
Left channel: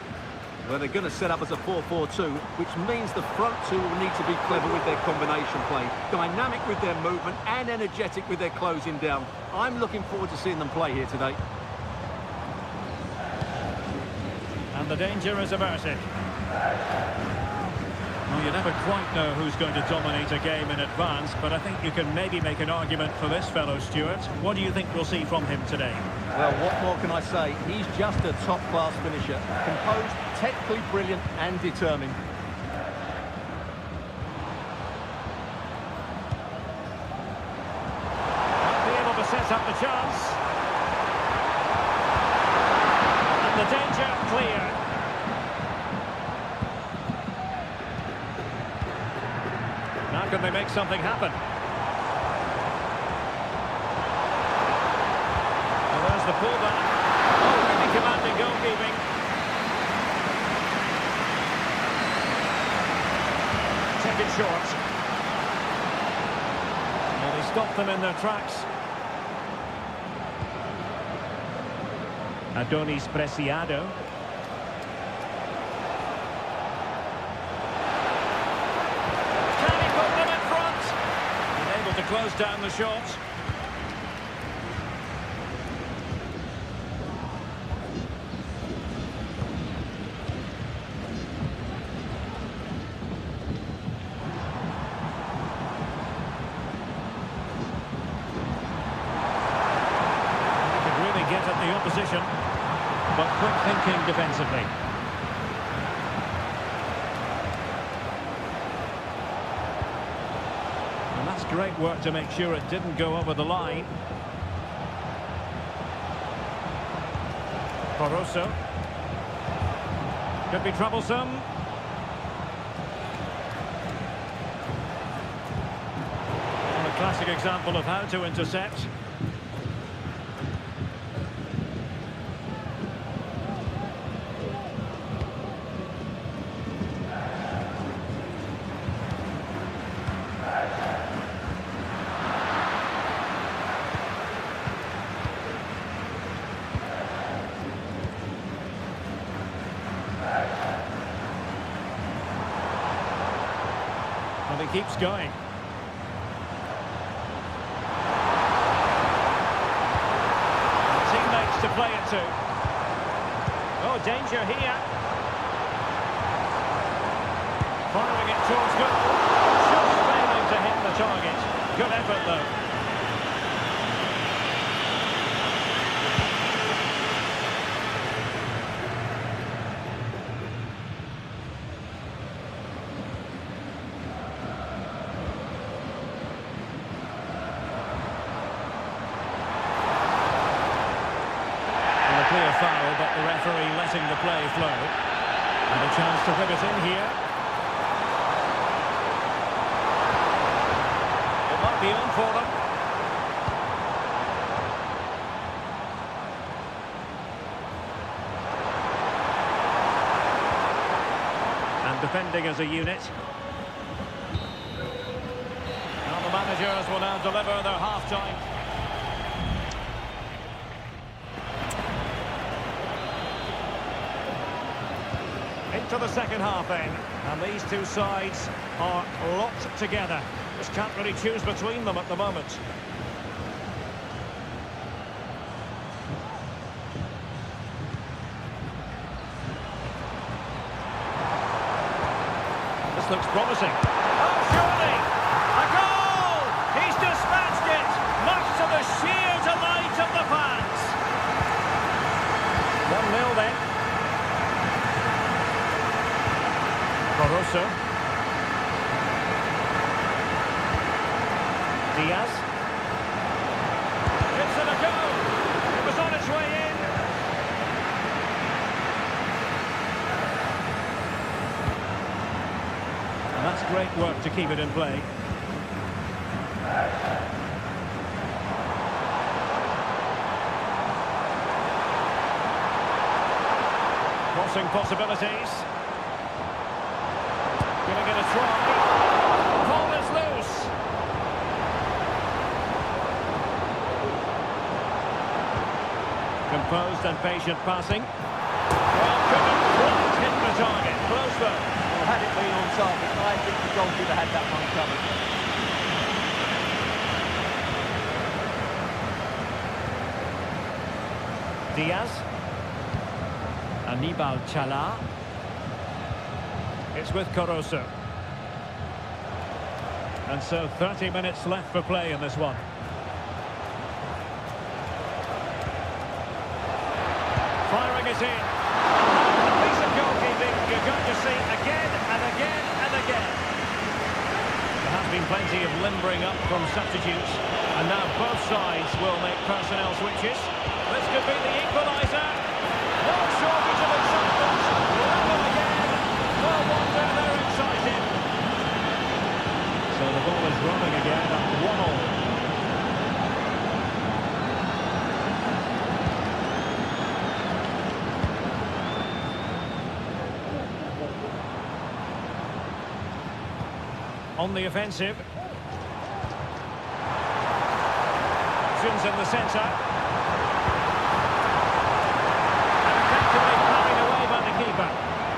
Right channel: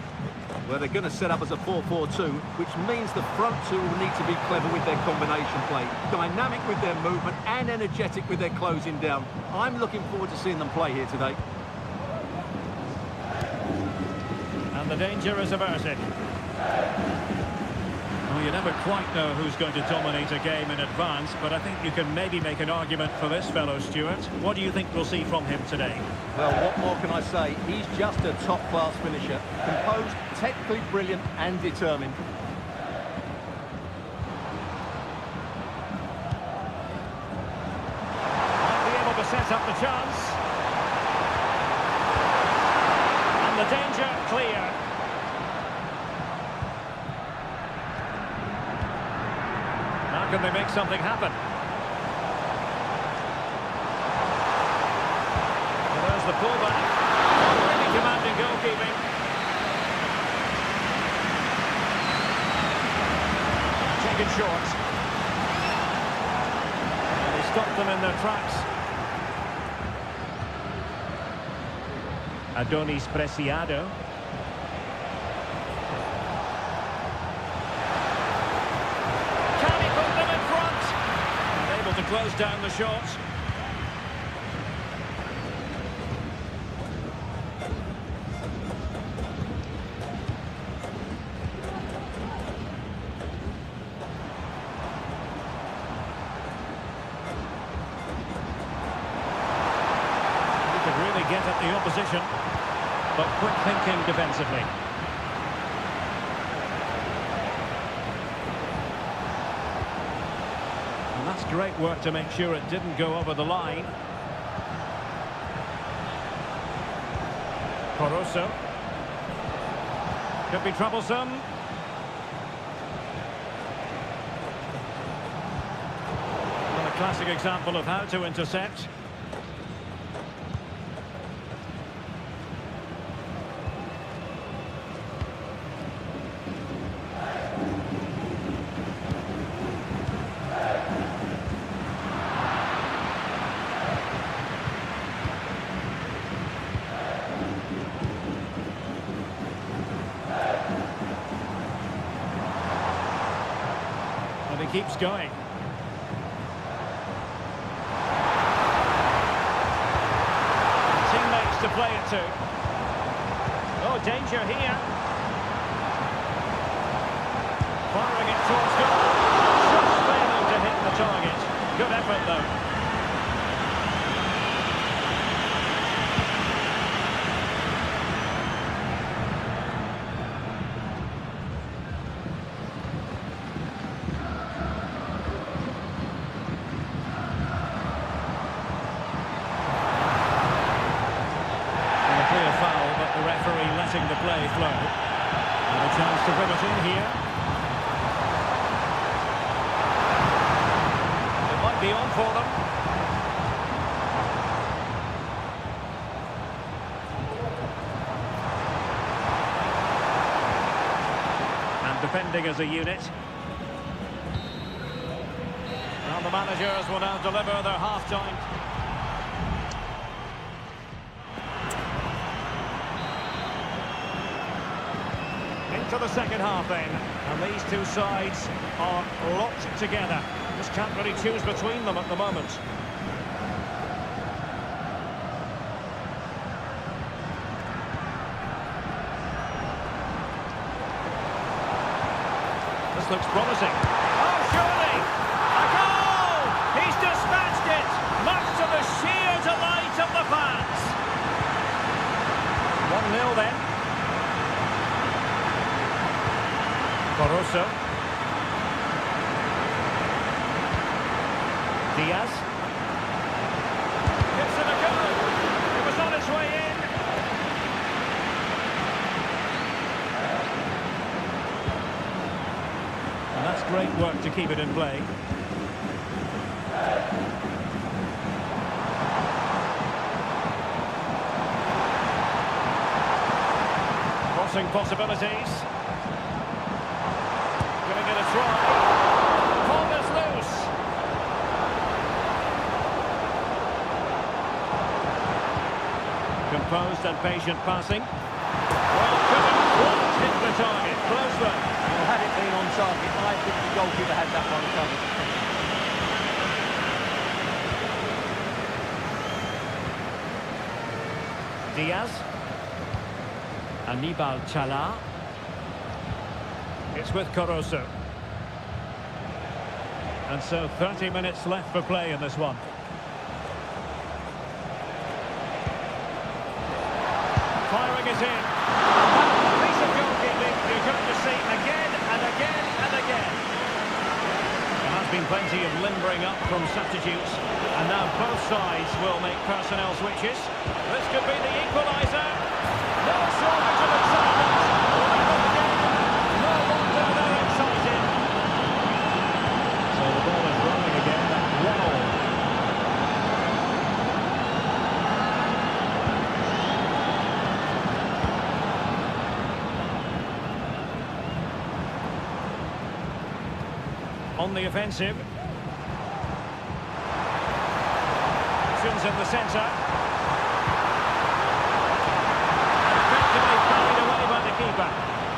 Well, they're going to set up as a 4-4-2, which means the front two will need to be clever with their combination play, dynamic with their movement and energetic with their closing down. I'm looking forward to seeing them play here today. And the danger is averted. Well, you never quite know who's going to dominate a game in advance, but I think you can maybe make an argument for this fellow, Stuart. What do you think we'll see from him today? Well, what more can I say? He's just a top-class finisher. Composed, technically brilliant and determined. Might be able to set up the chance. And the danger clear. Now can they make something happen? Well, there's the pullback. Oh, really commanding goalkeeping. Taken short. Well, they stopped them in their tracks. Adonis Preciado. Can he put them in front? And able to close down the shot. Get at the opposition, but quick thinking defensively. And that's great work to make sure it didn't go over the line. Coroso. Could be troublesome. Well, a classic example of how to intercept. And he keeps going. And teammates to play it to. Oh, danger here. Firing it towards goal. Just failing to hit the target. Good effort, though. Clear foul, but the referee letting the play flow. And a chance to whip it in here. It might be on for them. And defending as a unit. Now the managers will now deliver their half-time. Into the second half then, and these two sides are locked together. Just can't really choose between them at the moment. This looks promising. Oh, surely! A goal! He's dispatched it, much to the sheer delight of the fans. 1-0 then. Barroso. Diaz. Gives it a go. It was on its way in. And that's great work to keep it in play. Crossing possibilities. Giving it a try. Ball is loose. Composed and patient passing. Well, couldn't quite hit the target. Close though. Well, had it been on target, I think the goalkeeper had that one covered. Diaz. Anibal Chala. It's with Caruso. And so 30 minutes left for play in this one. Firing it in. And that's a piece of goalkeeping you're going to see again and again and again. There has been plenty of limbering up from substitutes. And now both sides will make personnel switches. This could be the equaliser. No shortage of excitement. Level again. No wonder they're excited. So the ball is rolling again at 1-1. On the offensive. Options in the centre. And effectively parried away by the keeper.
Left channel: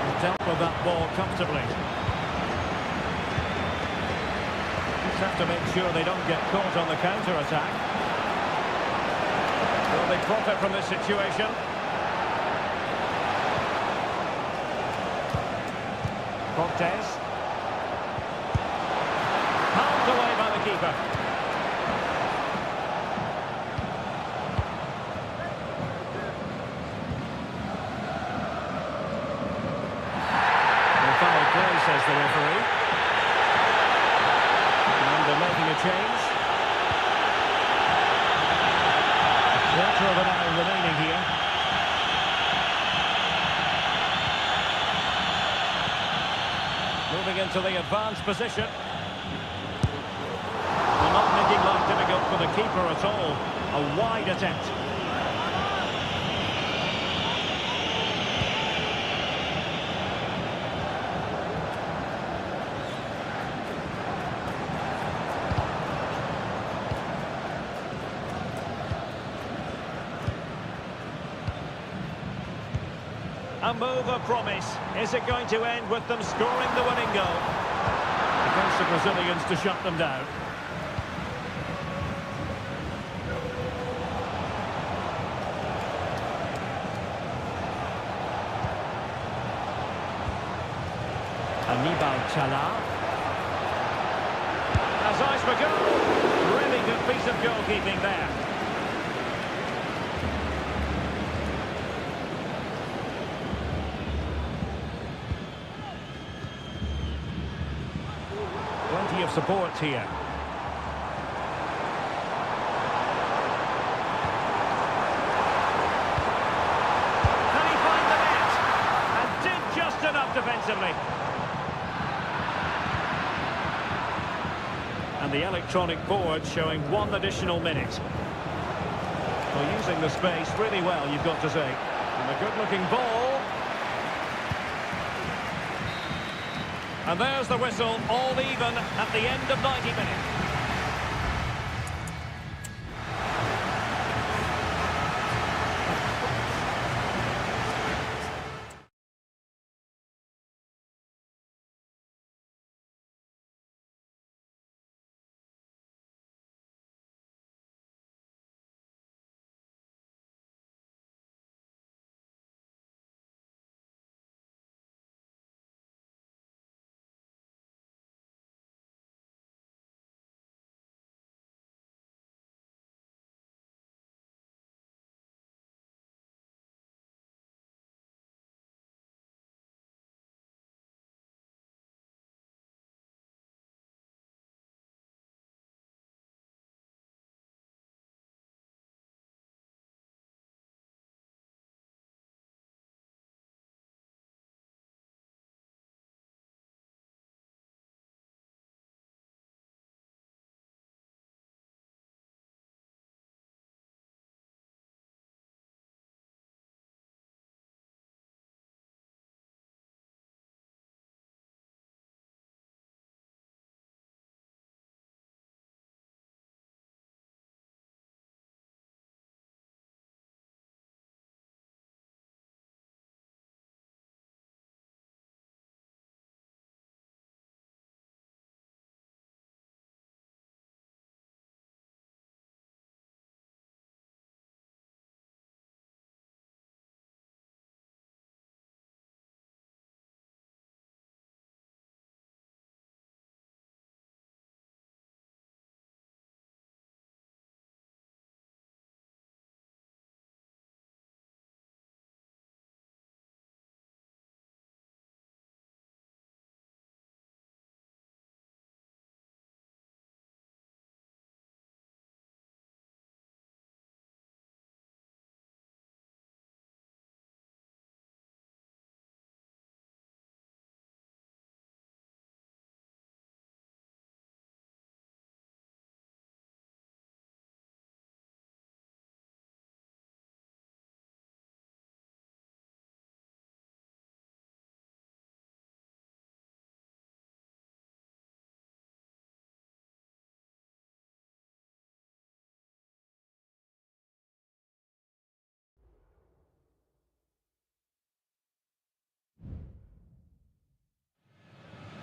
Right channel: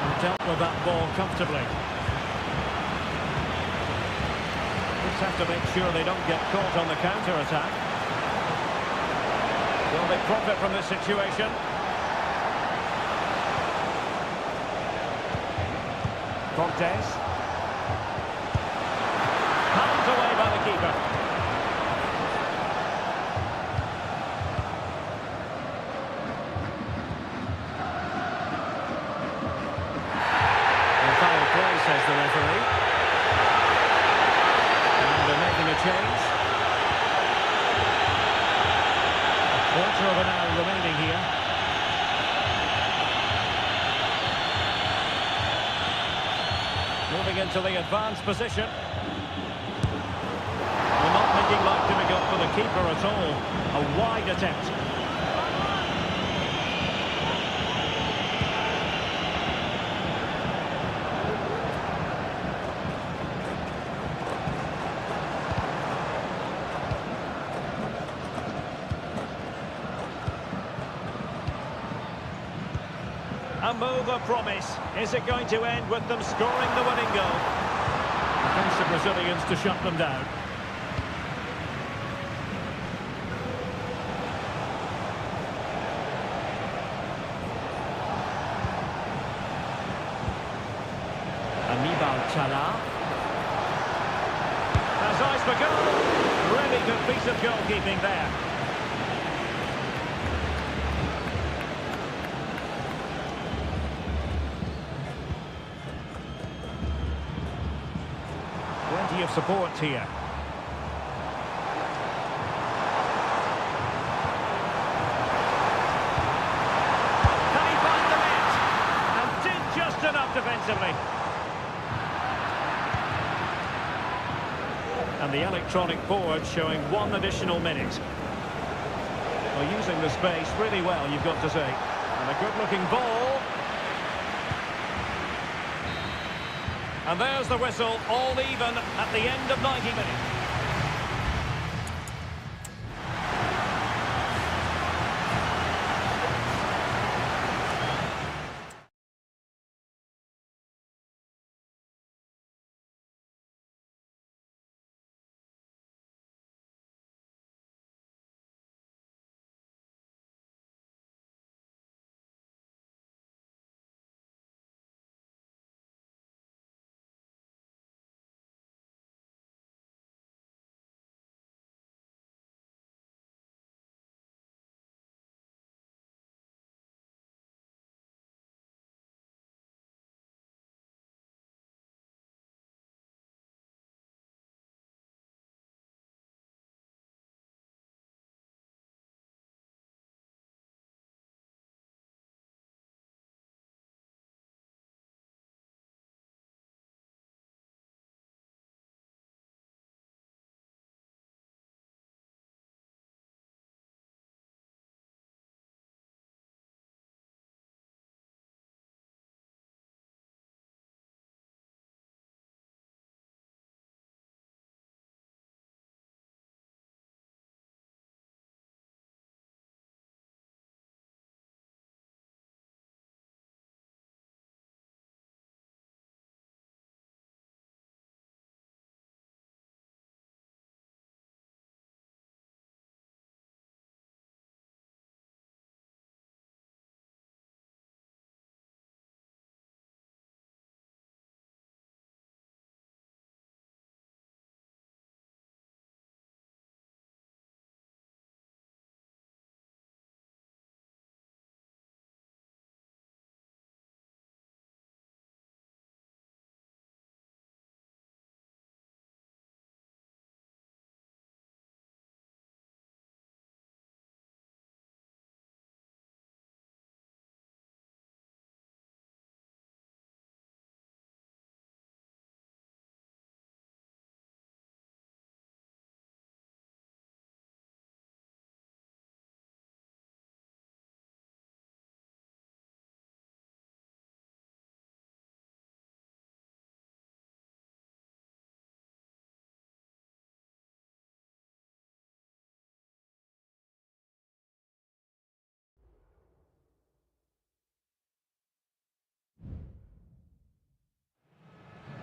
And dealt with that ball comfortably. Just have to make sure they don't get caught on the counter-attack. Will they profit from this situation? Cortez. Pounded away by the keeper. Well, foul play, says the referee. And they're making a change. A quarter of an hour remaining here. Moving into the advanced position. Well, not making life difficult for the keeper at all. A wide attempt. A move of promise. Is it going to end with them scoring the winning goal? Defensive Brazilians to shut them down. Anibal Chala. Has eyes for goal. Really good piece of goalkeeping there. Plenty of support here. Can he find the net? And did just enough defensively. And the electronic board showing 1 additional minute. Well, using the space really well, you've got to say. And a good-looking ball. And there's the whistle, all even at the end of 90 minutes.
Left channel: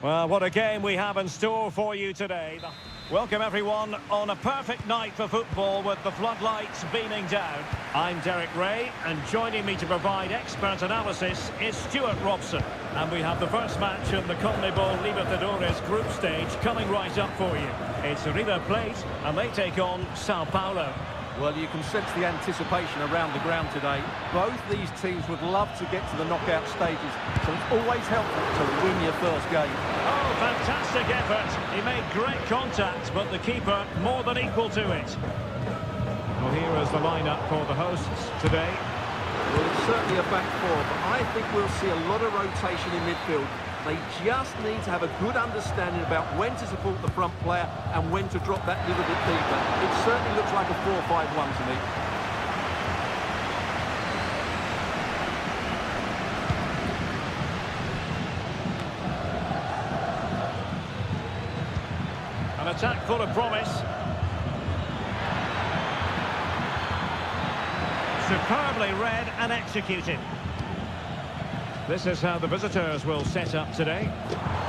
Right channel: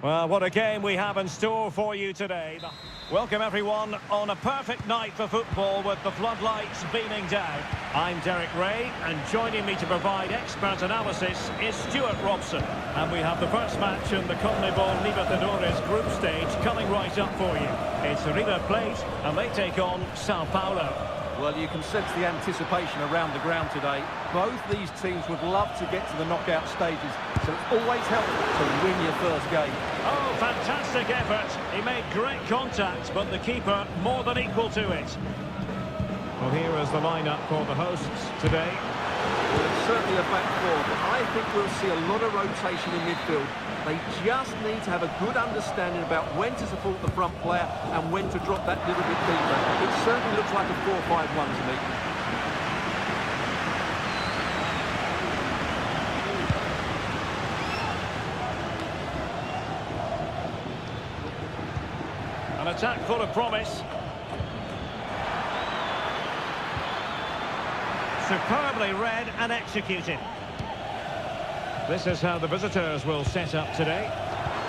Well, what a game we have in store for you today. Welcome everyone on a perfect night for football with the floodlights beaming down. I'm Derek Ray, and joining me to provide expert analysis is Stuart Robson. And we have the first match in the CONMEBOL Libertadores group stage coming right up for you. It's River Plate, and they take on Sao Paulo. Well, you can sense the anticipation around the ground today. Both these teams would love to get to the knockout stages, so it's always helpful to win your first game. Oh, fantastic effort. He made great contact, but the keeper more than equal to it. Well, here is the lineup for the hosts today. Well, it's certainly a back four, but I think we'll see a lot of rotation in midfield. They just need to have a good understanding about when to support the front player and when to drop that little bit deeper. It certainly looks like a 4-5-1 to me. An attack full of promise. Superbly read and executed. This is how the visitors will set up today.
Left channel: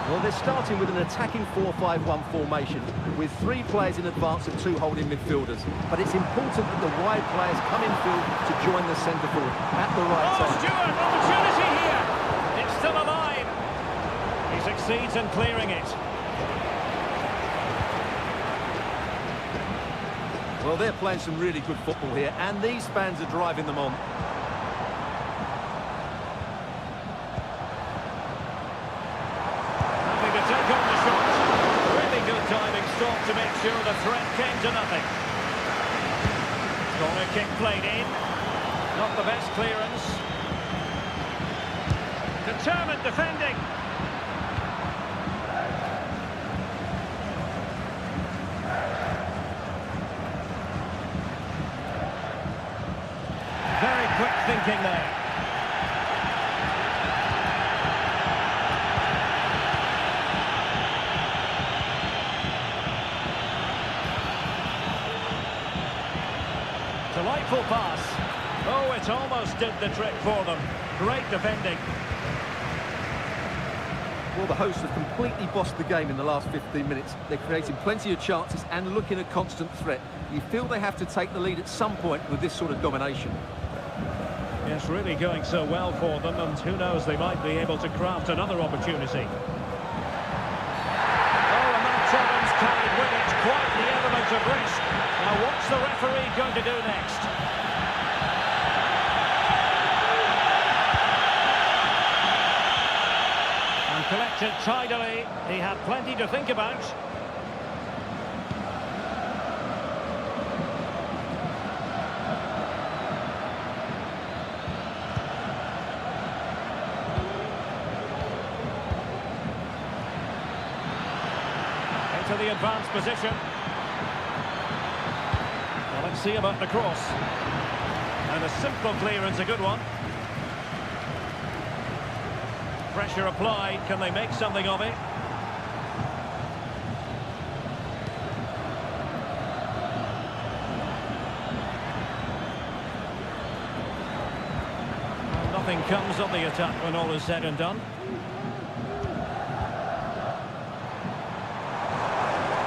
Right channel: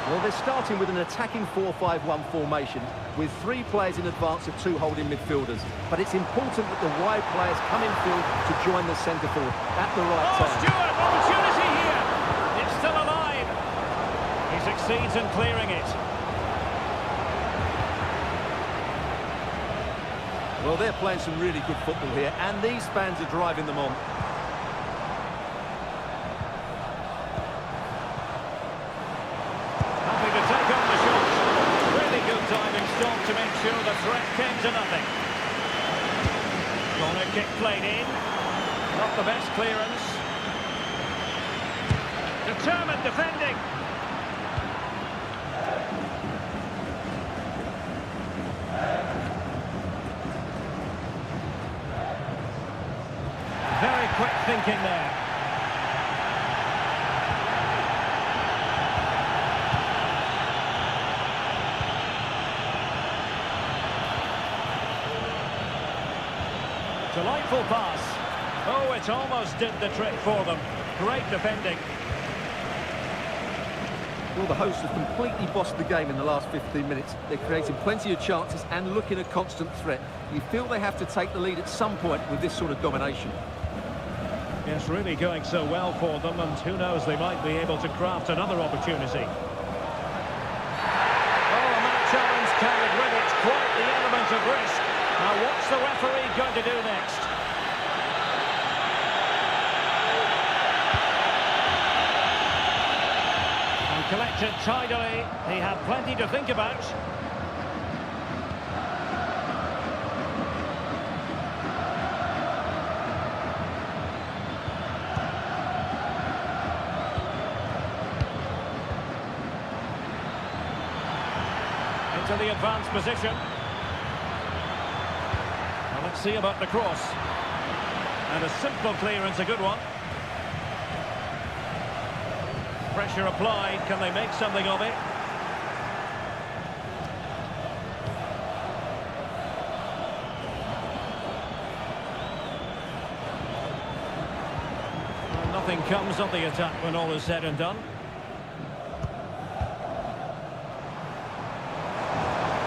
Well, they're starting with an attacking 4-5-1 formation with 3 players in advance of 2 holding midfielders. But it's important that the wide players come in field to join the centre forward at the right time. Stewart, opportunity here. It's still alive. He succeeds in clearing it. Well, they're playing some really good football here, and these fans are driving them on. Happy to take on the shot. Really good diving stop to make sure the threat came to nothing. Corner kick played in. Not the best clearance. Determined defending. Very quick thinking there. Delightful pass. Oh, it almost did the trick for them. Great defending. Well, the hosts have completely bossed the game in the last 15 minutes. They're creating plenty of chances and looking a constant threat. You feel they have to take the lead at some point with this sort of domination. Yes, really going so well for them, and who knows, they might be able to craft another opportunity. Oh, and that challenge carried with it quite the element of risk. Now, what's the referee going to do next? And collected tidily. He had plenty to think about. Into the advanced position. Well, let's see about the cross. And a simple clearance, a good one. Pressure applied. Can they make something of it? Well, nothing comes of the attack when all is said and done.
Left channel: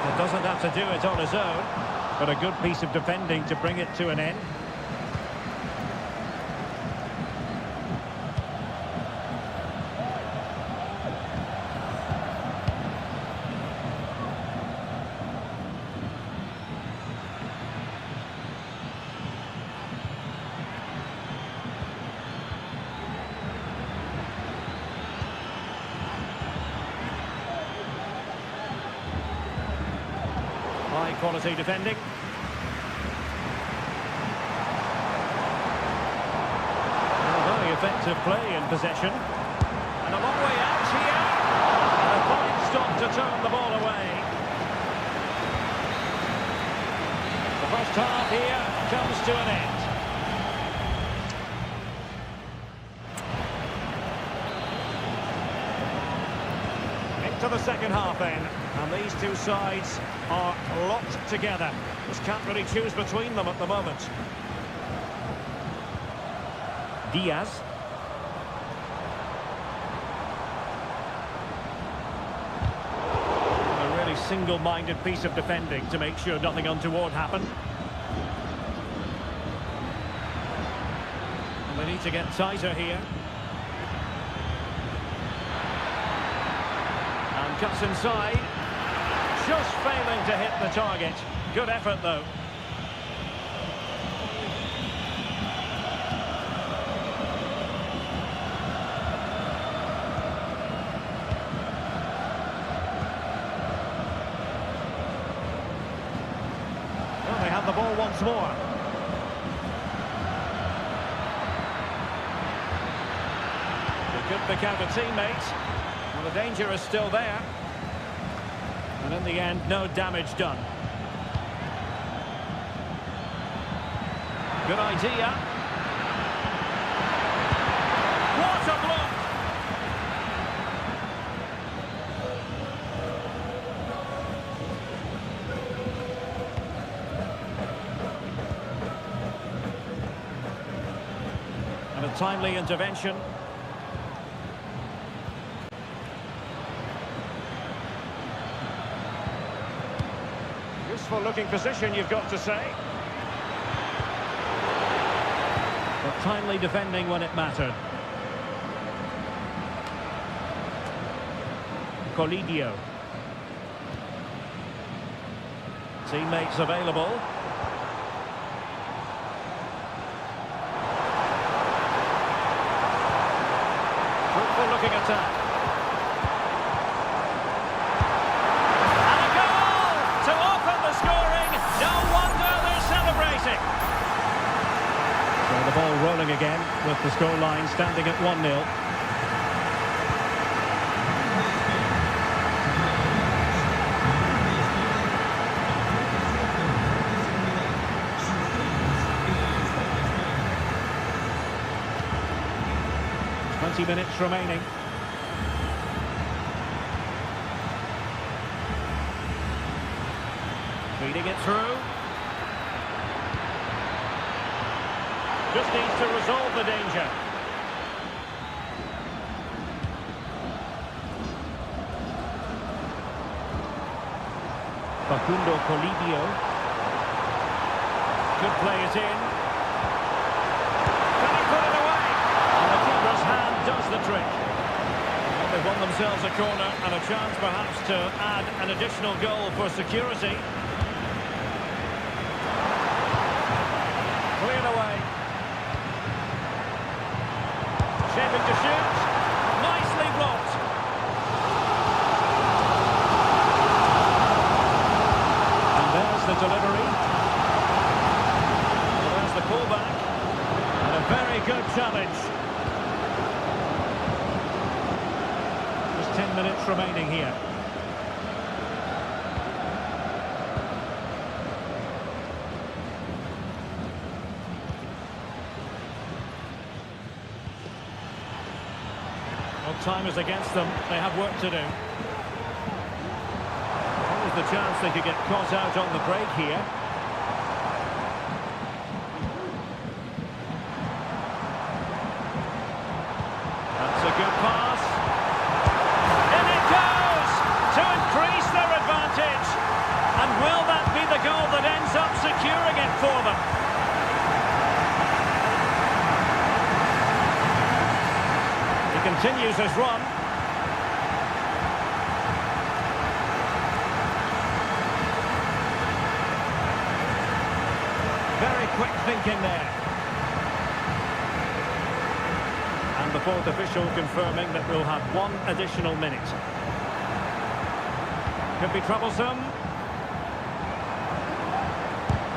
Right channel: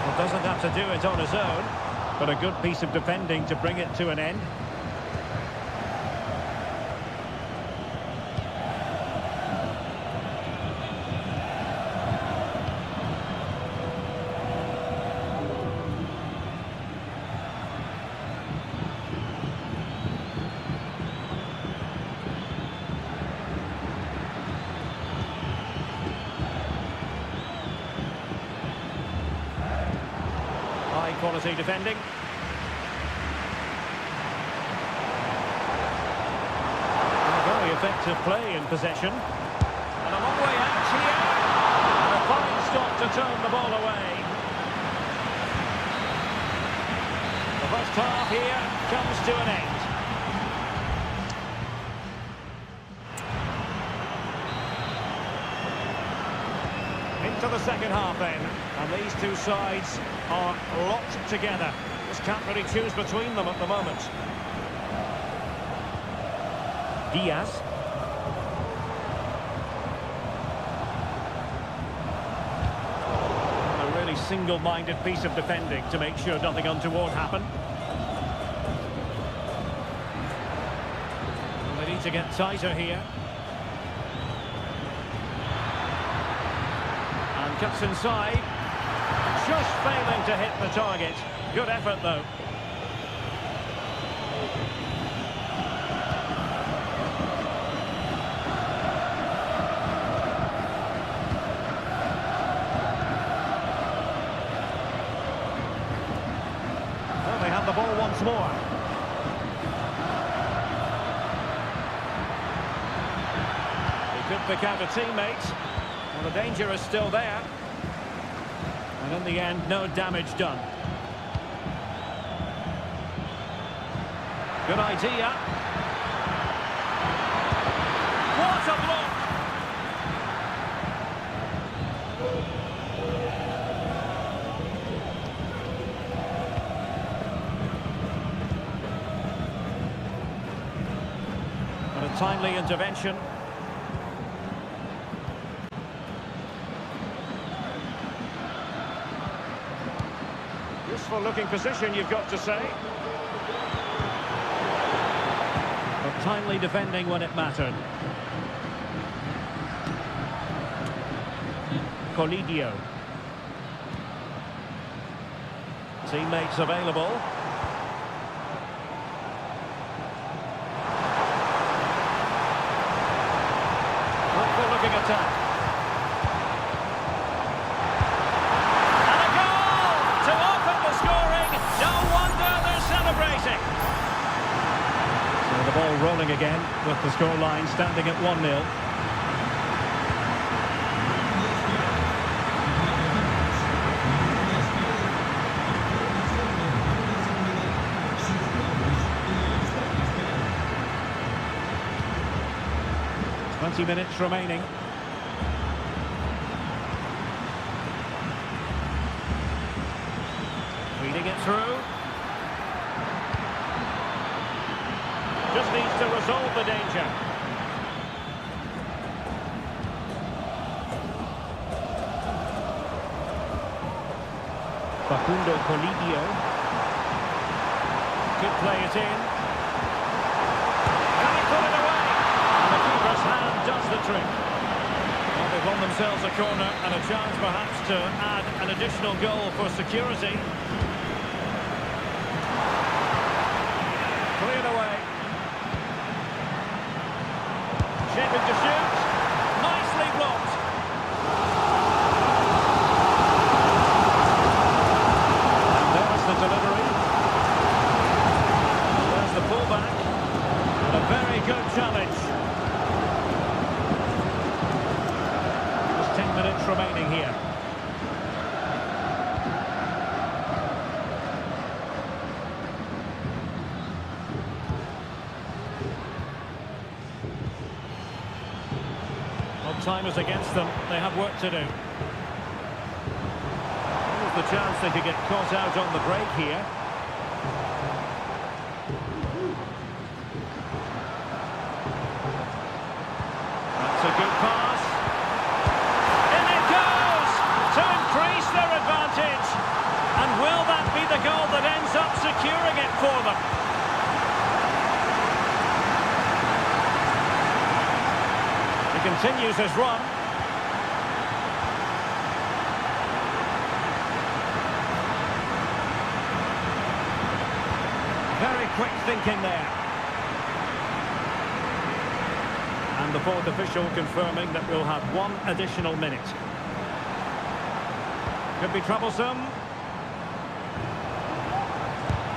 Well, doesn't have to do it on his own, but a good piece of defending to bring it to an end. High quality defending. Well, very effective play in possession. And a long way out here. And a fine stop to turn the ball away. The first half here comes to an end. Into the second half then, and these two sides are locked together. Just can't really choose between them at the moment. Diaz. really single-minded piece of defending to make sure nothing untoward happened. And they need to get tighter here. And cuts inside. Just failing to hit the target. Good effort, though. Well, they have the ball once more. He could pick out a teammate. Well, the danger is still there. And in the end, no damage done. Good idea. What a block! And a timely intervention. Useful looking position, you've got to say. But timely defending when it mattered. Colidio. Teammates available. Fruitful looking attack. No wonder they're celebrating. So the ball rolling again with the scoreline standing at 1-0. Twenty minutes remaining. Feeding it through. Just needs to resolve the danger. Facundo Colidio. Could play it in. Can he put it away? And the keeper's hand does the trick. Well, they've won themselves a corner and a chance perhaps to add an additional goal for security. Cleared away. Shaping to shoot. Nicely blocked. And there's the delivery. And there's the pullback. And a very good challenge. Just 10 minutes remaining here. Well, time is against them. They have work to do. Always the chance they could get caught out on the break here. That's a good pass. In it goes to increase their advantage. And will that be the goal that ends up securing it for them? He continues his run. Very quick thinking there. And the fourth official confirming that we'll have one additional minute. Could be troublesome.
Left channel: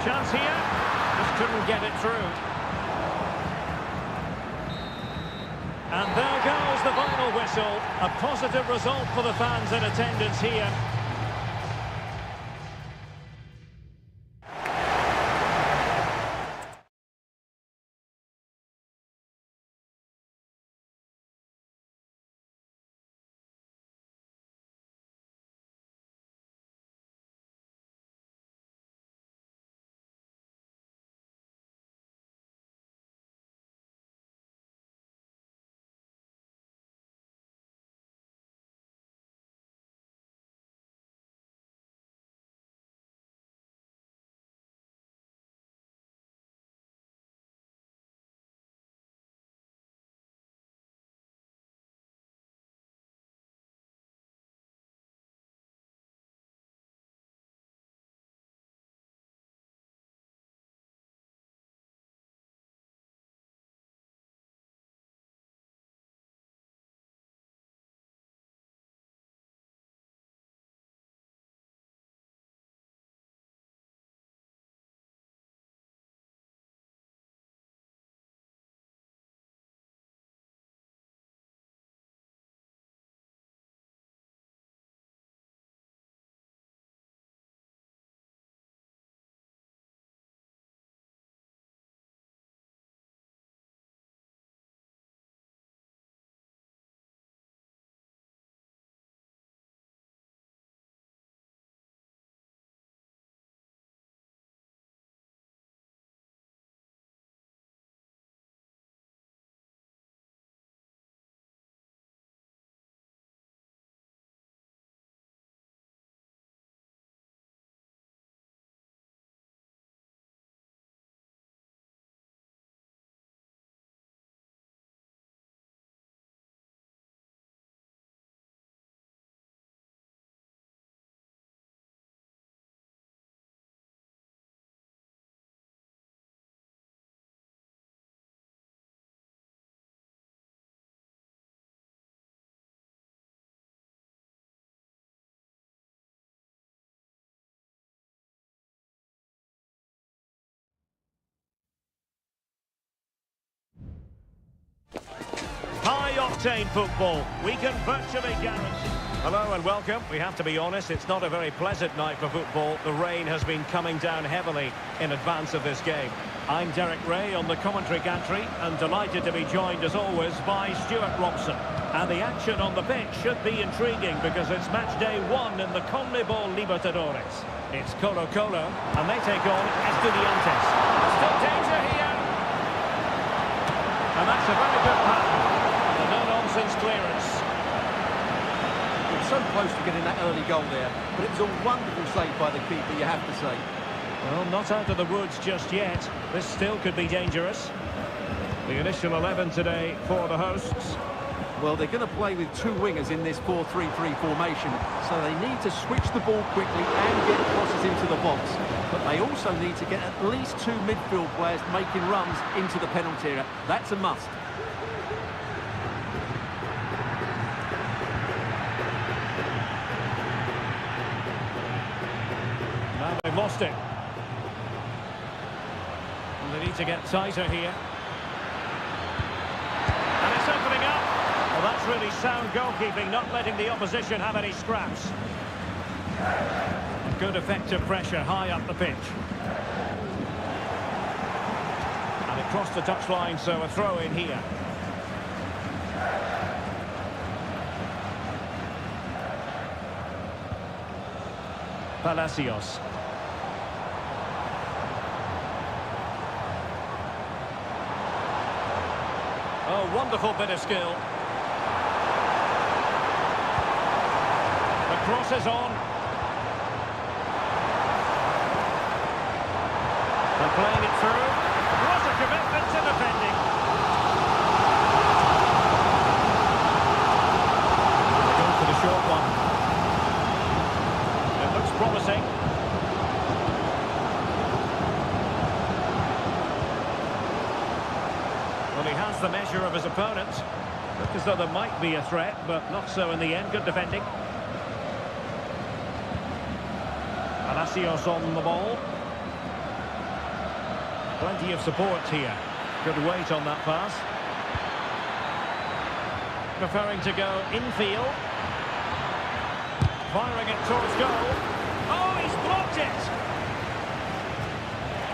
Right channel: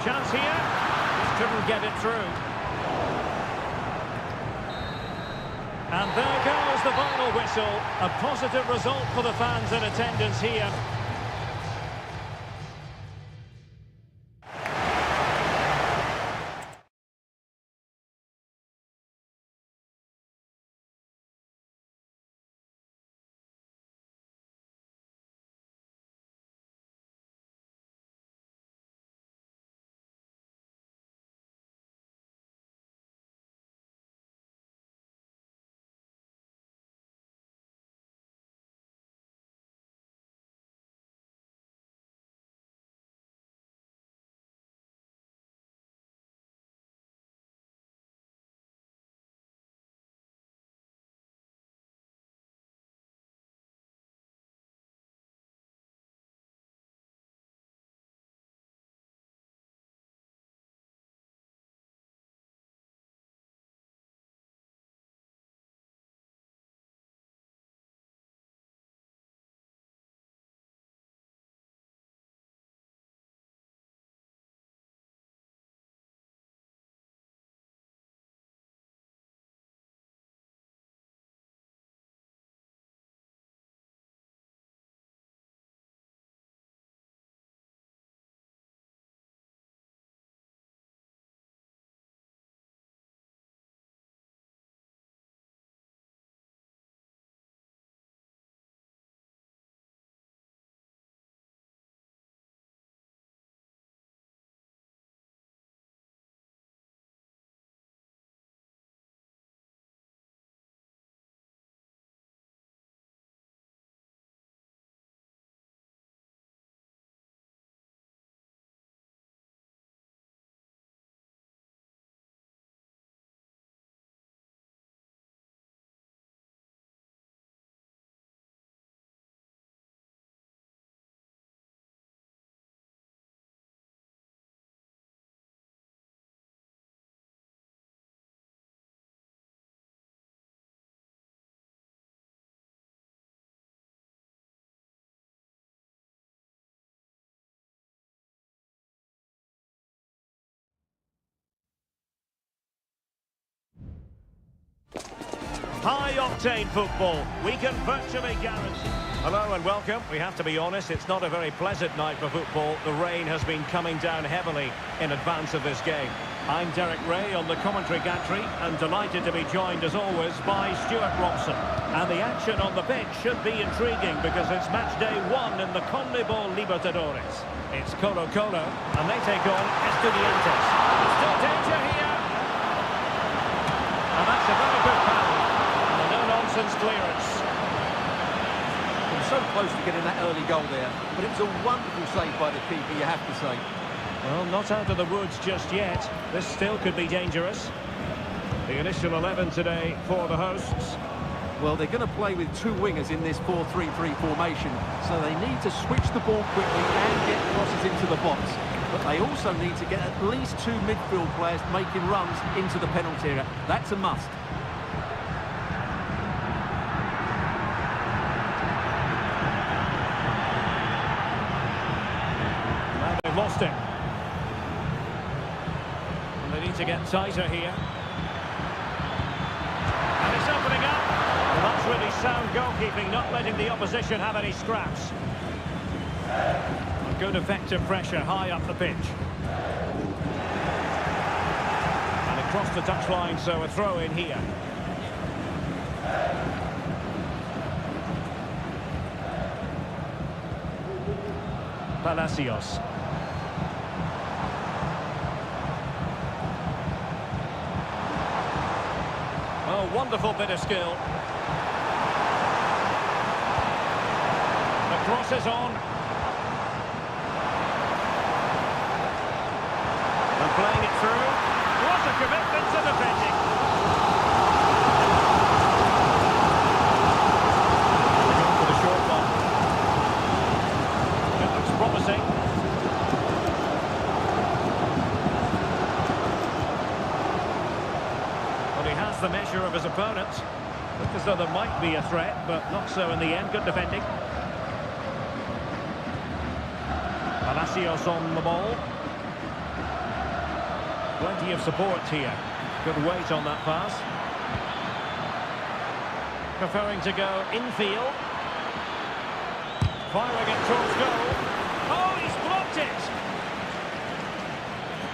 Chance here. Just couldn't get it through. And there goes the final whistle. A positive result for the fans in attendance here. High-octane football, we can virtually guarantee. Hello and welcome. We have to be honest, it's not a very pleasant night for football. The rain has been coming down heavily in advance of this game. I'm Derek Ray on the commentary gantry and delighted to be joined as always by Stuart Robson. And the action on the pitch should be intriguing because it's match day 1 in the CONMEBOL Libertadores. It's Colo-Colo and they take on Estudiantes. There's still danger here. And that's a very good pass. And a no-nonsense clearance. We're so close to getting that early goal there, but it was a wonderful save by the keeper, you have to say. Well, not out of the woods just yet. This still could be dangerous. The initial 11 today for the hosts. Well, they're going to play with two wingers in this 4-3-3 formation, so they need to switch the ball quickly and get crosses into the box. But they also need to get at least two midfield players making runs into the penalty area. That's a must. Now they've lost it. And they need to get tighter here. And it's opening up. Well, that's really sound goalkeeping, not letting the opposition have any scraps. A good effective pressure high up the pitch. And it crossed the touchline, so a throw in here. Palacios. Oh, wonderful bit of skill. The cross is on. And playing it through. What a commitment to defending. They're going for the short one. It looks promising. Well, he has the measure of his opponent. Look as though there might be a threat, but not so in the end. Good defending. Palacios on the ball. Plenty of support here. Good weight on that pass. Preferring to go infield. Firing it towards goal. Oh, he's blocked it!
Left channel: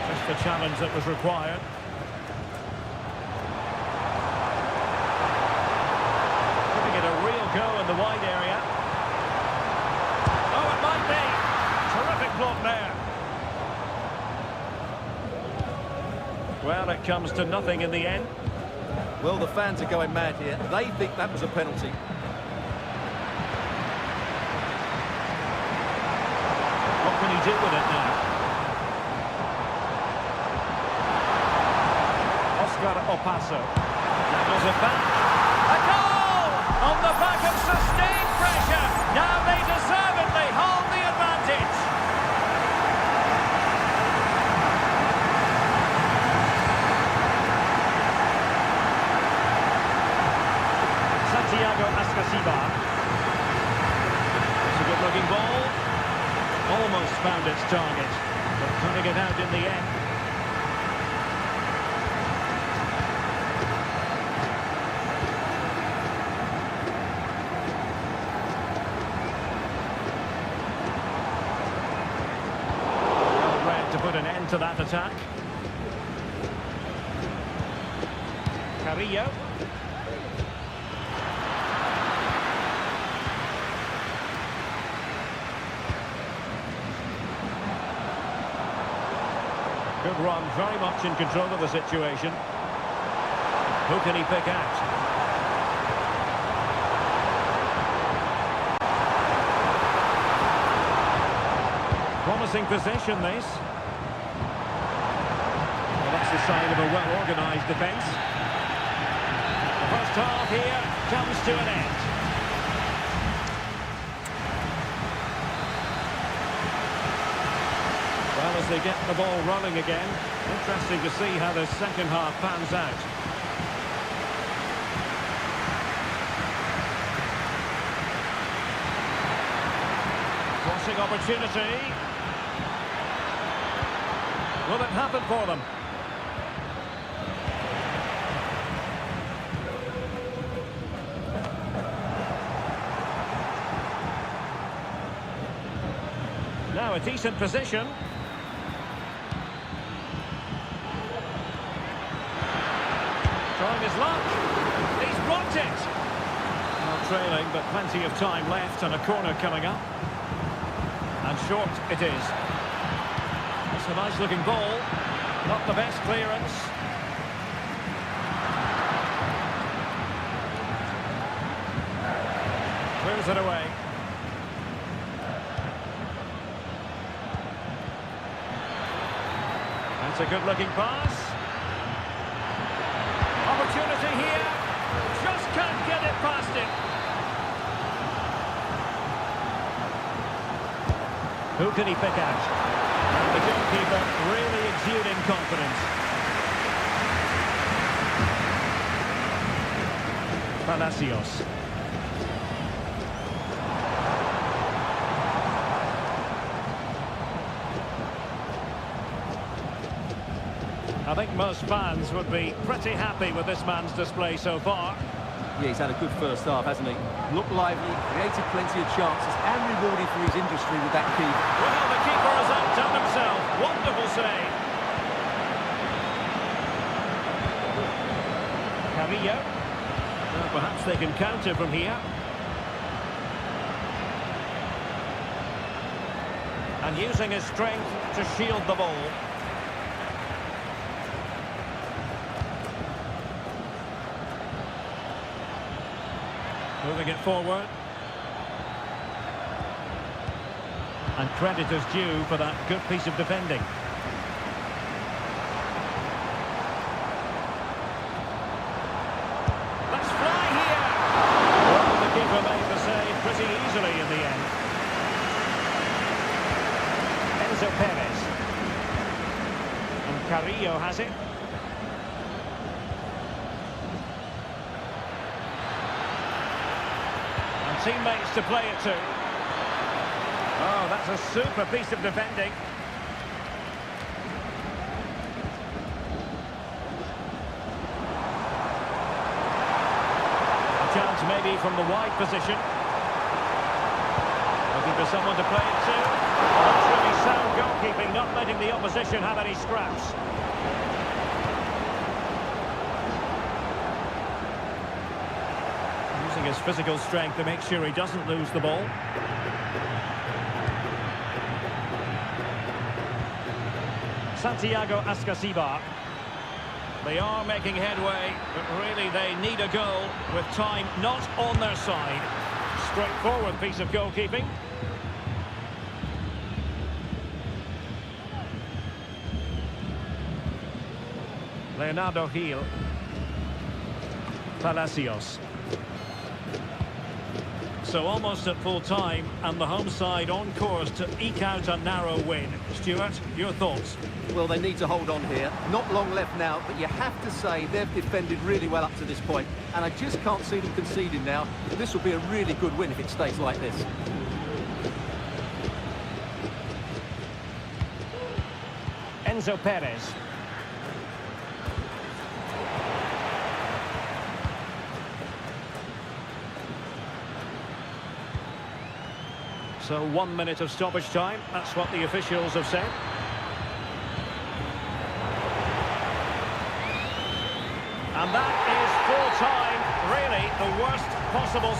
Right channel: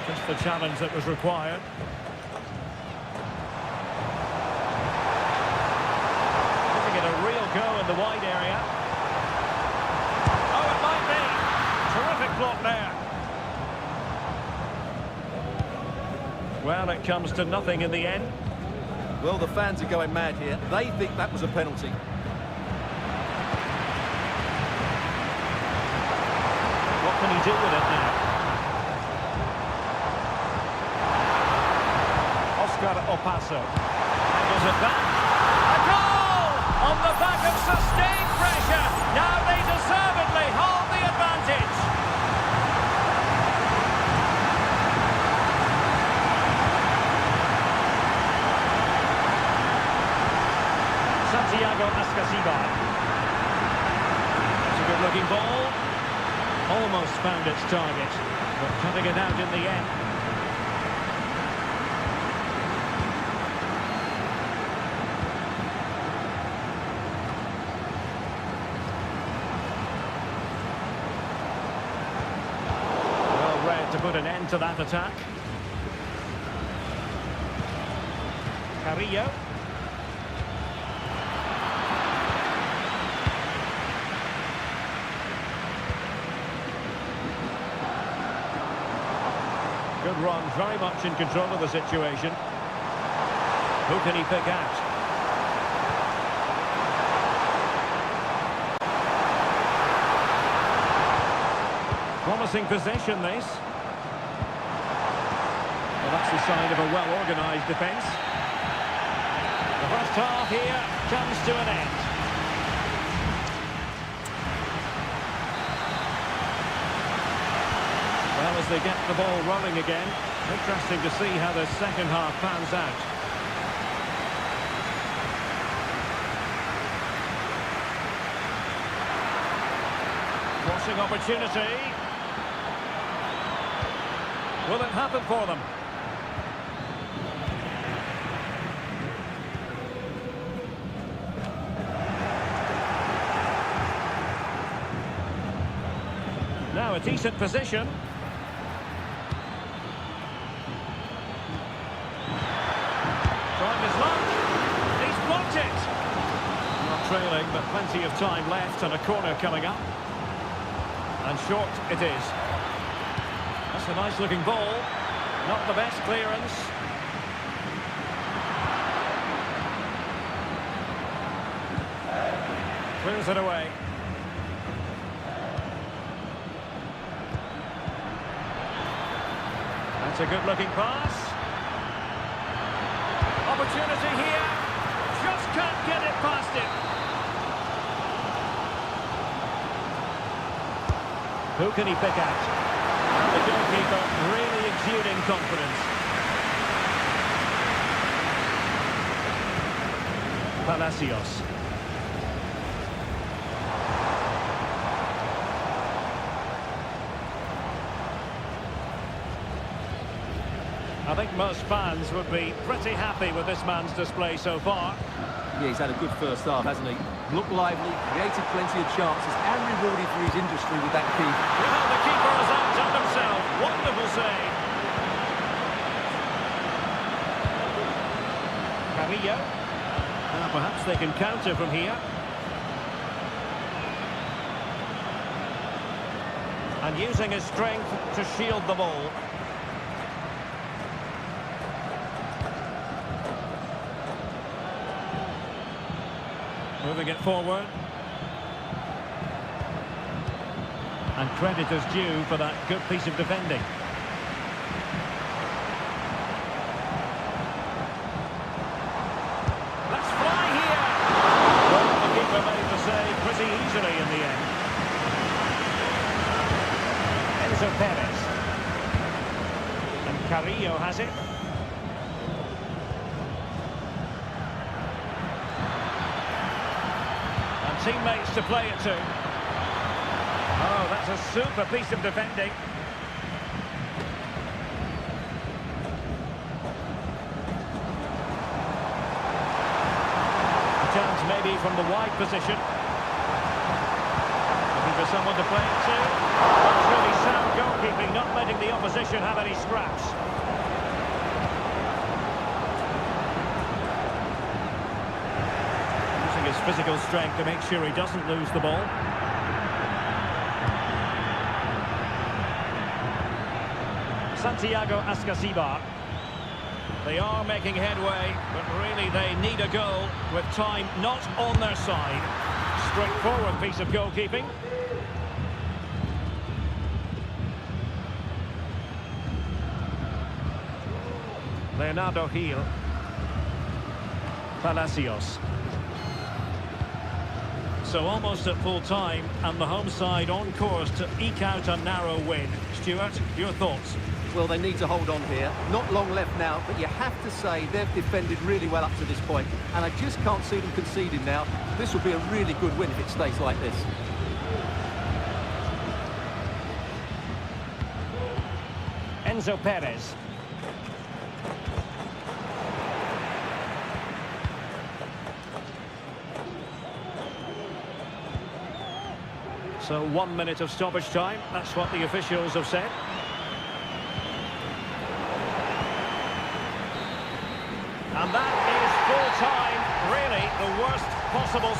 Just the challenge that was required. Giving it a real go in the wide area. Oh, it might be! Terrific block there. Well, it comes to nothing in the end. Well, the fans are going mad here. They think that was a penalty. What can he do with it now? Oscar Opaso. Handles it back. A goal! On the back of sustained pressure. Now they deservedly hold the advantage. Santiago Ascasiba. It's a good-looking ball. Almost found its target, but cutting it out in the end. Well read to put an end to that attack. Carrillo. Good run, very much in control of the situation. Who can he pick out? Promising possession, this. Well, that's the sign of a well-organised defence. The first half here comes to an end. Well, as they get the ball rolling again, interesting to see how the second half pans out. Crossing opportunity. Will it happen for them? Now a decent position. Trying his luck. He's blocked it. Not trailing, but plenty of time left and a corner coming up. And short it is. That's a nice looking ball. Not the best clearance. Clears it away. That's a good looking pass. Opportunity here. Just can't get it past him. Who can he pick out? And the goalkeeper really exuding confidence. Palacios. I think most fans would be pretty happy with this man's display so far. Yeah, he's had a good first half, hasn't he? Looked lively, created plenty of chances, and rewarded for his industry with that keep. Well, the keeper has outdone himself. Wonderful save. Carrillo. Now, perhaps they can counter from here. And using his strength to shield the ball. Moving it forward. And credit is due for that good piece of defending. Let's fly here! Well, the keeper made the save pretty easily in the end. Enzo Perez. And Carrillo has it. And teammates to play it to. Oh, that's a super piece of defending. A chance maybe from the wide position. Looking for someone to play it to. That's really sound goalkeeping, not letting the opposition have any scraps. Using his physical strength to make sure he doesn't lose the ball. Santiago Ascasibar. They are making headway, but really they need a goal with time not on their side. Straightforward piece of goalkeeping. Leonardo Gil. Palacios. So almost at full time, and the home side on course to eke out a narrow win. Stuart, your thoughts? Well, they need to hold on here. Not long left now, but you have to say they've defended really well up to this point, and I just can't see them conceding now. This will be a really good win if it stays like this. Enzo Perez. So 1 minute of stoppage time, that's what the officials have said. And that is full time, really the worst possible...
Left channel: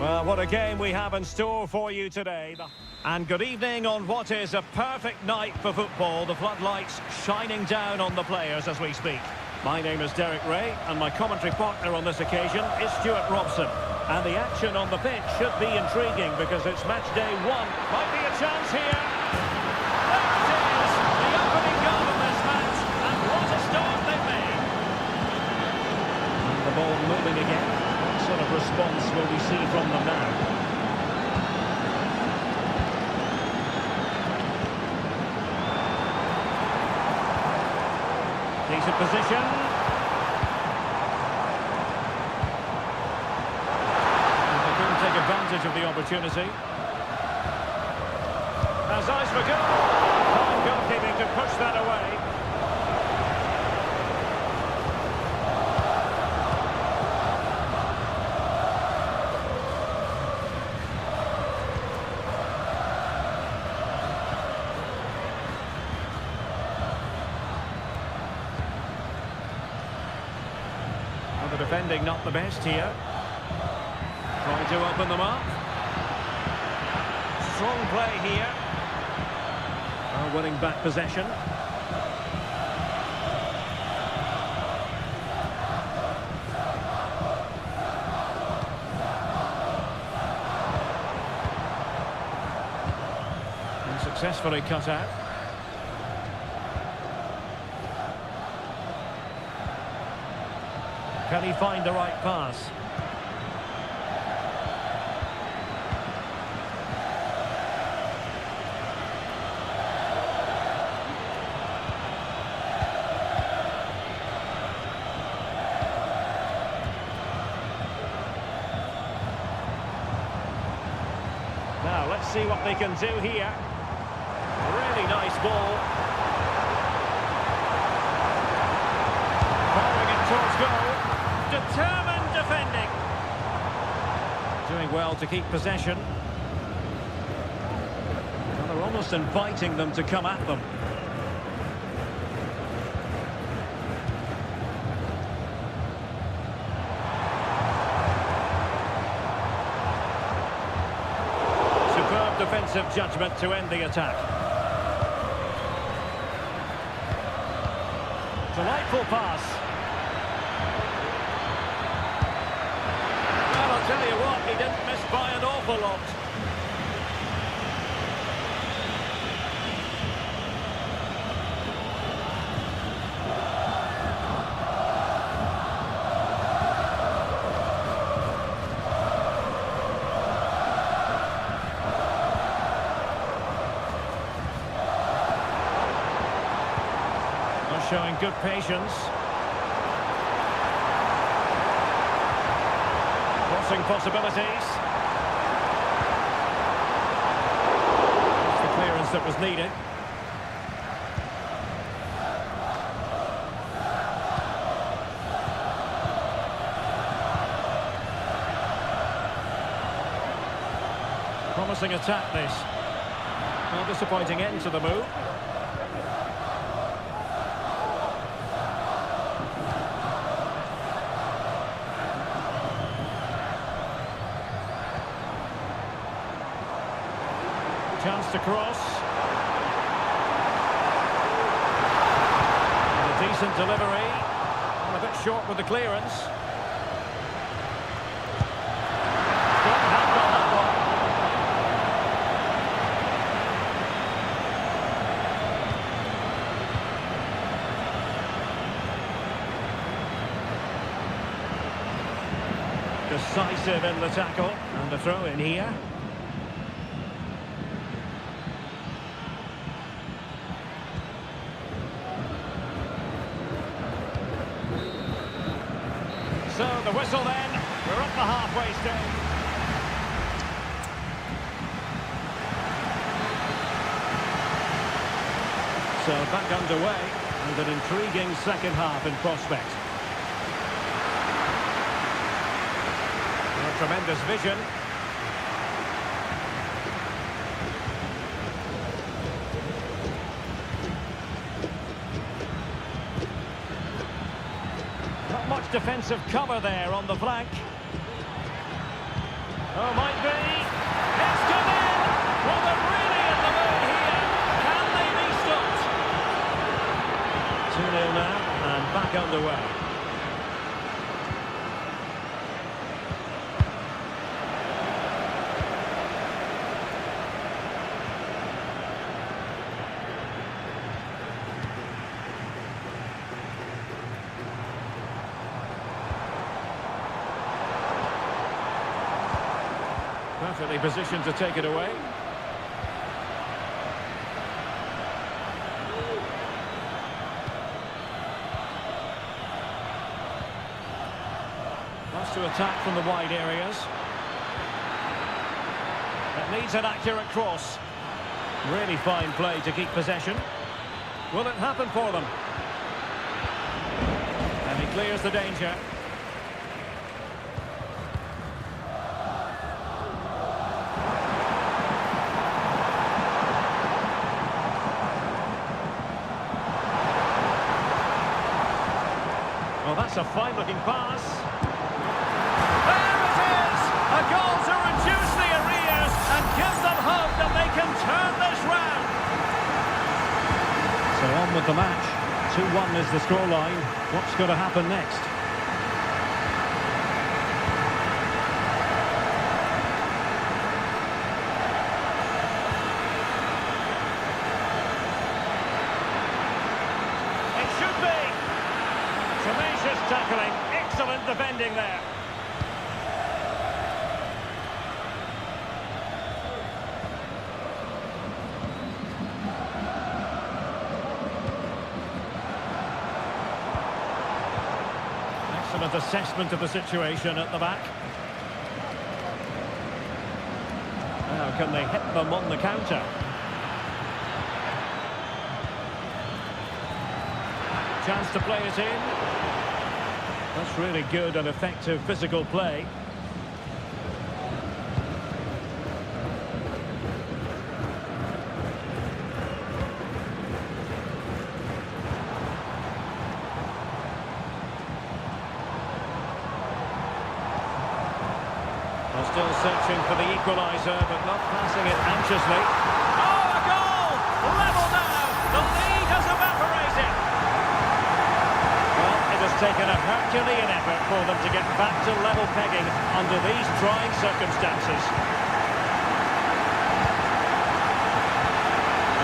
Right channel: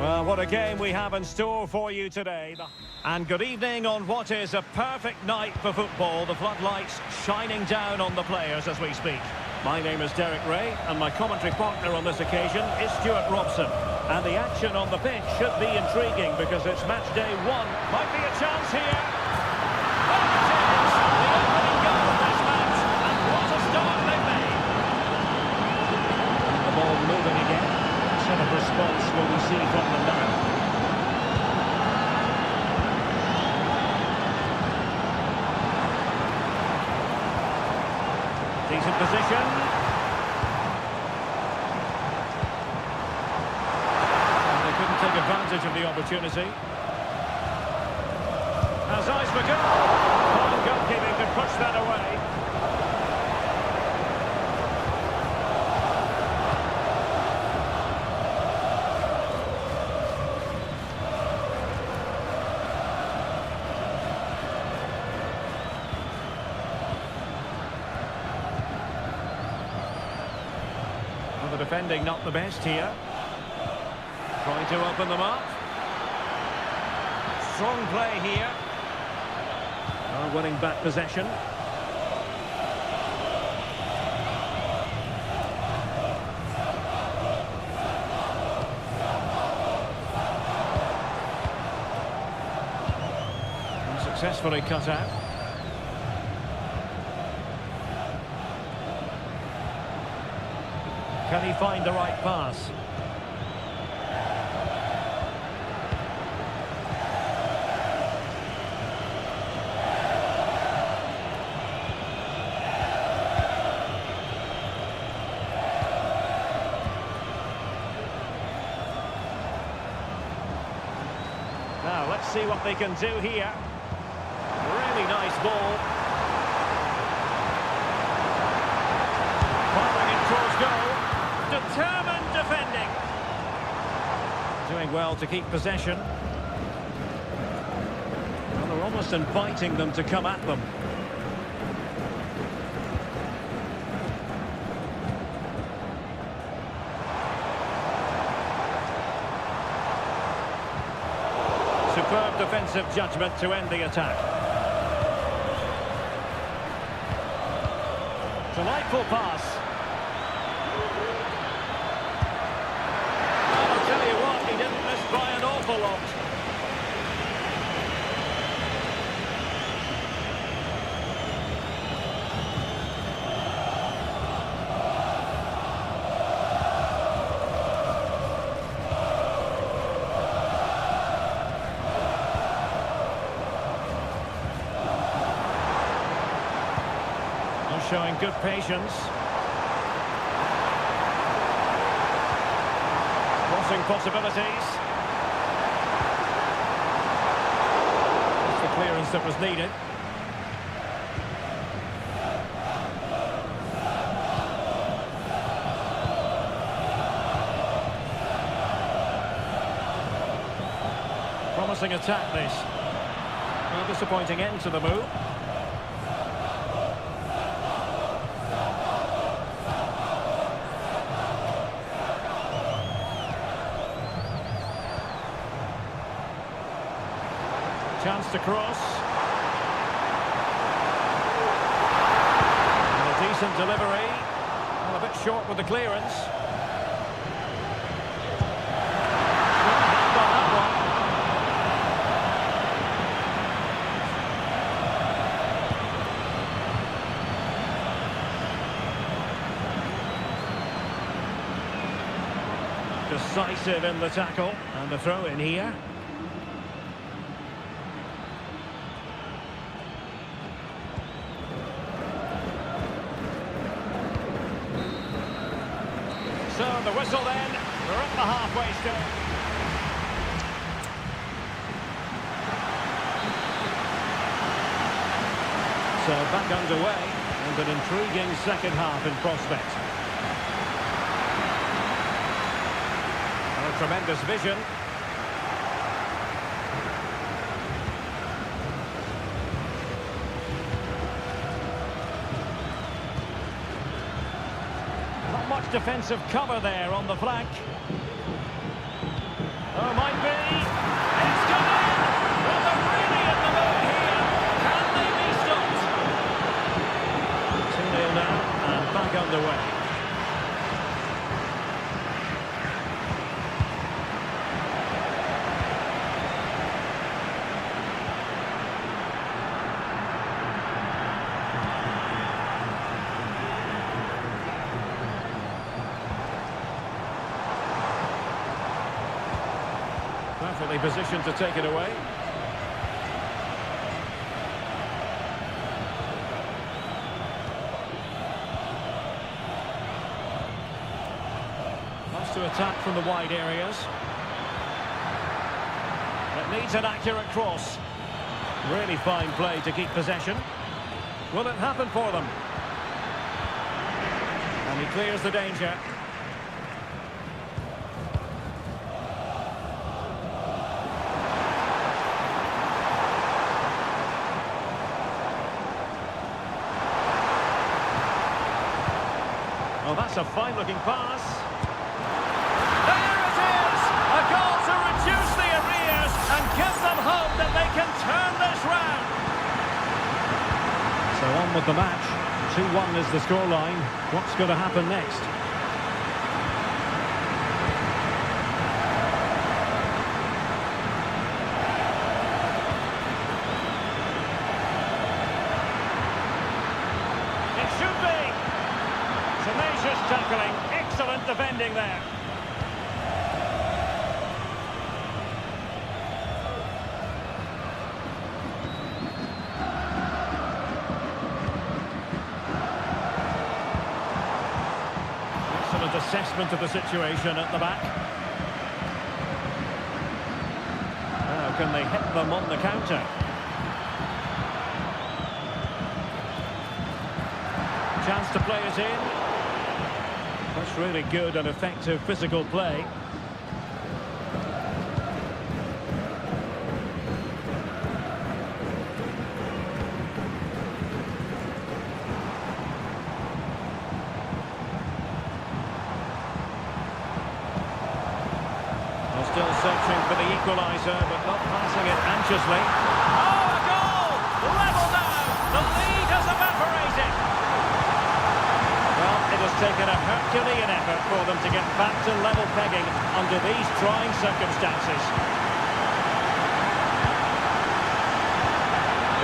Well, what a game we have in store for you today. And good evening on what is a perfect night for football. The floodlights shining down on the players as we speak. My name is Derek Ray, and my commentary partner on this occasion is Stuart Robson. And the action on the pitch should be intriguing because it's match day 1. Might be a chance here. There it is! The opening goal of this match, and what a start they've made. And the ball moving again. What sort of response will we see from them now? Decent position. And they couldn't take advantage of the opportunity. Has eyes for goal. Fine goalkeeping to push that away. The defending not the best here. Trying to open them up. Strong play here. Winning back possession. And successfully cut out. Can he find the right pass? Now, let's see what they can do here. Really nice ball. Firing it towards goal. Determined defending. Doing well to keep possession. Well, they're almost inviting them to come at them. Superb defensive judgment to end the attack. Delightful pass. Well, I'll tell you what, he didn't miss by an awful lot. Showing good patience. Crossing possibilities. That's the clearance that was needed. Promising attack this. Well, disappointing end to the move. Chance to cross. And a decent delivery. And a bit short with the clearance. Strong hand on that one. Decisive in the tackle. And a throw in here. So the whistle then, we're at the halfway stage. So back underway, and an intriguing second half in prospect. A tremendous vision. Not much defensive cover there on the flank. Oh, might be. It's come in. Well, they're really in the mood here. Can they be stopped? 2-0 now, and back underway. Perfectly positioned to take it away. Loves to attack from the wide areas. It needs an accurate cross. Really fine play to keep possession. Will it happen for them? And he clears the danger. Oh, that's a fine-looking pass. There it is! A goal to reduce the arrears and give them hope that they can turn this round. So on with the match. 2-1 is the scoreline. What's going to happen next? It should be. Tenacious tackling, excellent defending there. Excellent assessment of the situation at the back. Now can they hit them on the counter? Chance to play it in. That's really good and effective physical play. They're still searching for the equaliser, but not passing it anxiously. Oh, a goal! Level now! The lead has evaporated! Well, it has taken a Herculean effort for them to get back to level pegging under these trying circumstances.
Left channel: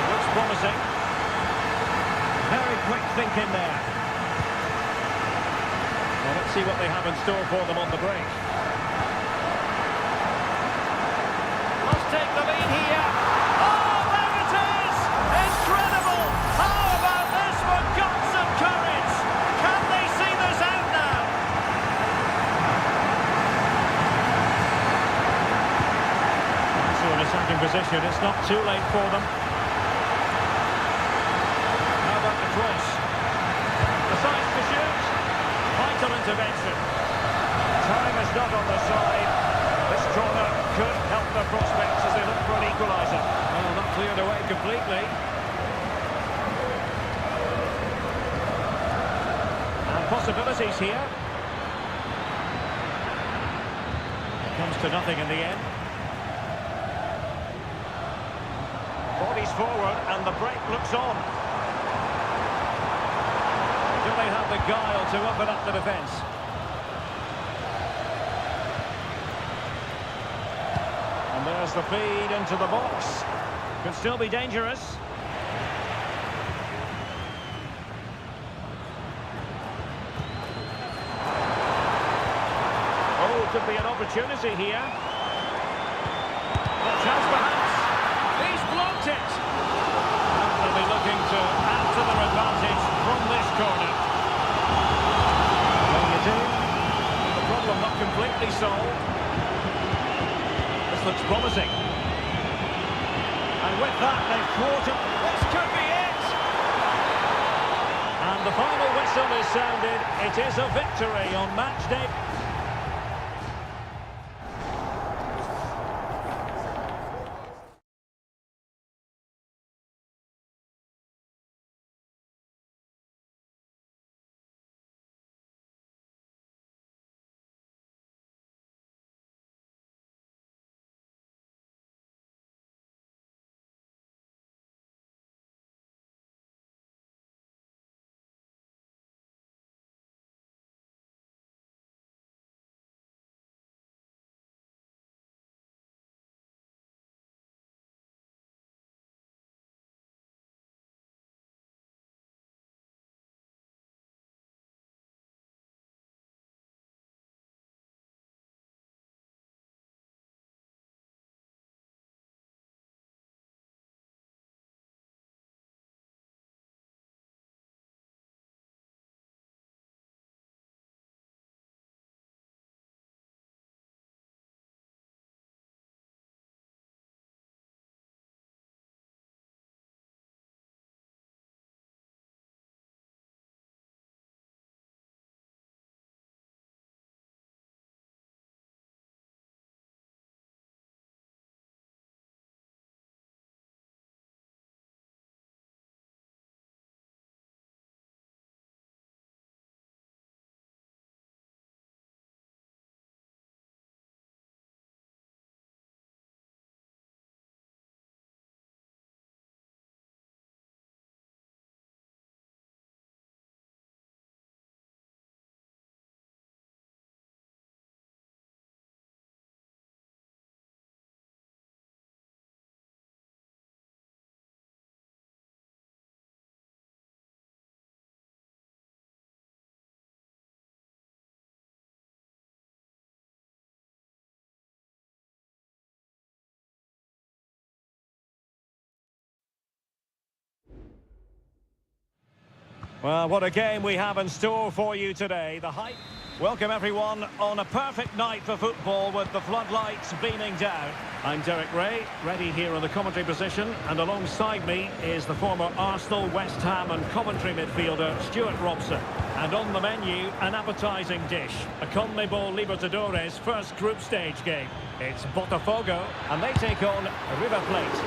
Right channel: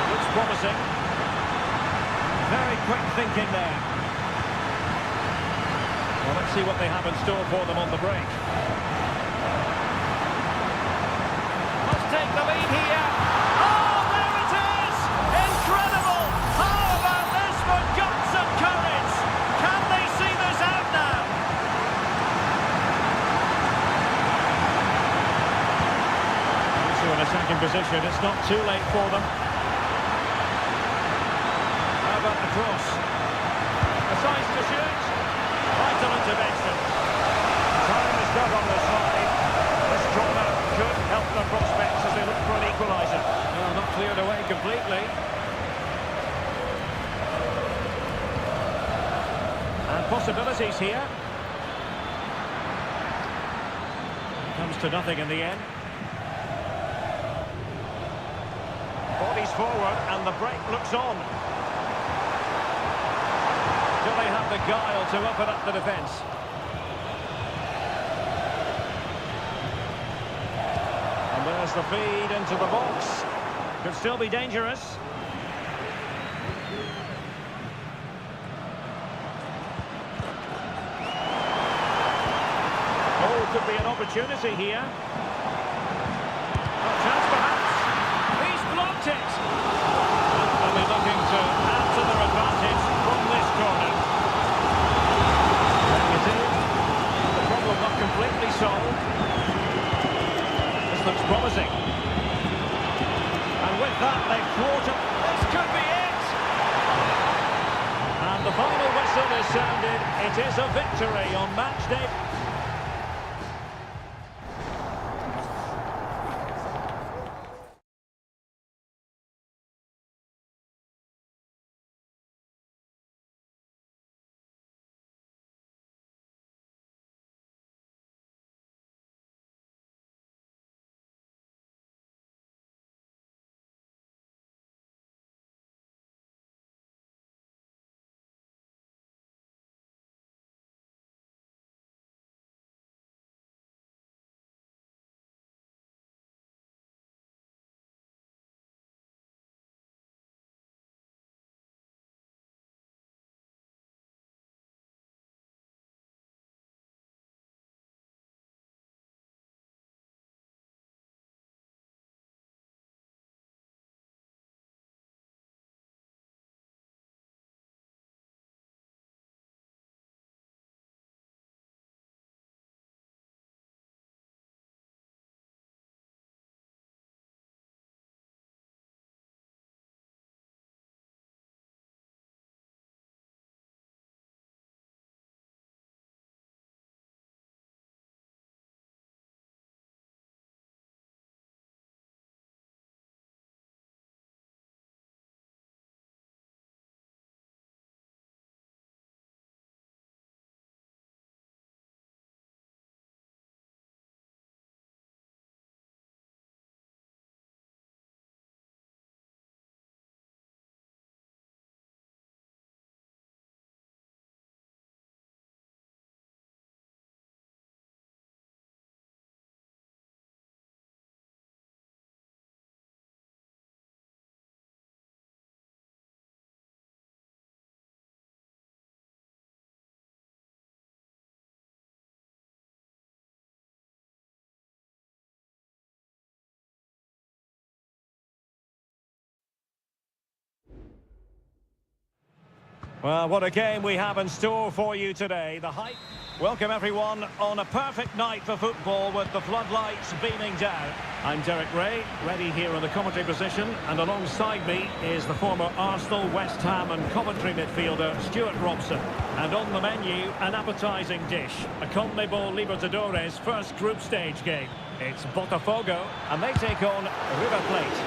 It looks promising. Very quick thinking there. Well, let's see what they have in store for them on the break. Must take the lead here. Oh, there it is! Incredible! How about this for guts and courage? Can they see this out now? Into an attacking position. It's not too late for them. How about the cross? Decides to shoot. Vital intervention. Time is not on the side. This corner could help their prospects as they look for an equaliser. Well, not cleared away completely. And possibilities here. It comes to nothing in the end. Bodies forward and the break looks on. Do they have the guile to open up the defence? And there's the feed into the box. Could still be dangerous. Oh, could be an opportunity here. A chance perhaps. He's blocked it. And they'll be looking to add to their advantage from this corner. Playing it in. The problem not completely solved. This looks promising. And with that, they've thwarted. This could be it. And the final whistle is sounded. It is a victory on match day. Well, what a game we have in store for you today. The hype. Welcome everyone on a perfect night for football with the floodlights beaming down. I'm Derek Ray, ready here in the commentary position, and alongside me is the former Arsenal, West Ham and Coventry midfielder Stuart Robson. And on the menu, an appetising dish, a CONMEBOL Libertadores first group stage game. It's Botafogo, and they take on River Plate.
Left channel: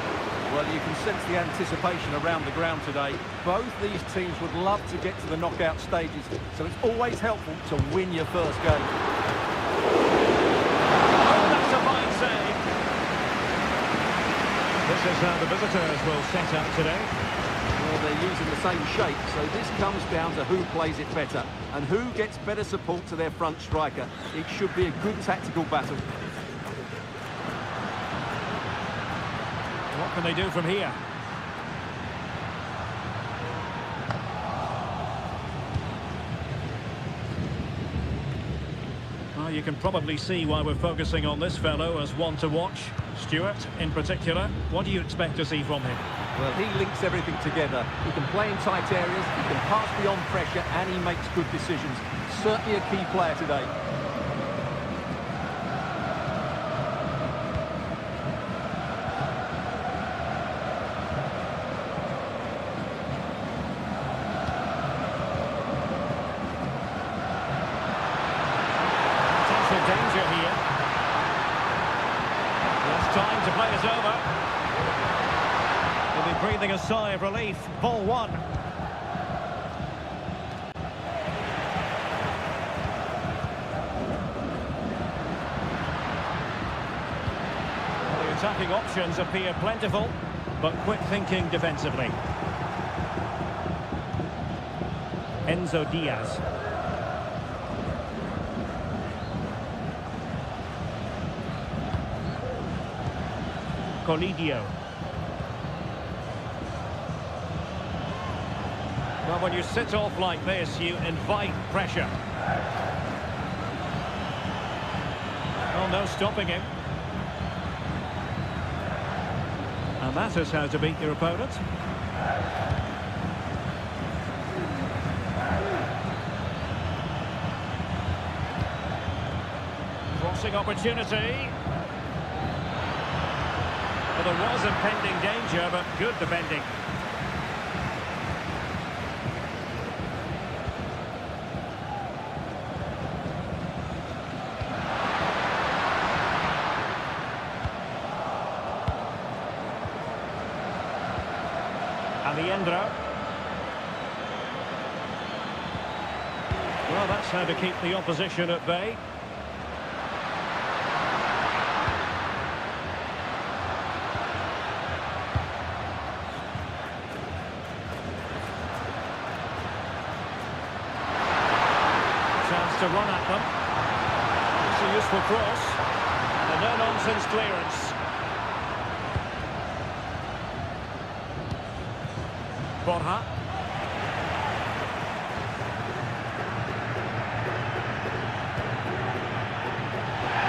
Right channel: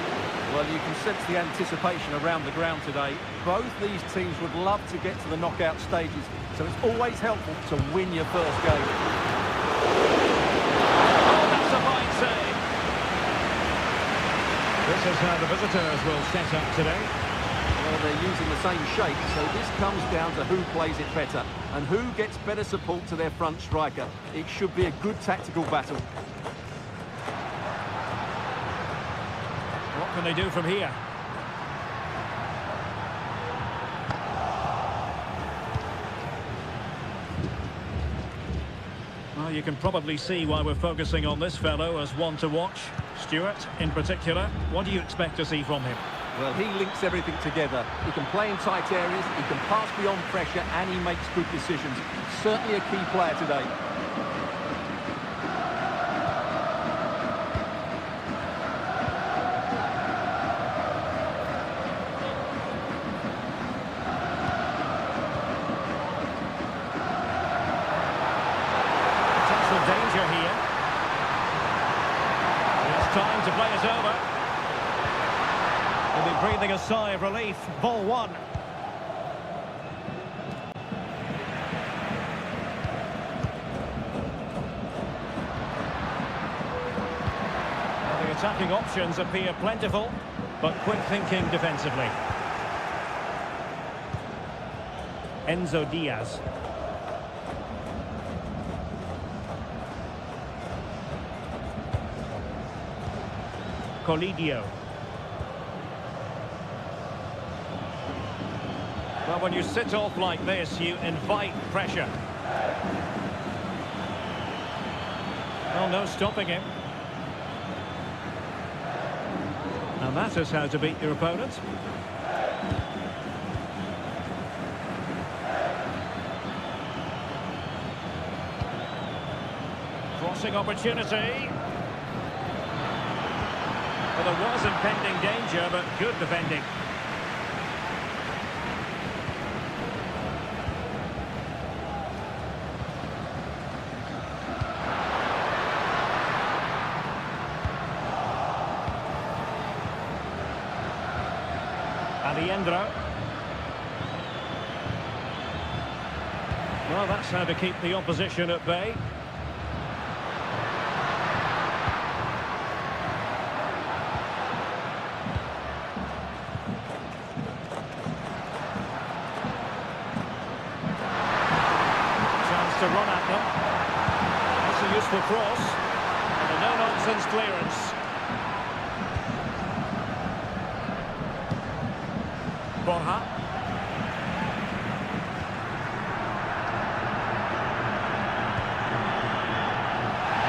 Well, you can sense the anticipation around the ground today. Both these teams would love to get to the knockout stages, so it's always helpful to win your first game. Oh, that's a fine save. This is how the visitors will set up today. Well, they're using the same shape, so this comes down to who plays it better and who gets better support to their front striker. It should be a good tactical battle. What can they do from here? Well, you can probably see why we're focusing on this fellow as one to watch. Stuart, in particular, what do you expect to see from him? Well, he links everything together. He can play in tight areas, he can pass beyond pressure, and he makes good decisions. Certainly a key player today. Potential danger here. He has time to play it over. He'll be breathing a sigh of relief. Ball one. Well, the attacking options appear plentiful, but quick thinking defensively. Enzo Diaz. Colidio. Well, when you sit off like this, you invite pressure. Well, no stopping him. And that is how to beat your opponent. Crossing opportunity. Well, there was impending danger, but good defending. Aliendro. Well, that's how to keep the opposition at bay. Chance to run at them. That's a useful cross. And a no-nonsense clearance. Borja.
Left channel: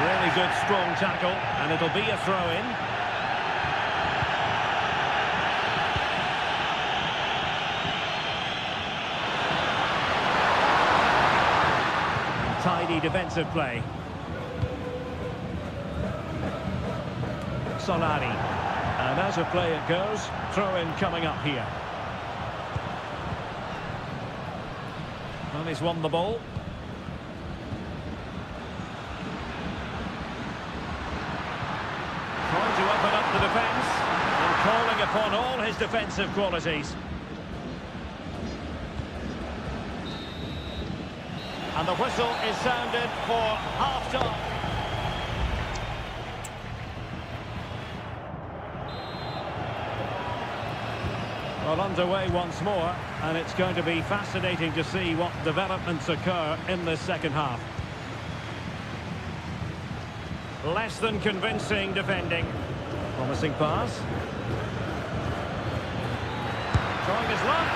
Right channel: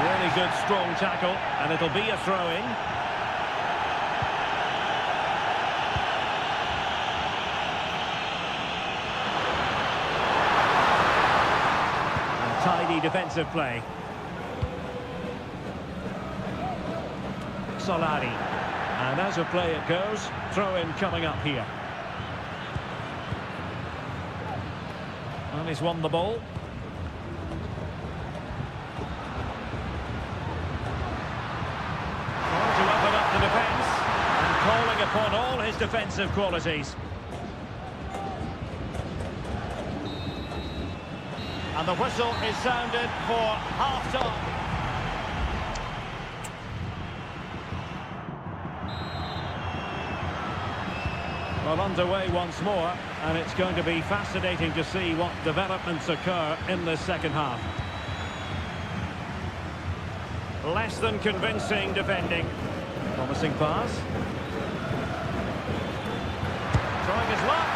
Really good strong tackle, and it'll be a throw-in. And tidy defensive play. Solari. And as a play it goes, throw-in coming up here. Well, he's won the ball. Trying to open up the defence and calling upon all his defensive qualities. And the whistle is sounded for half-time. Well, underway once more, and it's going to be fascinating to see what developments occur in this second half. Less than convincing defending. Promising pass. Trying his luck.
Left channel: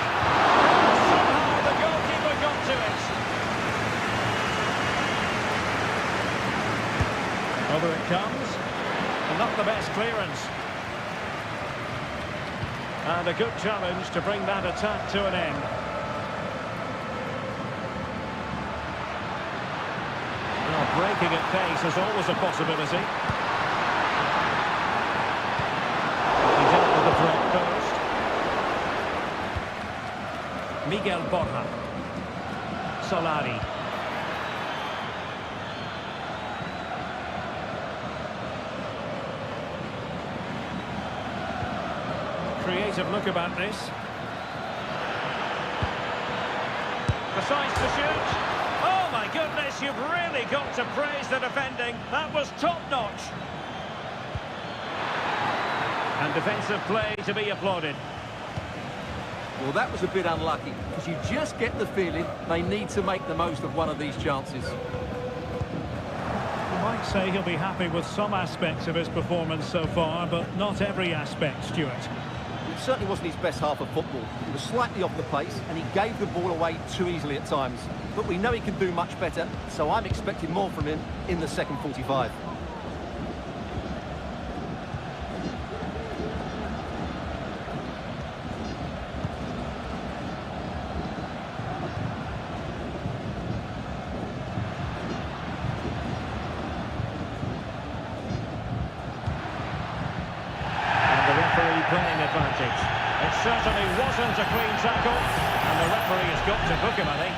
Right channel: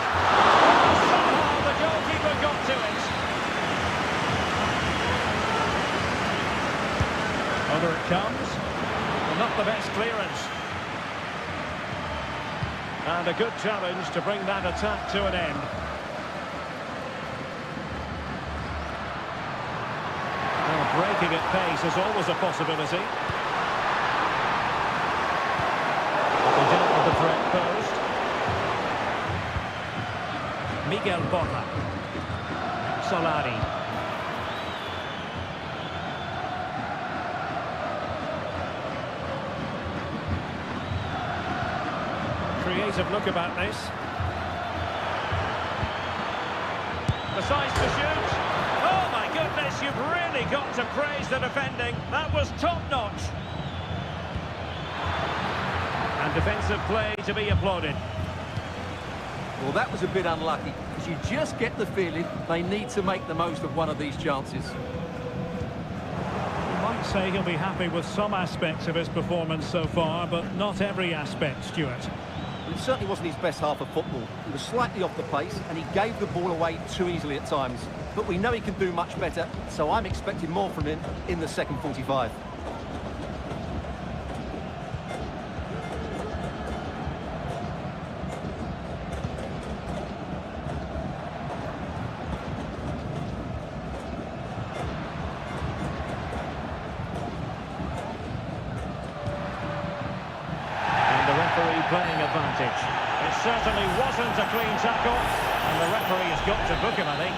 Oh, somehow the goalkeeper got to it. Over it comes. And not the best clearance. And a good challenge to bring that attack to an end. Breaking at pace is always a possibility. But they dealt with the threat posed. Miguel Borja. Solari. Creative look about this. Decides to shoot. Oh my goodness, you've really got to praise the defending. That was top-notch. And defensive play to be applauded. Well, that was a bit unlucky, because you just get the feeling they need to make the most of one of these chances. You might say he'll be happy with some aspects of his performance so far, but not every aspect, Stuart. Well, it certainly wasn't his best half of football. He was slightly off the pace, and he gave the ball away too easily at times. But we know he can do much better, so I'm expecting more from him in the second 45. Playing advantage. It certainly wasn't a clean tackle, and the referee has got to book him, I think.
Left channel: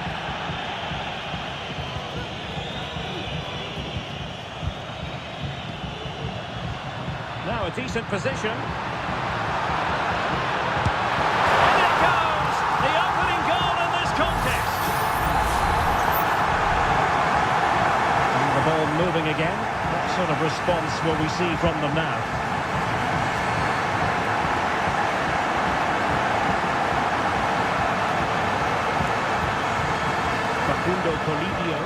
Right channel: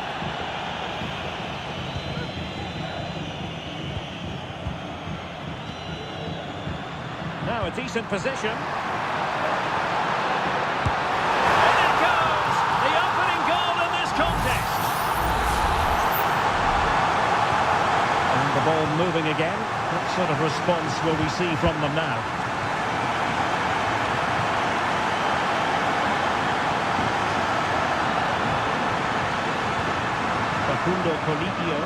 Now a decent position. And it goes! The opening goal in this contest. And the ball moving again. What sort of response will we see from them now? Facundo Colillo.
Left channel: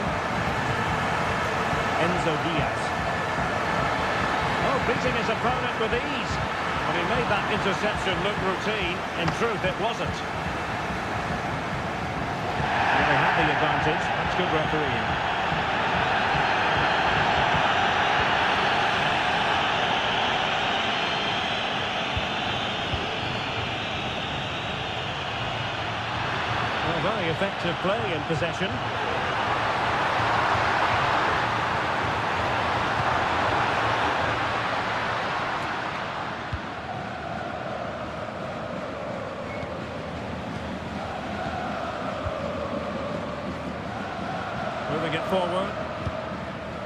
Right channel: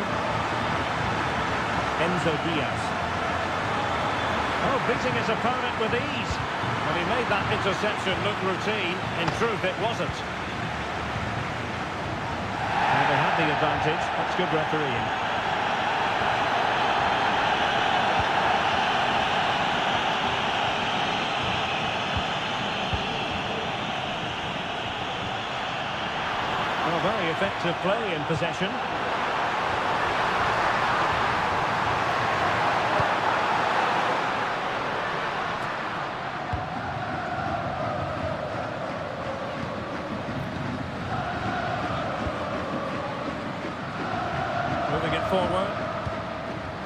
Enzo Diaz. Oh, beating his opponent with ease. Well, he made that interception look routine. In truth, it wasn't. Well, they had the advantage. That's good refereeing. Well, very effective play in possession. Moving it forward.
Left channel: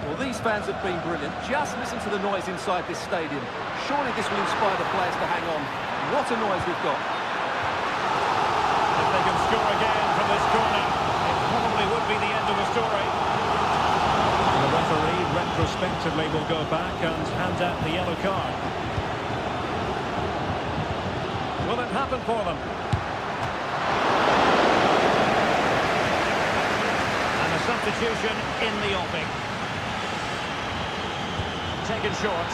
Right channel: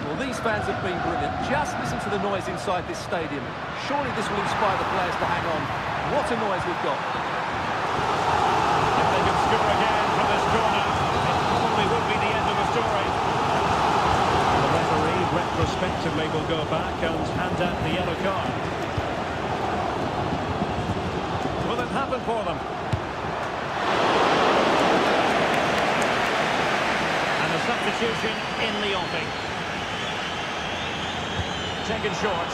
Well, these fans have been brilliant. Just listen to the noise inside this stadium. Surely this will inspire the players to hang on. What a noise we've got. If they can score again from this corner, it probably would be the end of the story. And the referee retrospectively will go back and hand out the yellow card. Will it happen for them? And a substitution in the offing. Taken short.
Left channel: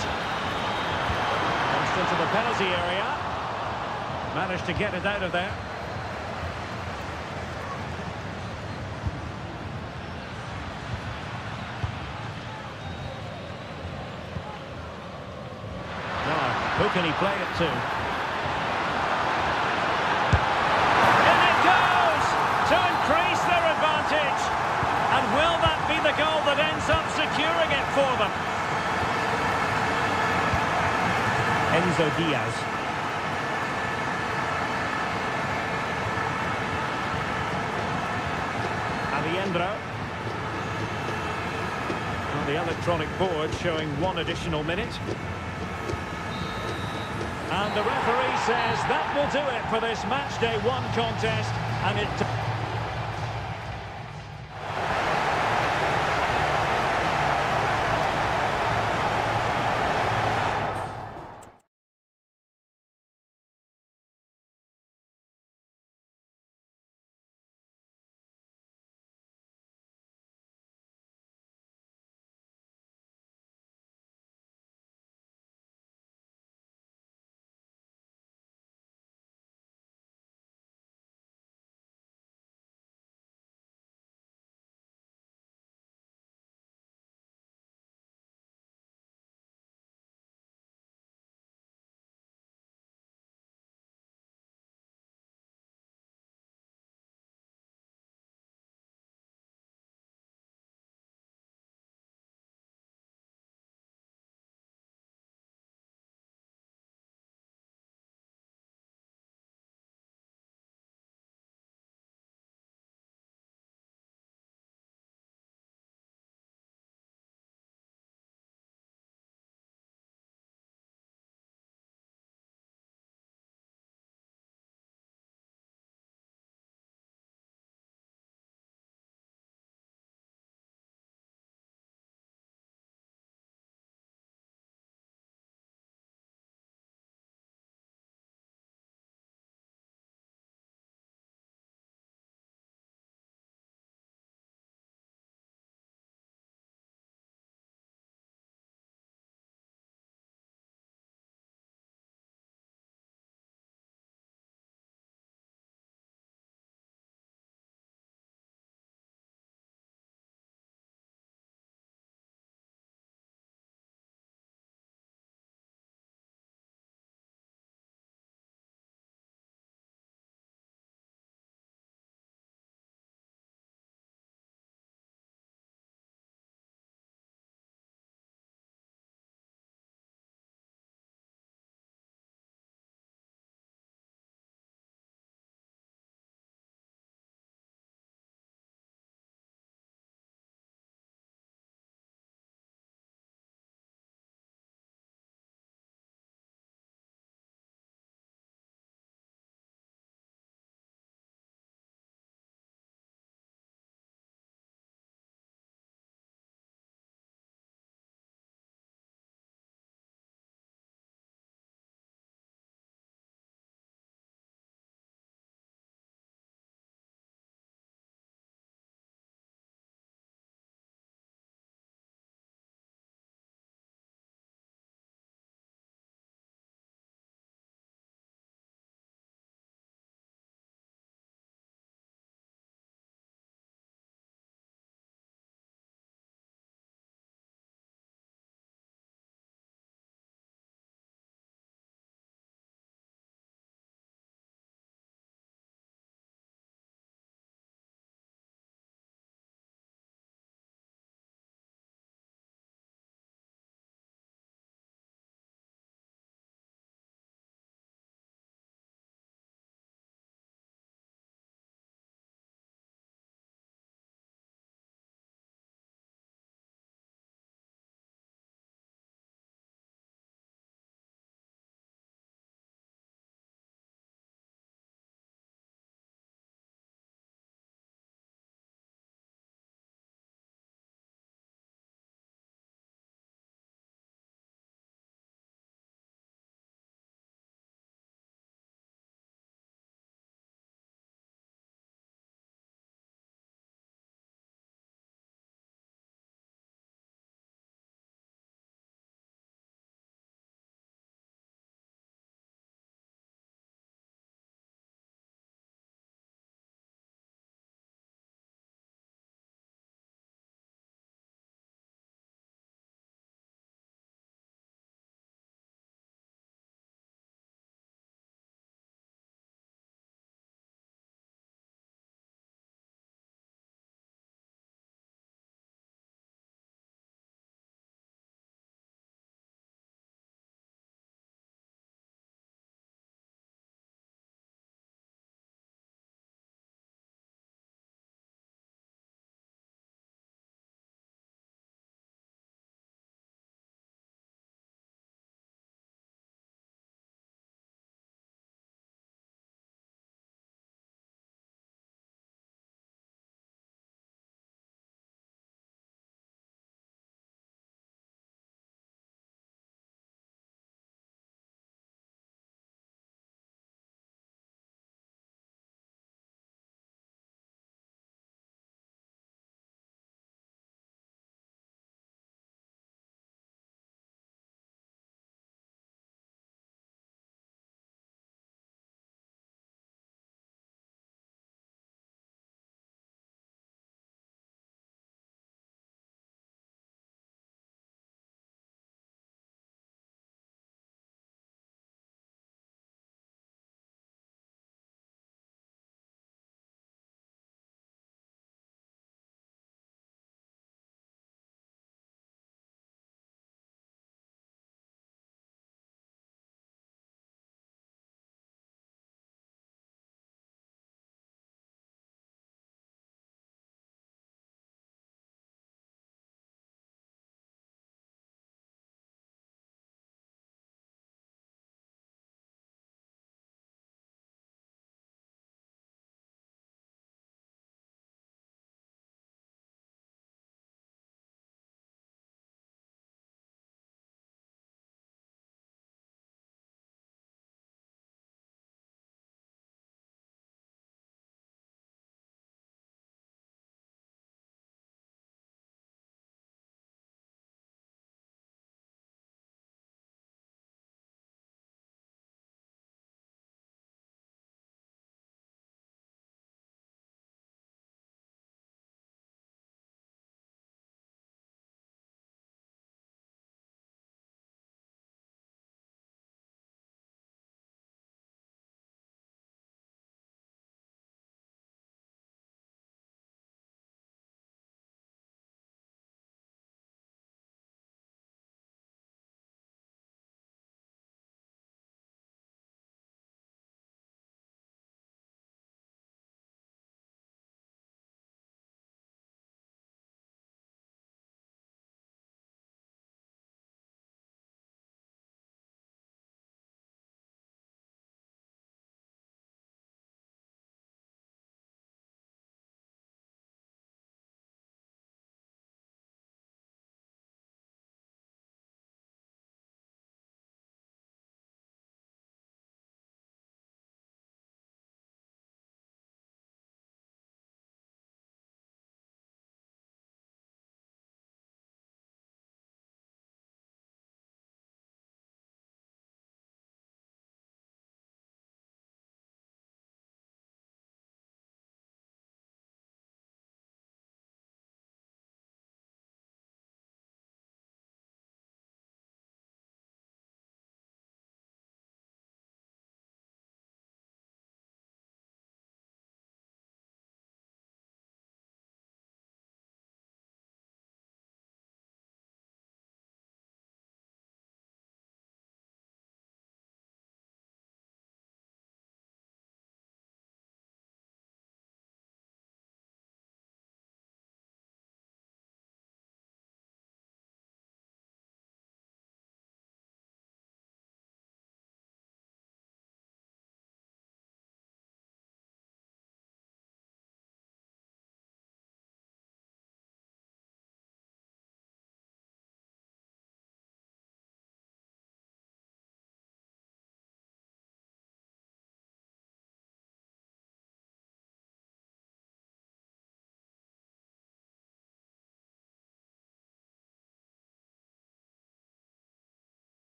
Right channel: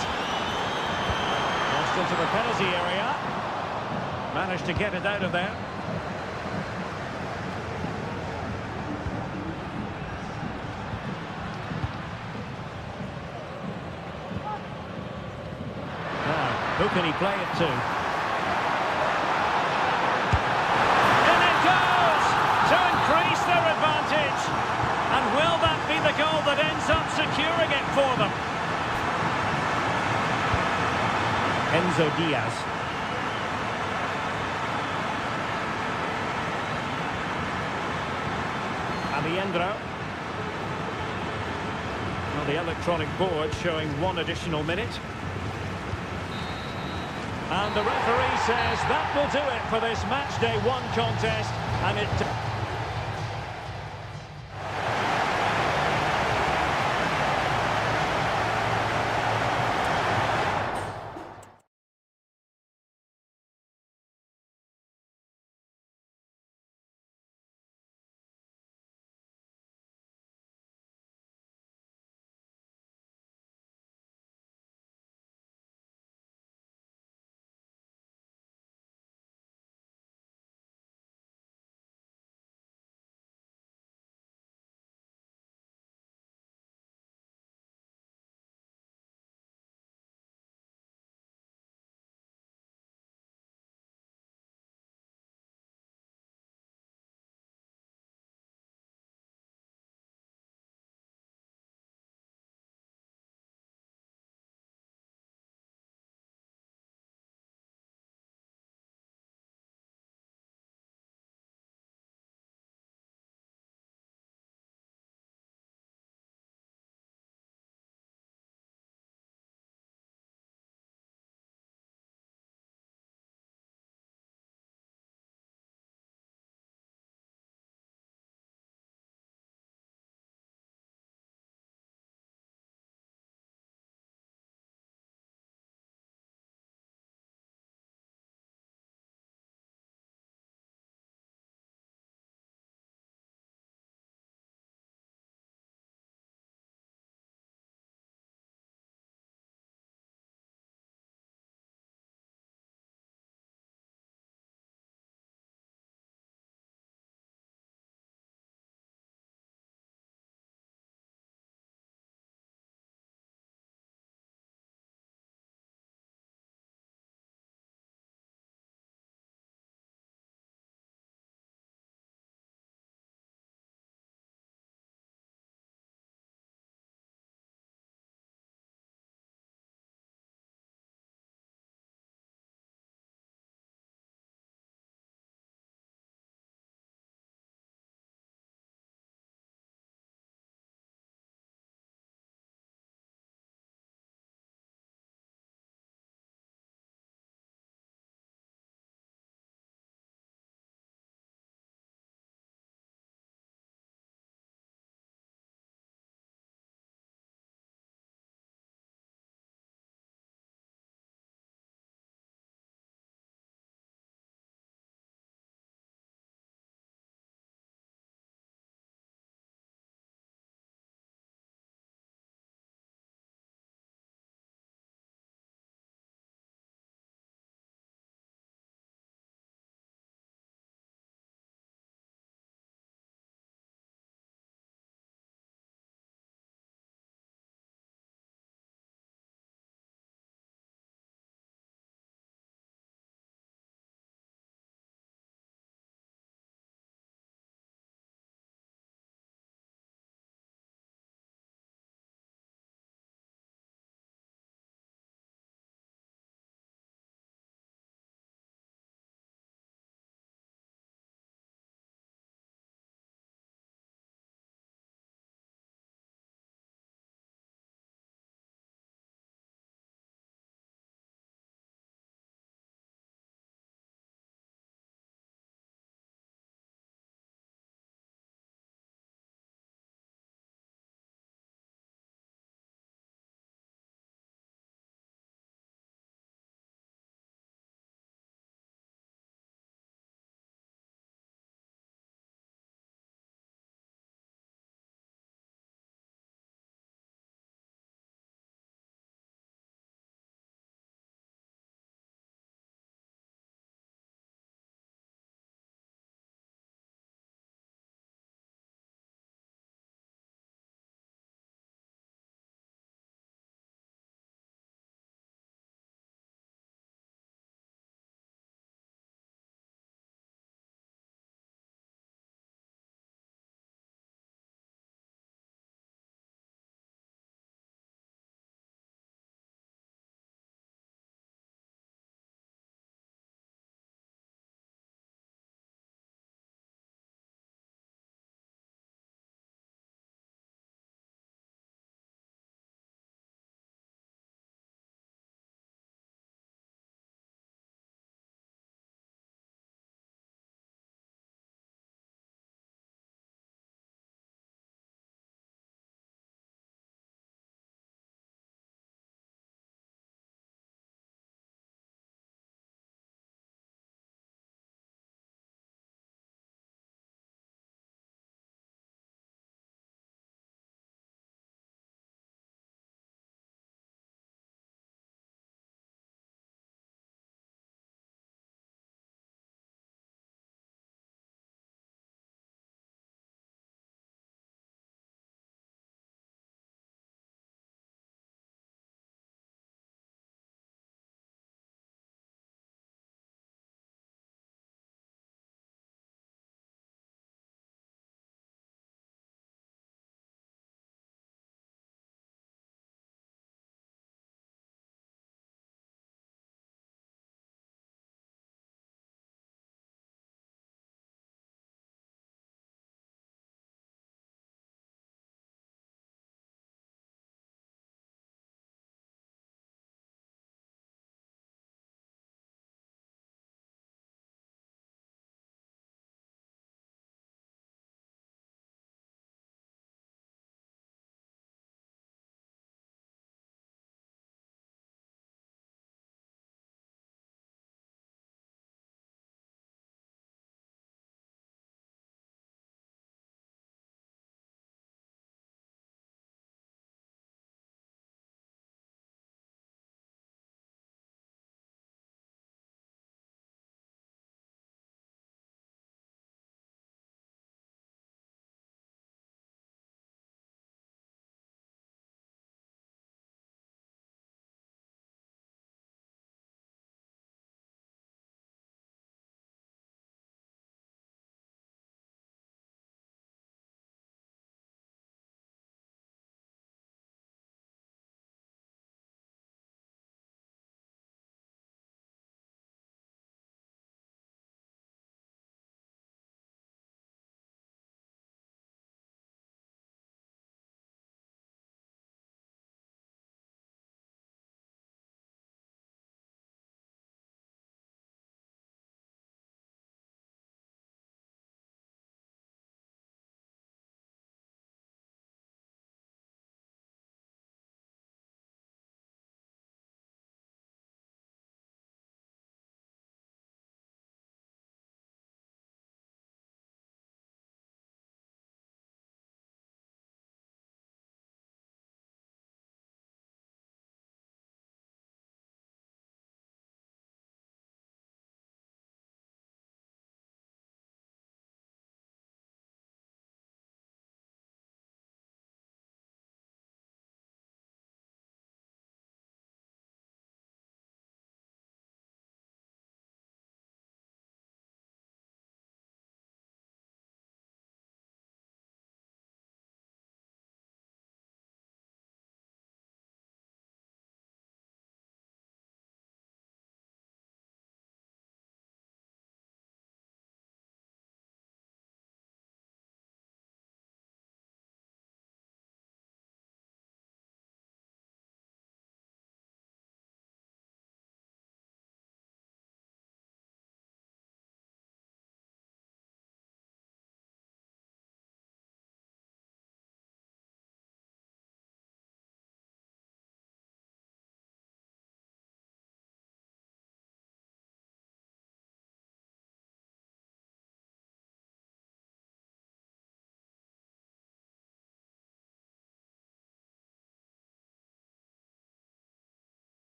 Crossed into the penalty area. Managed to get it out of there. Now, who can he play it to? And it goes! To increase their advantage! And will that be the goal that ends up securing it for them? Enzo Diaz. Alejandro. Well, the electronic board showing one additional minute. And the referee says that will do it for this match day 1 contest, and it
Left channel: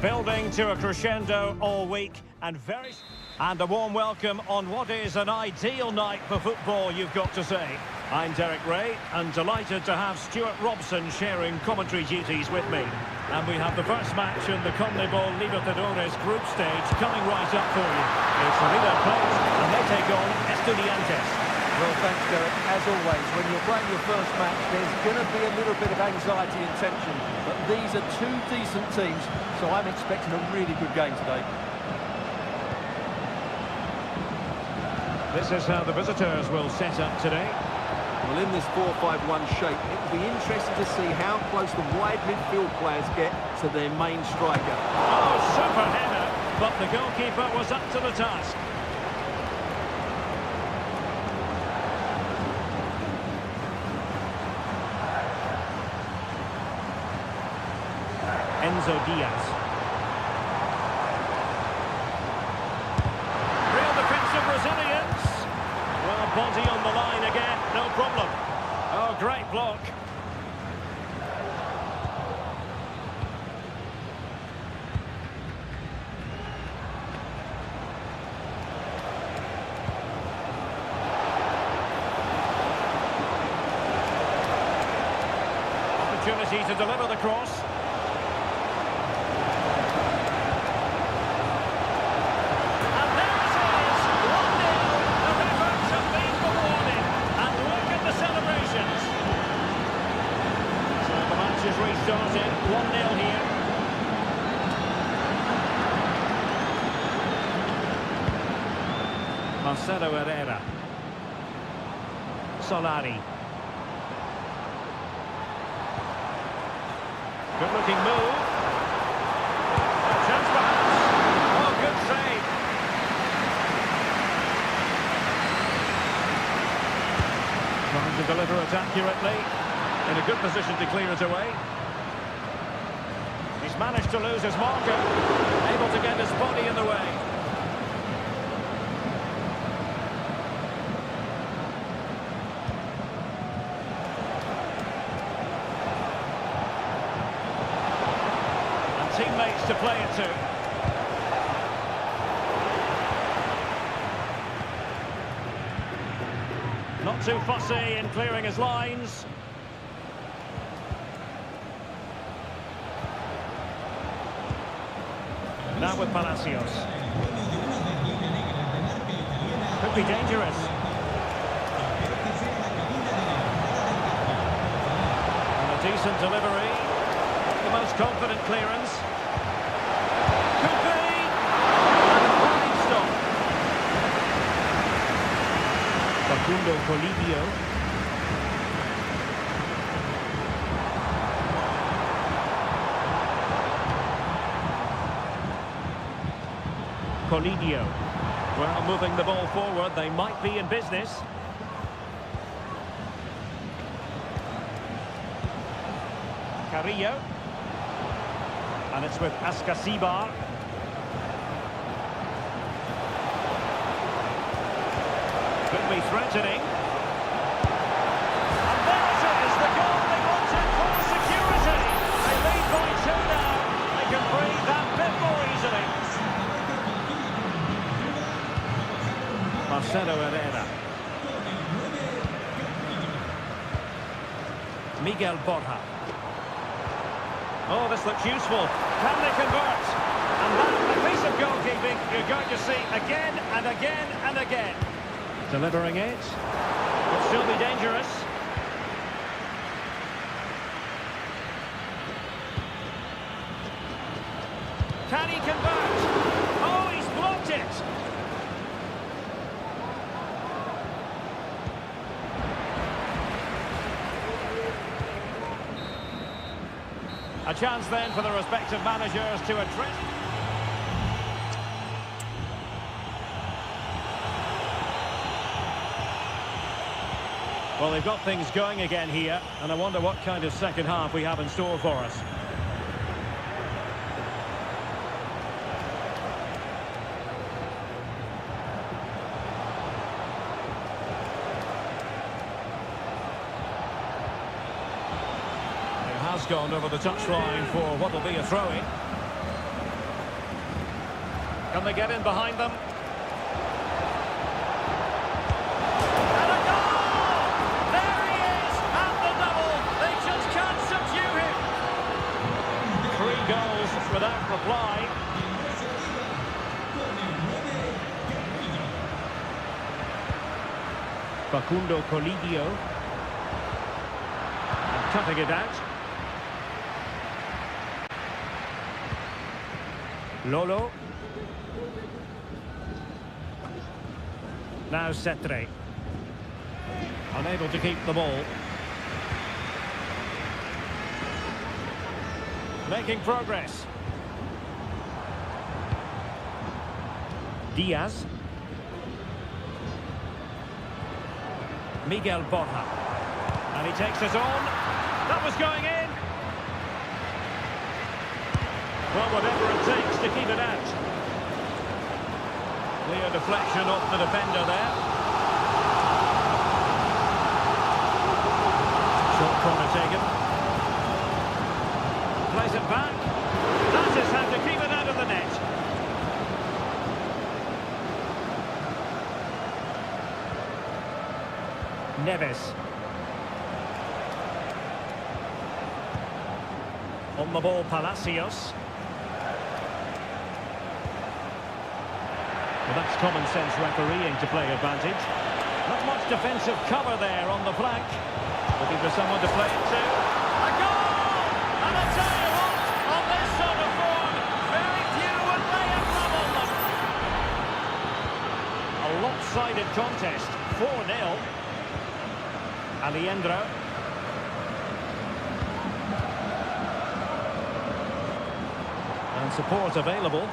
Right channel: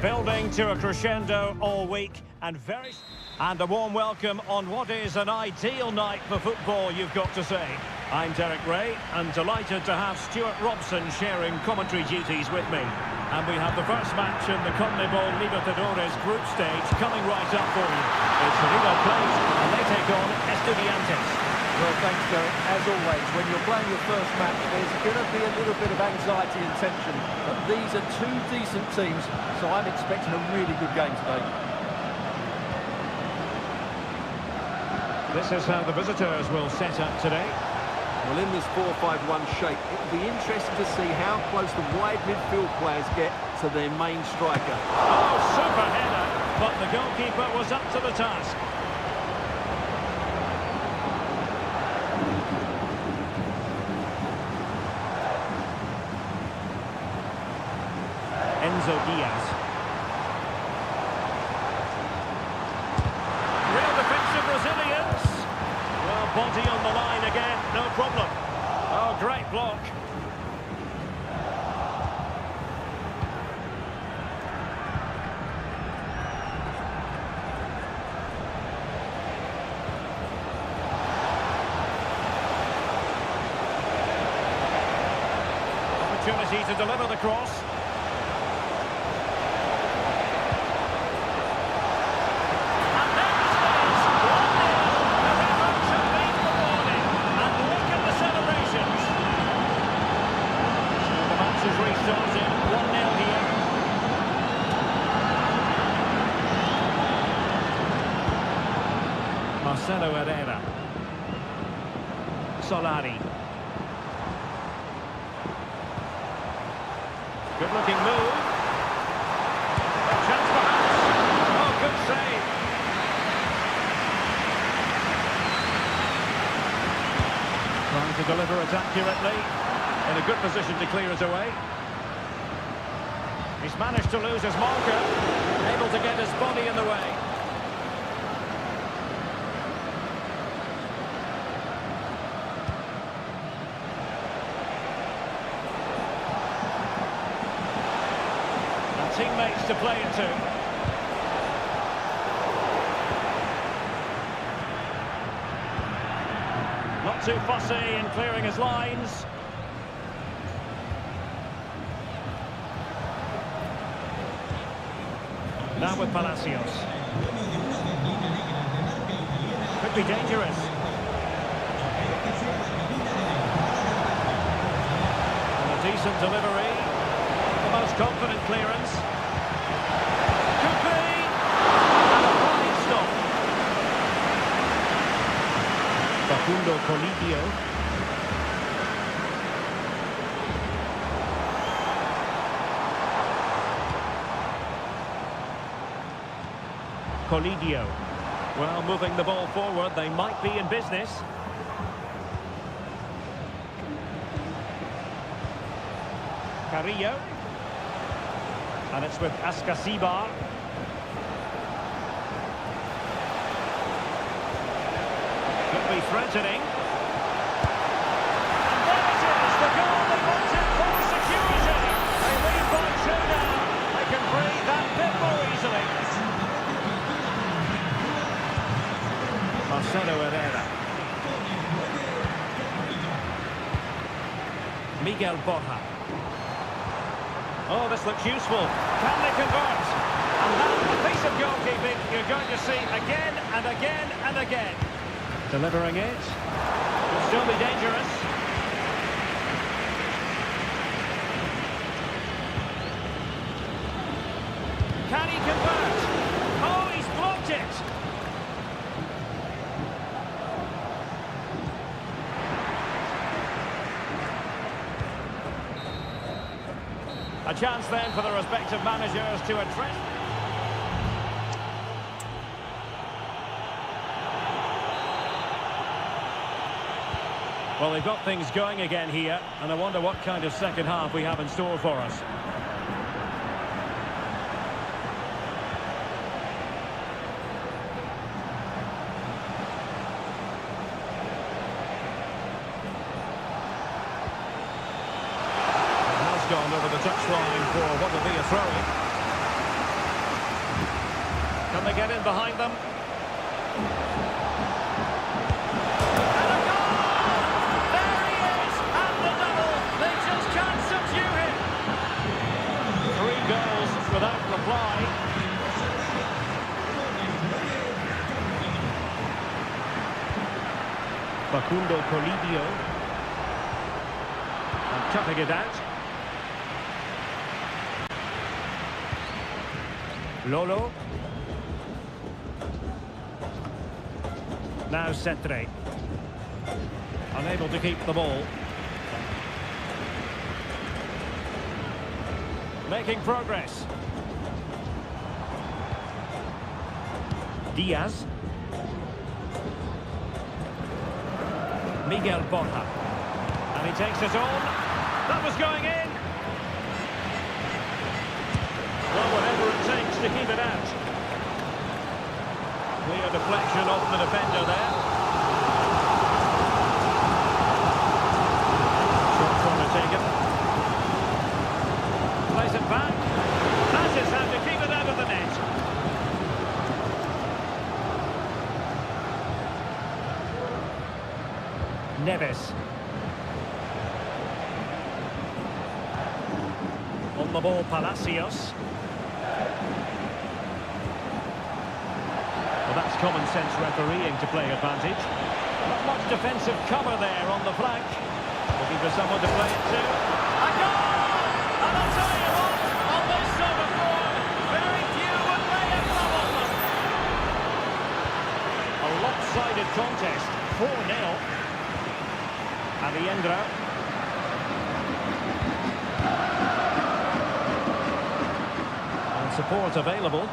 Building to a crescendo all week and a warm welcome on what is an ideal night for football, you've got to say. I'm Derek Ray and delighted to have Stuart Robson sharing commentary duties with me. And we have the first match in the CONMEBOL Libertadores group stage coming right up for you. It's River Plate and they take on Estudiantes. Well, thanks, Derek. As always, when you're playing your first match, there's going to be a little bit of anxiety and tension. But these are two decent teams, so I'm expecting a really good game today. This is how the visitors will set up today. Well, in this 4-5-1 shape, it will be interesting to see how close the wide midfield players get to their main striker. Oh, super header, but the goalkeeper was up to the task. Enzo Diaz. Real defensive Brazilians. Well, body on the line again, no problem. Oh, great block. Opportunity to deliver the cross. Has restarted 1-0 here. Marcelo Herrera. Solari. Good looking move. A chance perhaps. Oh, good save. Trying to deliver it accurately. In a good position to clear it away. He's managed to lose his marker. Able to get his body in the way. And teammates to play it to. Not too fussy in clearing his lines. Now with Palacios. Could be dangerous. And a decent delivery. The most confident clearance. Could be. And a fine stop. Facundo Colidio. Colidio. Well, moving the ball forward, they might be in business. Carrillo. And it's with Ascasibar. Could be threatening. And there it is, the goal they wanted for security. They lead by 2 now. They can breathe that bit more easily. Marcelo Herrera. Miguel Borja. Oh, this looks useful. Can they convert? And that, a piece of goalkeeping you're going to see again and again and again. Delivering it. Could still be dangerous. Can he convert? Oh, he's blocked it. A chance then for the respective managers to address. Well, they've got things going again here, and I wonder what kind of second half we have in store for us. Gone over the touchline for what will be a throw-in. Can they get in behind them? And a goal! There he is, and the double. They just can't subdue him. 3 goals without reply. Facundo Colidio. And cutting it out. Lolo. Now Cetre. Unable to keep the ball. Making progress. Diaz. Miguel Borja. And he takes it on. That was going in. Well, whatever it takes to keep it out. Clear deflection off the defender there. Short corner taken. Plays it back. That is how to keep it out of the net. Neves. On the ball, Palacios. Well, that's common sense refereeing to play advantage. Not much defensive cover there on the flank. Looking for someone to play it to. A goal! And I'll tell you what, on this sort of form, very few would lay a glove on them. A lopsided contest, 4-0. Aliendro. And support available.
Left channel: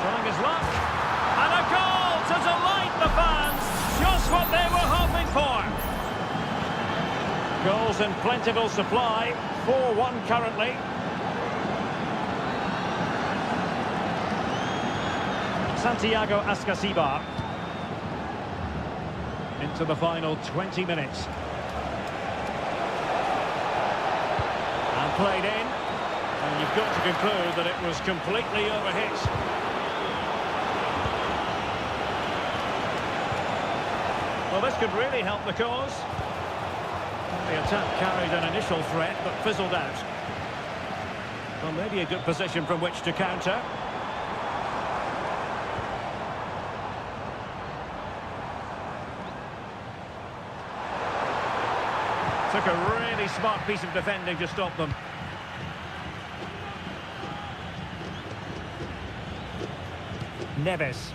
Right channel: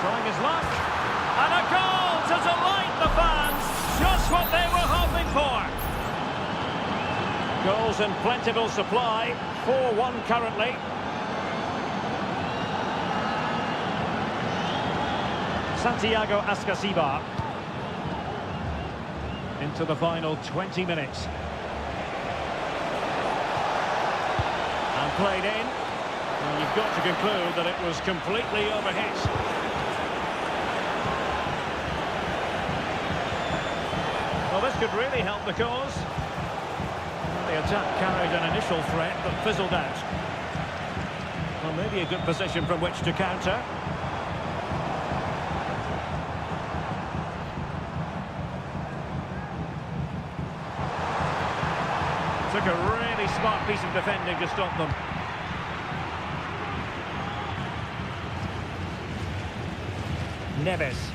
Trying his luck. And a goal to delight the fans. Just what they were hoping for. Goals in plentiful supply. 4-1 currently. Santiago Ascasibar. Into the final 20 minutes. And played in. And you've got to conclude that it was completely overhit. Well, this could really help the cause. Well, the attack carried an initial threat, but fizzled out. Well, maybe a good position from which to counter. Took a really smart piece of defending to stop them. Neves.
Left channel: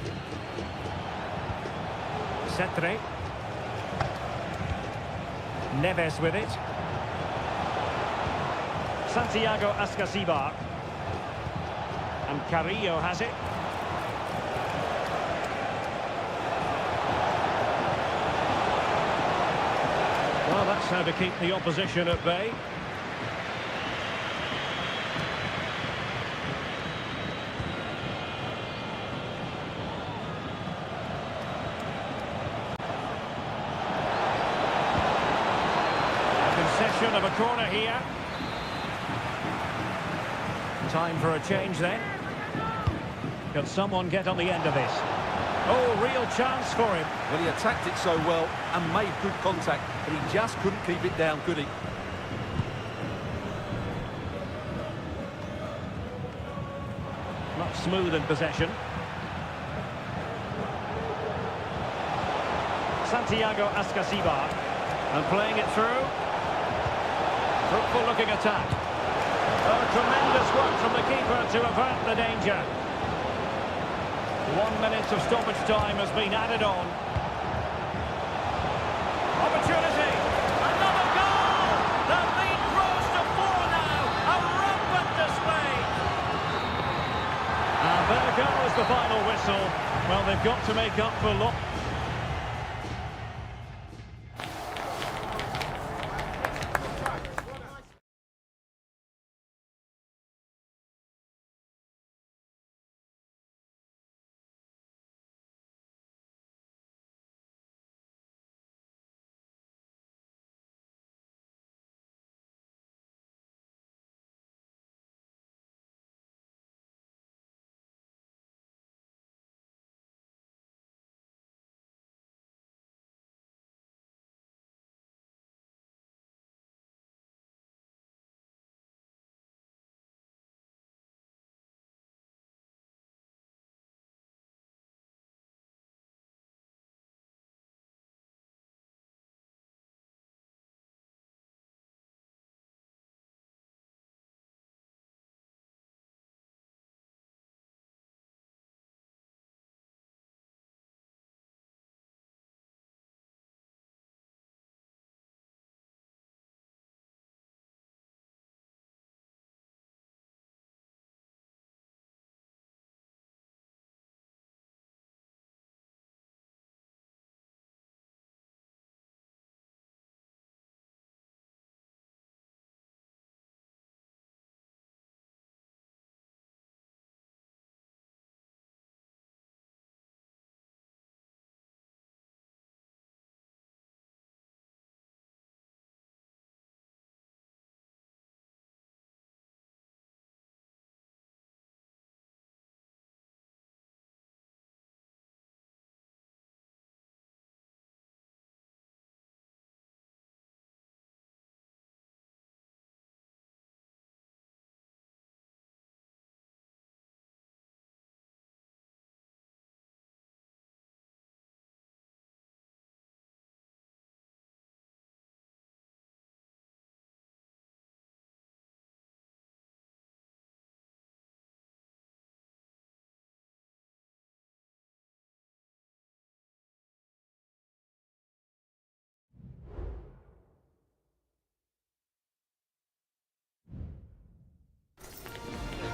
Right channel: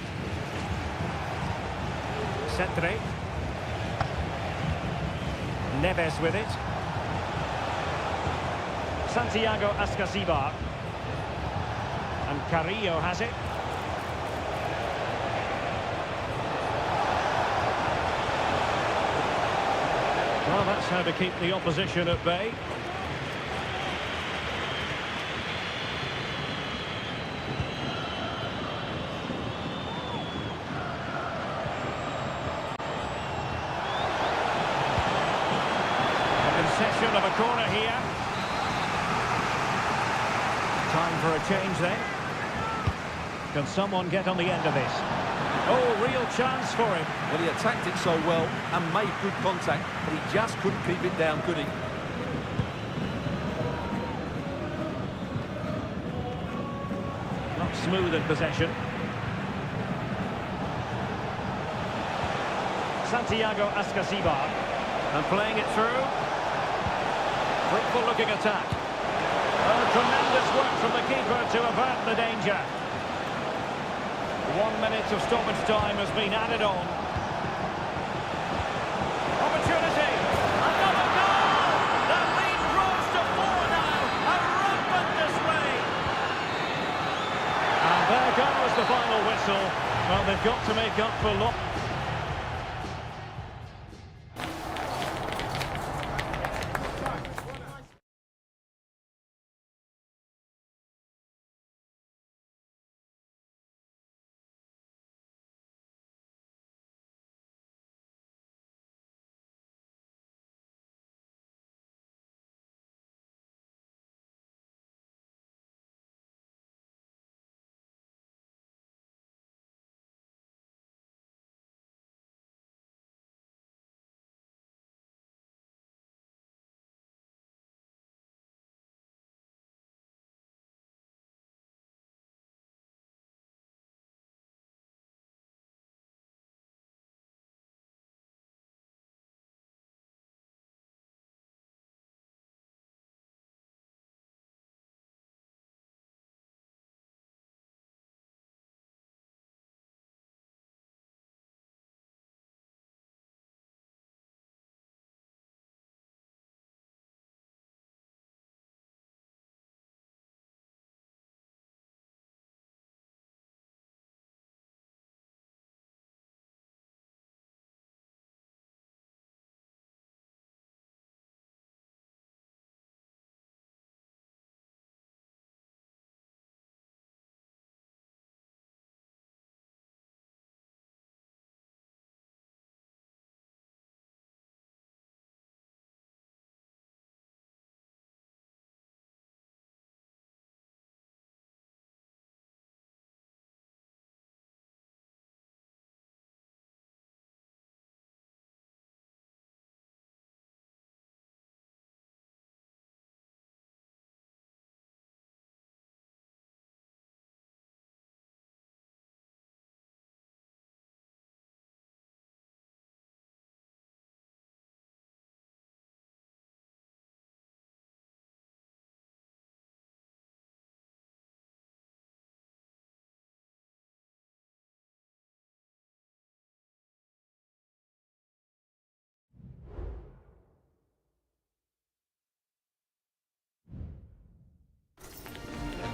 Cetre. Neves with it. Santiago Ascasibar. And Carrillo has it. Well, that's how to keep the opposition at bay. Concession of a corner here. Time for a change then. Can someone get on the end of this? Oh, real chance for him. Well, he attacked it so well and made good contact, but he just couldn't keep it down, could he? Not smooth in possession. Santiago Ascasibar. And playing it through. Fruitful looking attack. Oh, tremendous work from the keeper to avert the danger. 1 minute of stoppage time has been added on. Opportunity! Another goal! The lead grows to 4 now. A rampant display. And there goes the final whistle. Well, they've got to make up for loss.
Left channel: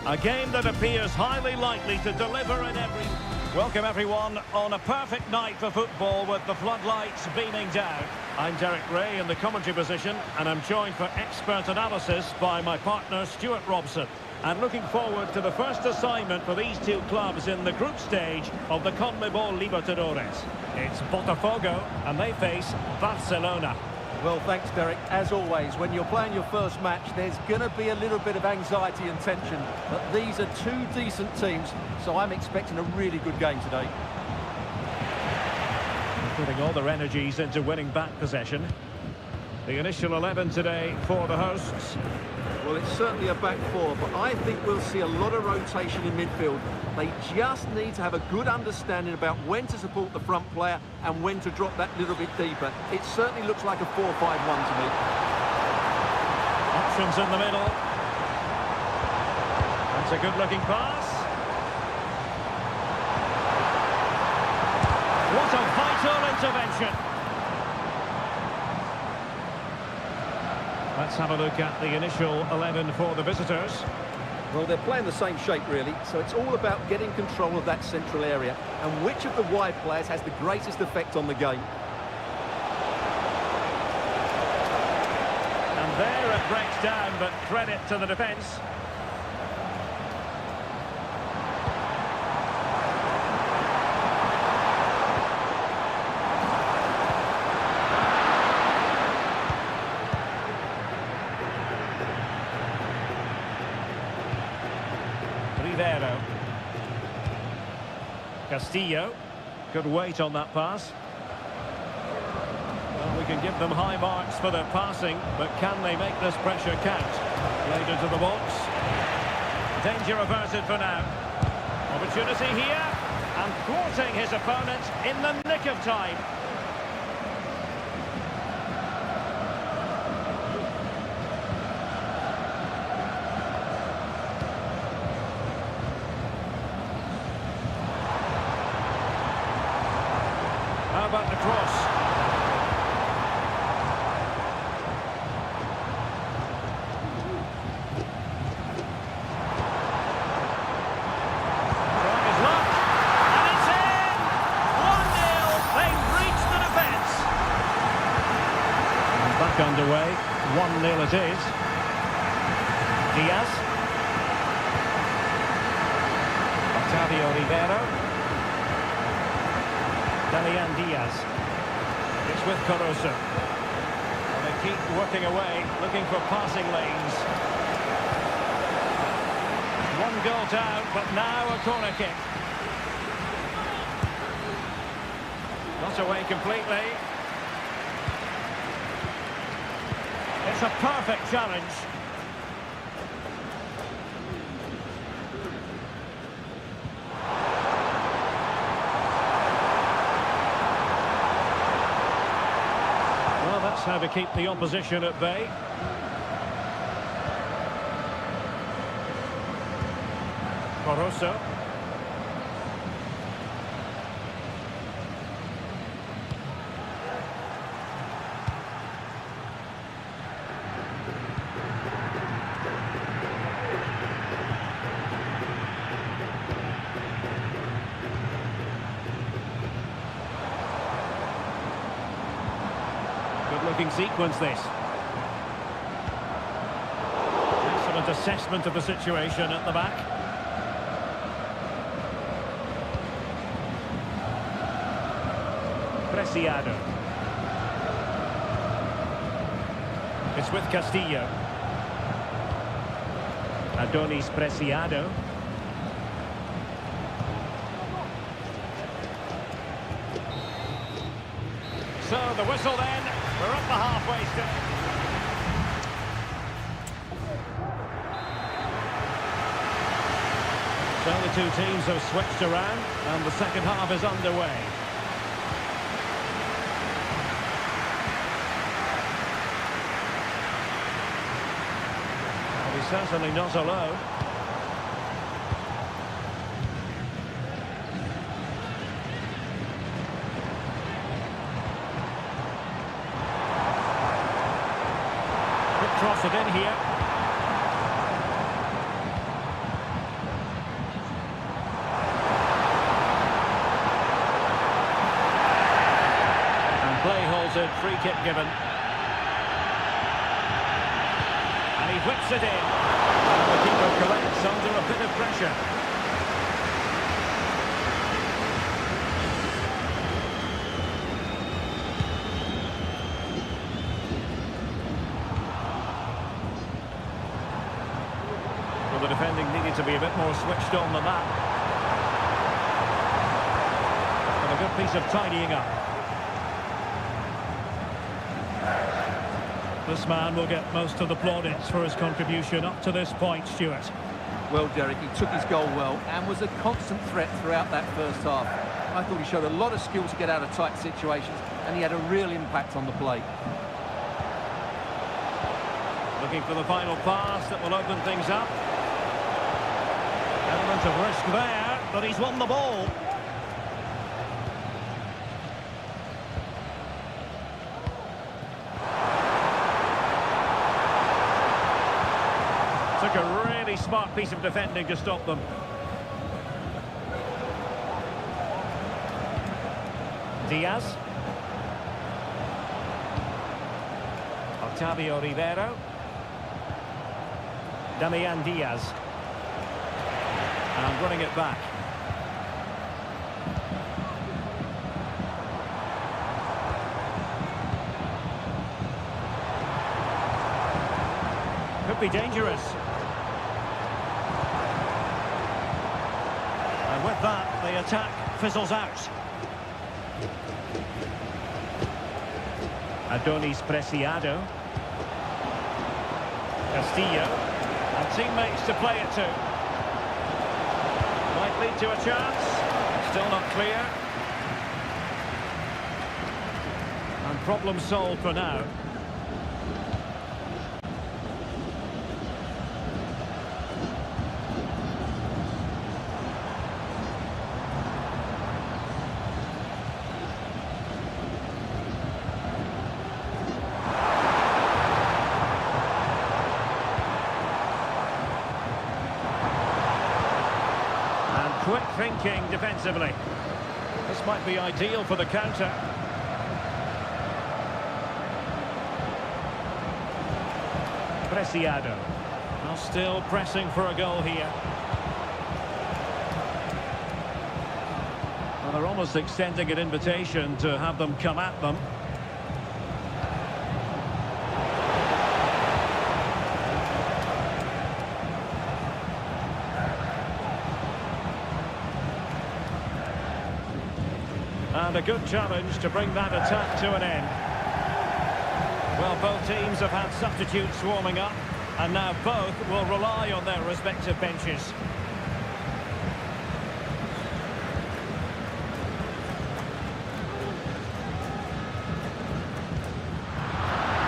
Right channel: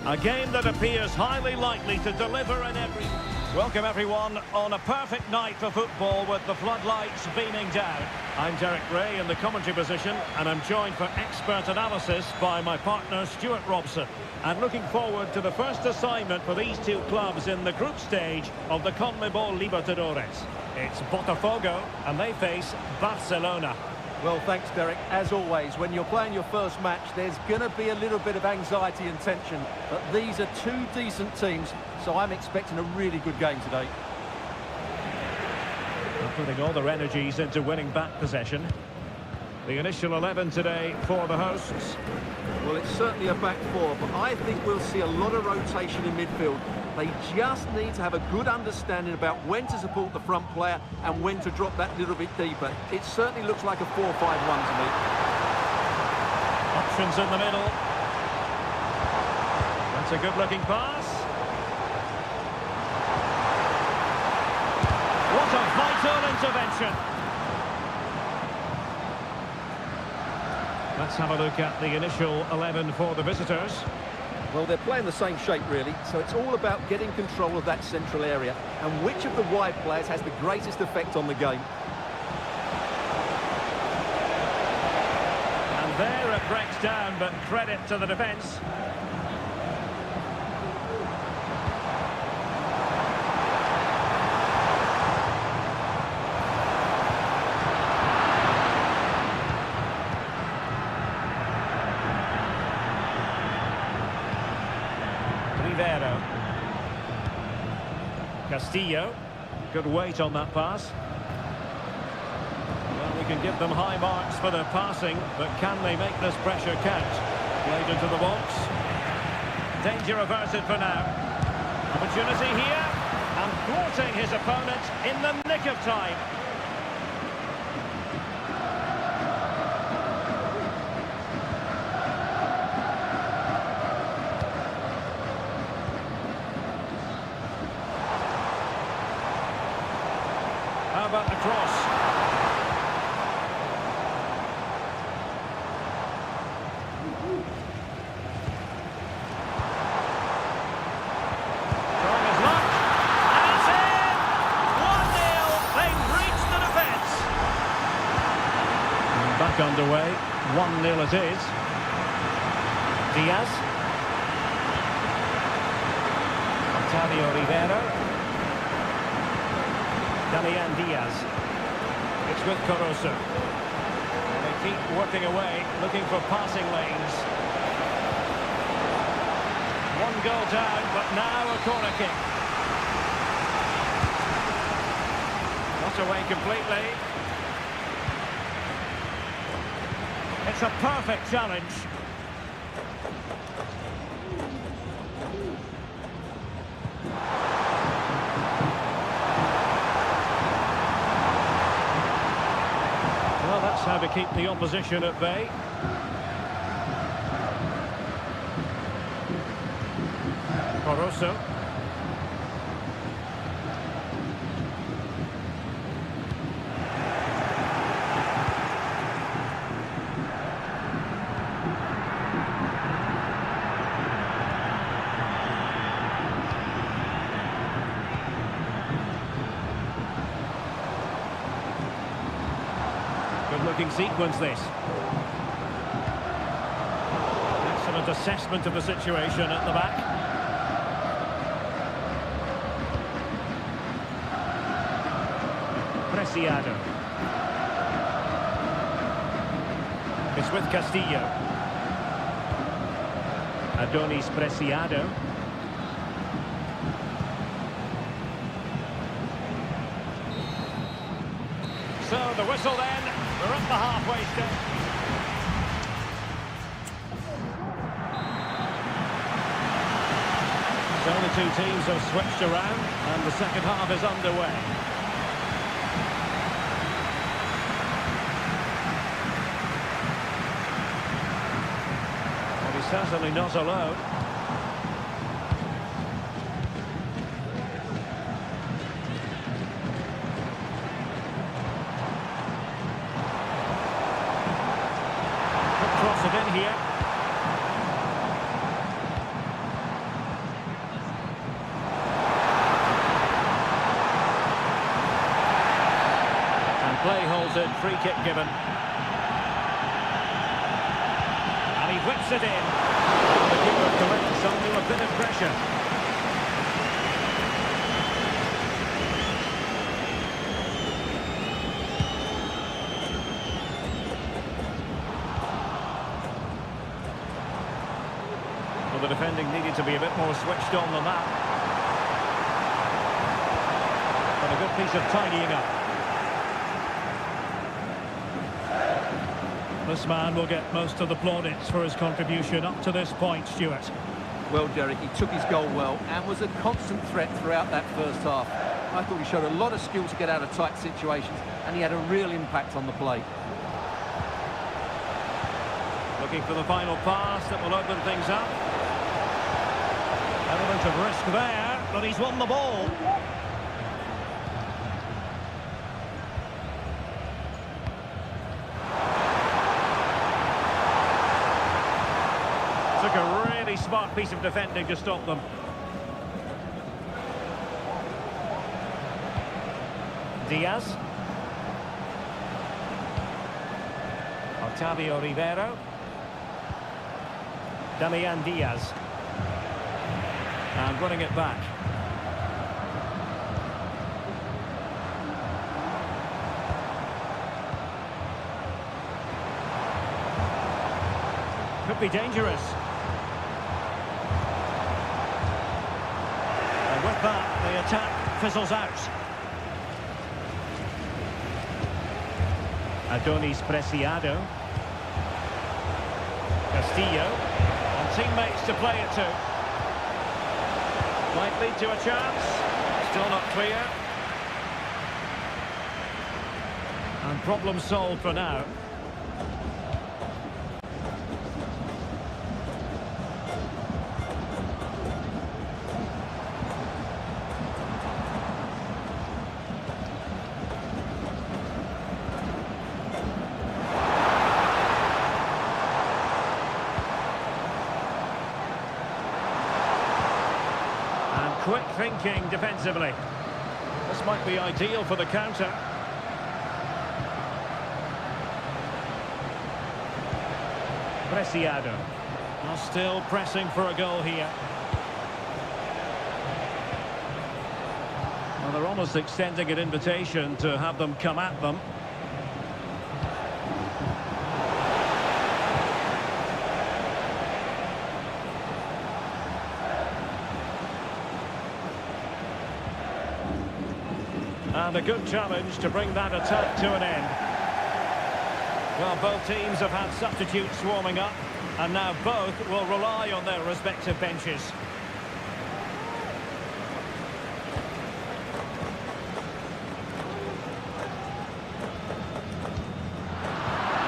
A game that appears highly likely to deliver in every... Welcome everyone on a perfect night for football with the floodlights beaming down. I'm Derek Ray in the commentary position and I'm joined for expert analysis by my partner Stuart Robson. And looking forward to the first assignment for these two clubs in the group stage of the CONMEBOL Libertadores. It's Botafogo and they face Barcelona. Well, thanks, Derek. As always, when you're playing your first match, there's going to be a little bit of anxiety and tension. But these are two decent teams, so I'm expecting a really good game today. They're putting all their energies into winning back possession. The initial 11 today for the hosts. Well, it's certainly a back four, but I think we'll see a lot of rotation in midfield. They just need to have a good understanding about when to support the front player and when to drop that little bit deeper. It certainly looks like a 4-5-1 to me. Options in the middle. That's a good-looking pass. What a vital intervention. Let's have a look at the initial 11 for the visitors. Well, they're playing the same shape, really, so it's all about getting control of that central area and which of the wide players has the greatest effect on the game. And there it breaks down, but credit to the defence. Rivero. Castillo. Good weight on that pass. Well, we can give them high marks for their passing, but can they make this pressure count? Played into the box. Danger averted for now. Opportunity here. And thwarting his opponent in the nick of time. How about the cross? Trying his luck. And it's in! 1-0. They've reached the defence. And back underway. 1-0 it is. Diaz. Octavio Rivero. Damian Diaz. It's with Caruso. Well, they keep working away, looking for passing lanes. One goal down, but now a corner kick. Not away completely. It's a perfect challenge. Well, that's how to keep the opposition at bay. Caruso. Good-looking sequence, this. Excellent assessment of the situation at the back. Preciado. It's with Castillo. Adonis Preciado. So the whistle then. We're up the halfway stage. So the two teams have switched around and the second half is underway. Well, he's certainly not alone. Cross it in here. Play halted, free kick given. And he whips it in. And the keeper collects under a bit of pressure. Well, the defending needed to be a bit more switched on than that. But a good piece of tidying up. This man will get most of the plaudits for his contribution up to this point, Stuart. Well, Derek, he took his goal well and was a constant threat throughout that first half. I thought he showed a lot of skill to get out of tight situations, and he had a real impact on the play. Looking for the final pass that will open things up. Element of risk there, but he's won the ball. Took a really smart piece of defending to stop them. Diaz. Octavio Rivero. Damian Diaz. And running it back. Could be dangerous. And with that, the attack fizzles out. Adonis Preciado. Castillo. And teammates to play it to. Might lead to a chance. Still not clear. And problem solved for now. Quick thinking defensively. This might be ideal for the counter. Preciado. Now still pressing for a goal here. Well, they're almost extending an invitation to have them come at them. And a good challenge to bring that attack to an end. Well, both teams have had substitutes warming up, and now both will rely on their respective benches.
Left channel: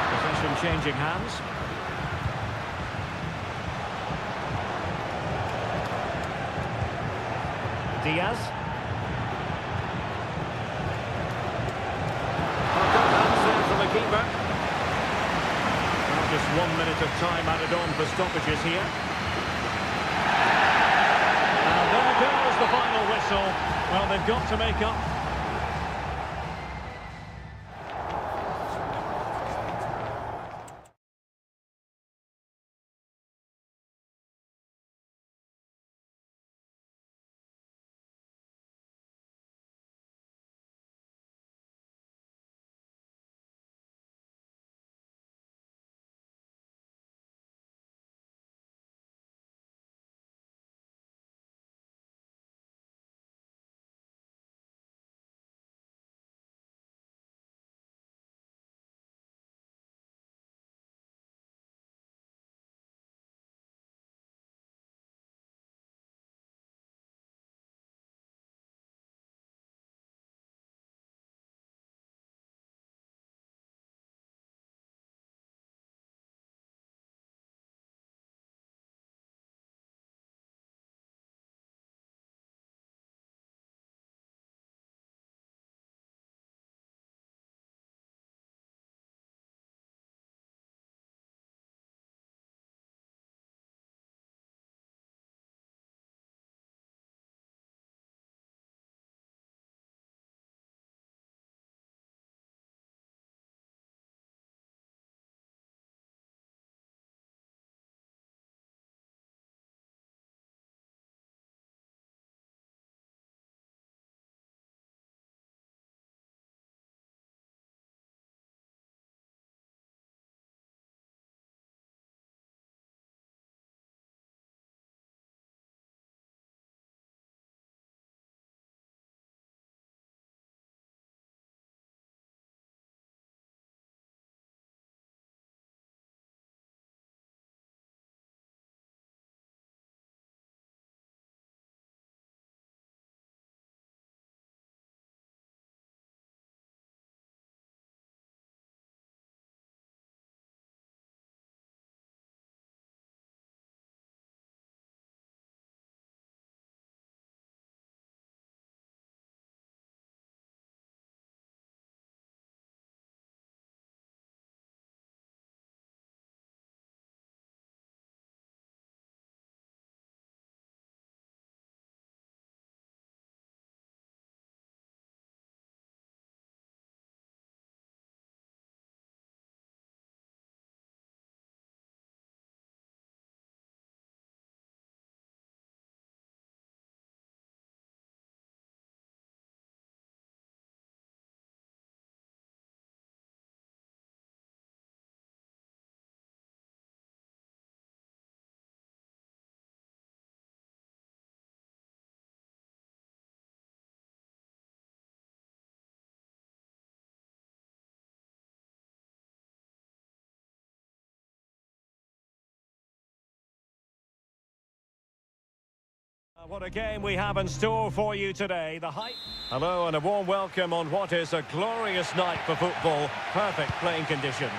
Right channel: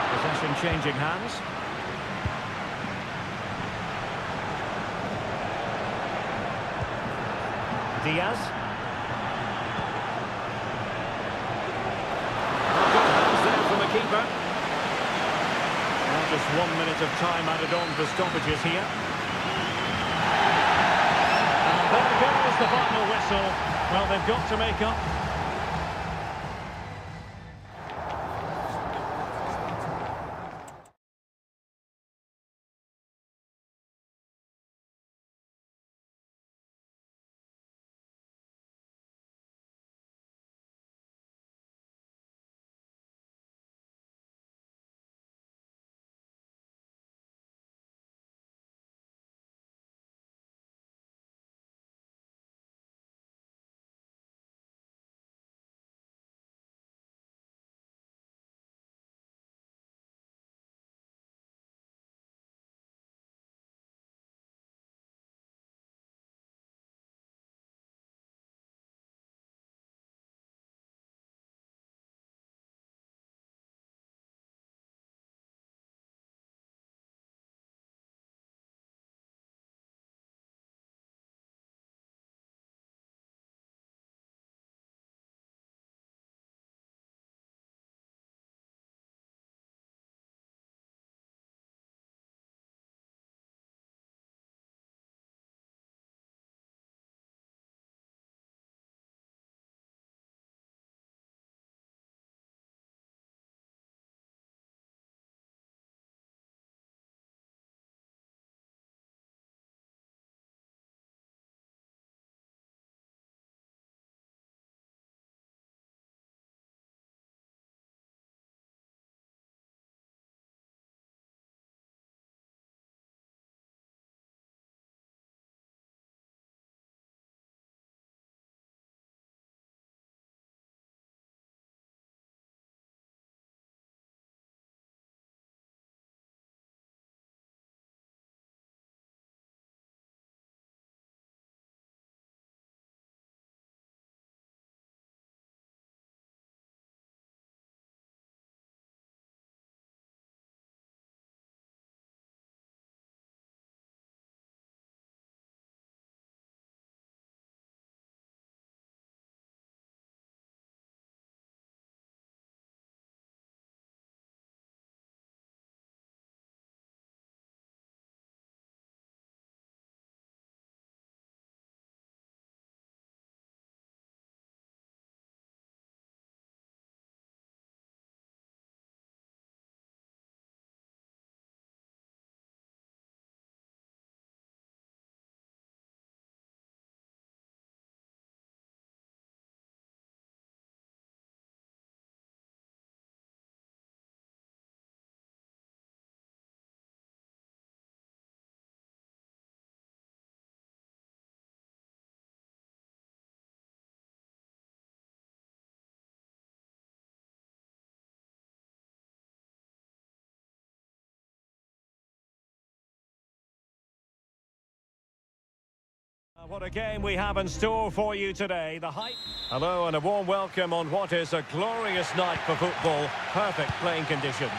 Possession changing hands. Diaz. From the keeper. Well, just 1 minute of time added on for stoppages here. And there goes the final whistle. Well, they've got to make up What a game we have in store for you today. The hype. Hello and a warm welcome on what is a glorious night for football. Perfect playing conditions.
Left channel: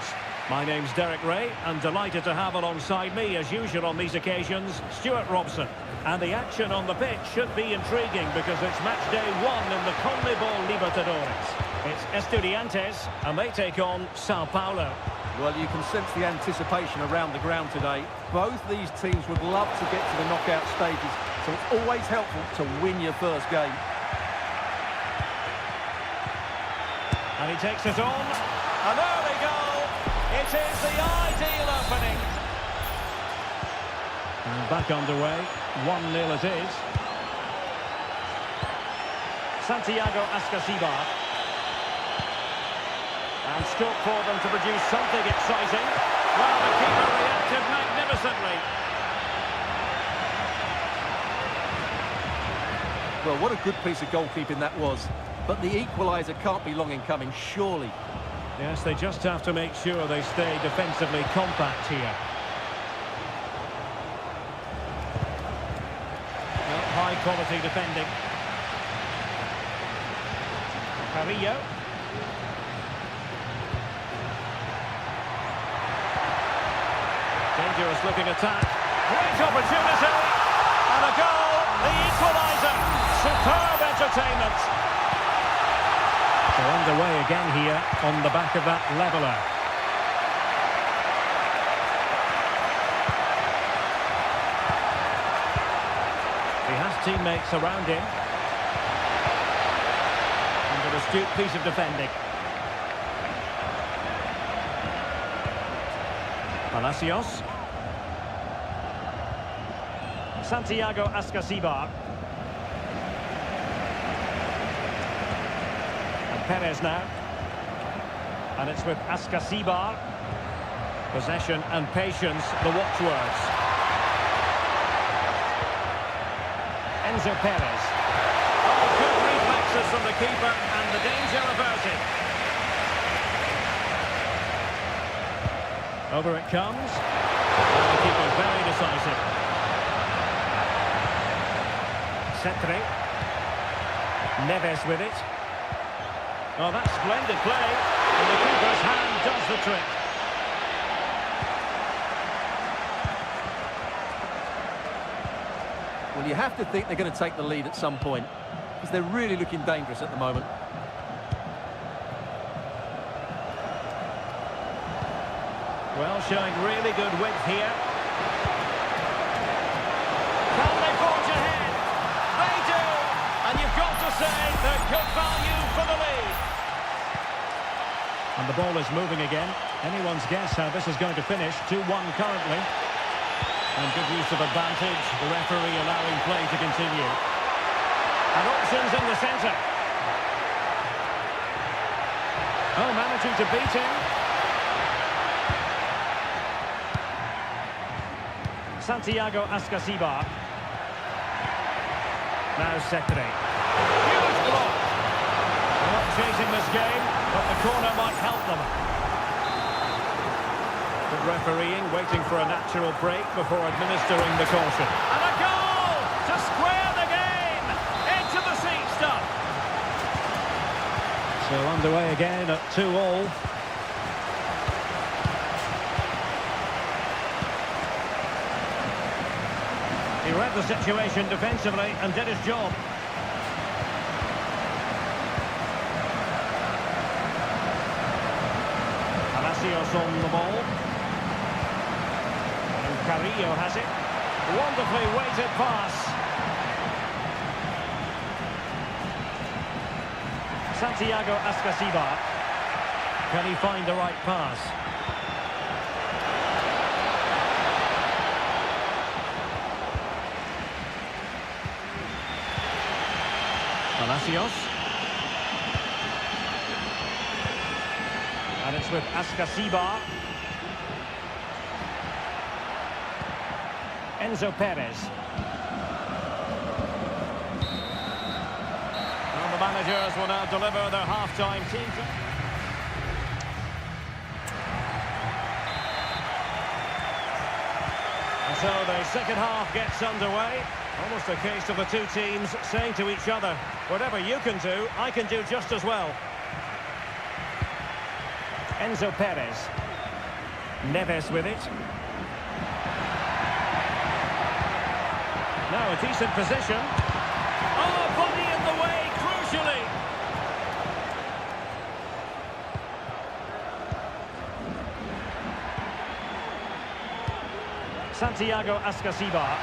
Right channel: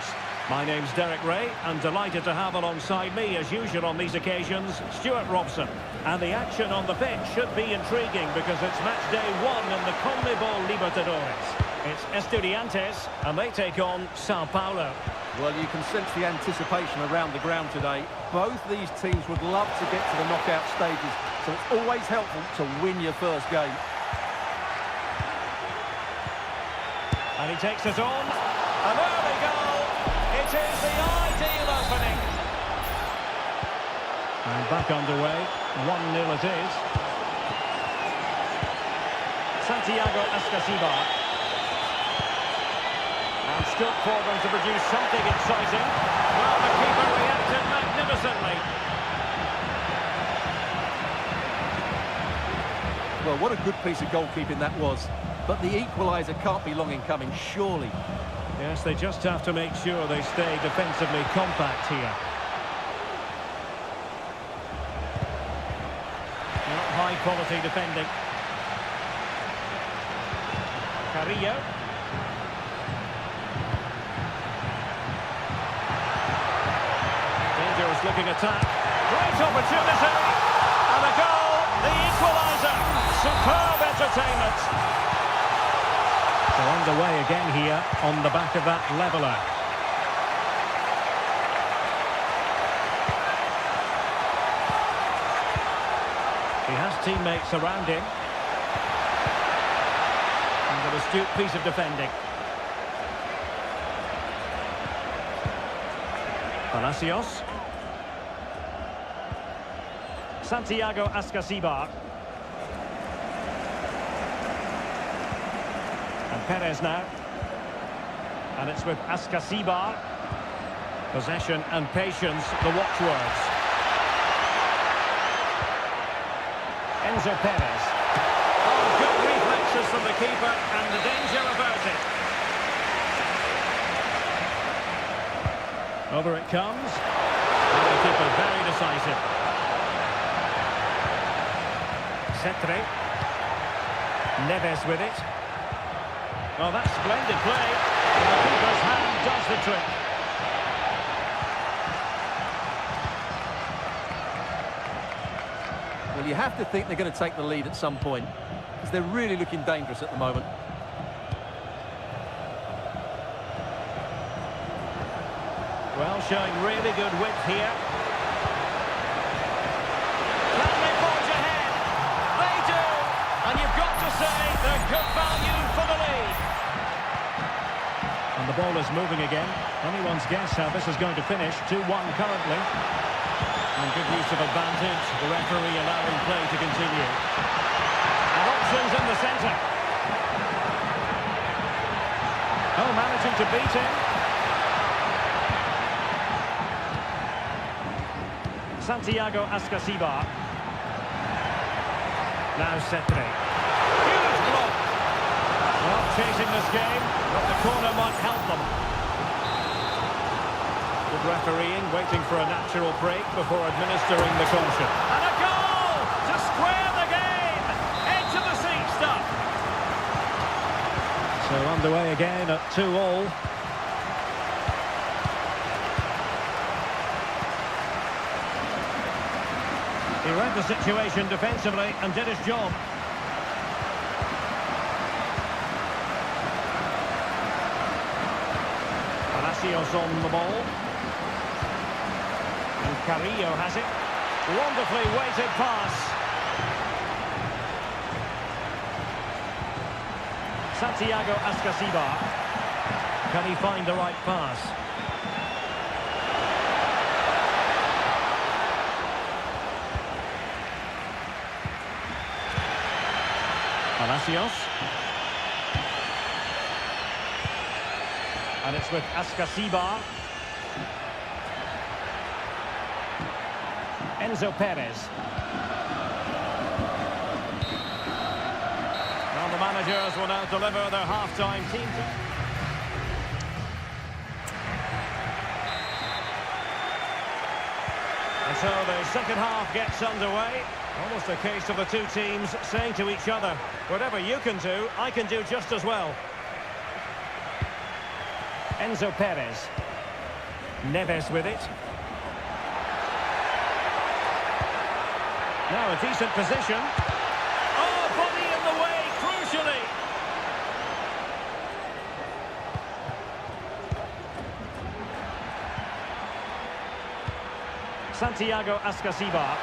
My name's Derek Ray and delighted to have alongside me, as usual on these occasions, Stuart Robson. And the action on the pitch should be intriguing because it's match day 1 in the CONMEBOL Libertadores. It's Estudiantes and they take on Sao Paulo. Well, you can sense the anticipation around the ground today. Both these teams would love to get to the knockout stages, so it's always helpful to win your first game. And he takes it on. An early goal. It is the ideal opening. And back underway. 1-0 it is. Santiago Ascasibar. And scope for them to produce something exciting. Well, the keeper reacted magnificently. Well, what a good piece of goalkeeping that was. But the equaliser can't be long in coming, surely. Yes, they just have to make sure they stay defensively compact here. Not high quality defending. Carrillo. Dangerous looking attack. Great opportunity. And a goal. The equaliser. Superb entertainment. So underway again here on the back of that leveller. He has teammates around him. And an astute piece of defending. Palacios. Santiago Ascasibar. And Perez now. And it's with Ascasibar. Possession and patience, the watchwords. Enzo Perez. Oh, good reflexes from the keeper and the danger averted. Over it comes. And the keeper very decisive. Cetre. Neves with it. Oh, that's splendid play. And the keeper's hand does the trick. Well, you have to think they're going to take the lead at some point, because they're really looking dangerous at the moment. Well, showing really good width here. Can they forge ahead? They do! And you've got to say they're good value for the lead. And the ball is moving again. Anyone's guess how this is going to finish. 2-1 currently. And good use of advantage. The referee allowing play to continue. And options in the centre. Oh, managing to beat him. Santiago Ascasibar. Now Cetre. Huge block. Well, chasing this game, but the corner might help them. Good refereeing, waiting for a natural break before administering the caution. And a goal to square the game. Edge of the seat stuff. So underway again at 2-2. He read the situation defensively and did his job. Palacios on the ball. And Carrillo has it. Wonderfully weighted pass. Santiago Ascasibar. Can he find the right pass? Palacios. And it's with Ascasibar. Enzo Perez. Well, the managers will now deliver their half-time team. And so the second half gets underway. Almost a case of the two teams saying to each other, whatever you can do, I can do just as well. Enzo Perez. Neves with it. Now a decent position. Oh, body in the way, crucially. Santiago Ascasibar.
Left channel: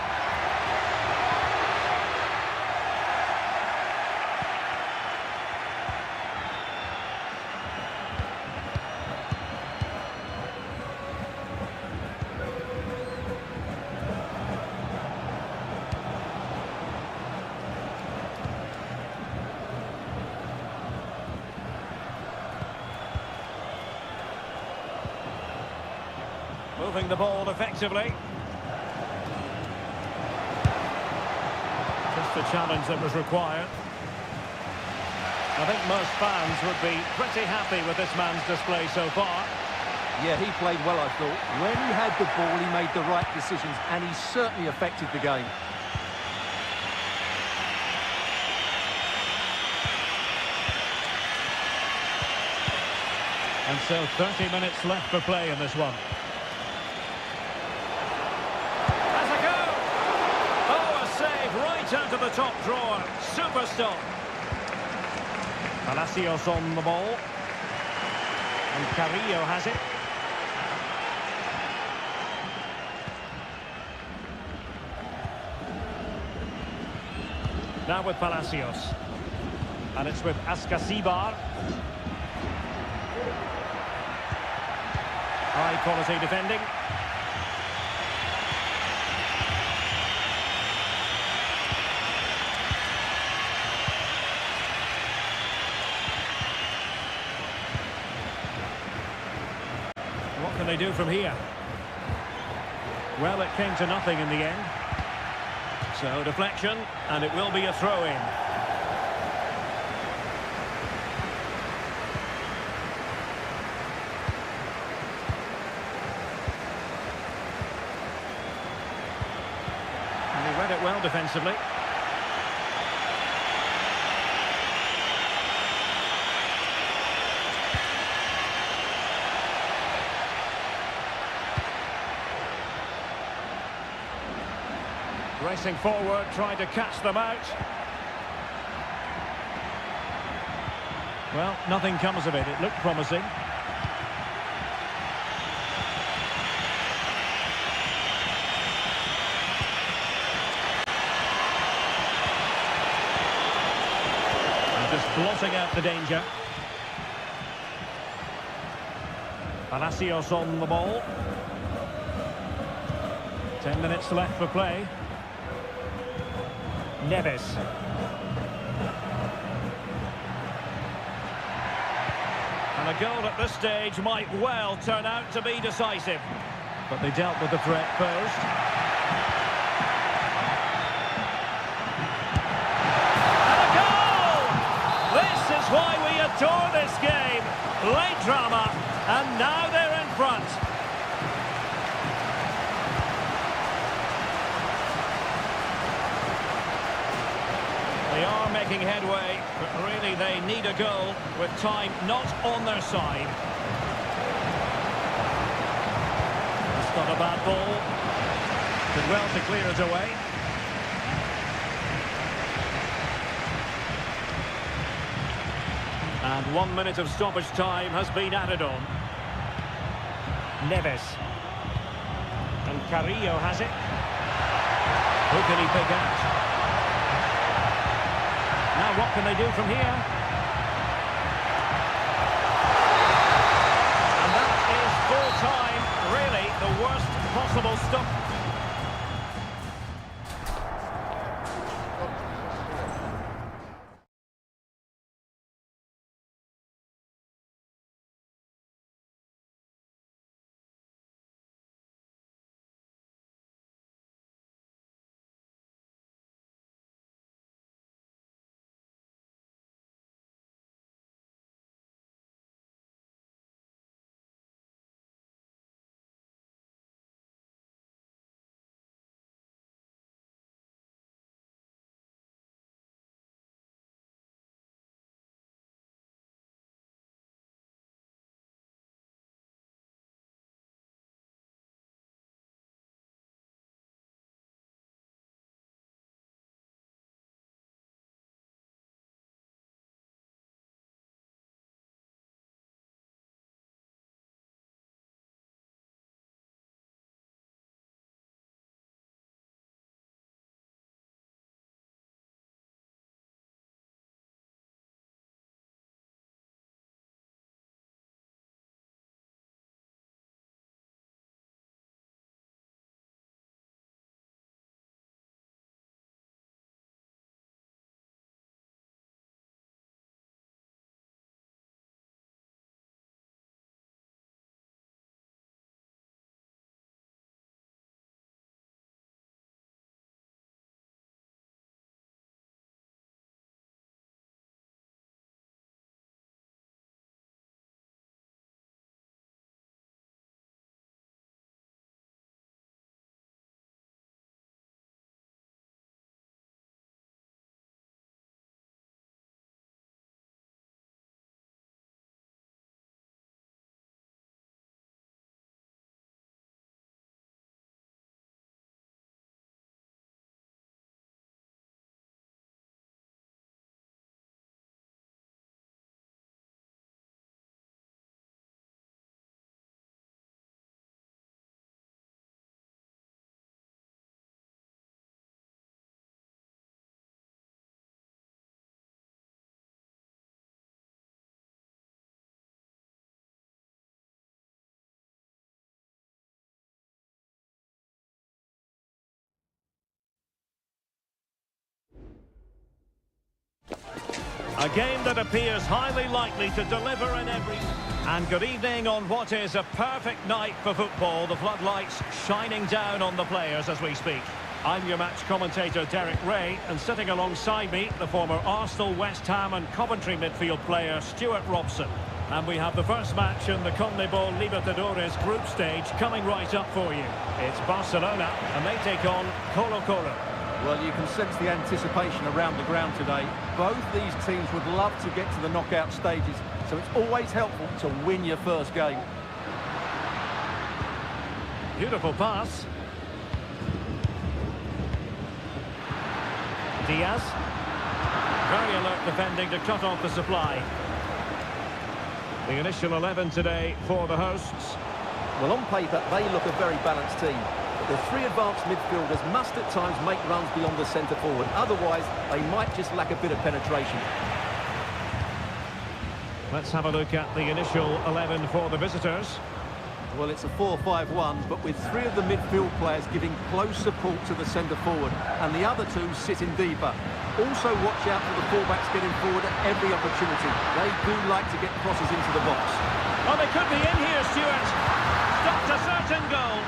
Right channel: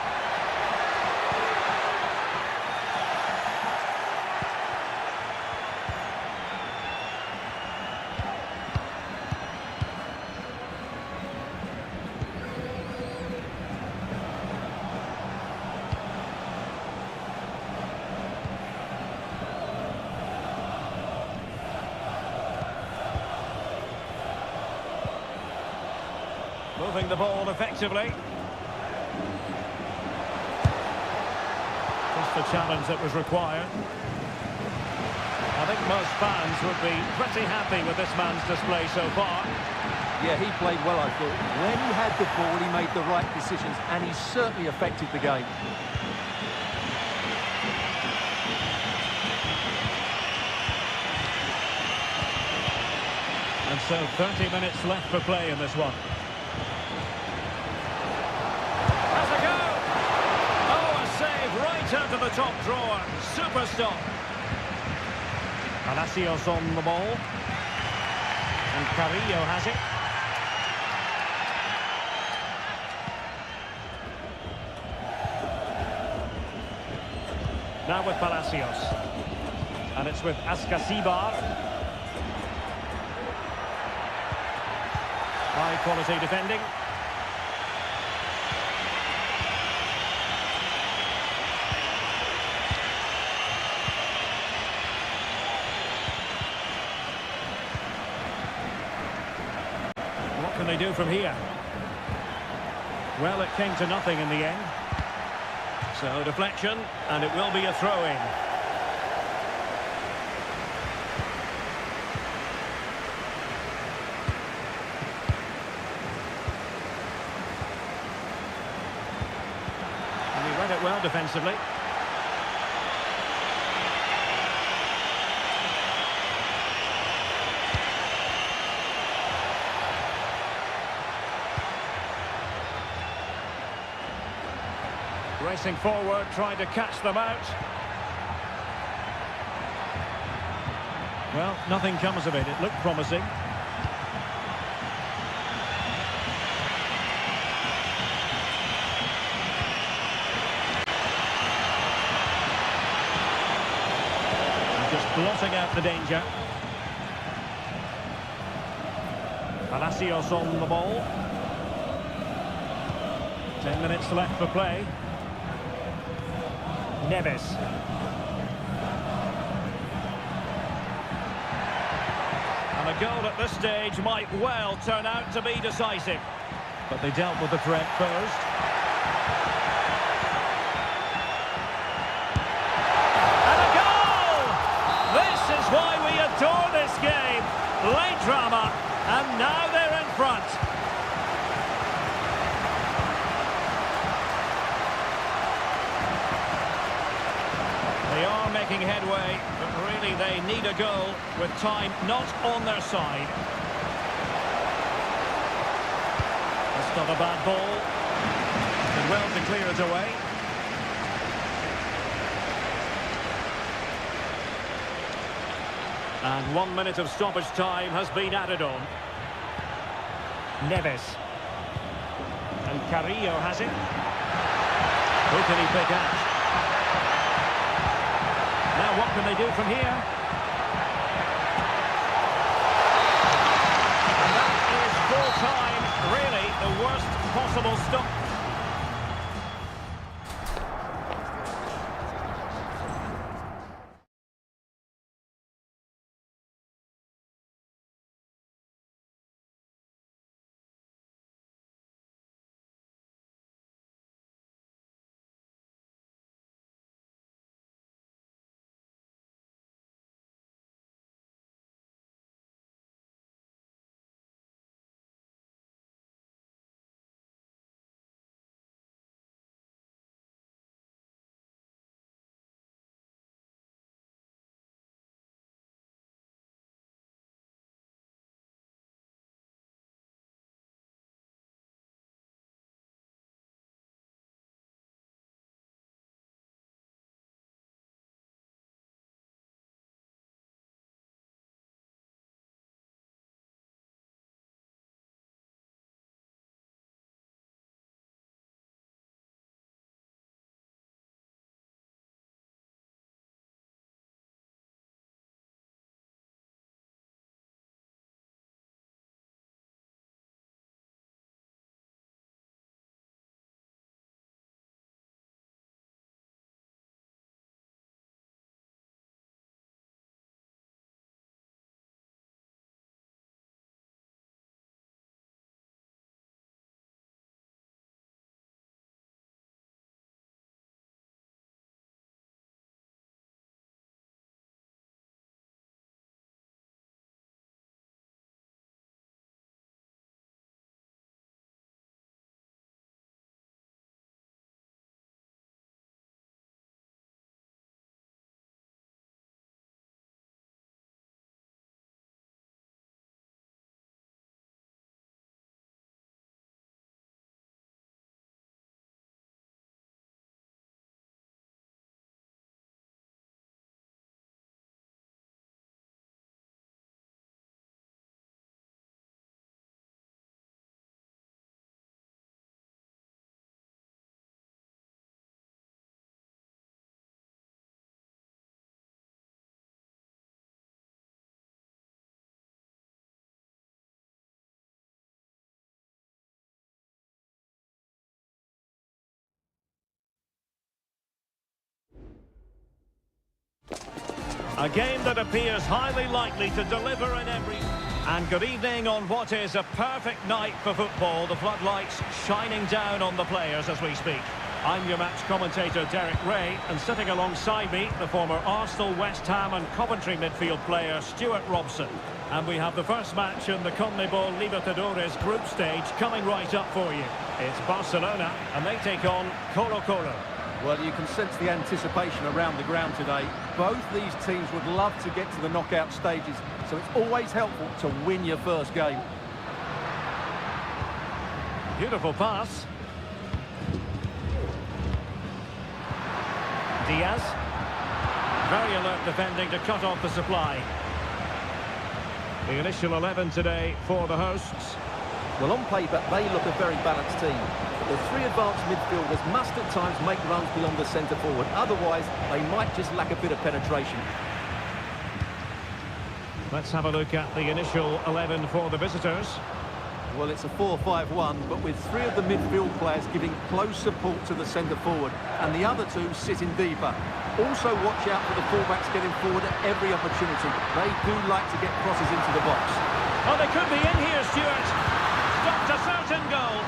Moving the ball effectively. Just the challenge that was required. I think most fans would be pretty happy with this man's display so far. Yeah, he played well, I thought. When he had the ball, he made the right decisions, and he certainly affected the game. And so 30 minutes left for play in this one. Has a go! Oh, a save right out of the top drawer. Super stop. Palacios on the ball. And Carrillo has it. Now with Palacios. And it's with Ascasibar. High quality defending. What can they do from here? Well, it came to nothing in the end. So deflection, and it will be a throw-in. And he read it well defensively. Racing forward, trying to catch them out. Well, nothing comes of it. It looked promising. And just blotting out the danger. Palacios on the ball. 10 minutes left for play. Neves. And a goal at this stage might well turn out to be decisive. But they dealt with the threat posed. And a goal! This is why we adore this game. Late drama, and now they're in front. They are making headway, but really they need a goal with time not on their side. That's not a bad ball. Did well to clear it away. And 1 minute of stoppage time has been added on. Neves. And Carrillo has it. Who can he pick out? Now what can they do from here? And that is full time, really the worst possible stop. A game that appears highly likely to deliver in every... And good evening on what is a perfect night for football. The floodlights shining down on the players as we speak. I'm your match commentator, Derek Ray, and sitting alongside me, the former Arsenal, West Ham and Coventry midfield player, Stuart Robson. And we have the first match in the CONMEBOL Libertadores group stage coming right up for you. It's Barcelona, and they take on Colo-Colo. Well, you can sense the anticipation around the ground today. Both these teams would love to get to the knockout stages, so it's always helpful to win your first game. Beautiful pass. Diaz. Very alert defending to cut off the supply. The initial 11 today for the hosts. Well, on paper, they look a very balanced team. But the three advanced midfielders must at times make runs beyond the centre forward. Otherwise, they might just lack a bit of penetration. Let's have a look at the initial 11 for the visitors. Well, it's a 4-5-1, but with three of the midfield players giving close support to the centre forward, and the other two sitting deeper. Also watch out for the fullbacks getting forward at every opportunity. They do like to get crosses into the box. Oh, they could be in here, Stuart. Stopped a certain goal.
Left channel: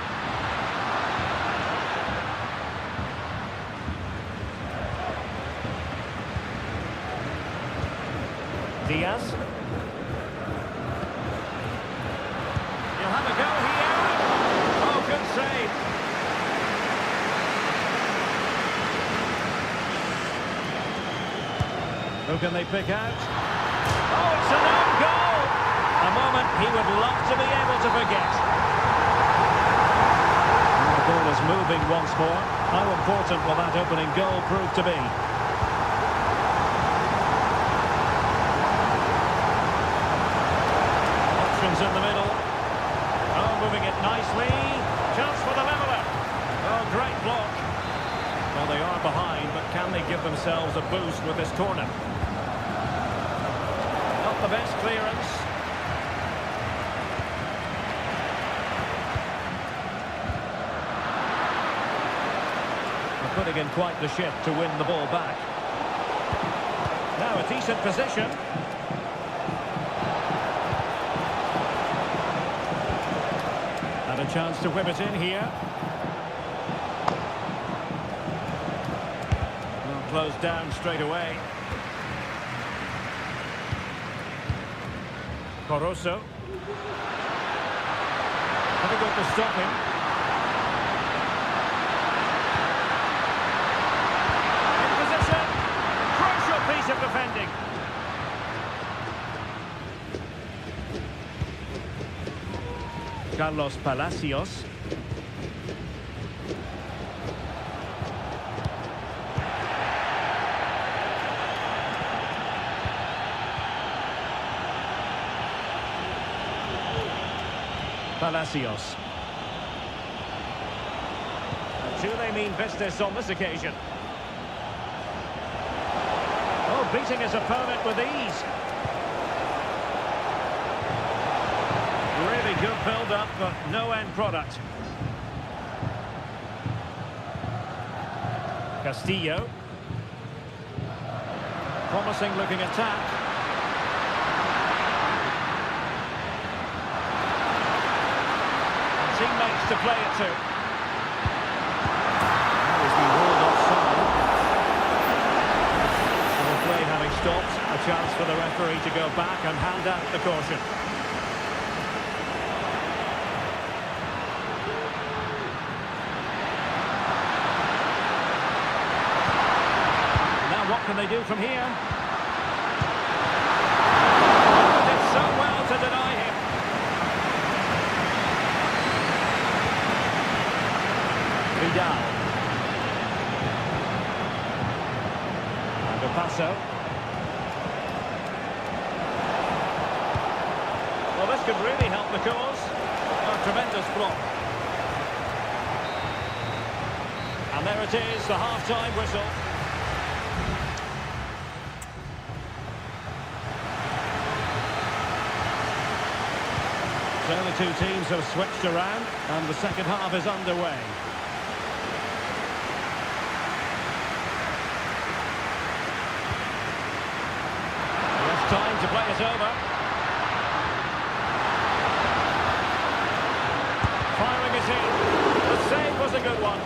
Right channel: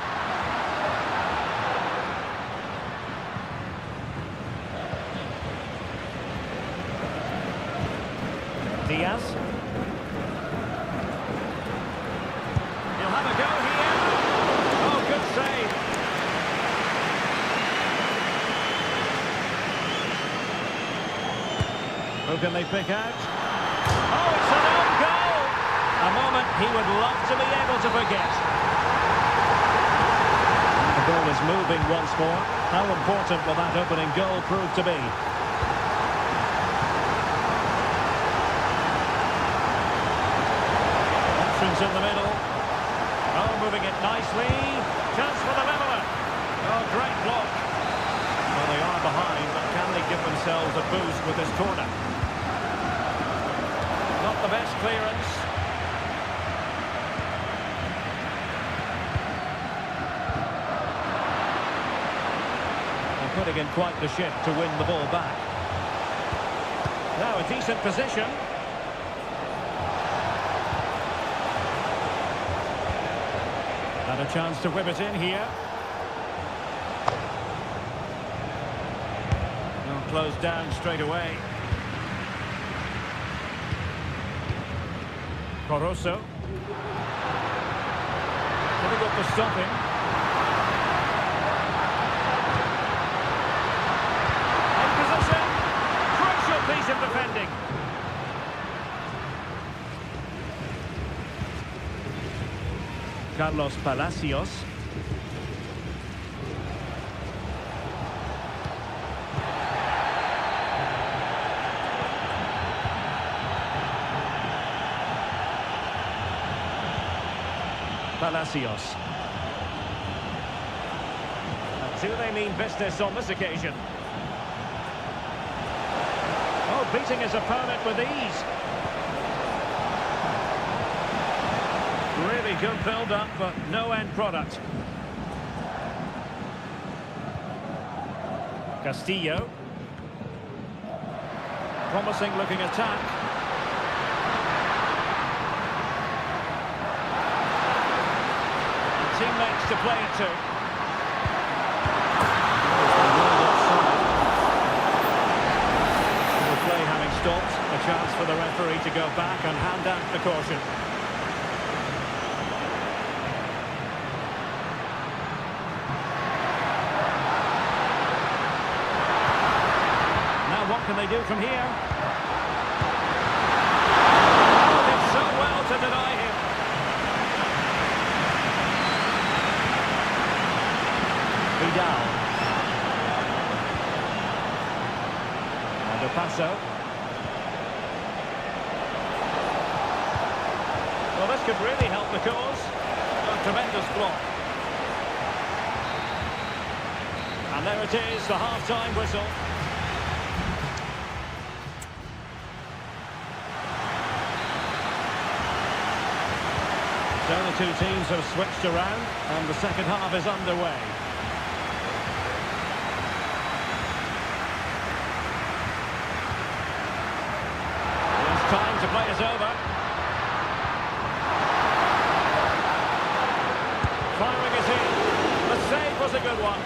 Diaz. He'll have a go here. Oh, good save. Who can they pick out? Oh, it's an own goal! A moment he would love to be able to forget. And the ball is moving once more. How important will that opening goal prove to be? Options in the middle. Oh, moving it nicely. Chance for the leveller. Oh, great block. Well, they are behind, but can they give themselves a boost with this corner? Not the best clearance. They're putting in quite the shift to win the ball back. Now a decent position. And a chance to whip it in here. Well, closed down straight away. Coroso. Difficult to stop him. In position. Crucial piece of defending. Carlos Palacios. Palacios. And do they mean business on this occasion? Oh, beating his opponent with ease. Really good build-up, but no end product. Castillo. Promising looking attack. And teammates to play it to. He's been ruled offside. So the play having stopped, a chance for the referee to go back and hand out the caution. Now what can they do from here? Oh, did so well to deny him. Vidal. And a passo. Well, this could really help the cause. A tremendous block. And there it is, the half-time whistle. So the two teams have switched around and the second half is underway. time to play it over. Firing it in. The save was a good one.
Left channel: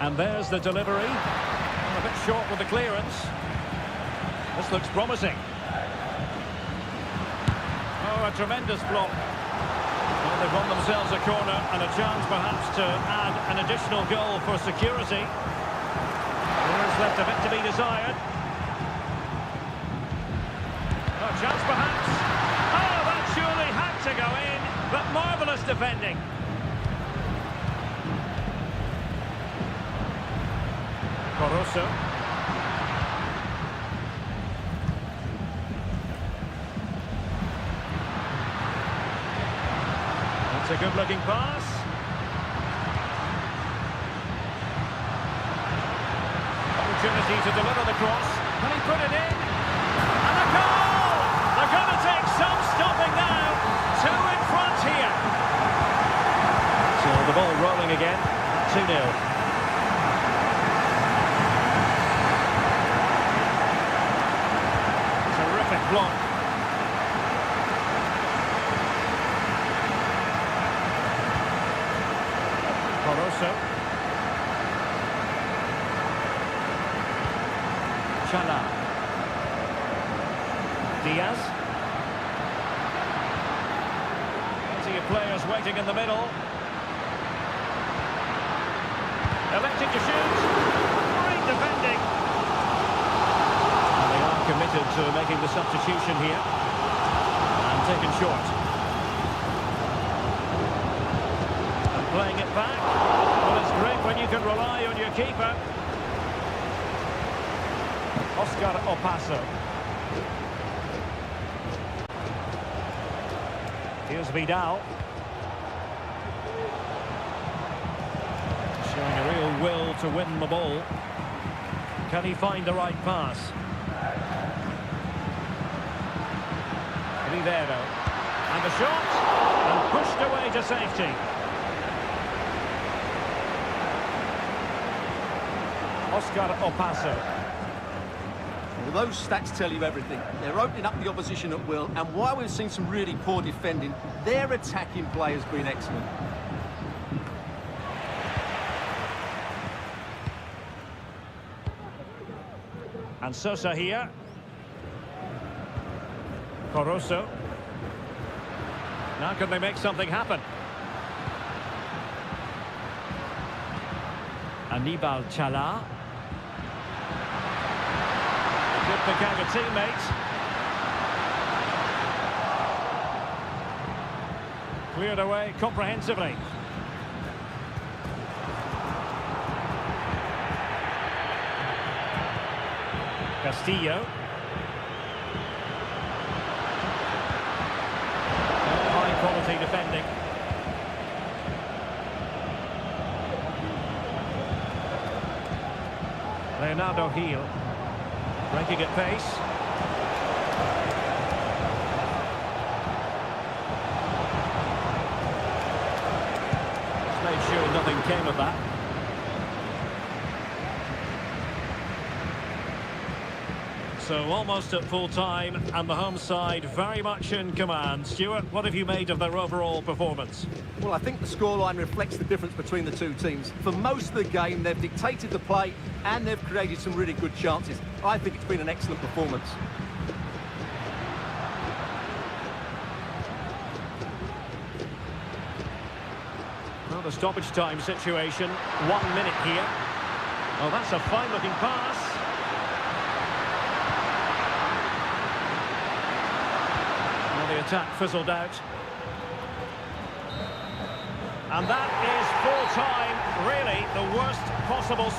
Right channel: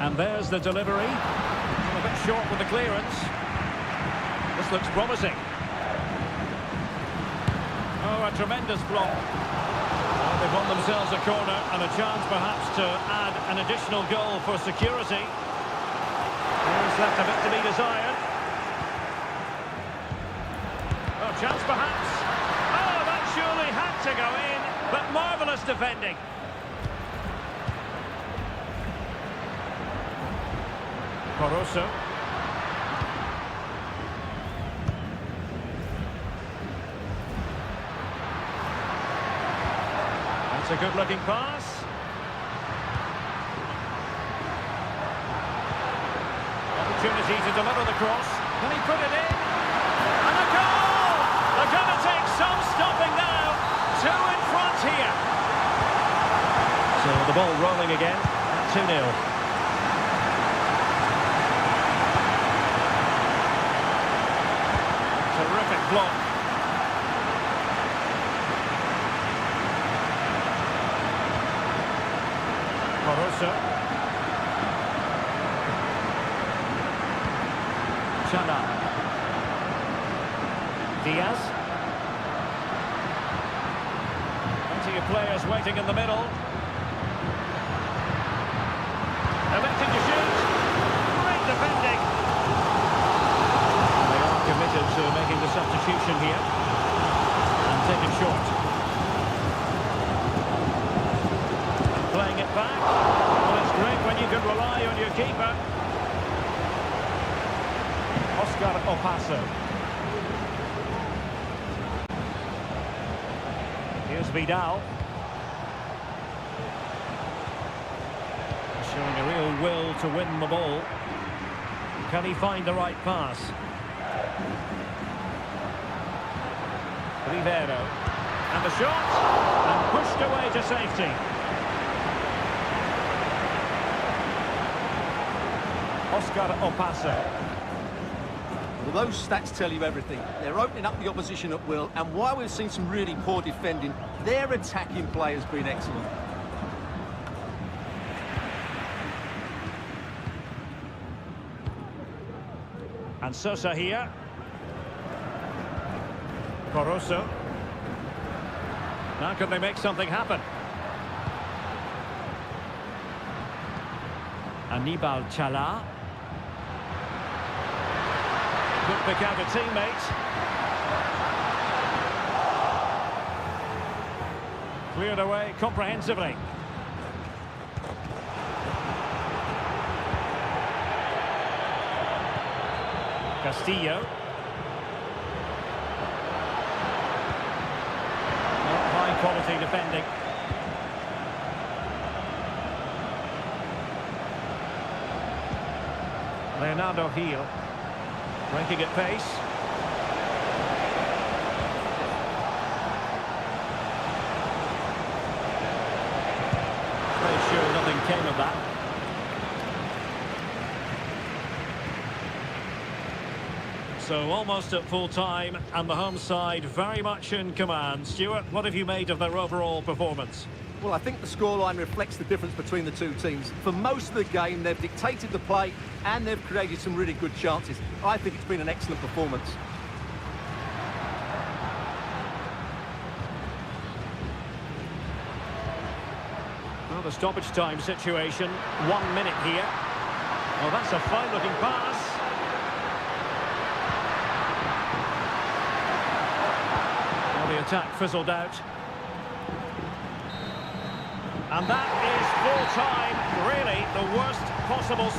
And there's the delivery. Well, a bit short with the clearance. This looks promising. Oh, a tremendous block. Well, they've won themselves a corner and a chance perhaps to add an additional goal for security. There's left a bit to be desired. Oh, chance perhaps. Oh, that surely had to go in, but marvellous defending. Caruso. That's a good-looking pass. Opportunity to deliver the cross. Can he put it in? And a goal! They're going to take some stopping now. 2 in front here. So the ball rolling again at 2-0. Terrific block. Caruso. Chala. Diaz. Plenty of players waiting in the middle. Electing to shoot. Great defending. And they are committed to making the substitution here. And taken short. And playing it back. Well, it's great when you can rely on your keeper. Oscar Opaso. Here's Vidal. Showing a real will to win the ball. Can he find the right pass? Rivero. And the shot. And pushed away to safety. Oscar Opaso. Well, those stats tell you everything. They're opening up the opposition at will, and while we've seen some really poor defending, their attacking play has been excellent. And Sosa here. Caruso. Now can they make something happen? Anibal Chala. He could pick out a teammate. Cleared away comprehensively. Castillo. High quality defending. Leonardo Gil. Breaking at pace. Just made sure nothing came of that. So almost at full time, and the home side very much in command. Stuart, what have you made of their overall performance? Well, I think the scoreline reflects the difference between the two teams. For most of the game, they've dictated the play and they've created some really good chances. I think it's been an excellent performance. Well, the stoppage time situation, 1 minute here. Oh, that's a fine-looking pass. Well, the attack fizzled out. And that is full-time, really the worst possible...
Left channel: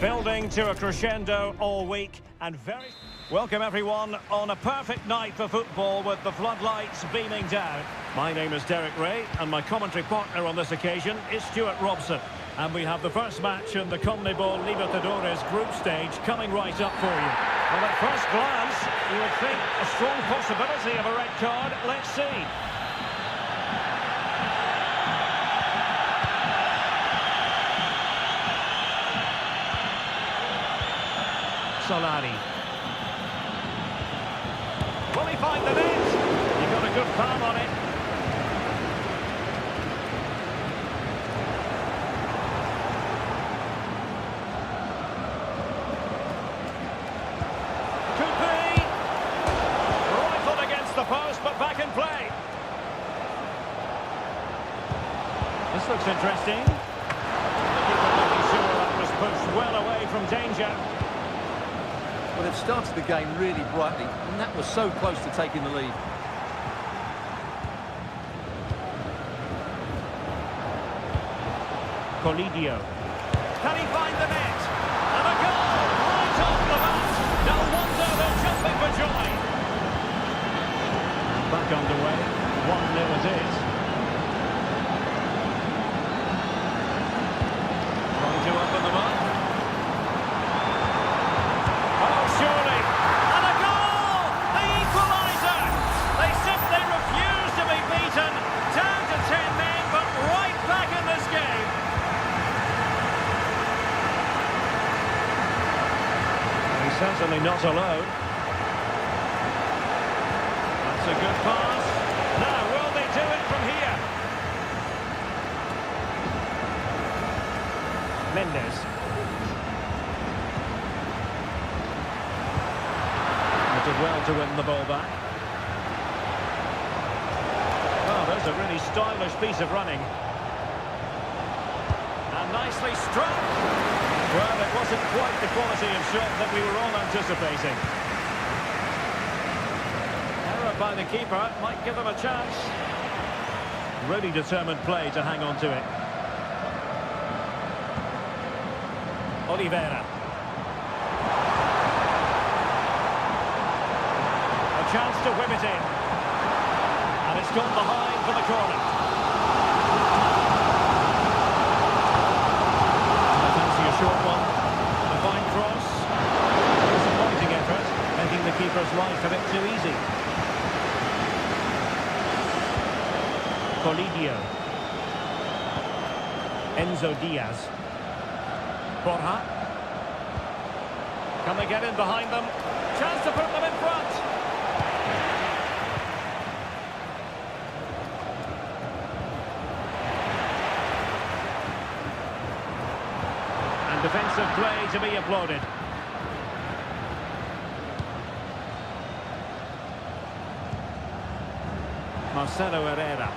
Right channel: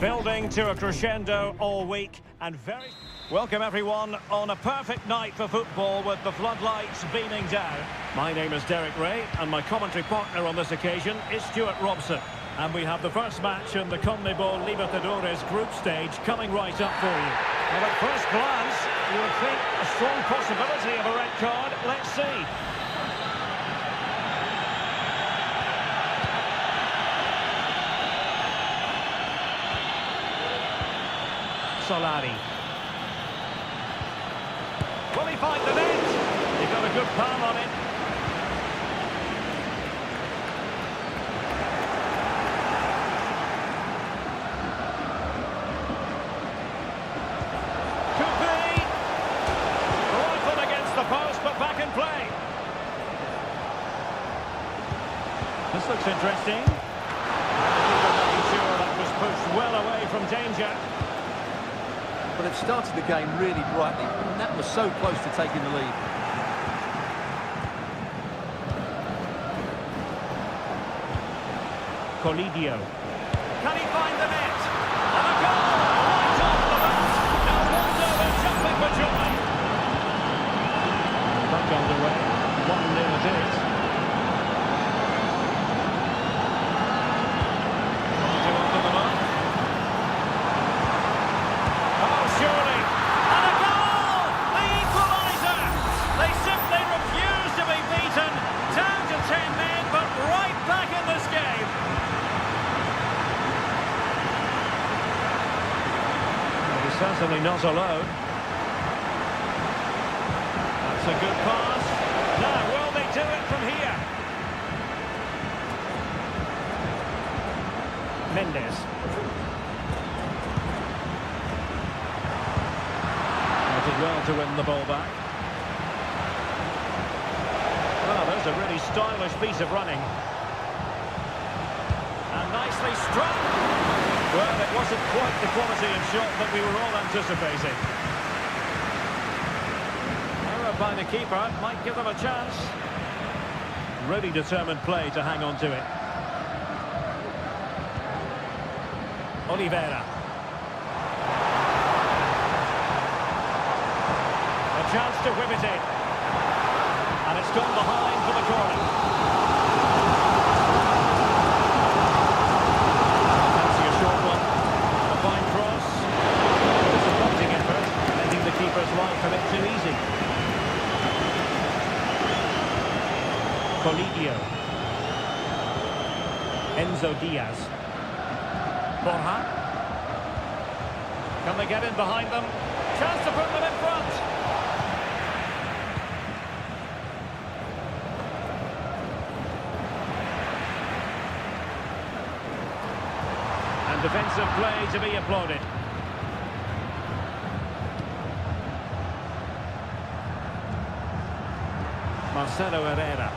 Building to a crescendo all week and very... Welcome everyone on a perfect night for football with the floodlights beaming down. My name is Derek Ray and my commentary partner on this occasion is Stuart Robson. And we have the first match in the CONMEBOL Libertadores group stage coming right up for you. Well, at first glance, you would think a strong possibility of a red card. Let's see. Solari. Will he find the net? He got a good palm on it. Could be. Rifled against the post, but back in play. This looks interesting. The keeper making sure that was pushed well away from danger. Well, they've started the game really brightly, and that was so close to taking the lead. Colidio. Can he find the net? And a goal right off the bat. No wonder they're jumping for joy. And back underway. 1-0 it is. Trying to open them up. Surely, and a goal! The equaliser! They simply refuse to be beaten. Down to 10 men, but right back in this game. Well, he's certainly not alone. That's a good pass. Now, will they do it from here? Mendes. Did well to win the ball back. Well, there's a really stylish piece of running. And nicely struck. Well, it wasn't quite the quality of shot that we were all anticipating. Error by the keeper might give them a chance. Really determined play to hang on to it. Oliveira. A chance to whip it in. And it's gone behind for the corner. I fancy a short one. A fine cross. A disappointing effort, making the keeper's life a bit too easy. Colidio. Enzo Diaz. Borja. Can they get in behind them? Chance to put them in front. And defensive play to be applauded. Marcelo Herrera.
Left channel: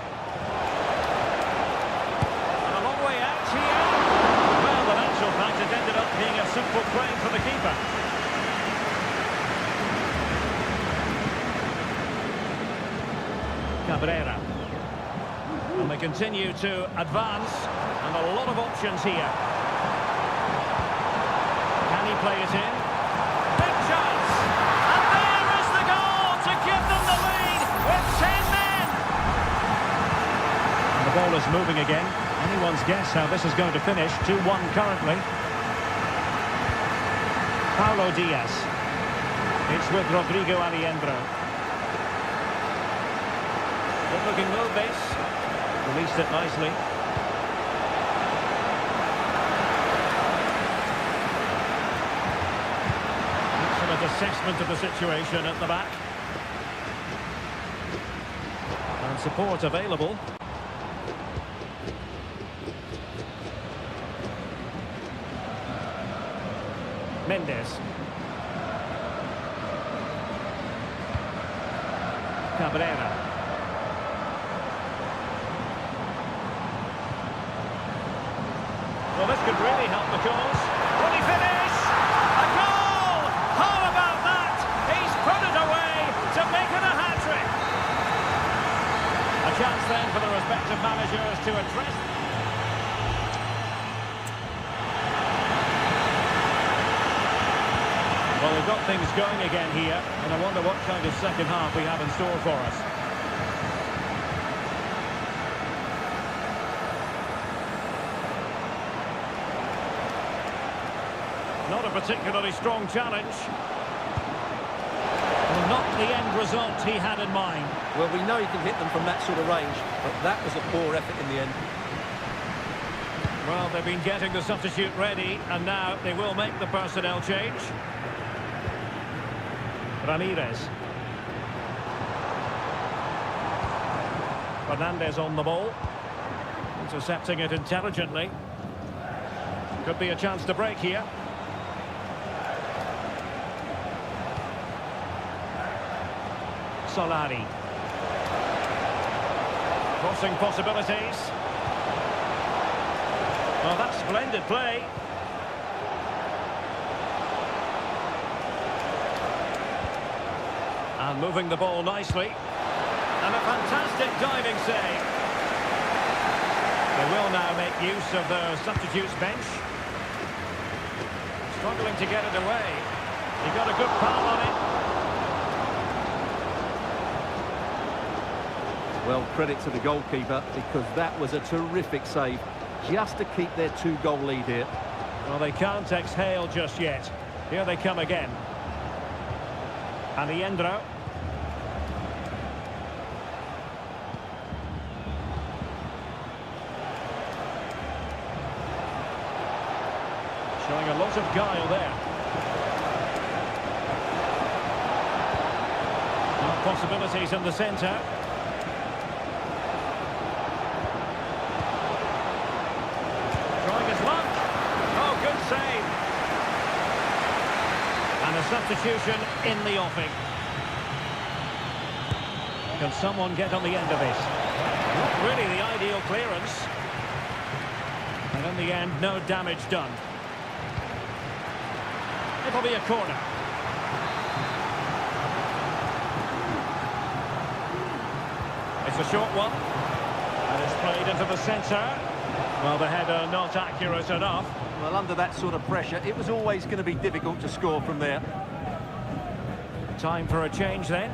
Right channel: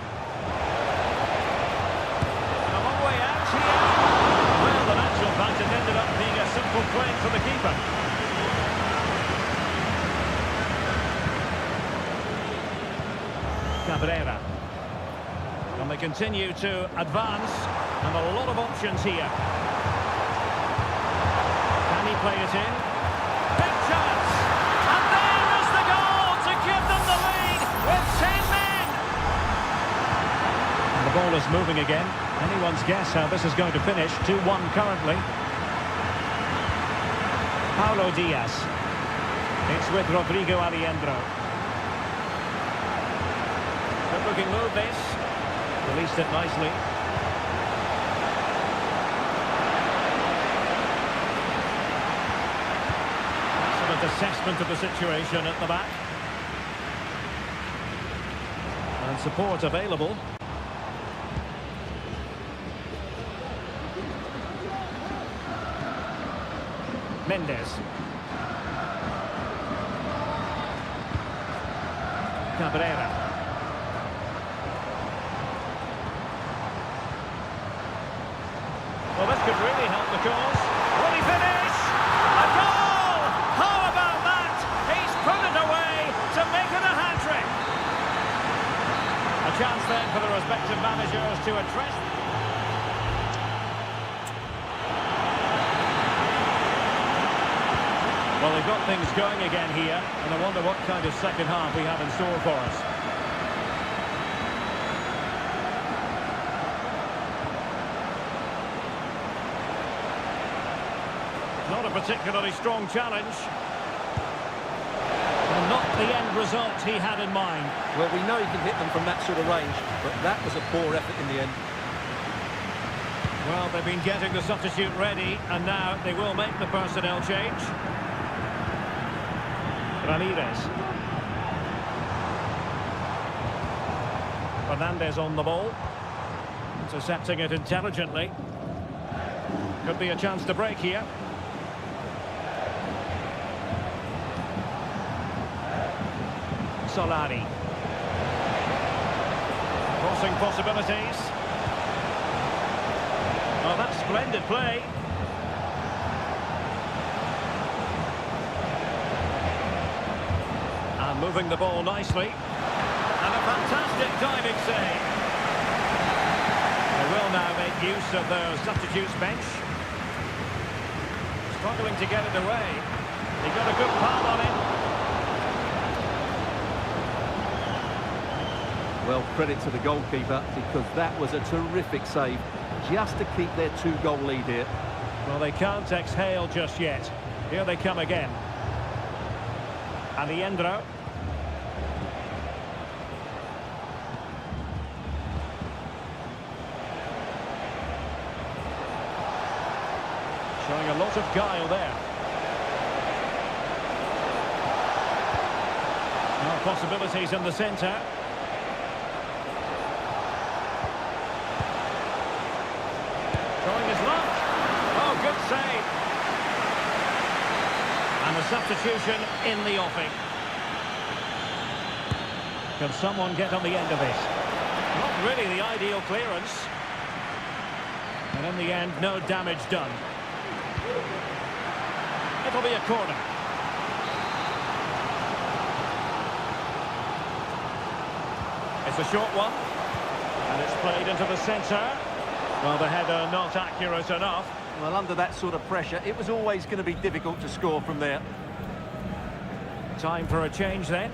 And a long way out here. Well, the natural fact it ended up being a simple claim for the keeper. Cabrera. And they continue to advance. And a lot of options here. Can he play it in? Big chance! And there is the goal to give them the lead with 10 men! And the ball is moving again. Anyone's guess how this is going to finish. 2-1 currently. Paulo Diaz. It's with Rodrigo Aliendro. Good looking move this. Released it nicely. Assessment of the situation at the back. And support available. Mendes. Cabrera. Well, this could really help the cause. Will he finish? A goal! How about that? He's put it away to make it a hat-trick. A chance then for the respective managers to address. Well, they've got things going again here, and I wonder what kind of second half we have in store for us. Not a particularly strong challenge. Well, not the end result he had in mind. Well, we know he can hit them from that sort of range, but that was a poor effort in the end. Well, they've been getting the substitute ready, and now they will make the personnel change. Ramirez. Fernandez on the ball. Intercepting it intelligently. Could be a chance to break here. Solari. Crossing possibilities. Oh, that's splendid play. And moving the ball nicely. And a fantastic diving save. They will now make use of their substitutes bench. Struggling to get it away. He got a good palm on it. Well, credit to the goalkeeper, because that was a terrific save, just to keep their 2-goal lead here. Well, they can't exhale just yet. Here they come again. Alejandro. Showing a lot of guile there. Now possibilities in the centre. Trying his luck. Oh, good save. And a substitution in the offing. Can someone get on the end of it? Not really the ideal clearance. And in the end, no damage done. It'll be a corner. It's a short one. And it's played into the centre. Well, the header not accurate enough. Well, under that sort of pressure, it was always going to be difficult to score from there. Time for a change then.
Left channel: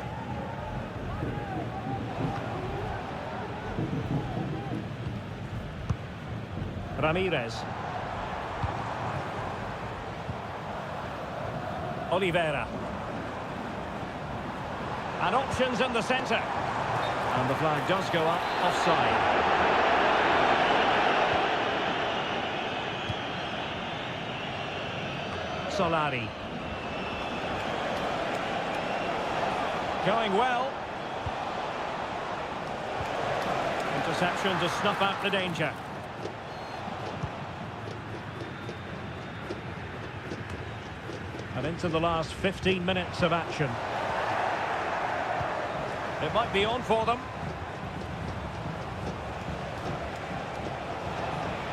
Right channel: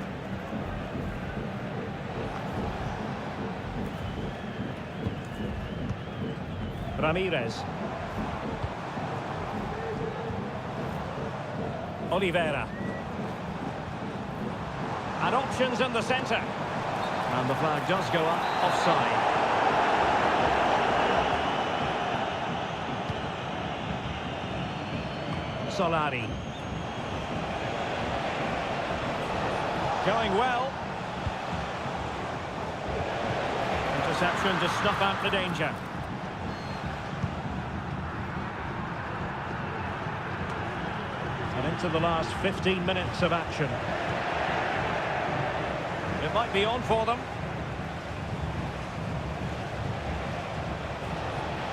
Ramirez. Oliveira. And options in the centre. And the flag does go up, offside. Solari. Going well. Interception to snuff out the danger. And into the last 15 minutes of action. It might be on for them.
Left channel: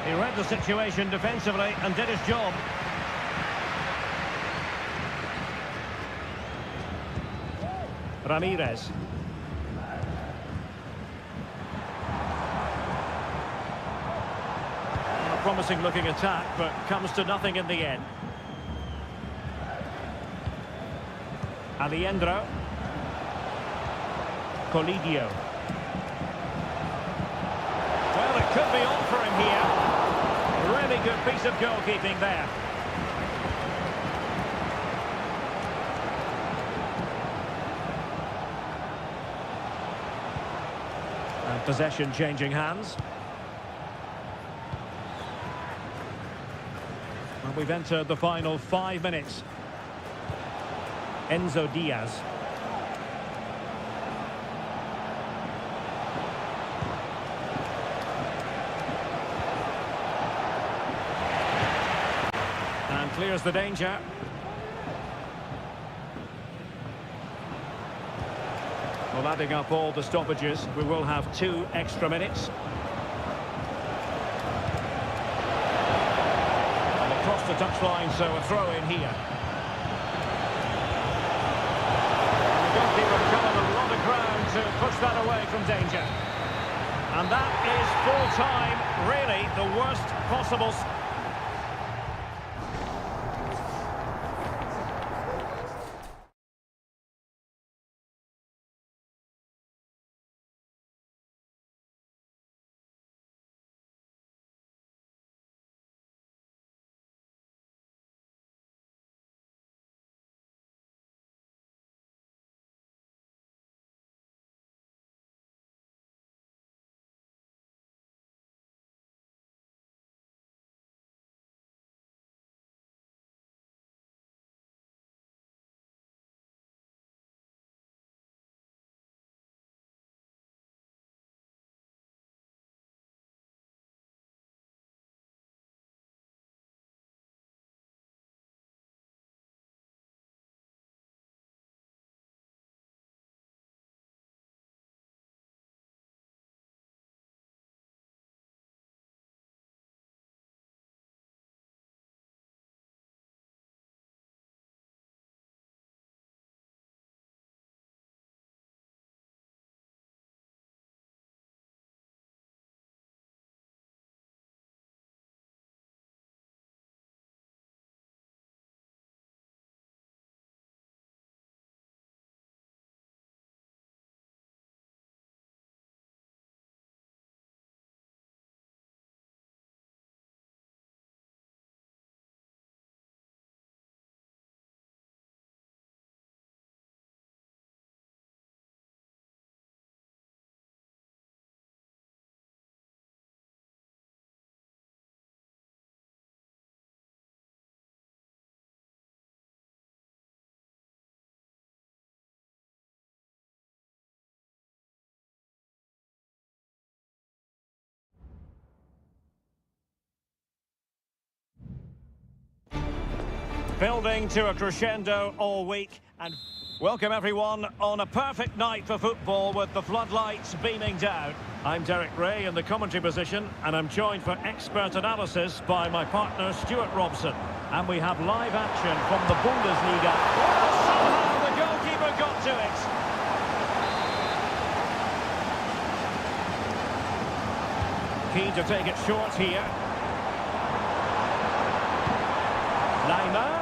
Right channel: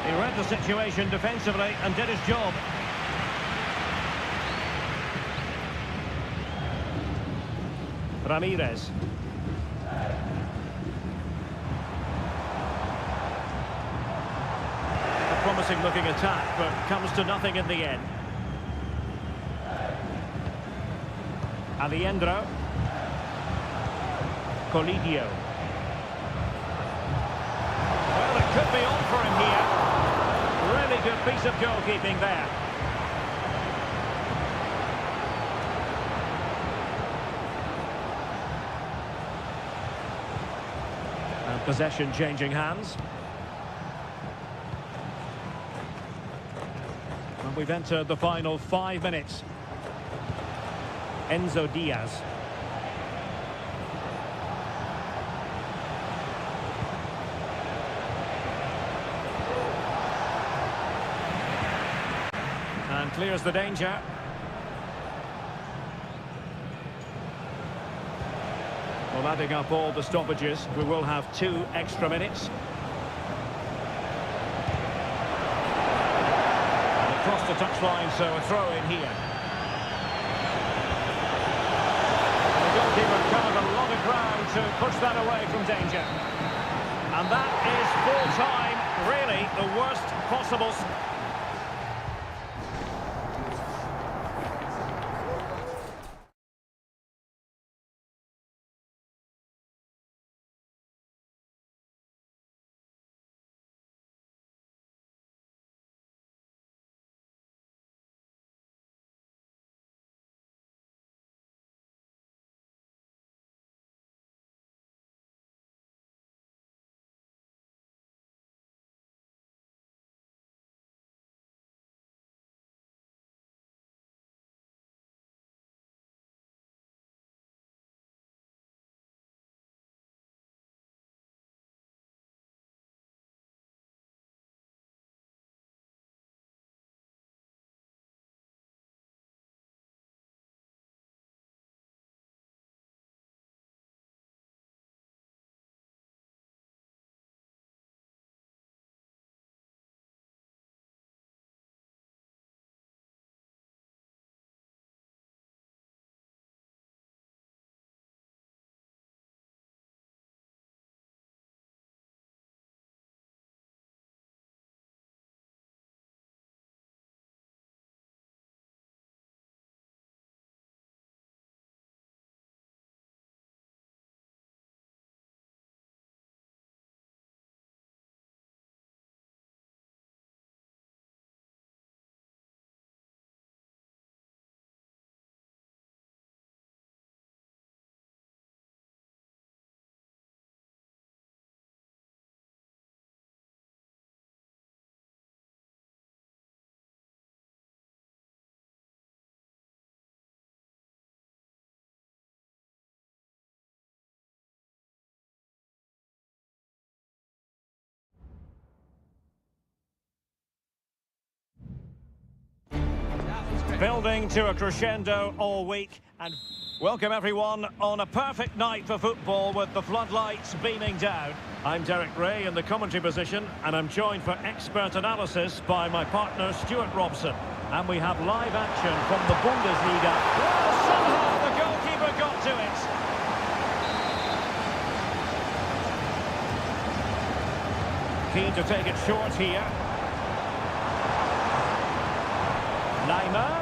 He read the situation defensively and did his job. Ramirez. A promising looking attack, but comes to nothing in the end. Alejandro. Colidio. Well, it could be on for him here. Really good piece of goalkeeping there. And possession changing hands. And we've entered the final 5 minutes. Enzo Diaz. And clears the danger. Well, adding up all the stoppages, we will have 2 extra minutes. And across the touchline, so a throw in here. Goalkeeper covered a lot of ground to push that away from danger. And that is full time, really the worst possible. Building to a crescendo all week, and welcome everyone on a perfect night for football with the floodlights beaming down. I'm Derek Ray in the commentary position, and I'm joined for expert analysis by my partner Stuart Robson. And we have live action from the Bundesliga. Well, somehow the goalkeeper got to it. Keen to take it short here. Neymar.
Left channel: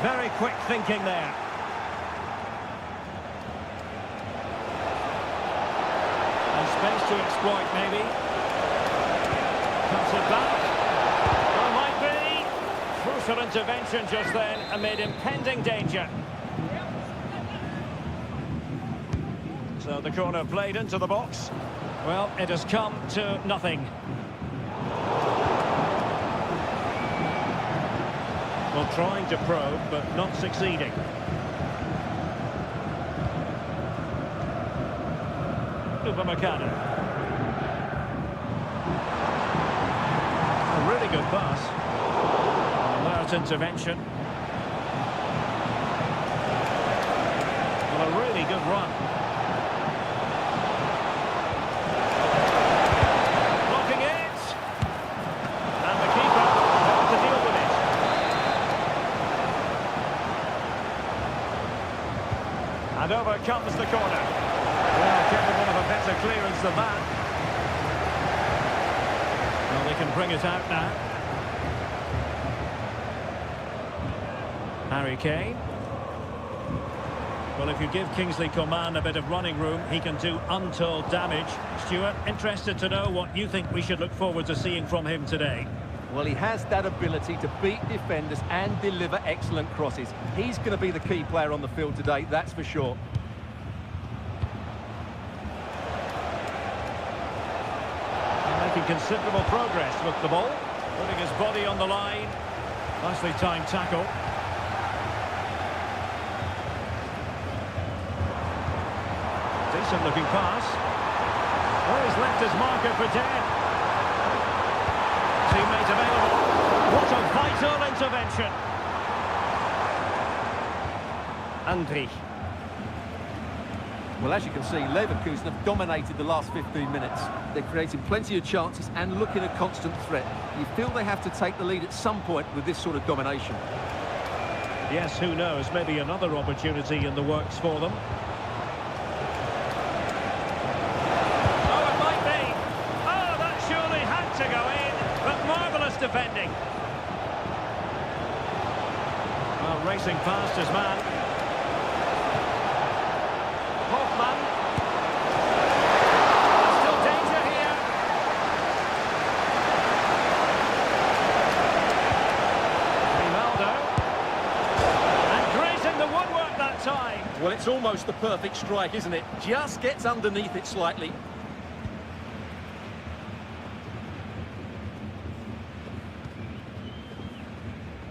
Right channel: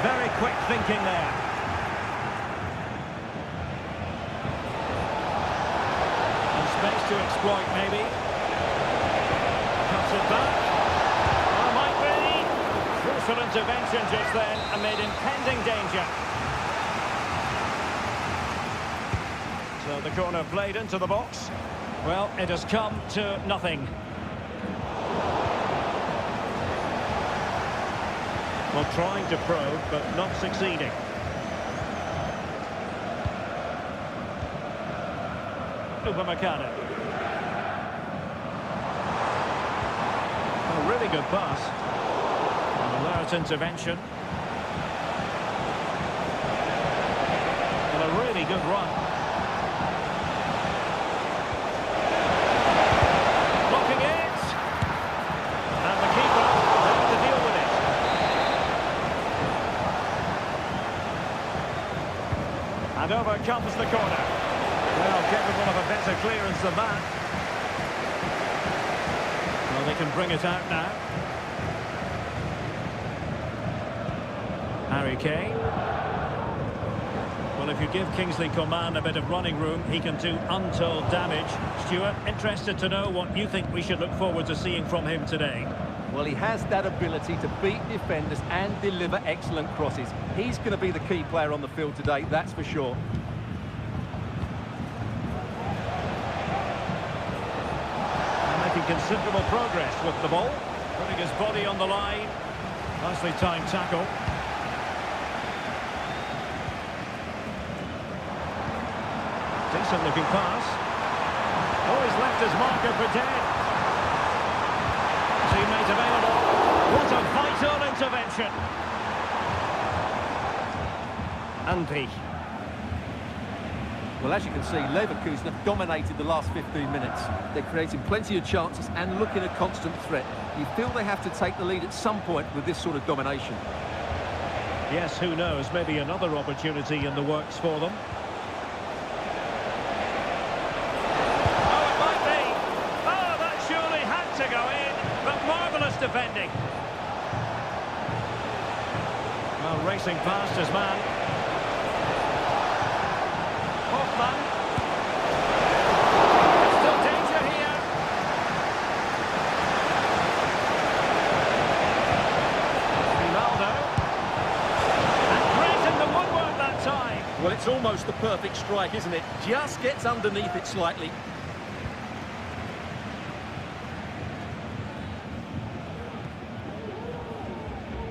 Very quick thinking there. And space to exploit, maybe. Cuts it back. Oh, might be. Crucial intervention just then amid impending danger. So the corner played into the box. Well, it has come to nothing. Well, trying to probe, but not succeeding. Upamecano. A really good pass. An alert intervention. Well, a really good run. Blocking it. And the keeper there to deal with it. And over comes the corner. Well, capable of a better clearance than that. Well, they can bring it out now. Harry Kane. Well, if you give Kingsley Coman a bit of running room, he can do untold damage. Stuart, interested to know what you think we should look forward to seeing from him today. Well, he has that ability to beat defenders and deliver excellent crosses. He's going to be the key player on the field today, that's for sure. Making considerable progress with the ball. Putting his body on the line. Nicely timed tackle. Decent looking pass. Oh, he's left his marker for dead. Teammate available. What a vital intervention. Andri. Well, as you can see, Leverkusen have dominated the last 15 minutes. They're creating plenty of chances and looking a constant threat. You feel they have to take the lead at some point with this sort of domination. Yes, who knows? Maybe another opportunity in the works for them. Oh, it might be. Oh, that surely had to go in. But marvellous defending. Well, racing past his man. Hoffman. There's still danger here. Grimaldo. And grazing the woodwork that time. Well, it's almost the perfect strike, isn't it? Just gets underneath it slightly.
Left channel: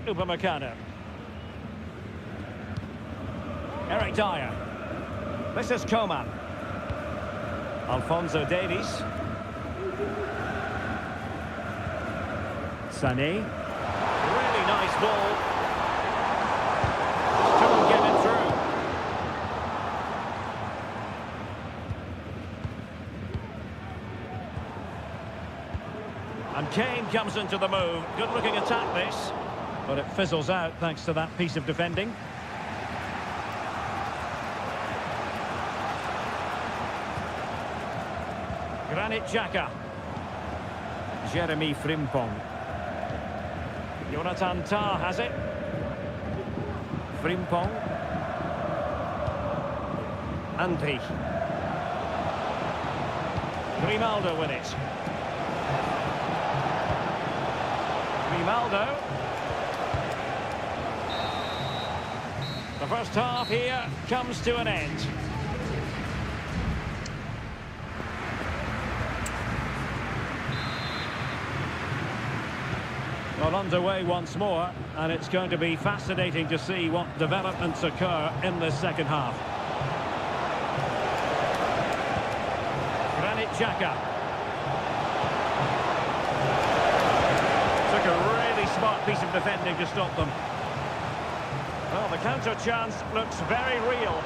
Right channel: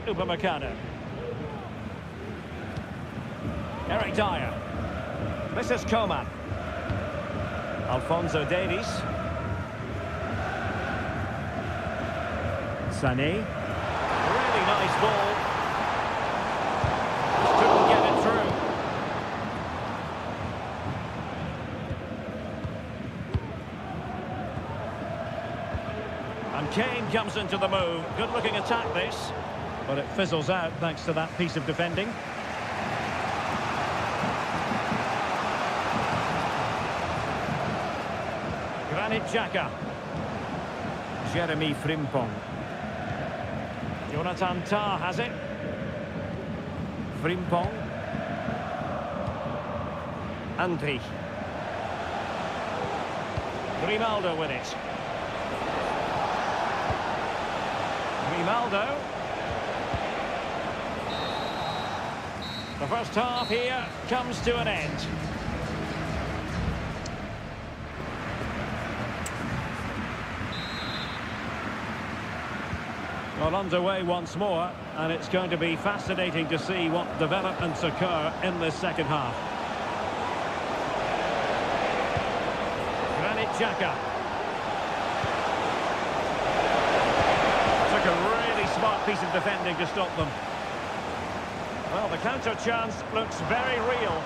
Upamecano. Eric Dyer. This is Coman. Alphonso Davies. Sané. Really nice ball. Just couldn't get it through. And Kane comes into the move. Good looking attack this. But it fizzles out thanks to that piece of defending. Granit Xhaka. Jeremy Frimpong. Jonathan Tah has it. Frimpong. Andri. Grimaldo with it. Grimaldo. The first half here comes to an end. Well, underway once more, and it's going to be fascinating to see what developments occur in this second half. Granit Xhaka. Took a really smart piece of defending to stop them. Well, the counter chance looks very real.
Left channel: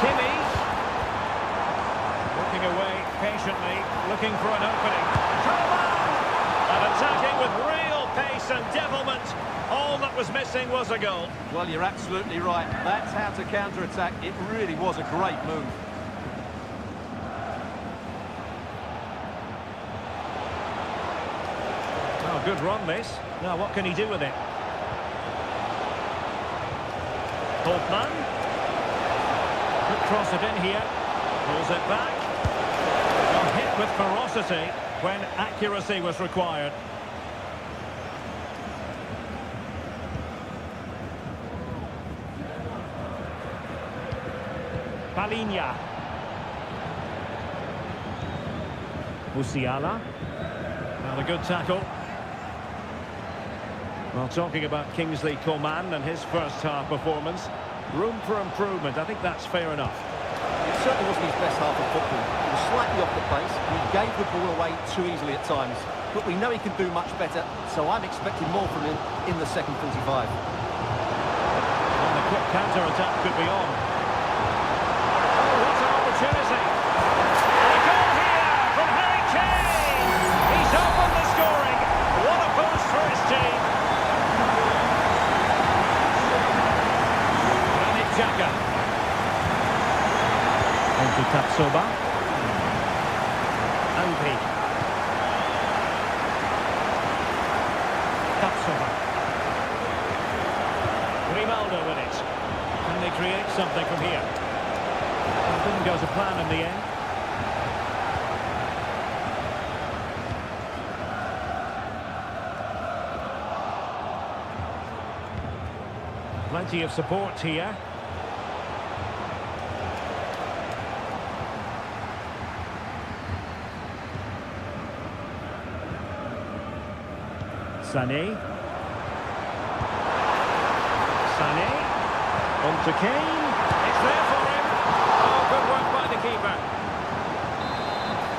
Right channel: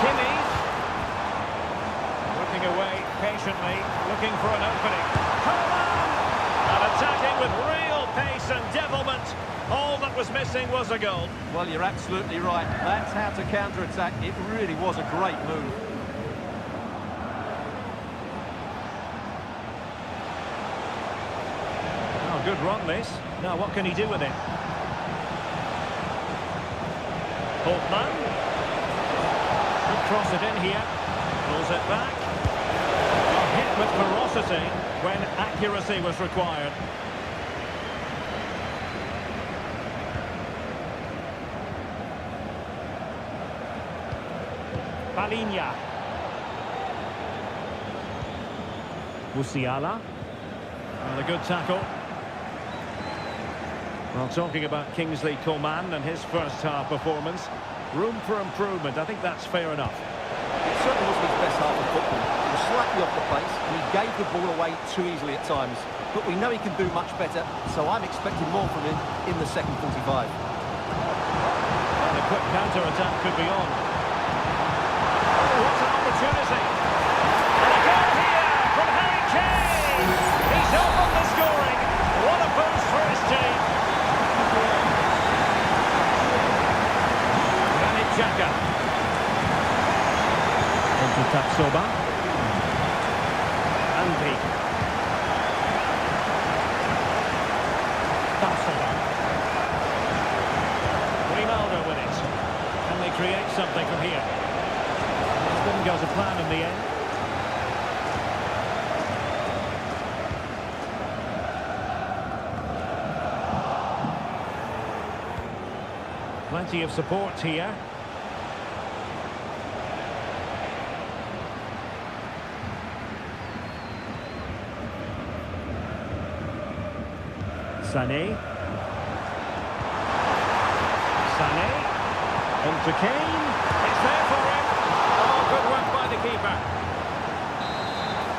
Kimmich. Looking away patiently, looking for an opening. Coman! And attacking with real pace and devilment. All that was missing was a goal. Well, you're absolutely right. That's how to counter-attack. It really was a great move. Oh, good run this. Now, what can he do with it? Holtman. Could cross it in here. Pulls it back. A hit with ferocity when accuracy was required. Palinha. Musiala. Well, a good tackle. Well, talking about Kingsley Coman and his first half performance, room for improvement. I think that's fair enough. It certainly wasn't his best half of football. He was slightly off the pace and he gave the ball away too easily at times. But we know he can do much better, so I'm expecting more from him in the second 45. And a quick counter-attack could be on. Oh, what an opportunity! And a goal here from Harry Kane! He's opened the scoring. What a boost for his team. Granit Xhaka. Into Tapsoba. Andri. Tapsoba. Grimaldo with it. Can they create something from here? It didn't go to plan in the end. Plenty of support here. Sané. Sané. On to Kane. It's there for him. Oh, good work by the keeper.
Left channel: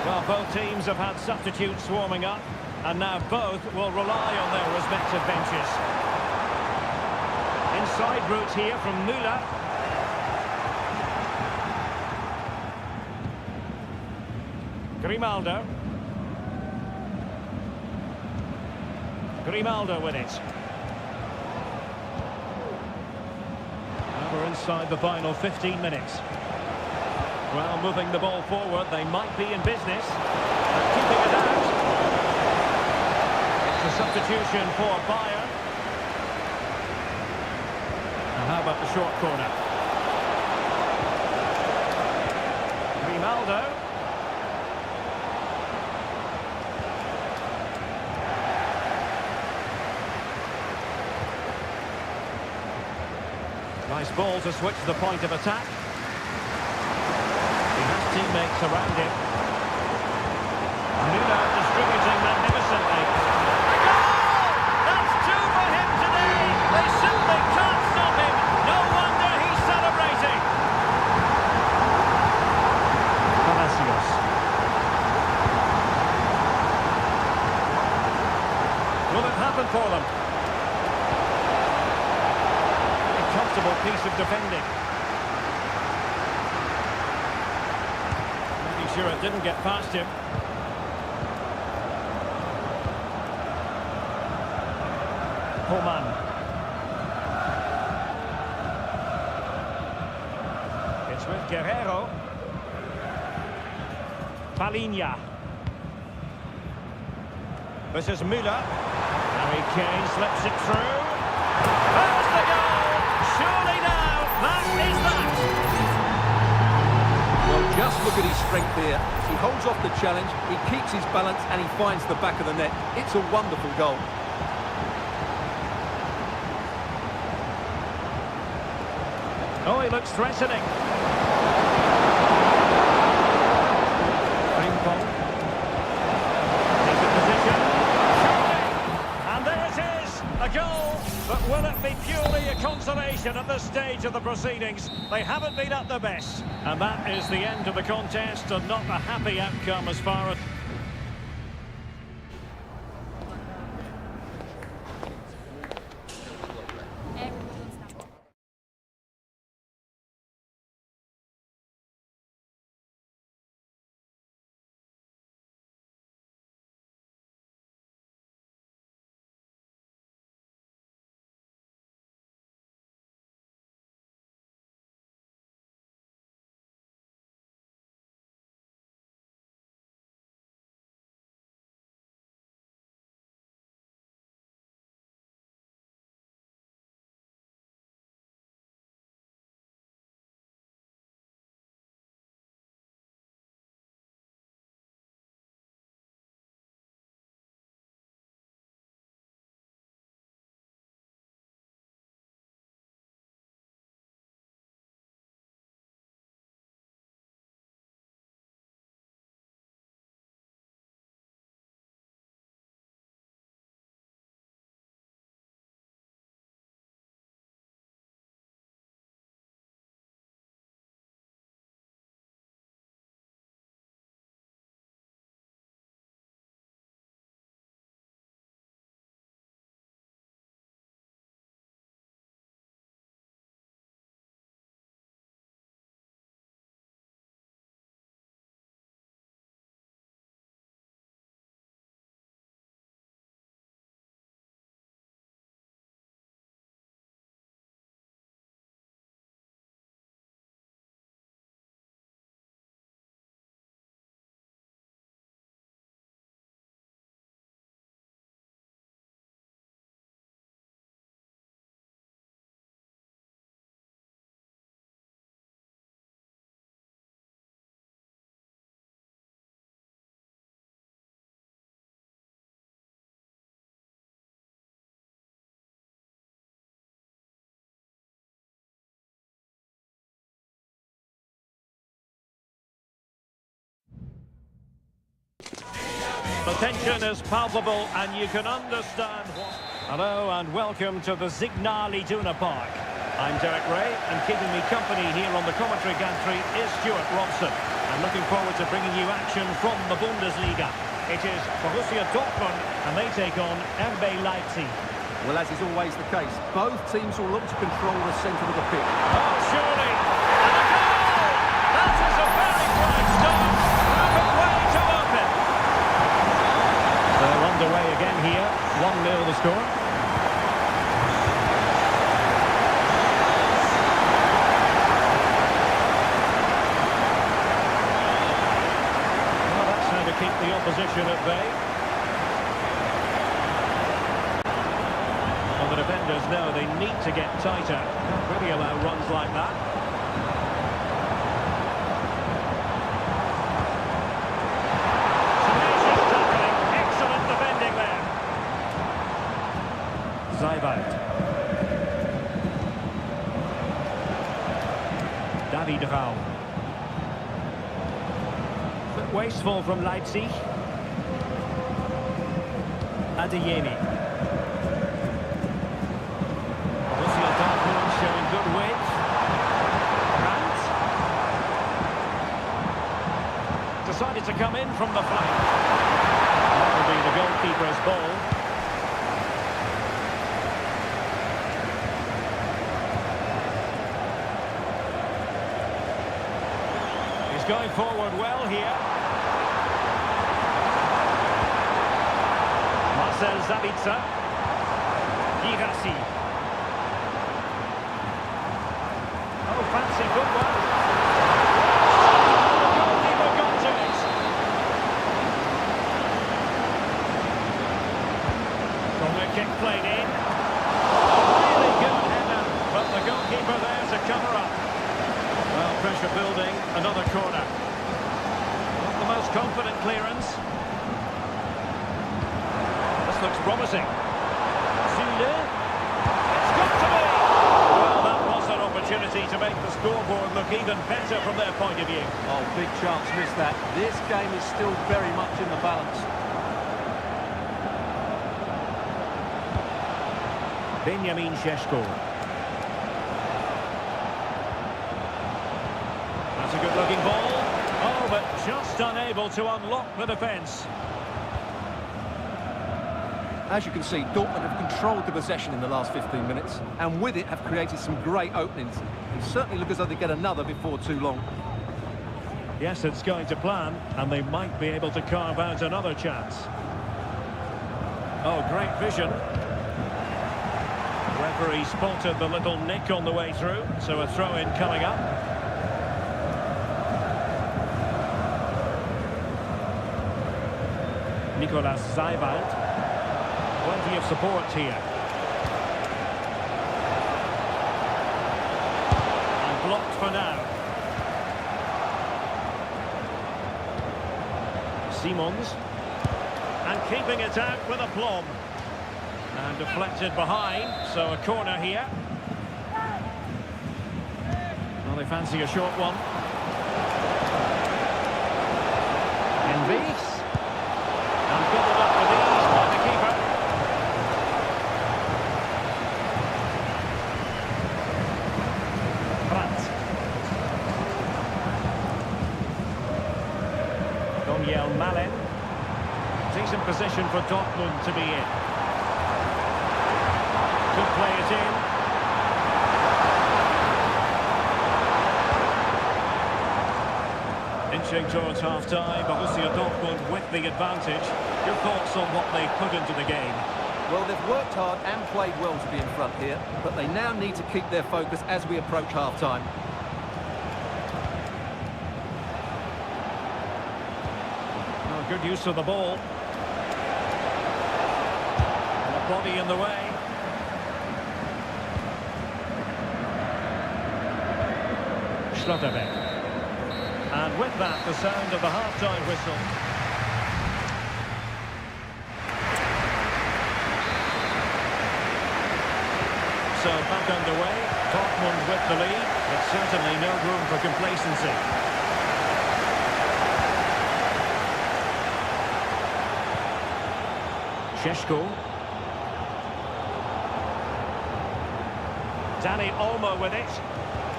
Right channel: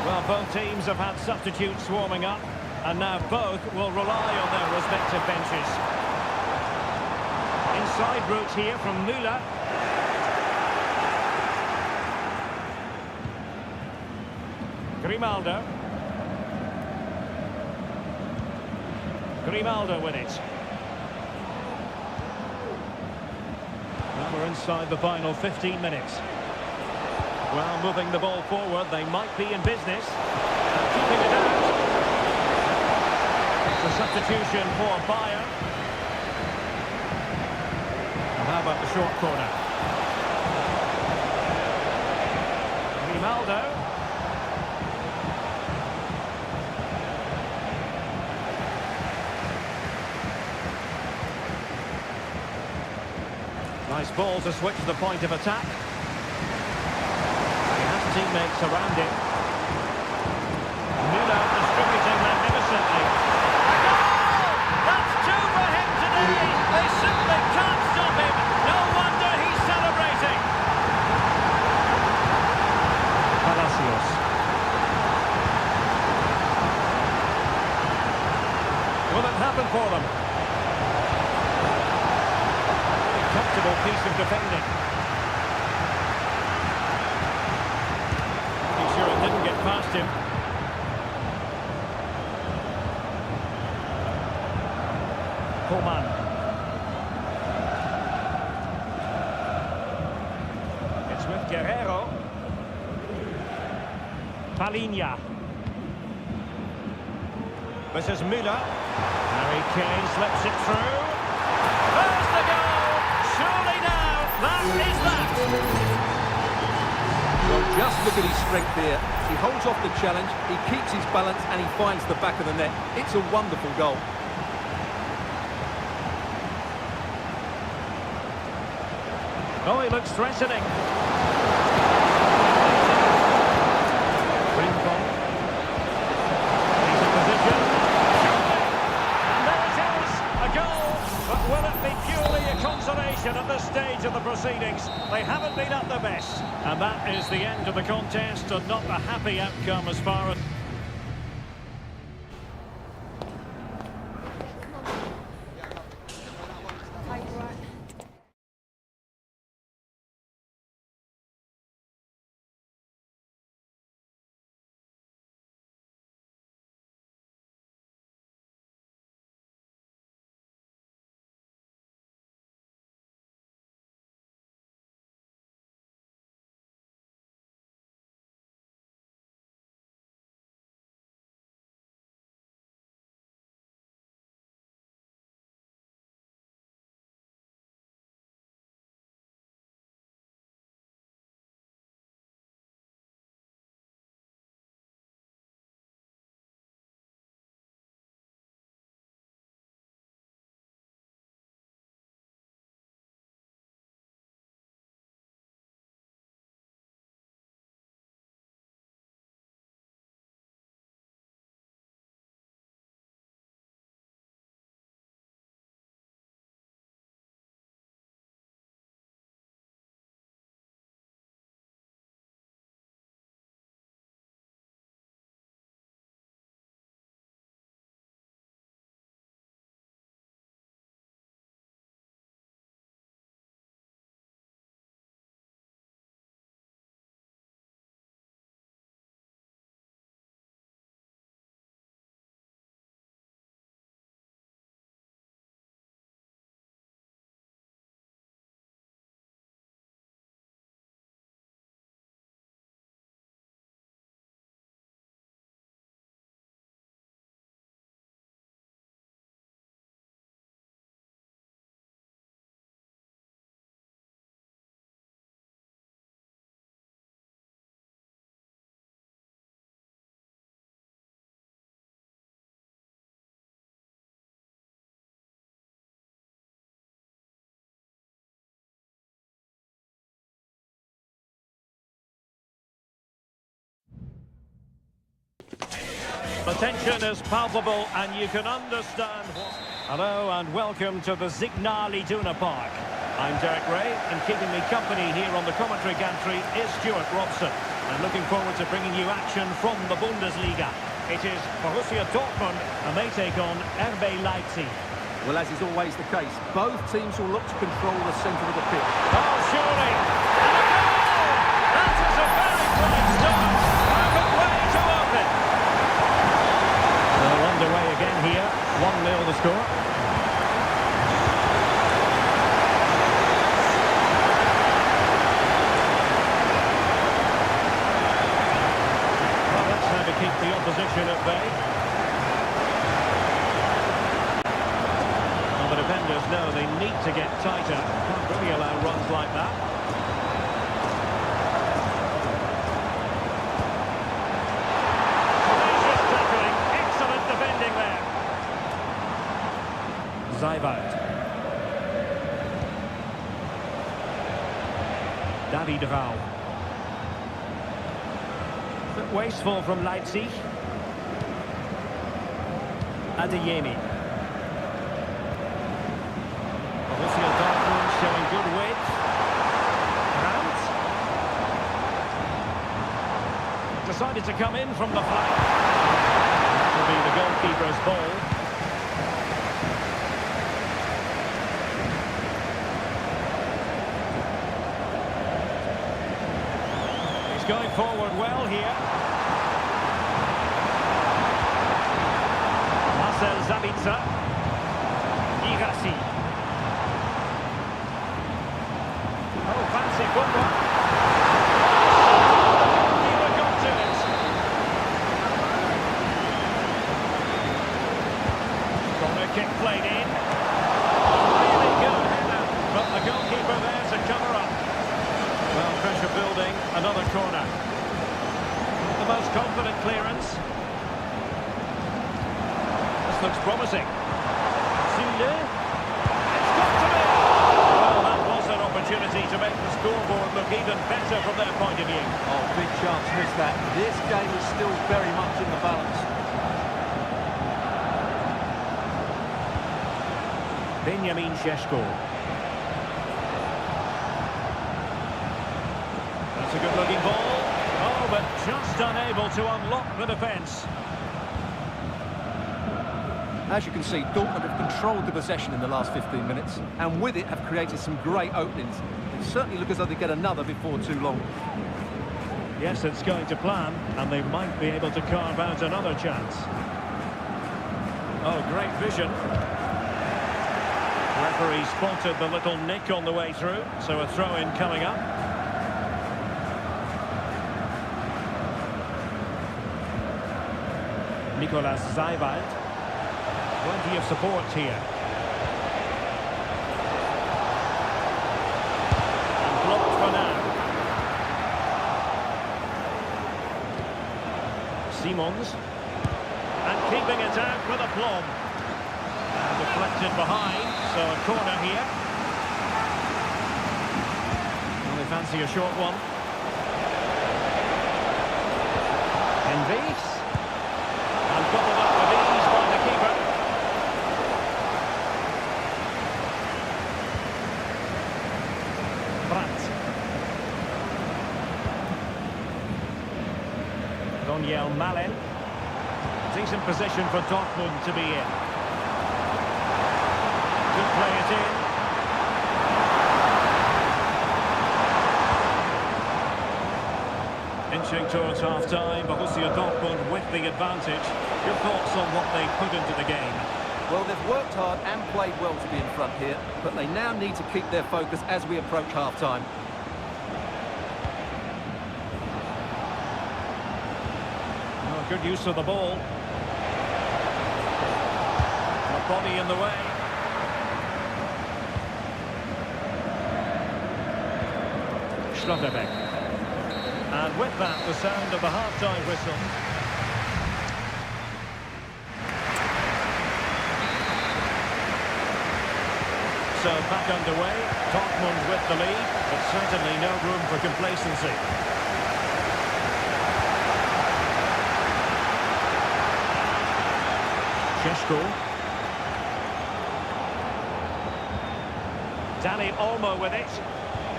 Well, both teams have had substitutes warming up, and now both will rely on their respective benches. Inside route here from Müller. Grimaldo. Grimaldo with it. Now we're inside the final 15 minutes. Well, moving the ball forward, they might be in business. And keeping it out. It's a substitution for Bayern. Now how about the short corner? Grimaldo. Nice ball to switch the point of attack. He has teammates around him. Müller distributing magnificently. A goal! That's two for him today! They simply can't stop him! No wonder he's celebrating! Palacios. Will it happen for them? Comfortable piece of defending. Making sure it didn't get past him. Coman. It's with Guerrero. Palinha. This is Müller. Harry Kane slips it through. There's the goal! Surely now, that is that! Well, just look at his strength here. He holds off the challenge, he keeps his balance, and he finds the back of the net. It's a wonderful goal. Oh, he looks threatening. Frimpong. He's in position. Surely! And there it is, a goal. But will it be purely a consolation at this stage of the proceedings? They haven't been at their best. And that is the end of the contest, and not a happy outcome as far as... The tension is palpable and you can understand what... Hello and welcome to the Signal Iduna Park. I'm Derek Ray and keeping me company here on the commentary gantry is Stuart Robson. And looking forward to bringing you action from the Bundesliga. It is Borussia Dortmund and they take on RB Leipzig. Well, as is always the case, both teams will look to control the centre of the pitch. Oh, surely! And a goal! That is a very bright start. Perfect way to open. So underway again here. 1-0 the score. Well, that's how to keep the opposition at bay. Well, the defenders know they need to get tighter. Can't really allow runs like that. Tenacious tackling. Excellent defending there. Zijvoud. David Rau. Bit wasteful from Leipzig. Adeyemi. Borussia Dortmund showing good width. Brandt. Decided to come in from the flank. That will be the goalkeeper's ball. He's going forward well here. Marcel Sabitzer. Girassi. Oh, fancy footwork. The goalkeeper got to it. Corner kick played in. Oh, really good header, but the goalkeeper there to cover up. Well, pressure building, another corner. Not the most confident clearance. This looks promising. Zule. It's got to be! Well, that was an opportunity to make the scoreboard look even better from their point of view. Oh, big chance missed that. This game is still very much in the balance. Benjamin Šeško. That's a good-looking ball. Oh, but just unable to unlock the defence. As you can see, Dortmund have controlled the possession in the last 15 minutes, and with it have created some great openings. They certainly look as though they get another before too long. Yes, it's going to plan, and they might be able to carve out another chance. Oh, great vision. Referee spotted the little nick on the way through, so a throw-in coming up. Nicolas Zijvoud. Plenty of support here. And blocked for now. Simons. And keeping it out with aplomb. And deflected behind, so a corner here. Well, they fancy a short one. Envies. And gobbled up with ease by the keeper. Brandt. Daniel Malen. Decent position for Dortmund to be in. Could play it in. Inching towards half-time, Borussia Dortmund with the advantage. Your thoughts on what they put into the game? Well, they've worked hard and played well to be in front here, but they now need to keep their focus as we approach half-time. Oh, good use of the ball. And a body in the way. Schlotterbeck. And with that, the sound of the half-time whistle. So back underway, Dortmund with the lead, but certainly no room for complacency. Šeško. Dani Olmo with it.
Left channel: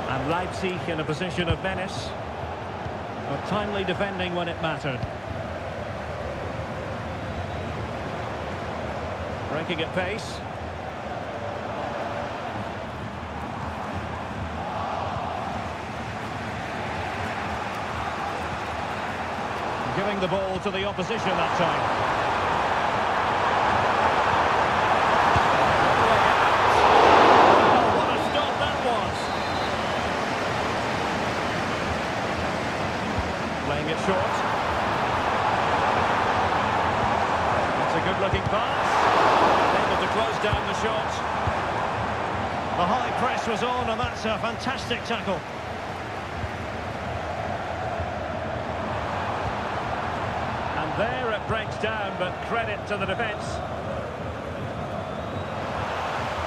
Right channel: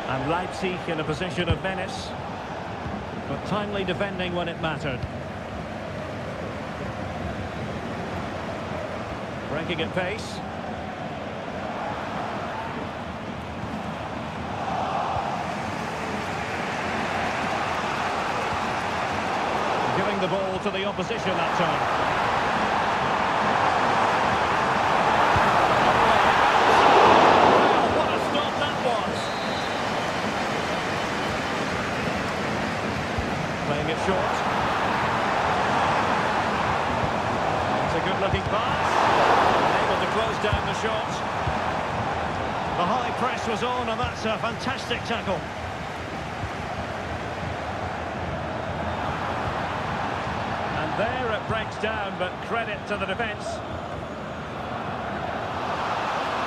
And Leipzig in a position of menace. But timely defending when it mattered. Breaking at pace. Giving the ball to the opposition that time. Well, what a stop that was. Playing it short. It's a good-looking pass. And able to close down the shot. The high press was on, and that's a fantastic tackle. There it breaks down, but credit to the defence.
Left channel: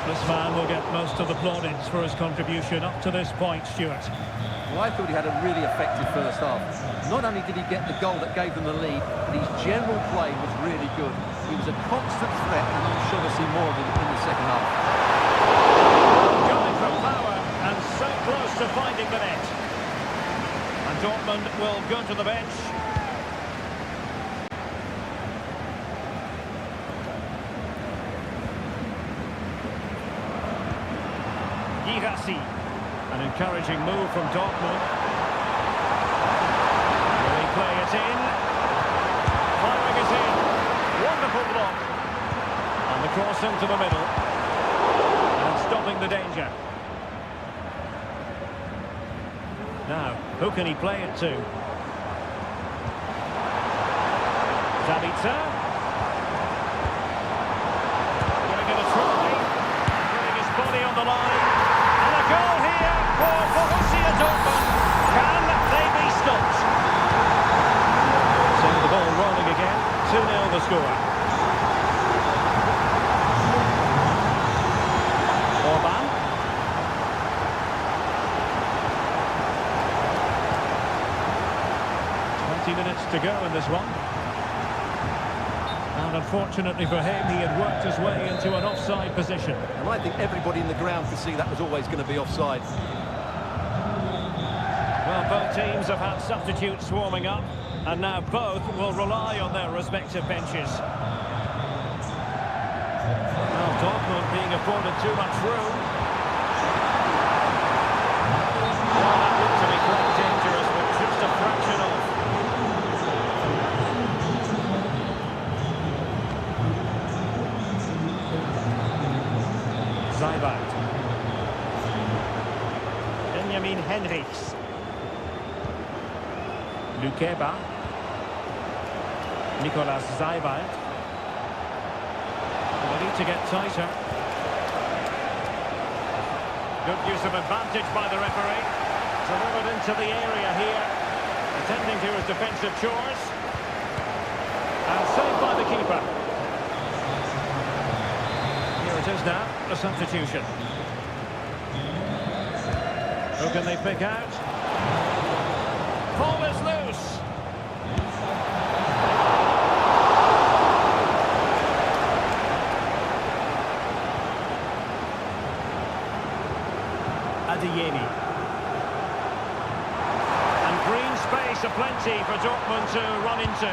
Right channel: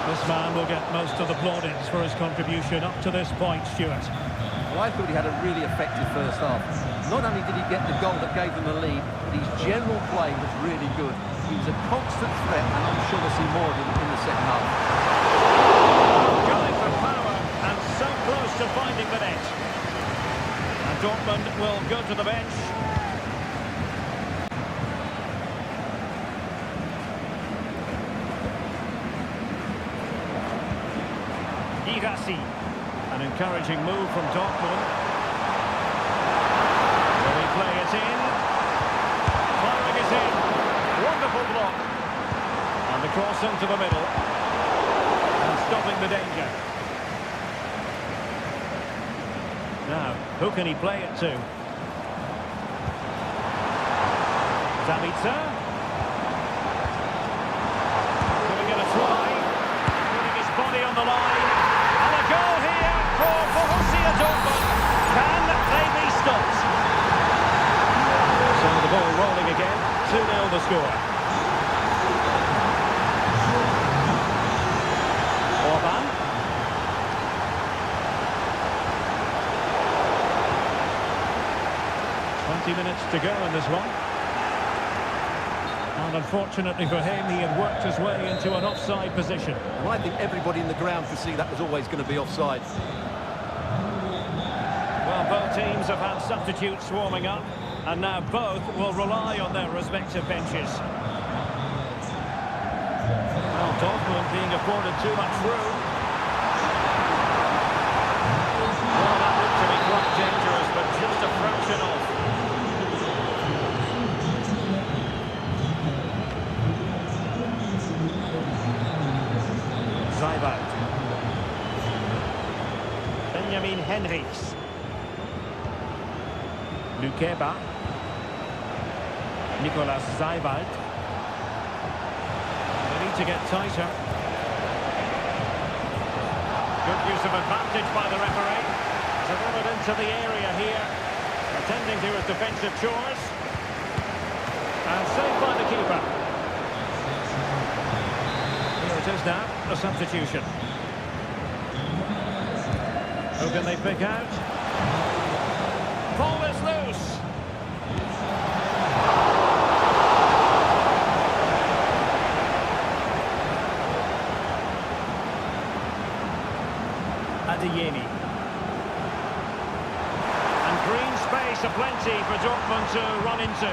This man will get most of the plaudits for his contribution up to this point, Stuart. Well, I thought he had a really effective first half. Not only did he get the goal that gave them the lead, but his general play was really good. He was a constant threat, and I'm sure we'll see more of him in the second half. Going for power, and so close to finding the net. And Dortmund will go to the bench. Girassi, an encouraging move from Dortmund. Will he play it in? Firing it in. Wonderful block. And the cross into the middle. And stopping the danger. Now, who can he play it to? Zabitzer. Giving it a try. Putting his body on the line. And a goal here for Borussia Dortmund. Can they be stopped? So the ball rolling again. 2-0 the score. Orban. Minutes to go in this one. And unfortunately for him, he had worked his way into an offside position. And I think everybody in the ground could see that was always going to be offside. Well, both teams have had substitutes warming up, and now both will rely on their respective benches. Well, Dortmund being afforded too much room. Well, that looked to be quite dangerous, but just a fraction off. Zijbert. Benjamin Henrichs. Lukeba. Nicolas Zijbert. They need to get tighter. Good use of advantage by the referee. Delivered into the area here. Attending to his defensive chores. And saved by the keeper. It is now a substitution. Who can they pick out? Ball is loose. Adeyemi. And green space aplenty for Dortmund to run into.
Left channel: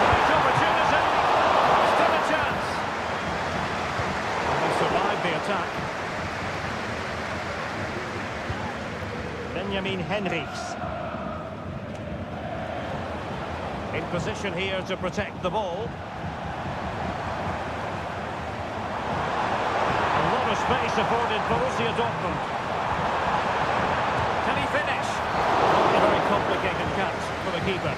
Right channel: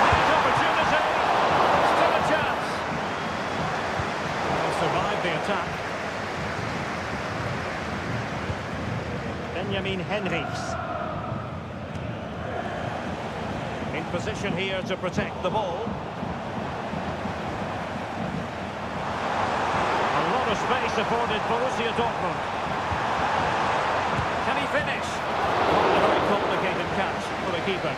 Great opportunity. Still a chance. They survived the attack. Benjamin Henrichs. In position here to protect the ball. A lot of space afforded Borussia Dortmund. Can he finish? Not a very complicated catch for the keeper.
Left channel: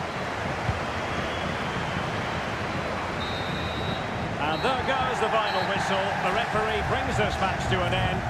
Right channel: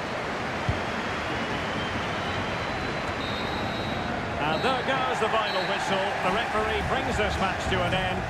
And there goes the final whistle. The referee brings this match to an end.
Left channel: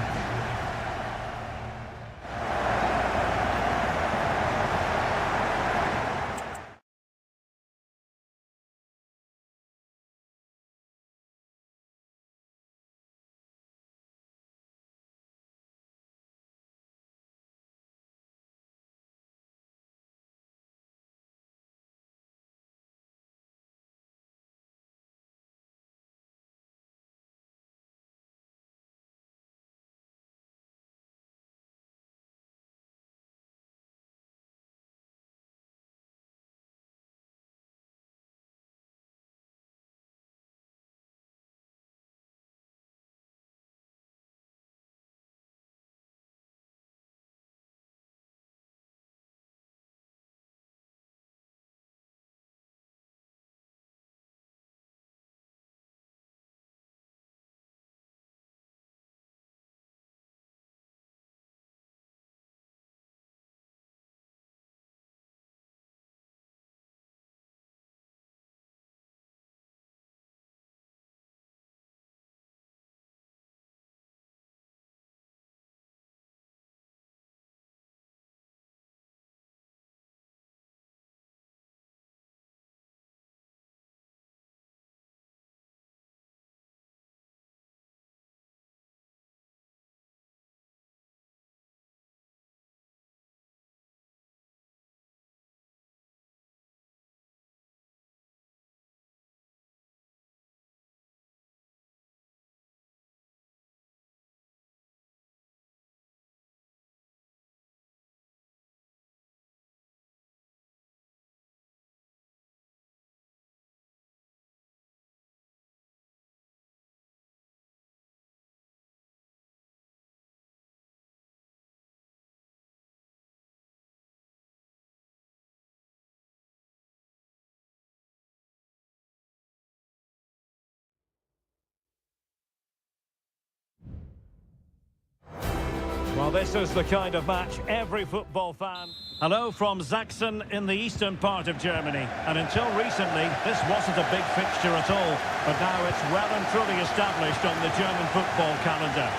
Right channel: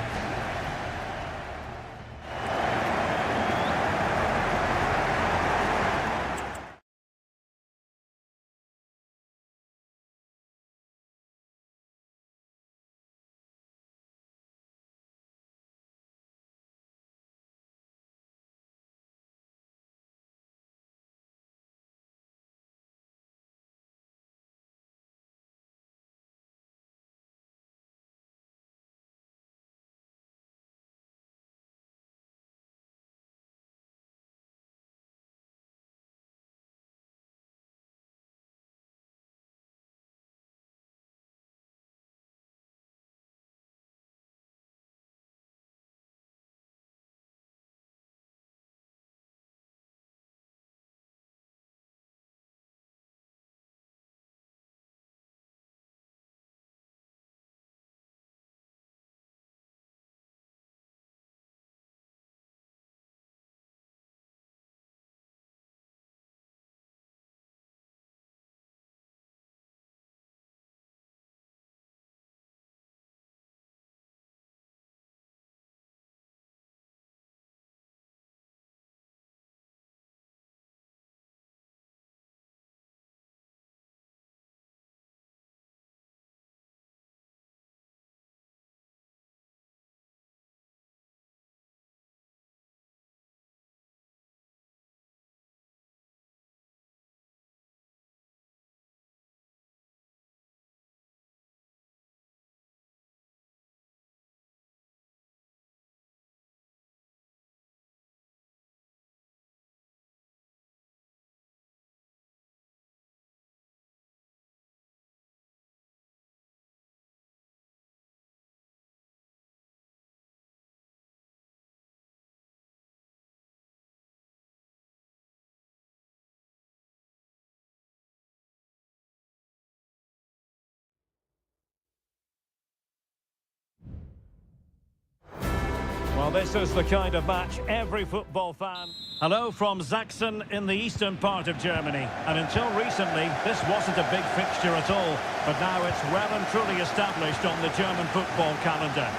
Well, this is the kind of match every football fan... Hello from Sachsen in the eastern part of Germany. And until recently, this wasn't a big fixture at all. But now it's well and truly established on the German football calendar.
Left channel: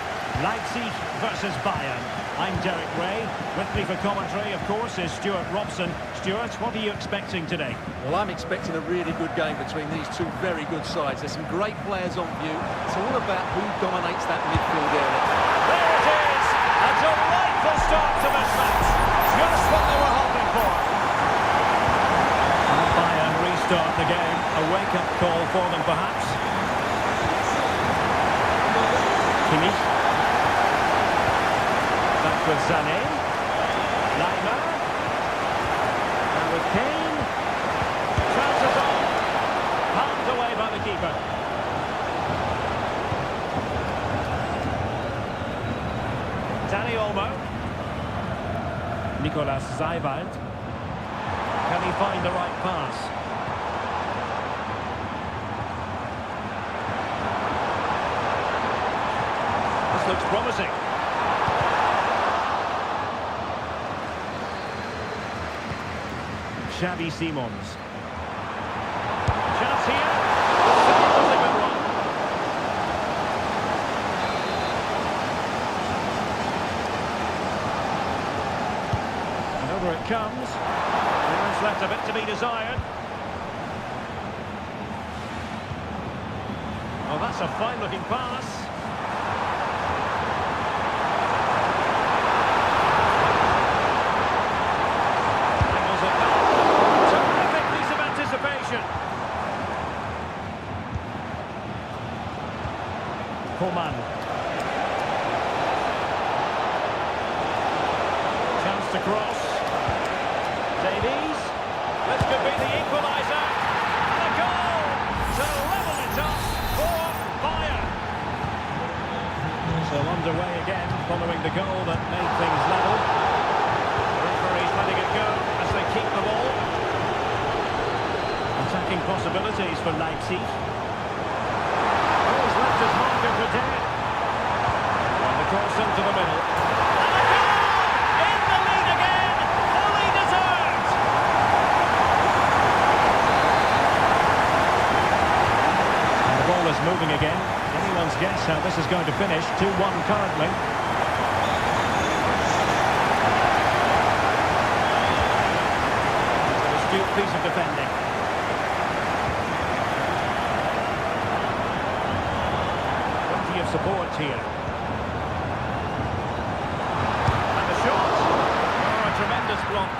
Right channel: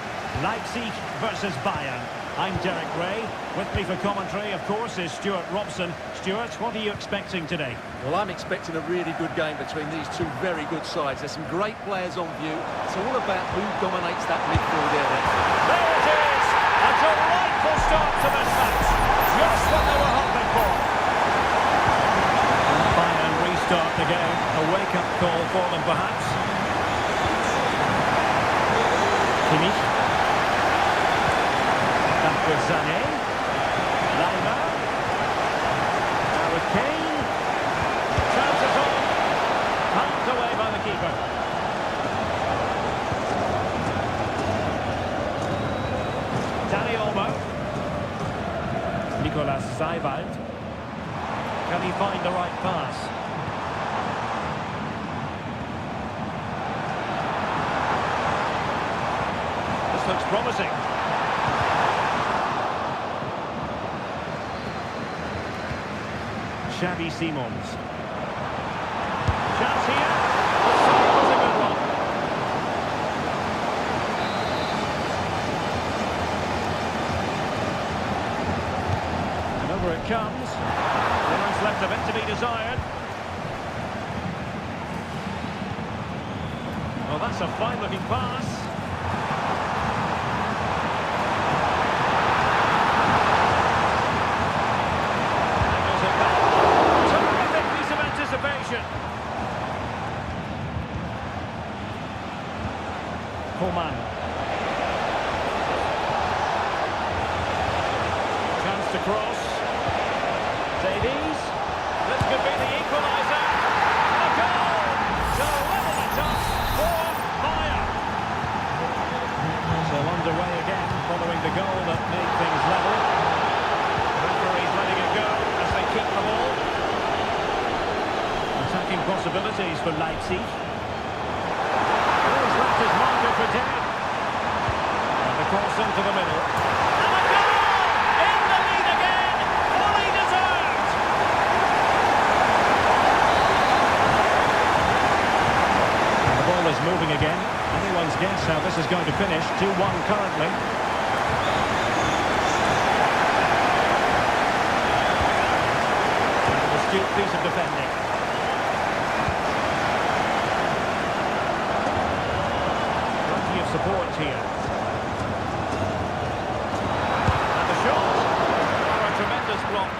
Leipzig versus Bayern. I'm Derek Ray. With me for commentary, of course, is Stuart Robson. Stuart, what are you expecting today? Well, I'm expecting a really good game between these two very good sides. There's some great players on view. It's all about who dominates that midfield area. There it is! A delightful start to this match. Just what they were hoping for. And Bayern restart the game. A wake-up call for them, perhaps. Kimmich. Back with Sané. Leimer. Now with Kane. Chances on. Palmed away by the keeper. Dani Olmo. Nicolas Seiwald. Can he find the right pass? This looks promising. Xavi Simons. Chance here. The save was a good one. And over it comes. Clearance left a bit to be desired. Oh, that's a fine-looking pass. Angles it back. Terrific piece of anticipation. Coman. Chance to cross. Davies. This could be the equaliser. And a goal to level it up for Bayern. So underway again following the goal that made things level. The referee's letting it go as they keep the ball. Attacking possibilities for Leipzig. Oh, he's left his marker for dead. And the cross into the middle. And a goal! In the lead again! Fully deserved! And the ball is moving again. Anyone's guess how this is going to finish. 2-1 currently. An astute piece of defending. Plenty of support here. And the shot. Oh, a tremendous block.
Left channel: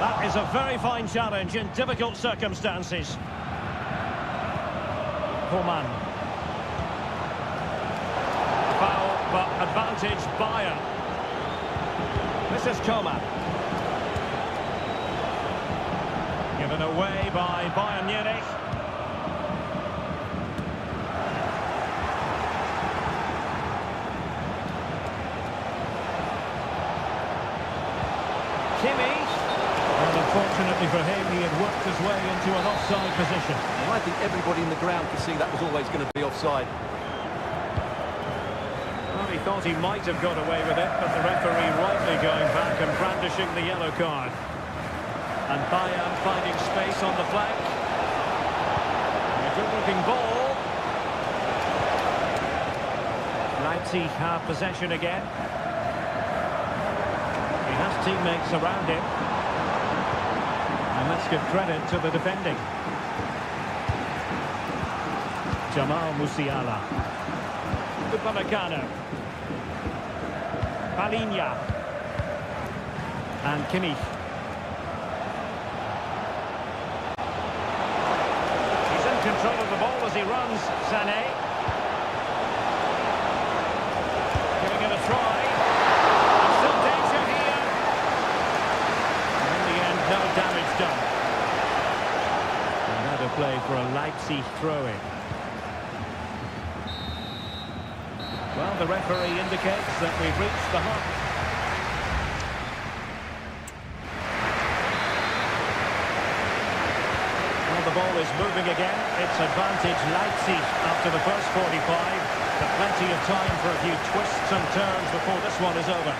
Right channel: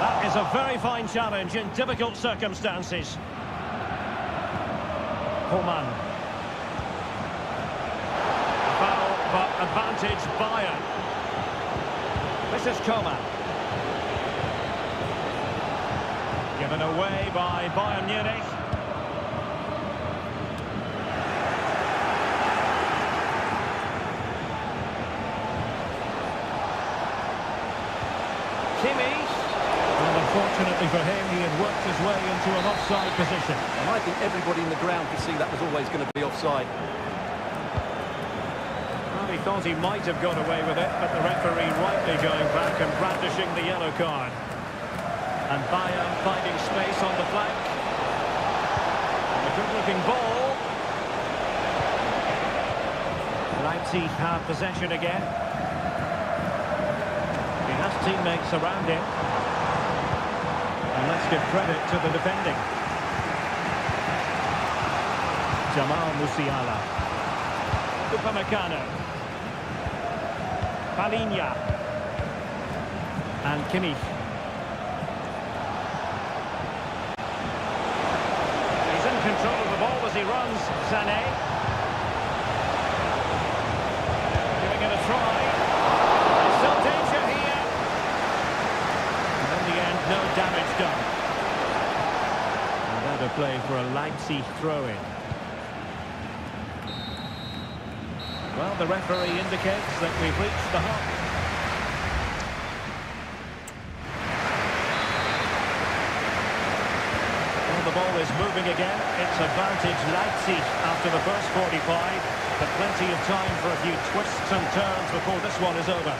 That is a very fine challenge in difficult circumstances. Coman. A foul, but advantage Bayern. This is Coman. Given away by Bayern Munich. Kimmich. Well, unfortunately for him, he had worked his way into an offside position. And I think everybody in the ground could see that was always going to be offside. Well, he thought he might have got away with it, but the referee rightly going back and brandishing the yellow card. And Bayern finding space on the flank. And a good-looking ball. Leipzig have possession again. He has teammates around him. And let's give credit to the defending. Jamal Musiala. Upamecano. Palinha. And Kimmich. He's in control of the ball as he runs. Sané. Giving it a try. And still danger here. And in the end, no damage done. And out of play for a Leipzig throw-in. Well, the referee indicates that we've reached the hump. Well, the ball is moving again. It's advantage Leipzig after the first 45. But plenty of time for a few twists and turns before this one is over.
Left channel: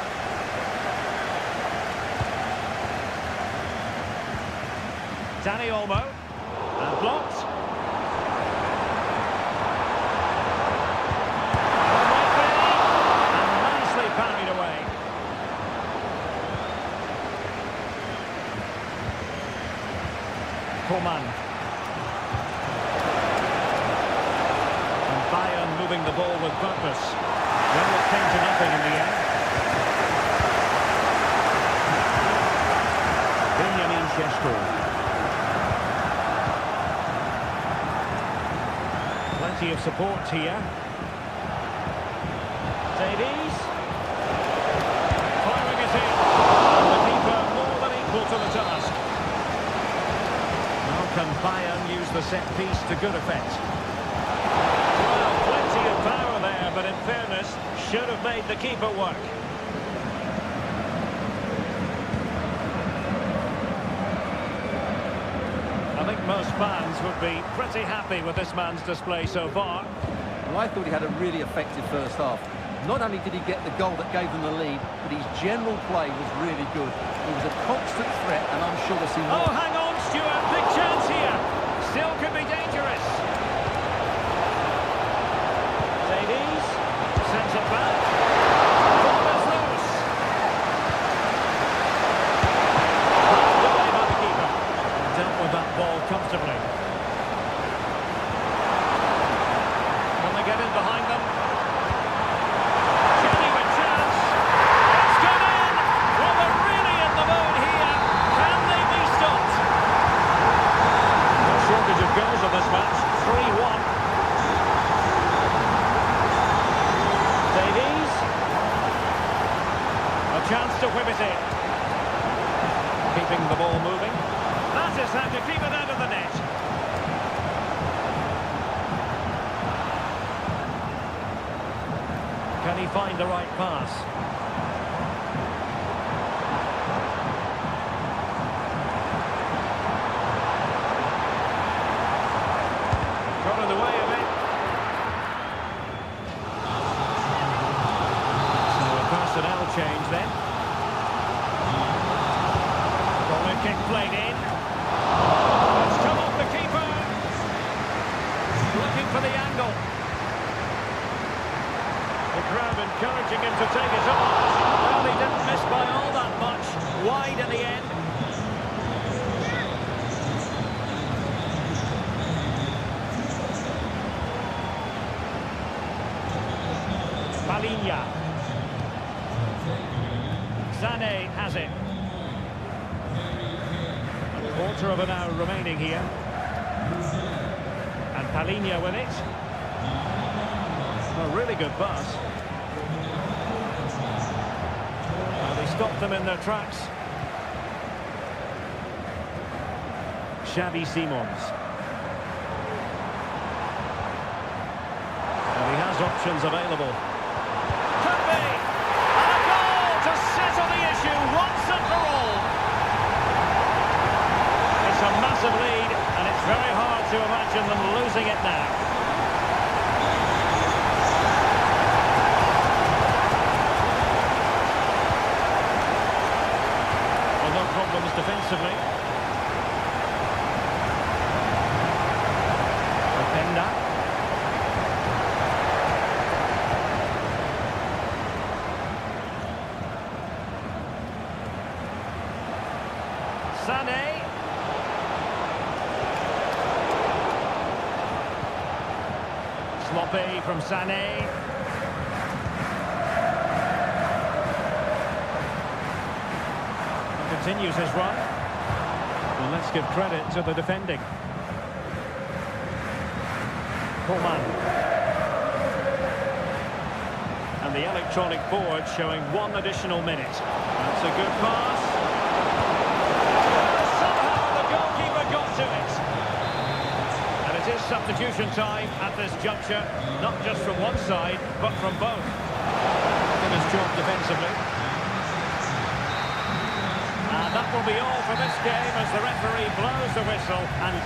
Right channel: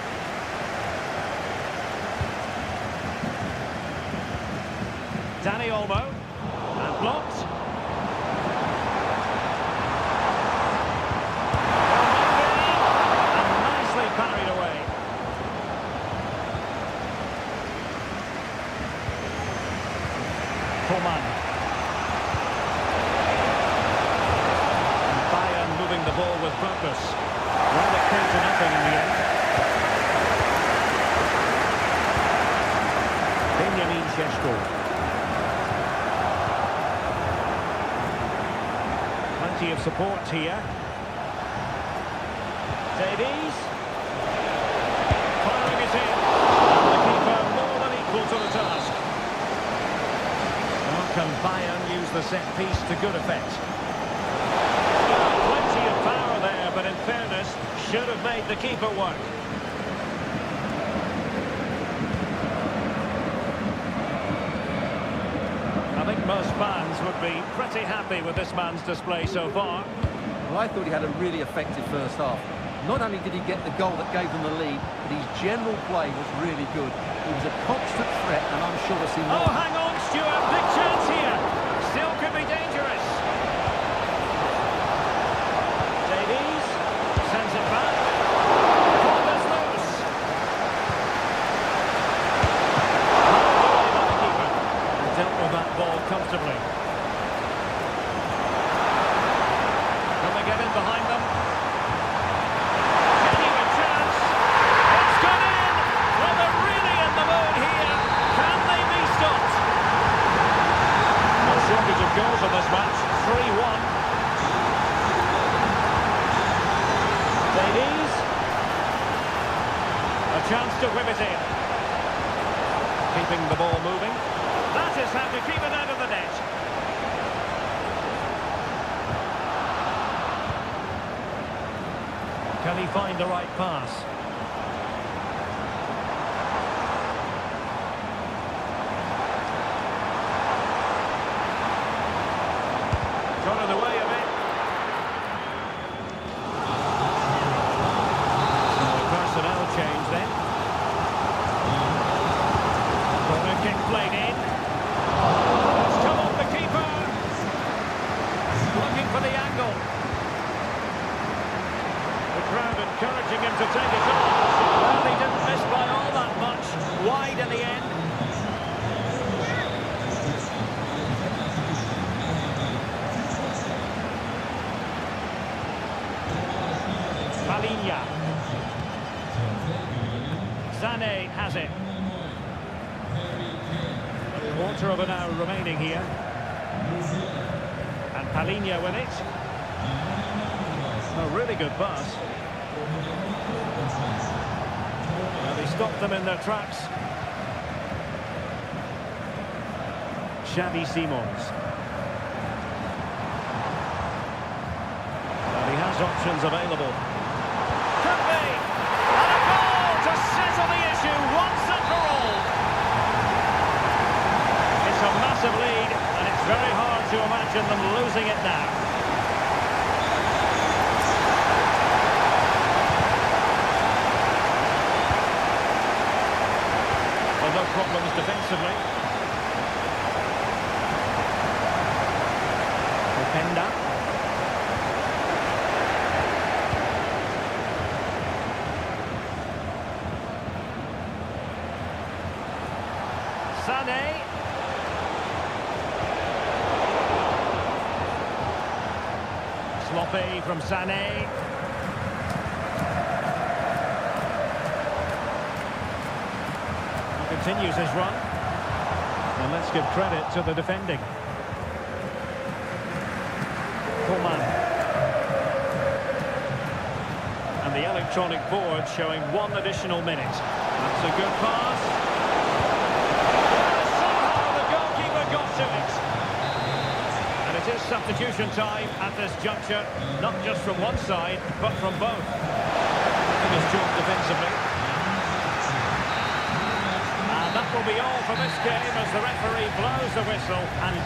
Danny Olmo. And blocked. Well, might be. And nicely parried away. Coman. And Bayern moving the ball with purpose. Well, it came to nothing in the end. Benjamin Šeško. Plenty of support here. Davies. Firing it in. And the keeper more than equal to the task. Now can Bayern use the set piece to good effect? Well, plenty of power there, but in fairness, should have made the keeper work. I think most fans would be pretty happy with this man's display so far. Well, I thought he had a really effective first half. Not only did he get the goal that gave them the lead, but his general play was really good. He was a constant threat, and I'm sure we'll see more. Oh, hang on, Stuart. Big chance here. Still could be dangerous. Davies sends it back. Ball is loose. Pulled away by the keeper. And dealt with that ball comfortably. Can they get in behind them? Genuine chance. It's gone in. Well, they're really in the mood here. Can they be stopped? No shortage of goals in this match. 3-1. Davies. A chance to whip it in. Keeping the ball moving. That is how to keep it out of the net. Can he find the right pass? Got in the way of it. So a personnel change then. Corner kick played in. It's come off the keeper. Looking for the angle. The crowd encouraging him to take it on. Well, he didn't miss by all that much. Wide in the end. Palinha. Sané has it. A quarter of an hour remaining here. And Palinha with it. A really good pass. Well, they stopped them in their tracks. Xavi Simons. And he has options available. Could be! And a goal to settle the issue once and for all. It's a massive lead, and it's very hard to imagine them losing it now. Well, no problems defensively. Openda. Sané. Sloppy from Sané. And continues his run. And let's give credit to the defending. Coman. And the electronic board showing 1 additional minute. That's a good pass. Somehow the goalkeeper got to it. And it is substitution time at this juncture, not just from one side, but from both. In his job defensively. And that will be all for this game as the referee blows the whistle and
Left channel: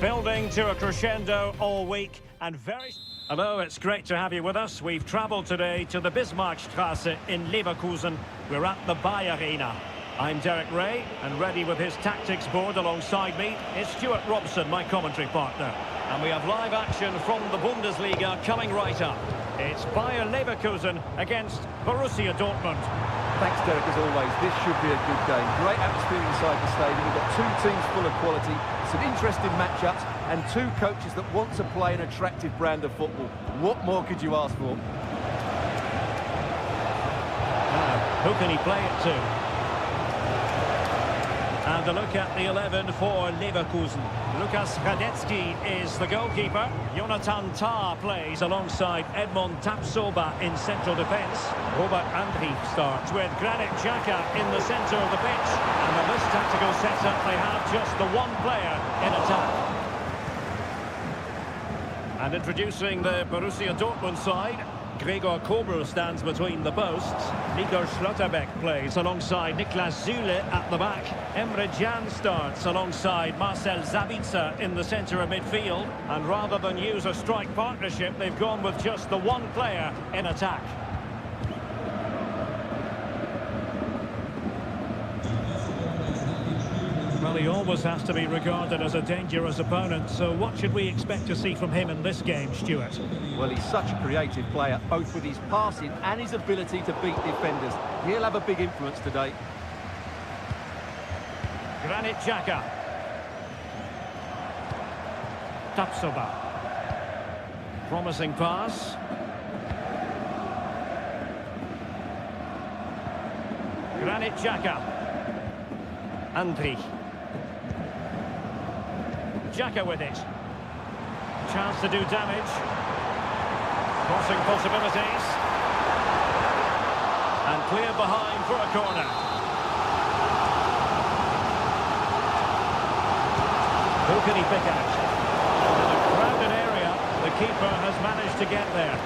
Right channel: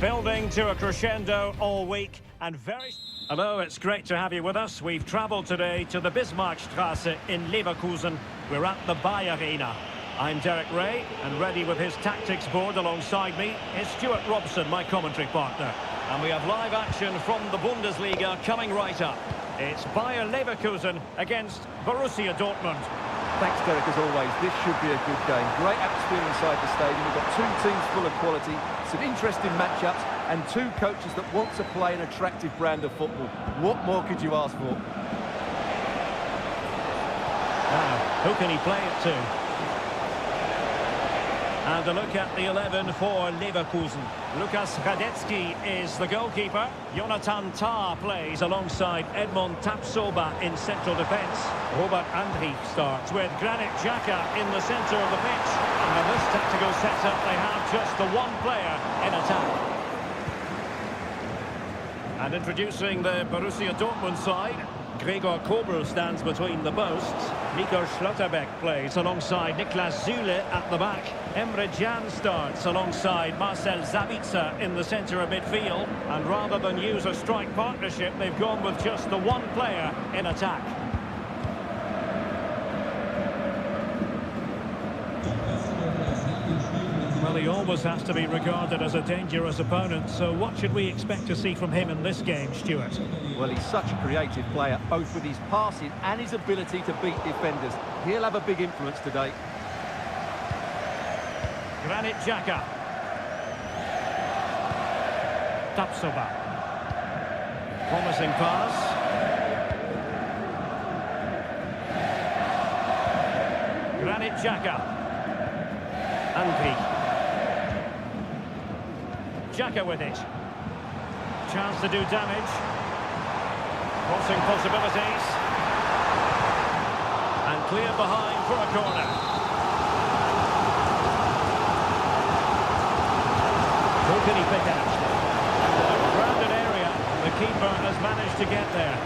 Building to a crescendo all week and very... Hello, it's great to have you with us. We've travelled today to the Bismarckstraße in Leverkusen. We're at the Bayer Arena. I'm Derek Ray, and ready with his tactics board alongside me is Stuart Robson, my commentary partner. And we have live action from the Bundesliga coming right up. It's Bayer Leverkusen against Borussia Dortmund. Thanks, Derek, as always. This should be a good game. Great atmosphere inside the stadium. We've got two teams full of quality, some interesting matchups, and two coaches that want to play an attractive brand of football. What more could you ask for? Now, who can he play it to? And a look at the 11 for Leverkusen. Lukas Radetzky is the goalkeeper. Jonathan Tah plays alongside Edmond Tapsoba in central defence. Robert Andrich starts with Granit Xhaka in the centre of the pitch. And in this tactical setup, they have just the one player in attack. And introducing the Borussia Dortmund side, Gregor Kobel stands between the posts. Nico Schlotterbeck plays alongside Niklas Süle at the back. Emre Can starts alongside Marcel Sabitzer in the centre of midfield. And rather than use a strike partnership, they've gone with just the one player in attack. Well, he always has to be regarded as a dangerous opponent, so what should we expect to see from him in this game, Stuart? Well, he's such a creative player, both with his passing and his ability to beat defenders. He'll have a big influence today. Granit Xhaka. Tapsoba. Promising pass. Granit Xhaka. Andrich. Xhaka with it. Chance to do damage. Crossing possibilities. And clear behind for a corner. Who can he pick out? And in a crowded area, the keeper has managed to get there.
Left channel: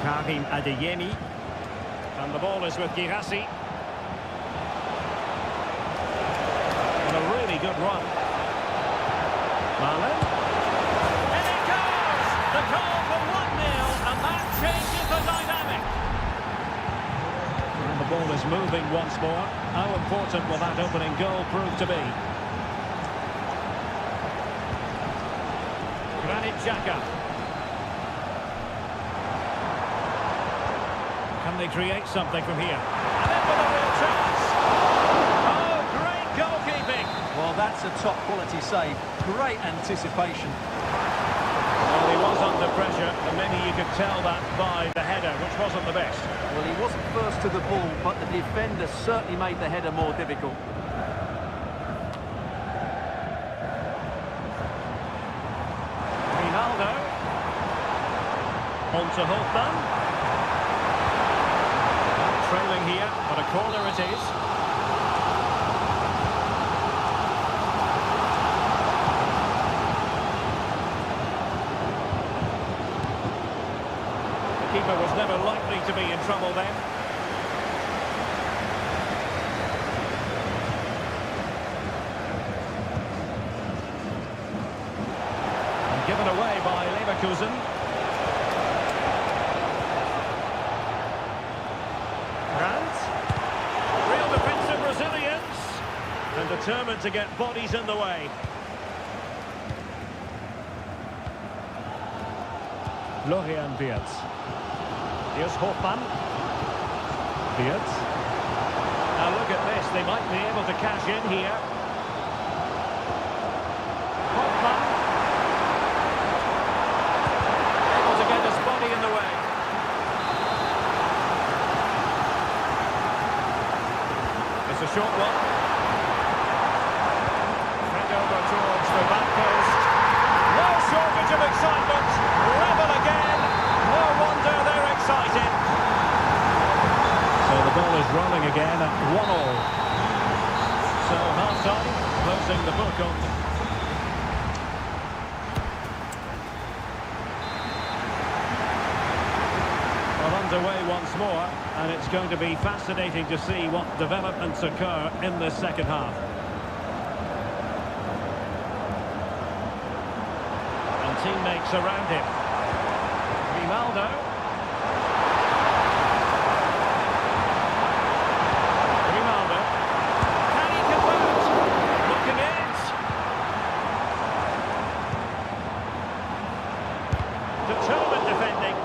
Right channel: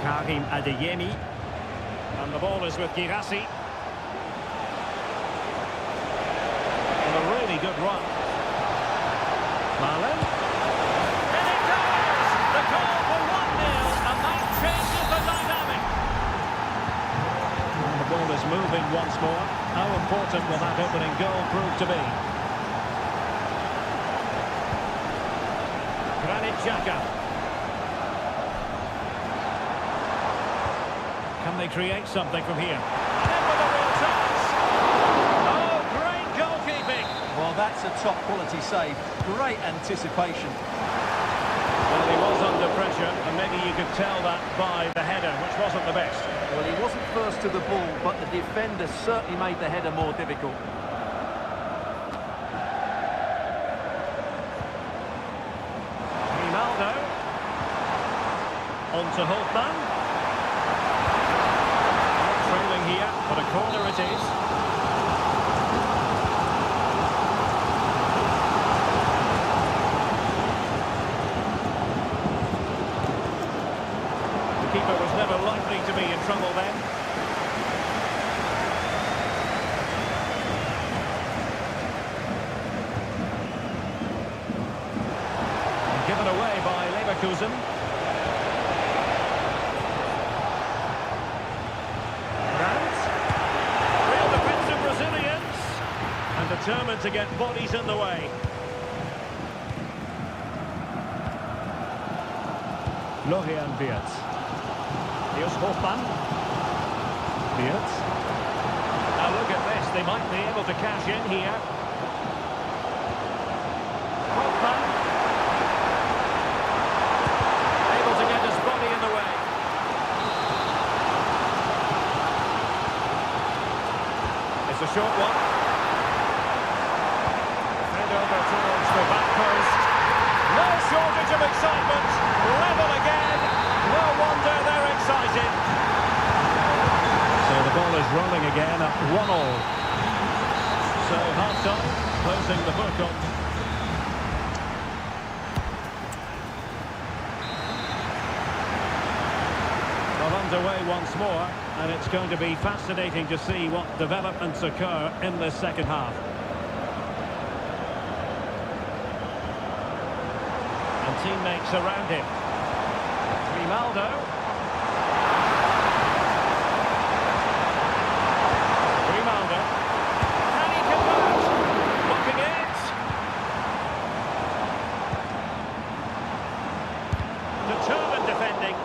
Karim Adeyemi. And the ball is with Girassi. And a really good run. Marlon. And it goes! The goal for 1-0, and that changes the dynamic. And the ball is moving once more. How important will that opening goal prove to be? Granit Xhaka. Can they create something from here? And in with a real chance. Oh, great goalkeeping. Well, that's a top-quality save. Great anticipation. Well, he was under pressure, and maybe you could tell that by the header, which wasn't the best. Well, he wasn't first to the ball, but the defender certainly made the header more difficult. Ronaldo. On to Holtman. Trailing here, but a corner it is. The keeper was never likely to be in trouble then. And given away by Leverkusen. Real defensive Brazilians, and determined to get bodies in the way. Florian Wirtz. Here's Hofmann. Wirtz. Now look at this, they might be able to cash in here. Hofmann. Able to get his body in the way. It's a short one. Fed over towards the back post. No shortage of excitement. Level again. No wonder they're excited. So the ball is rolling again at 1-1. So half-time, closing the book on... Well, underway once more, and it's going to be fascinating to see what developments occur in this second half. teammates around him. Grimaldo. Grimaldo. Can he convert? Looking it. Determined defending.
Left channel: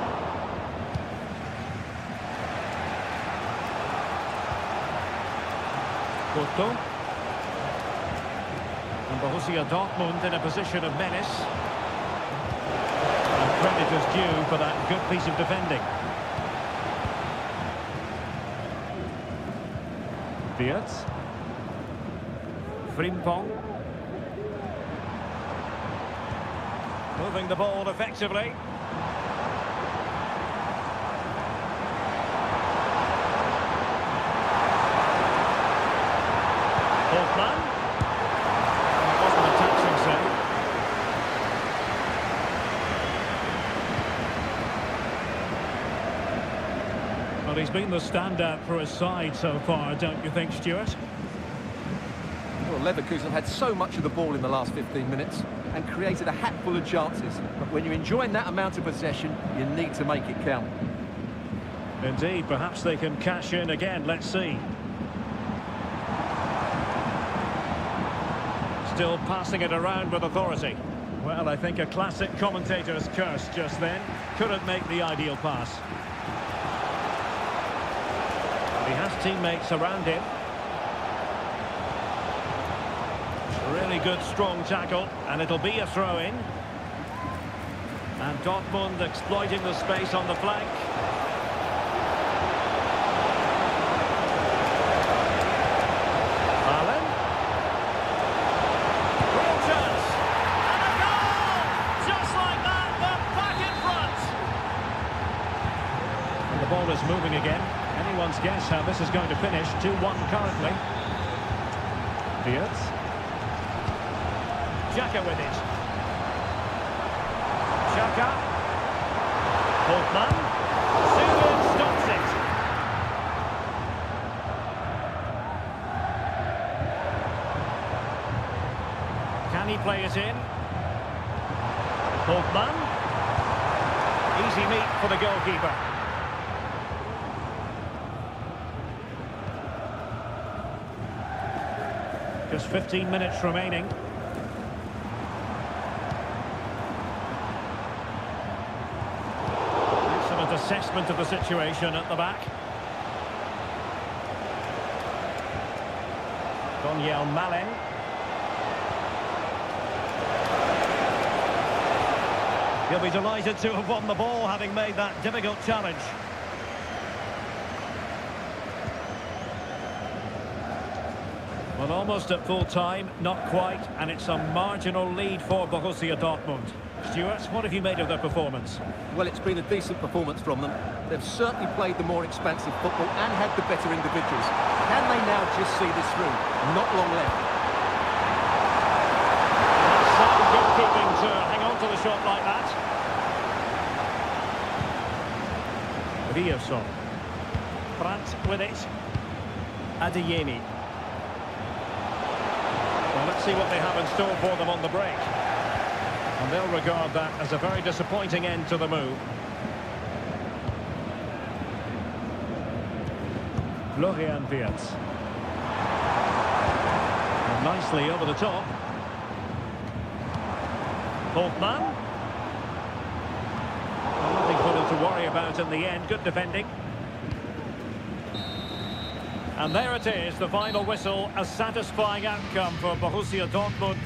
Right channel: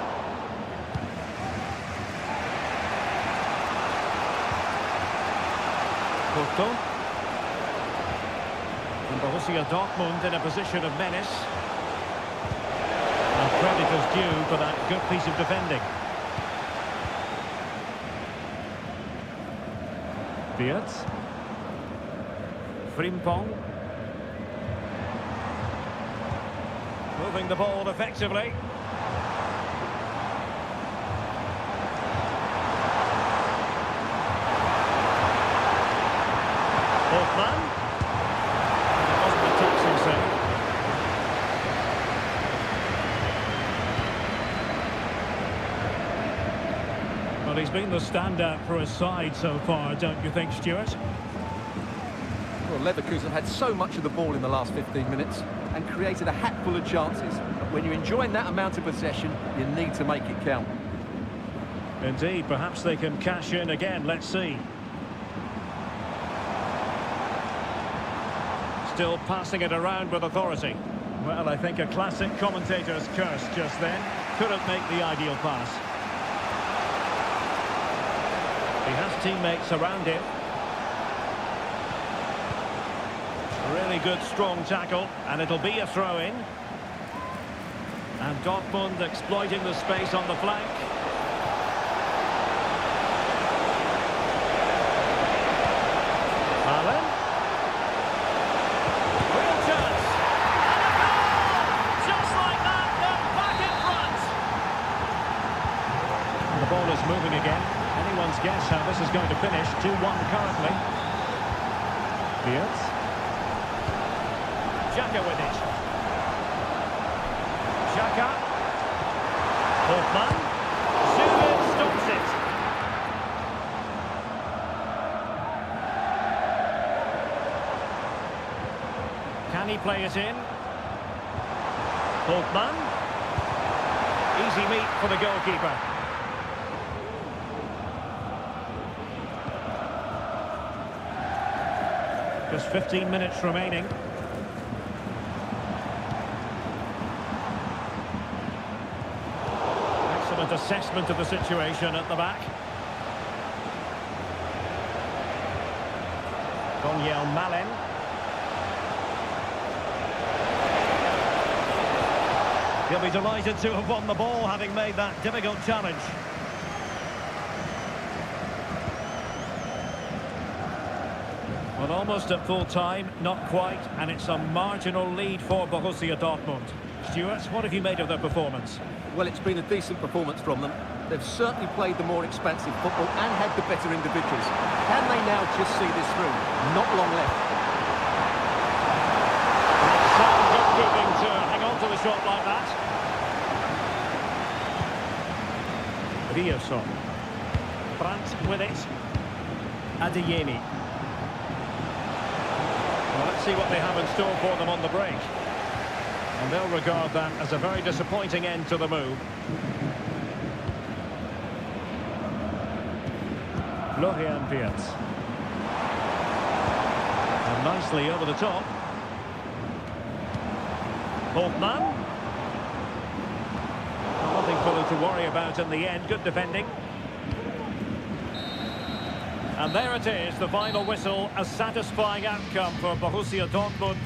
Porto. And Borussia Dortmund in a position of menace. And credit is due for that good piece of defending. Wirtz. Frimpong. Moving the ball effectively. Hoffman. And it wasn't a taxing save. Well, he's been the standout for his side so far, don't you think, Stuart? Well, Leverkusen have had so much of the ball in the last 15 minutes and created a hatful of chances. But when you're enjoying that amount of possession, you need to make it count. Indeed, perhaps they can cash in again. Let's see. Still passing it around with authority. Well, I think a classic commentator's curse just then. Couldn't make the ideal pass. He has teammates around him. Really good, strong tackle, and it'll be a throw-in. And Dortmund exploiting the space on the flank. Allen. Real chance. And a goal! Just like that, they're back in front. And the ball is moving again. Anyone's guess how this is going to finish. 2-1 currently. Wirtz. Xhaka with it. Xhaka. Hoffman. Zubin stops it. Can he play it in? Hoffman. Easy meet for the goalkeeper. Just 15 minutes remaining. Excellent assessment of the situation at the back. Malen. He'll be delighted to have won the ball, having made that difficult challenge. Well, almost at full time, not quite, and it's a marginal lead for Borussia Dortmund. Stuart, what have you made of their performance? Well, it's been a decent performance from them. They've certainly played the more expansive football and had the better individuals. Can they now just see this through? Not long left. That's some good keeping to hang on to the shot like that. Rioson. Brandt with it. Adeyemi. Well, let's see what they have in store for them on the break. And they'll regard that as a very disappointing end to the move. Florian Wirtz. And nicely over the top. Hoffman. Well, nothing for them to worry about in the end. Good defending. And there it is, the final whistle, a satisfying outcome for Borussia Dortmund.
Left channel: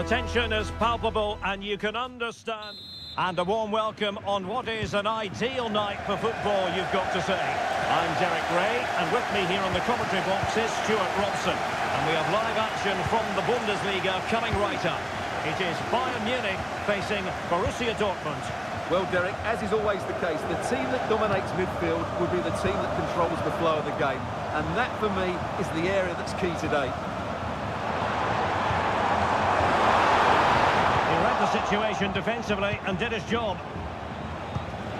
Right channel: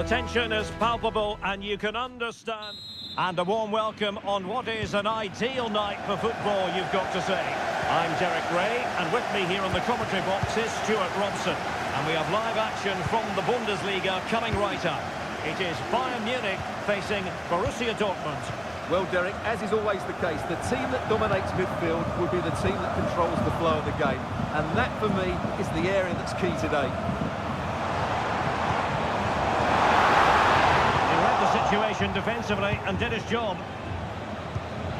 the tension is palpable and you can understand. And a warm welcome on what is an ideal night for football, you've got to say. I'm Derek Ray, and with me here on the commentary box is Stuart Robson. And we have live action from the Bundesliga coming right up. It is Bayern Munich facing Borussia Dortmund. Well, Derek, as is always the case, the team that dominates midfield would be the team that controls the flow of the game. And that, for me, is the area that's key today. He read the situation defensively and did his job.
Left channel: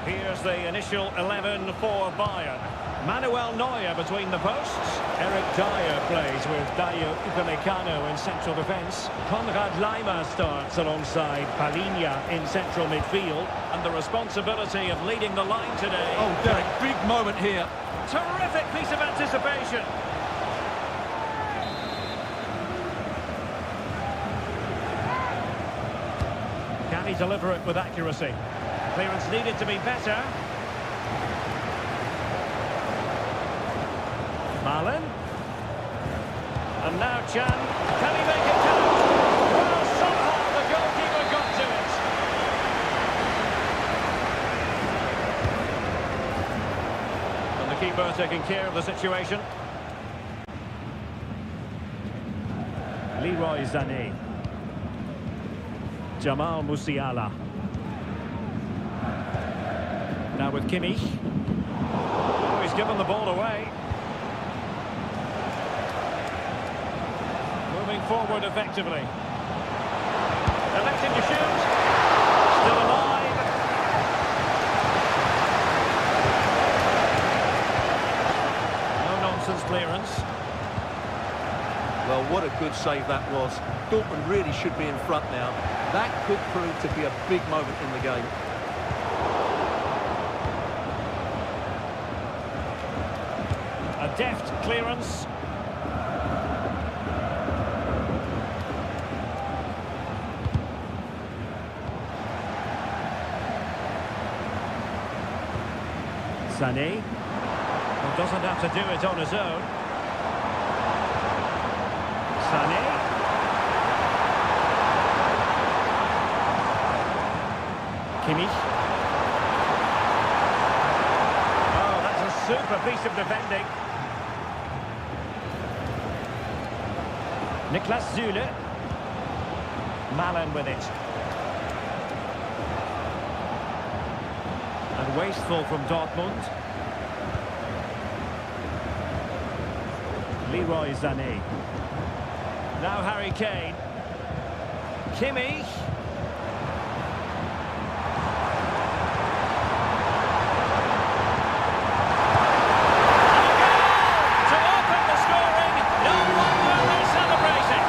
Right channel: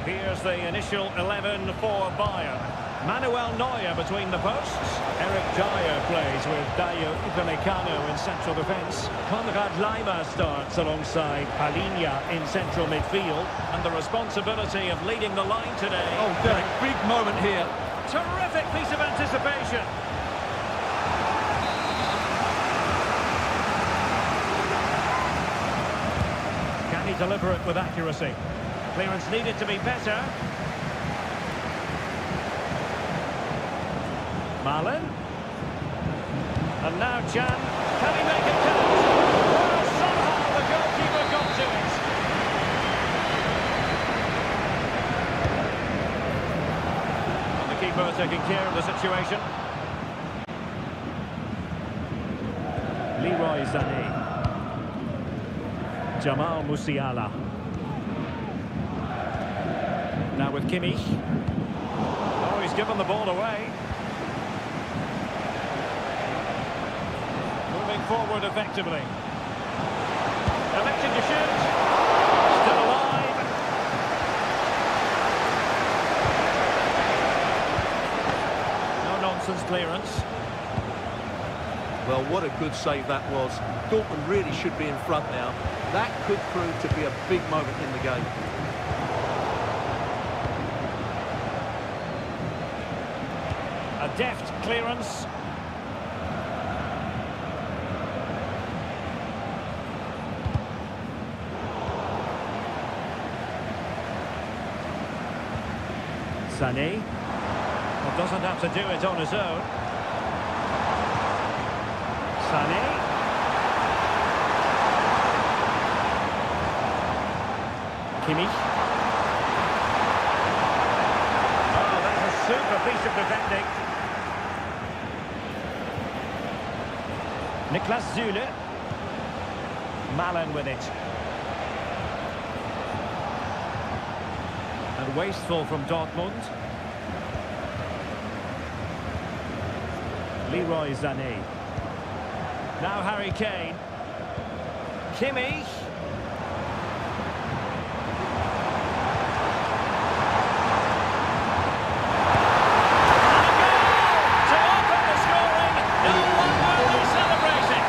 Here's the initial 11 for Bayern. Manuel Neuer between the posts. Eric Dyer plays with Dayo Upamecano in central defence. Konrad Laimer starts alongside Palinha in central midfield. And the responsibility of leading the line today. Oh, Derek, big moment here. Terrific piece of anticipation. Can he deliver it with accuracy? Clearance needed to be better. Marlin. And now Chan. Can he make it count? Well, somehow the goalkeeper got to it. And the keeper taking care of the situation. Leroy Sané. Jamal Musiala. Now with Kimmich. Oh, he's given the ball away. Moving forward effectively. Elected to shoot. Still alive. No nonsense clearance. Well, what a good save that was. Dortmund really should be in front now. That could prove to be a big moment in the game. A deft clearance. Sané. Well, doesn't have to do it on his own. Sané. Kimmich. Oh, that's a super piece of defending. Niklas Süle. Malen with it. And wasteful from Dortmund. Leroy Sané. Now Harry Kane. Kimmich. And a goal to open the scoring. No wonder they're celebrating.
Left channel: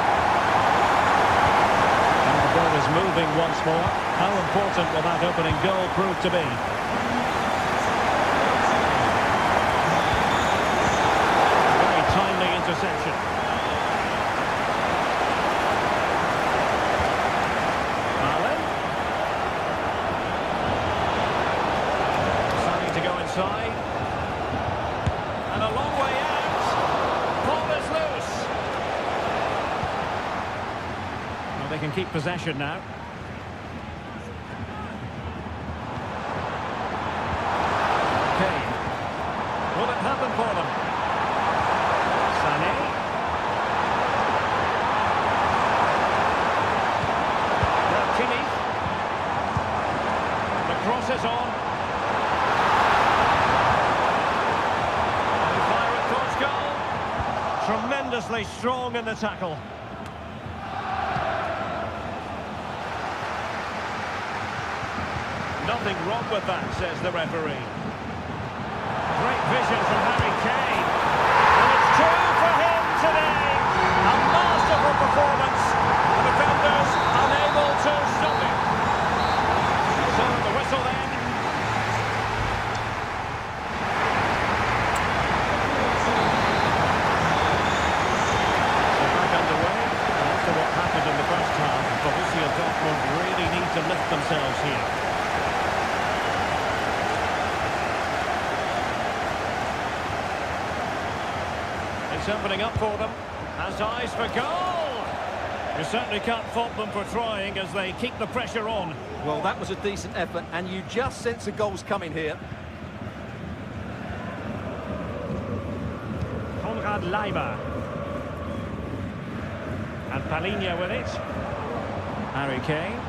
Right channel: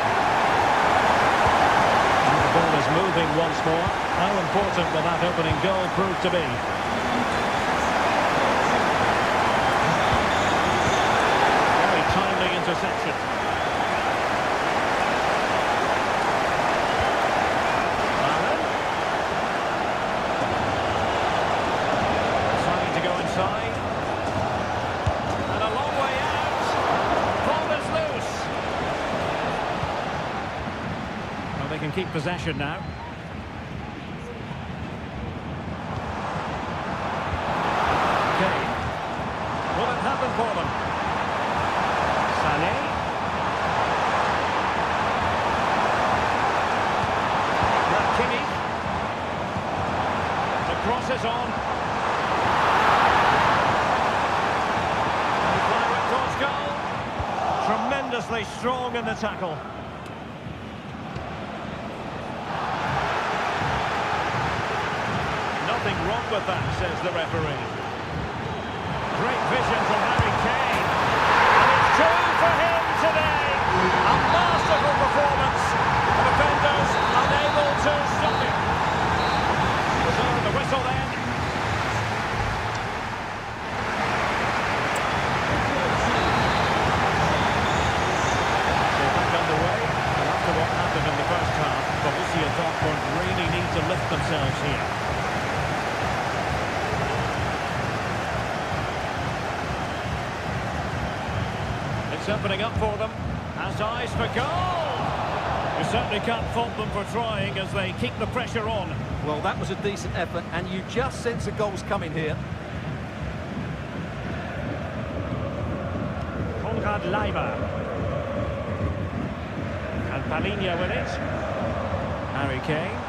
And the ball is moving once more. How important will that opening goal prove to be? Timely interception. Marlin. Deciding to go inside. And a long way out. Ball is loose. Well, they can keep possession now. Kane. Will it happen for them? Sané. Now Kimmich. The cross is on. And fire it towards goal. Tremendously strong in the tackle. Nothing wrong with that, says the referee. Great vision from Harry Kane. And it's true for him today. A masterful performance. The defenders unable to stop it. So the whistle then. So back underway. And after what happened in the first half, Borussia Dortmund really need to lift themselves here. It's opening up for them. Has eyes for goal. You certainly can't fault them for trying as they keep the pressure on. Well, that was a decent effort, and you just sense a goal's coming here. Konrad Leiber. And Palinha with it. Harry Kane.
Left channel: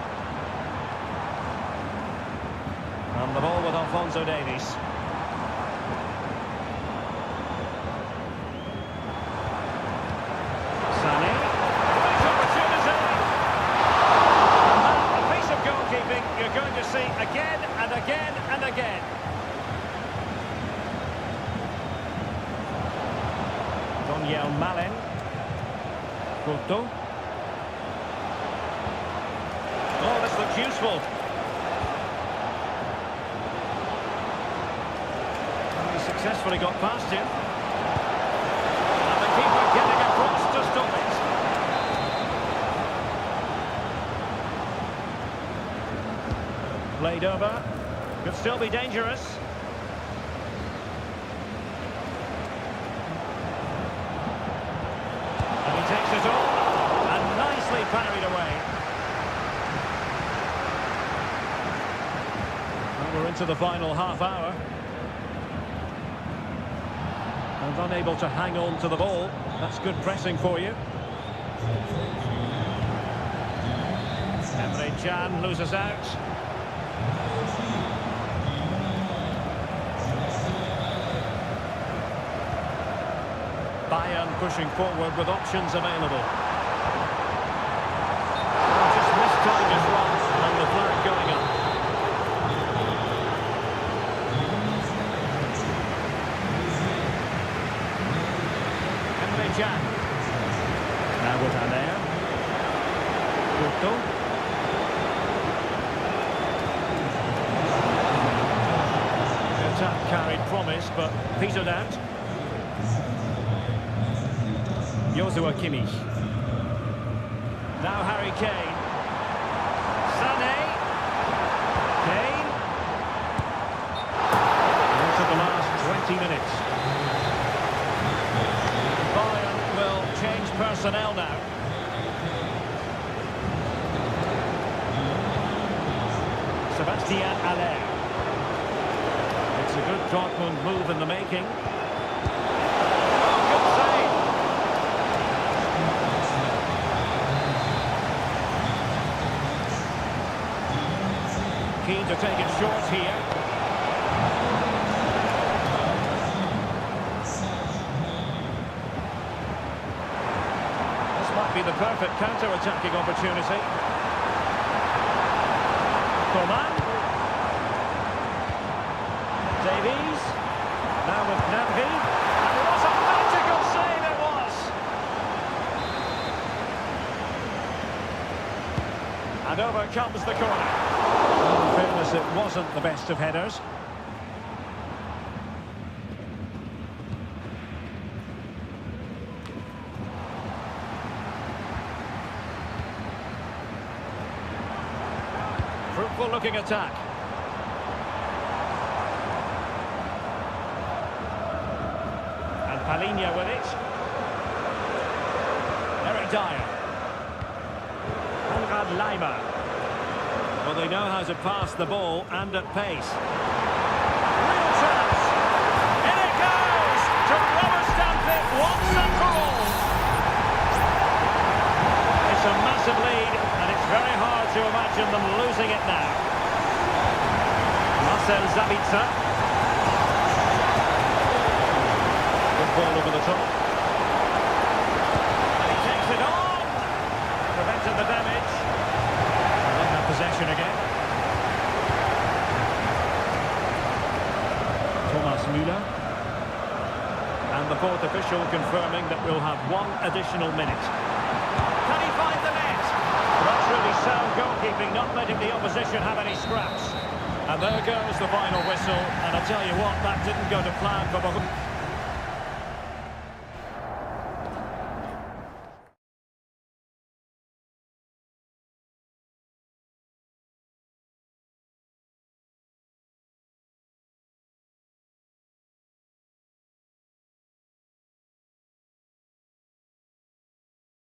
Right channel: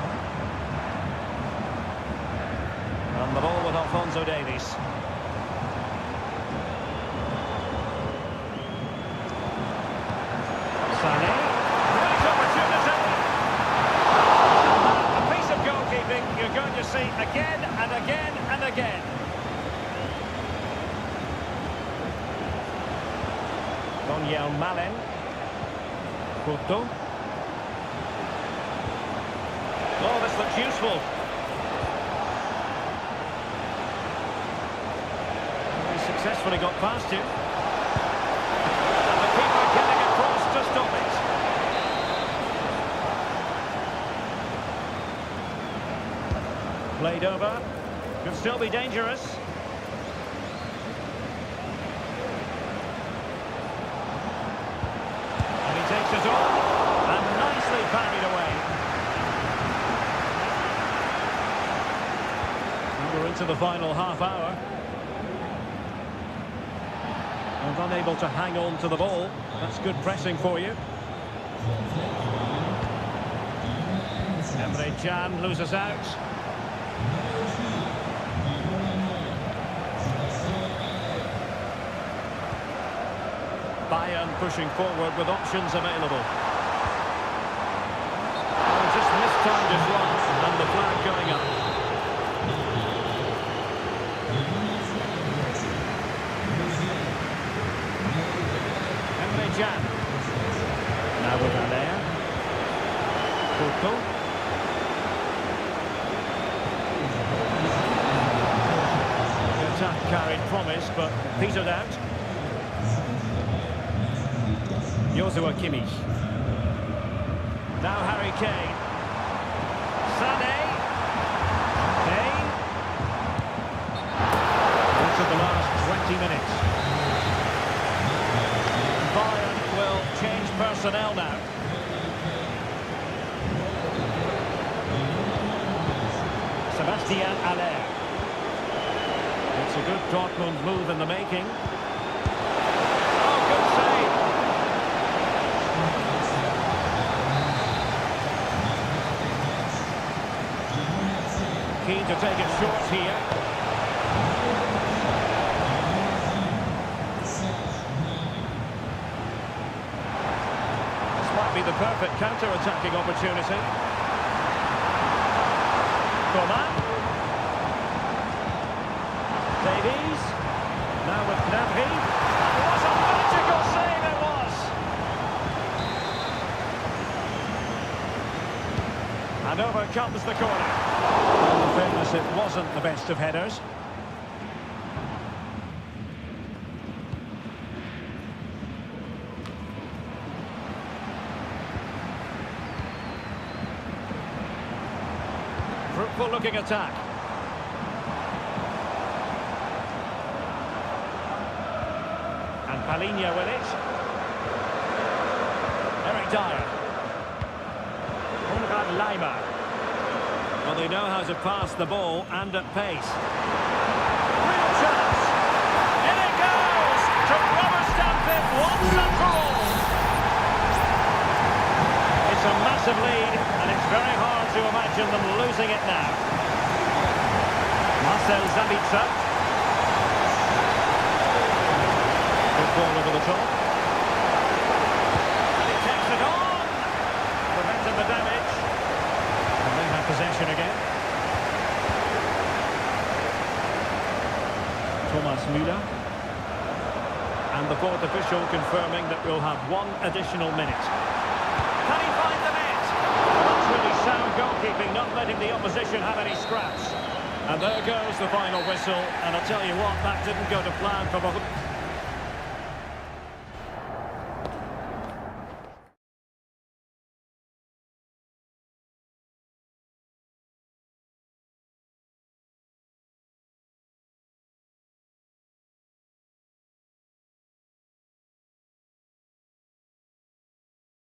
And the ball with Alphonso Davies. Sané. Great opportunity. And that, a piece of goalkeeping you're going to see again and again and again. Daniel Malen. Couto. Oh, this looks useful. And he successfully got past him. And the keeper getting across to stop it. Played over. Could still be dangerous. And he takes it on. And nicely parried away. We're into the final half hour. And unable to hang on to the ball. That's good pressing for you. Emre Can loses out. Bayern pushing forward with options available. Oh, just mistimed his run and the flag going up. Can. Now with Allaire. Couto. The attack carried promise, but petered out. Joshua Kimmich. Now Harry Kane. Sané. Kane. Into the last 20 minutes. Bayern will change personnel now. Sebastian Allaire. It's a good Dortmund move in the making. Oh, good save. Keen to take it short here. Might be the perfect counter-attacking opportunity. Coman. Davies. Now with Gnabry. And what a magical save it was! And over comes the corner. Well, in fairness, it wasn't the best of headers. Fruitful looking attack. And Palinha with it. Eric Dyer. Konrad Leiber. Well, they know how to pass the ball and at pace. Real chance. In it goes to rubber stamp it once and for all. It's a massive lead, and it's very hard to imagine them losing it now. Marcel Sabitzer. Good ball over the top. And he takes it on. Prevented the damage. And they have possession again. Thomas Müller. And the fourth official confirming that we'll have one additional minute. Can he find the net? Well, that's really sound goalkeeping, not letting the opposition have any scraps. And there goes the final whistle. And I'll tell you what, that didn't go to plan for both.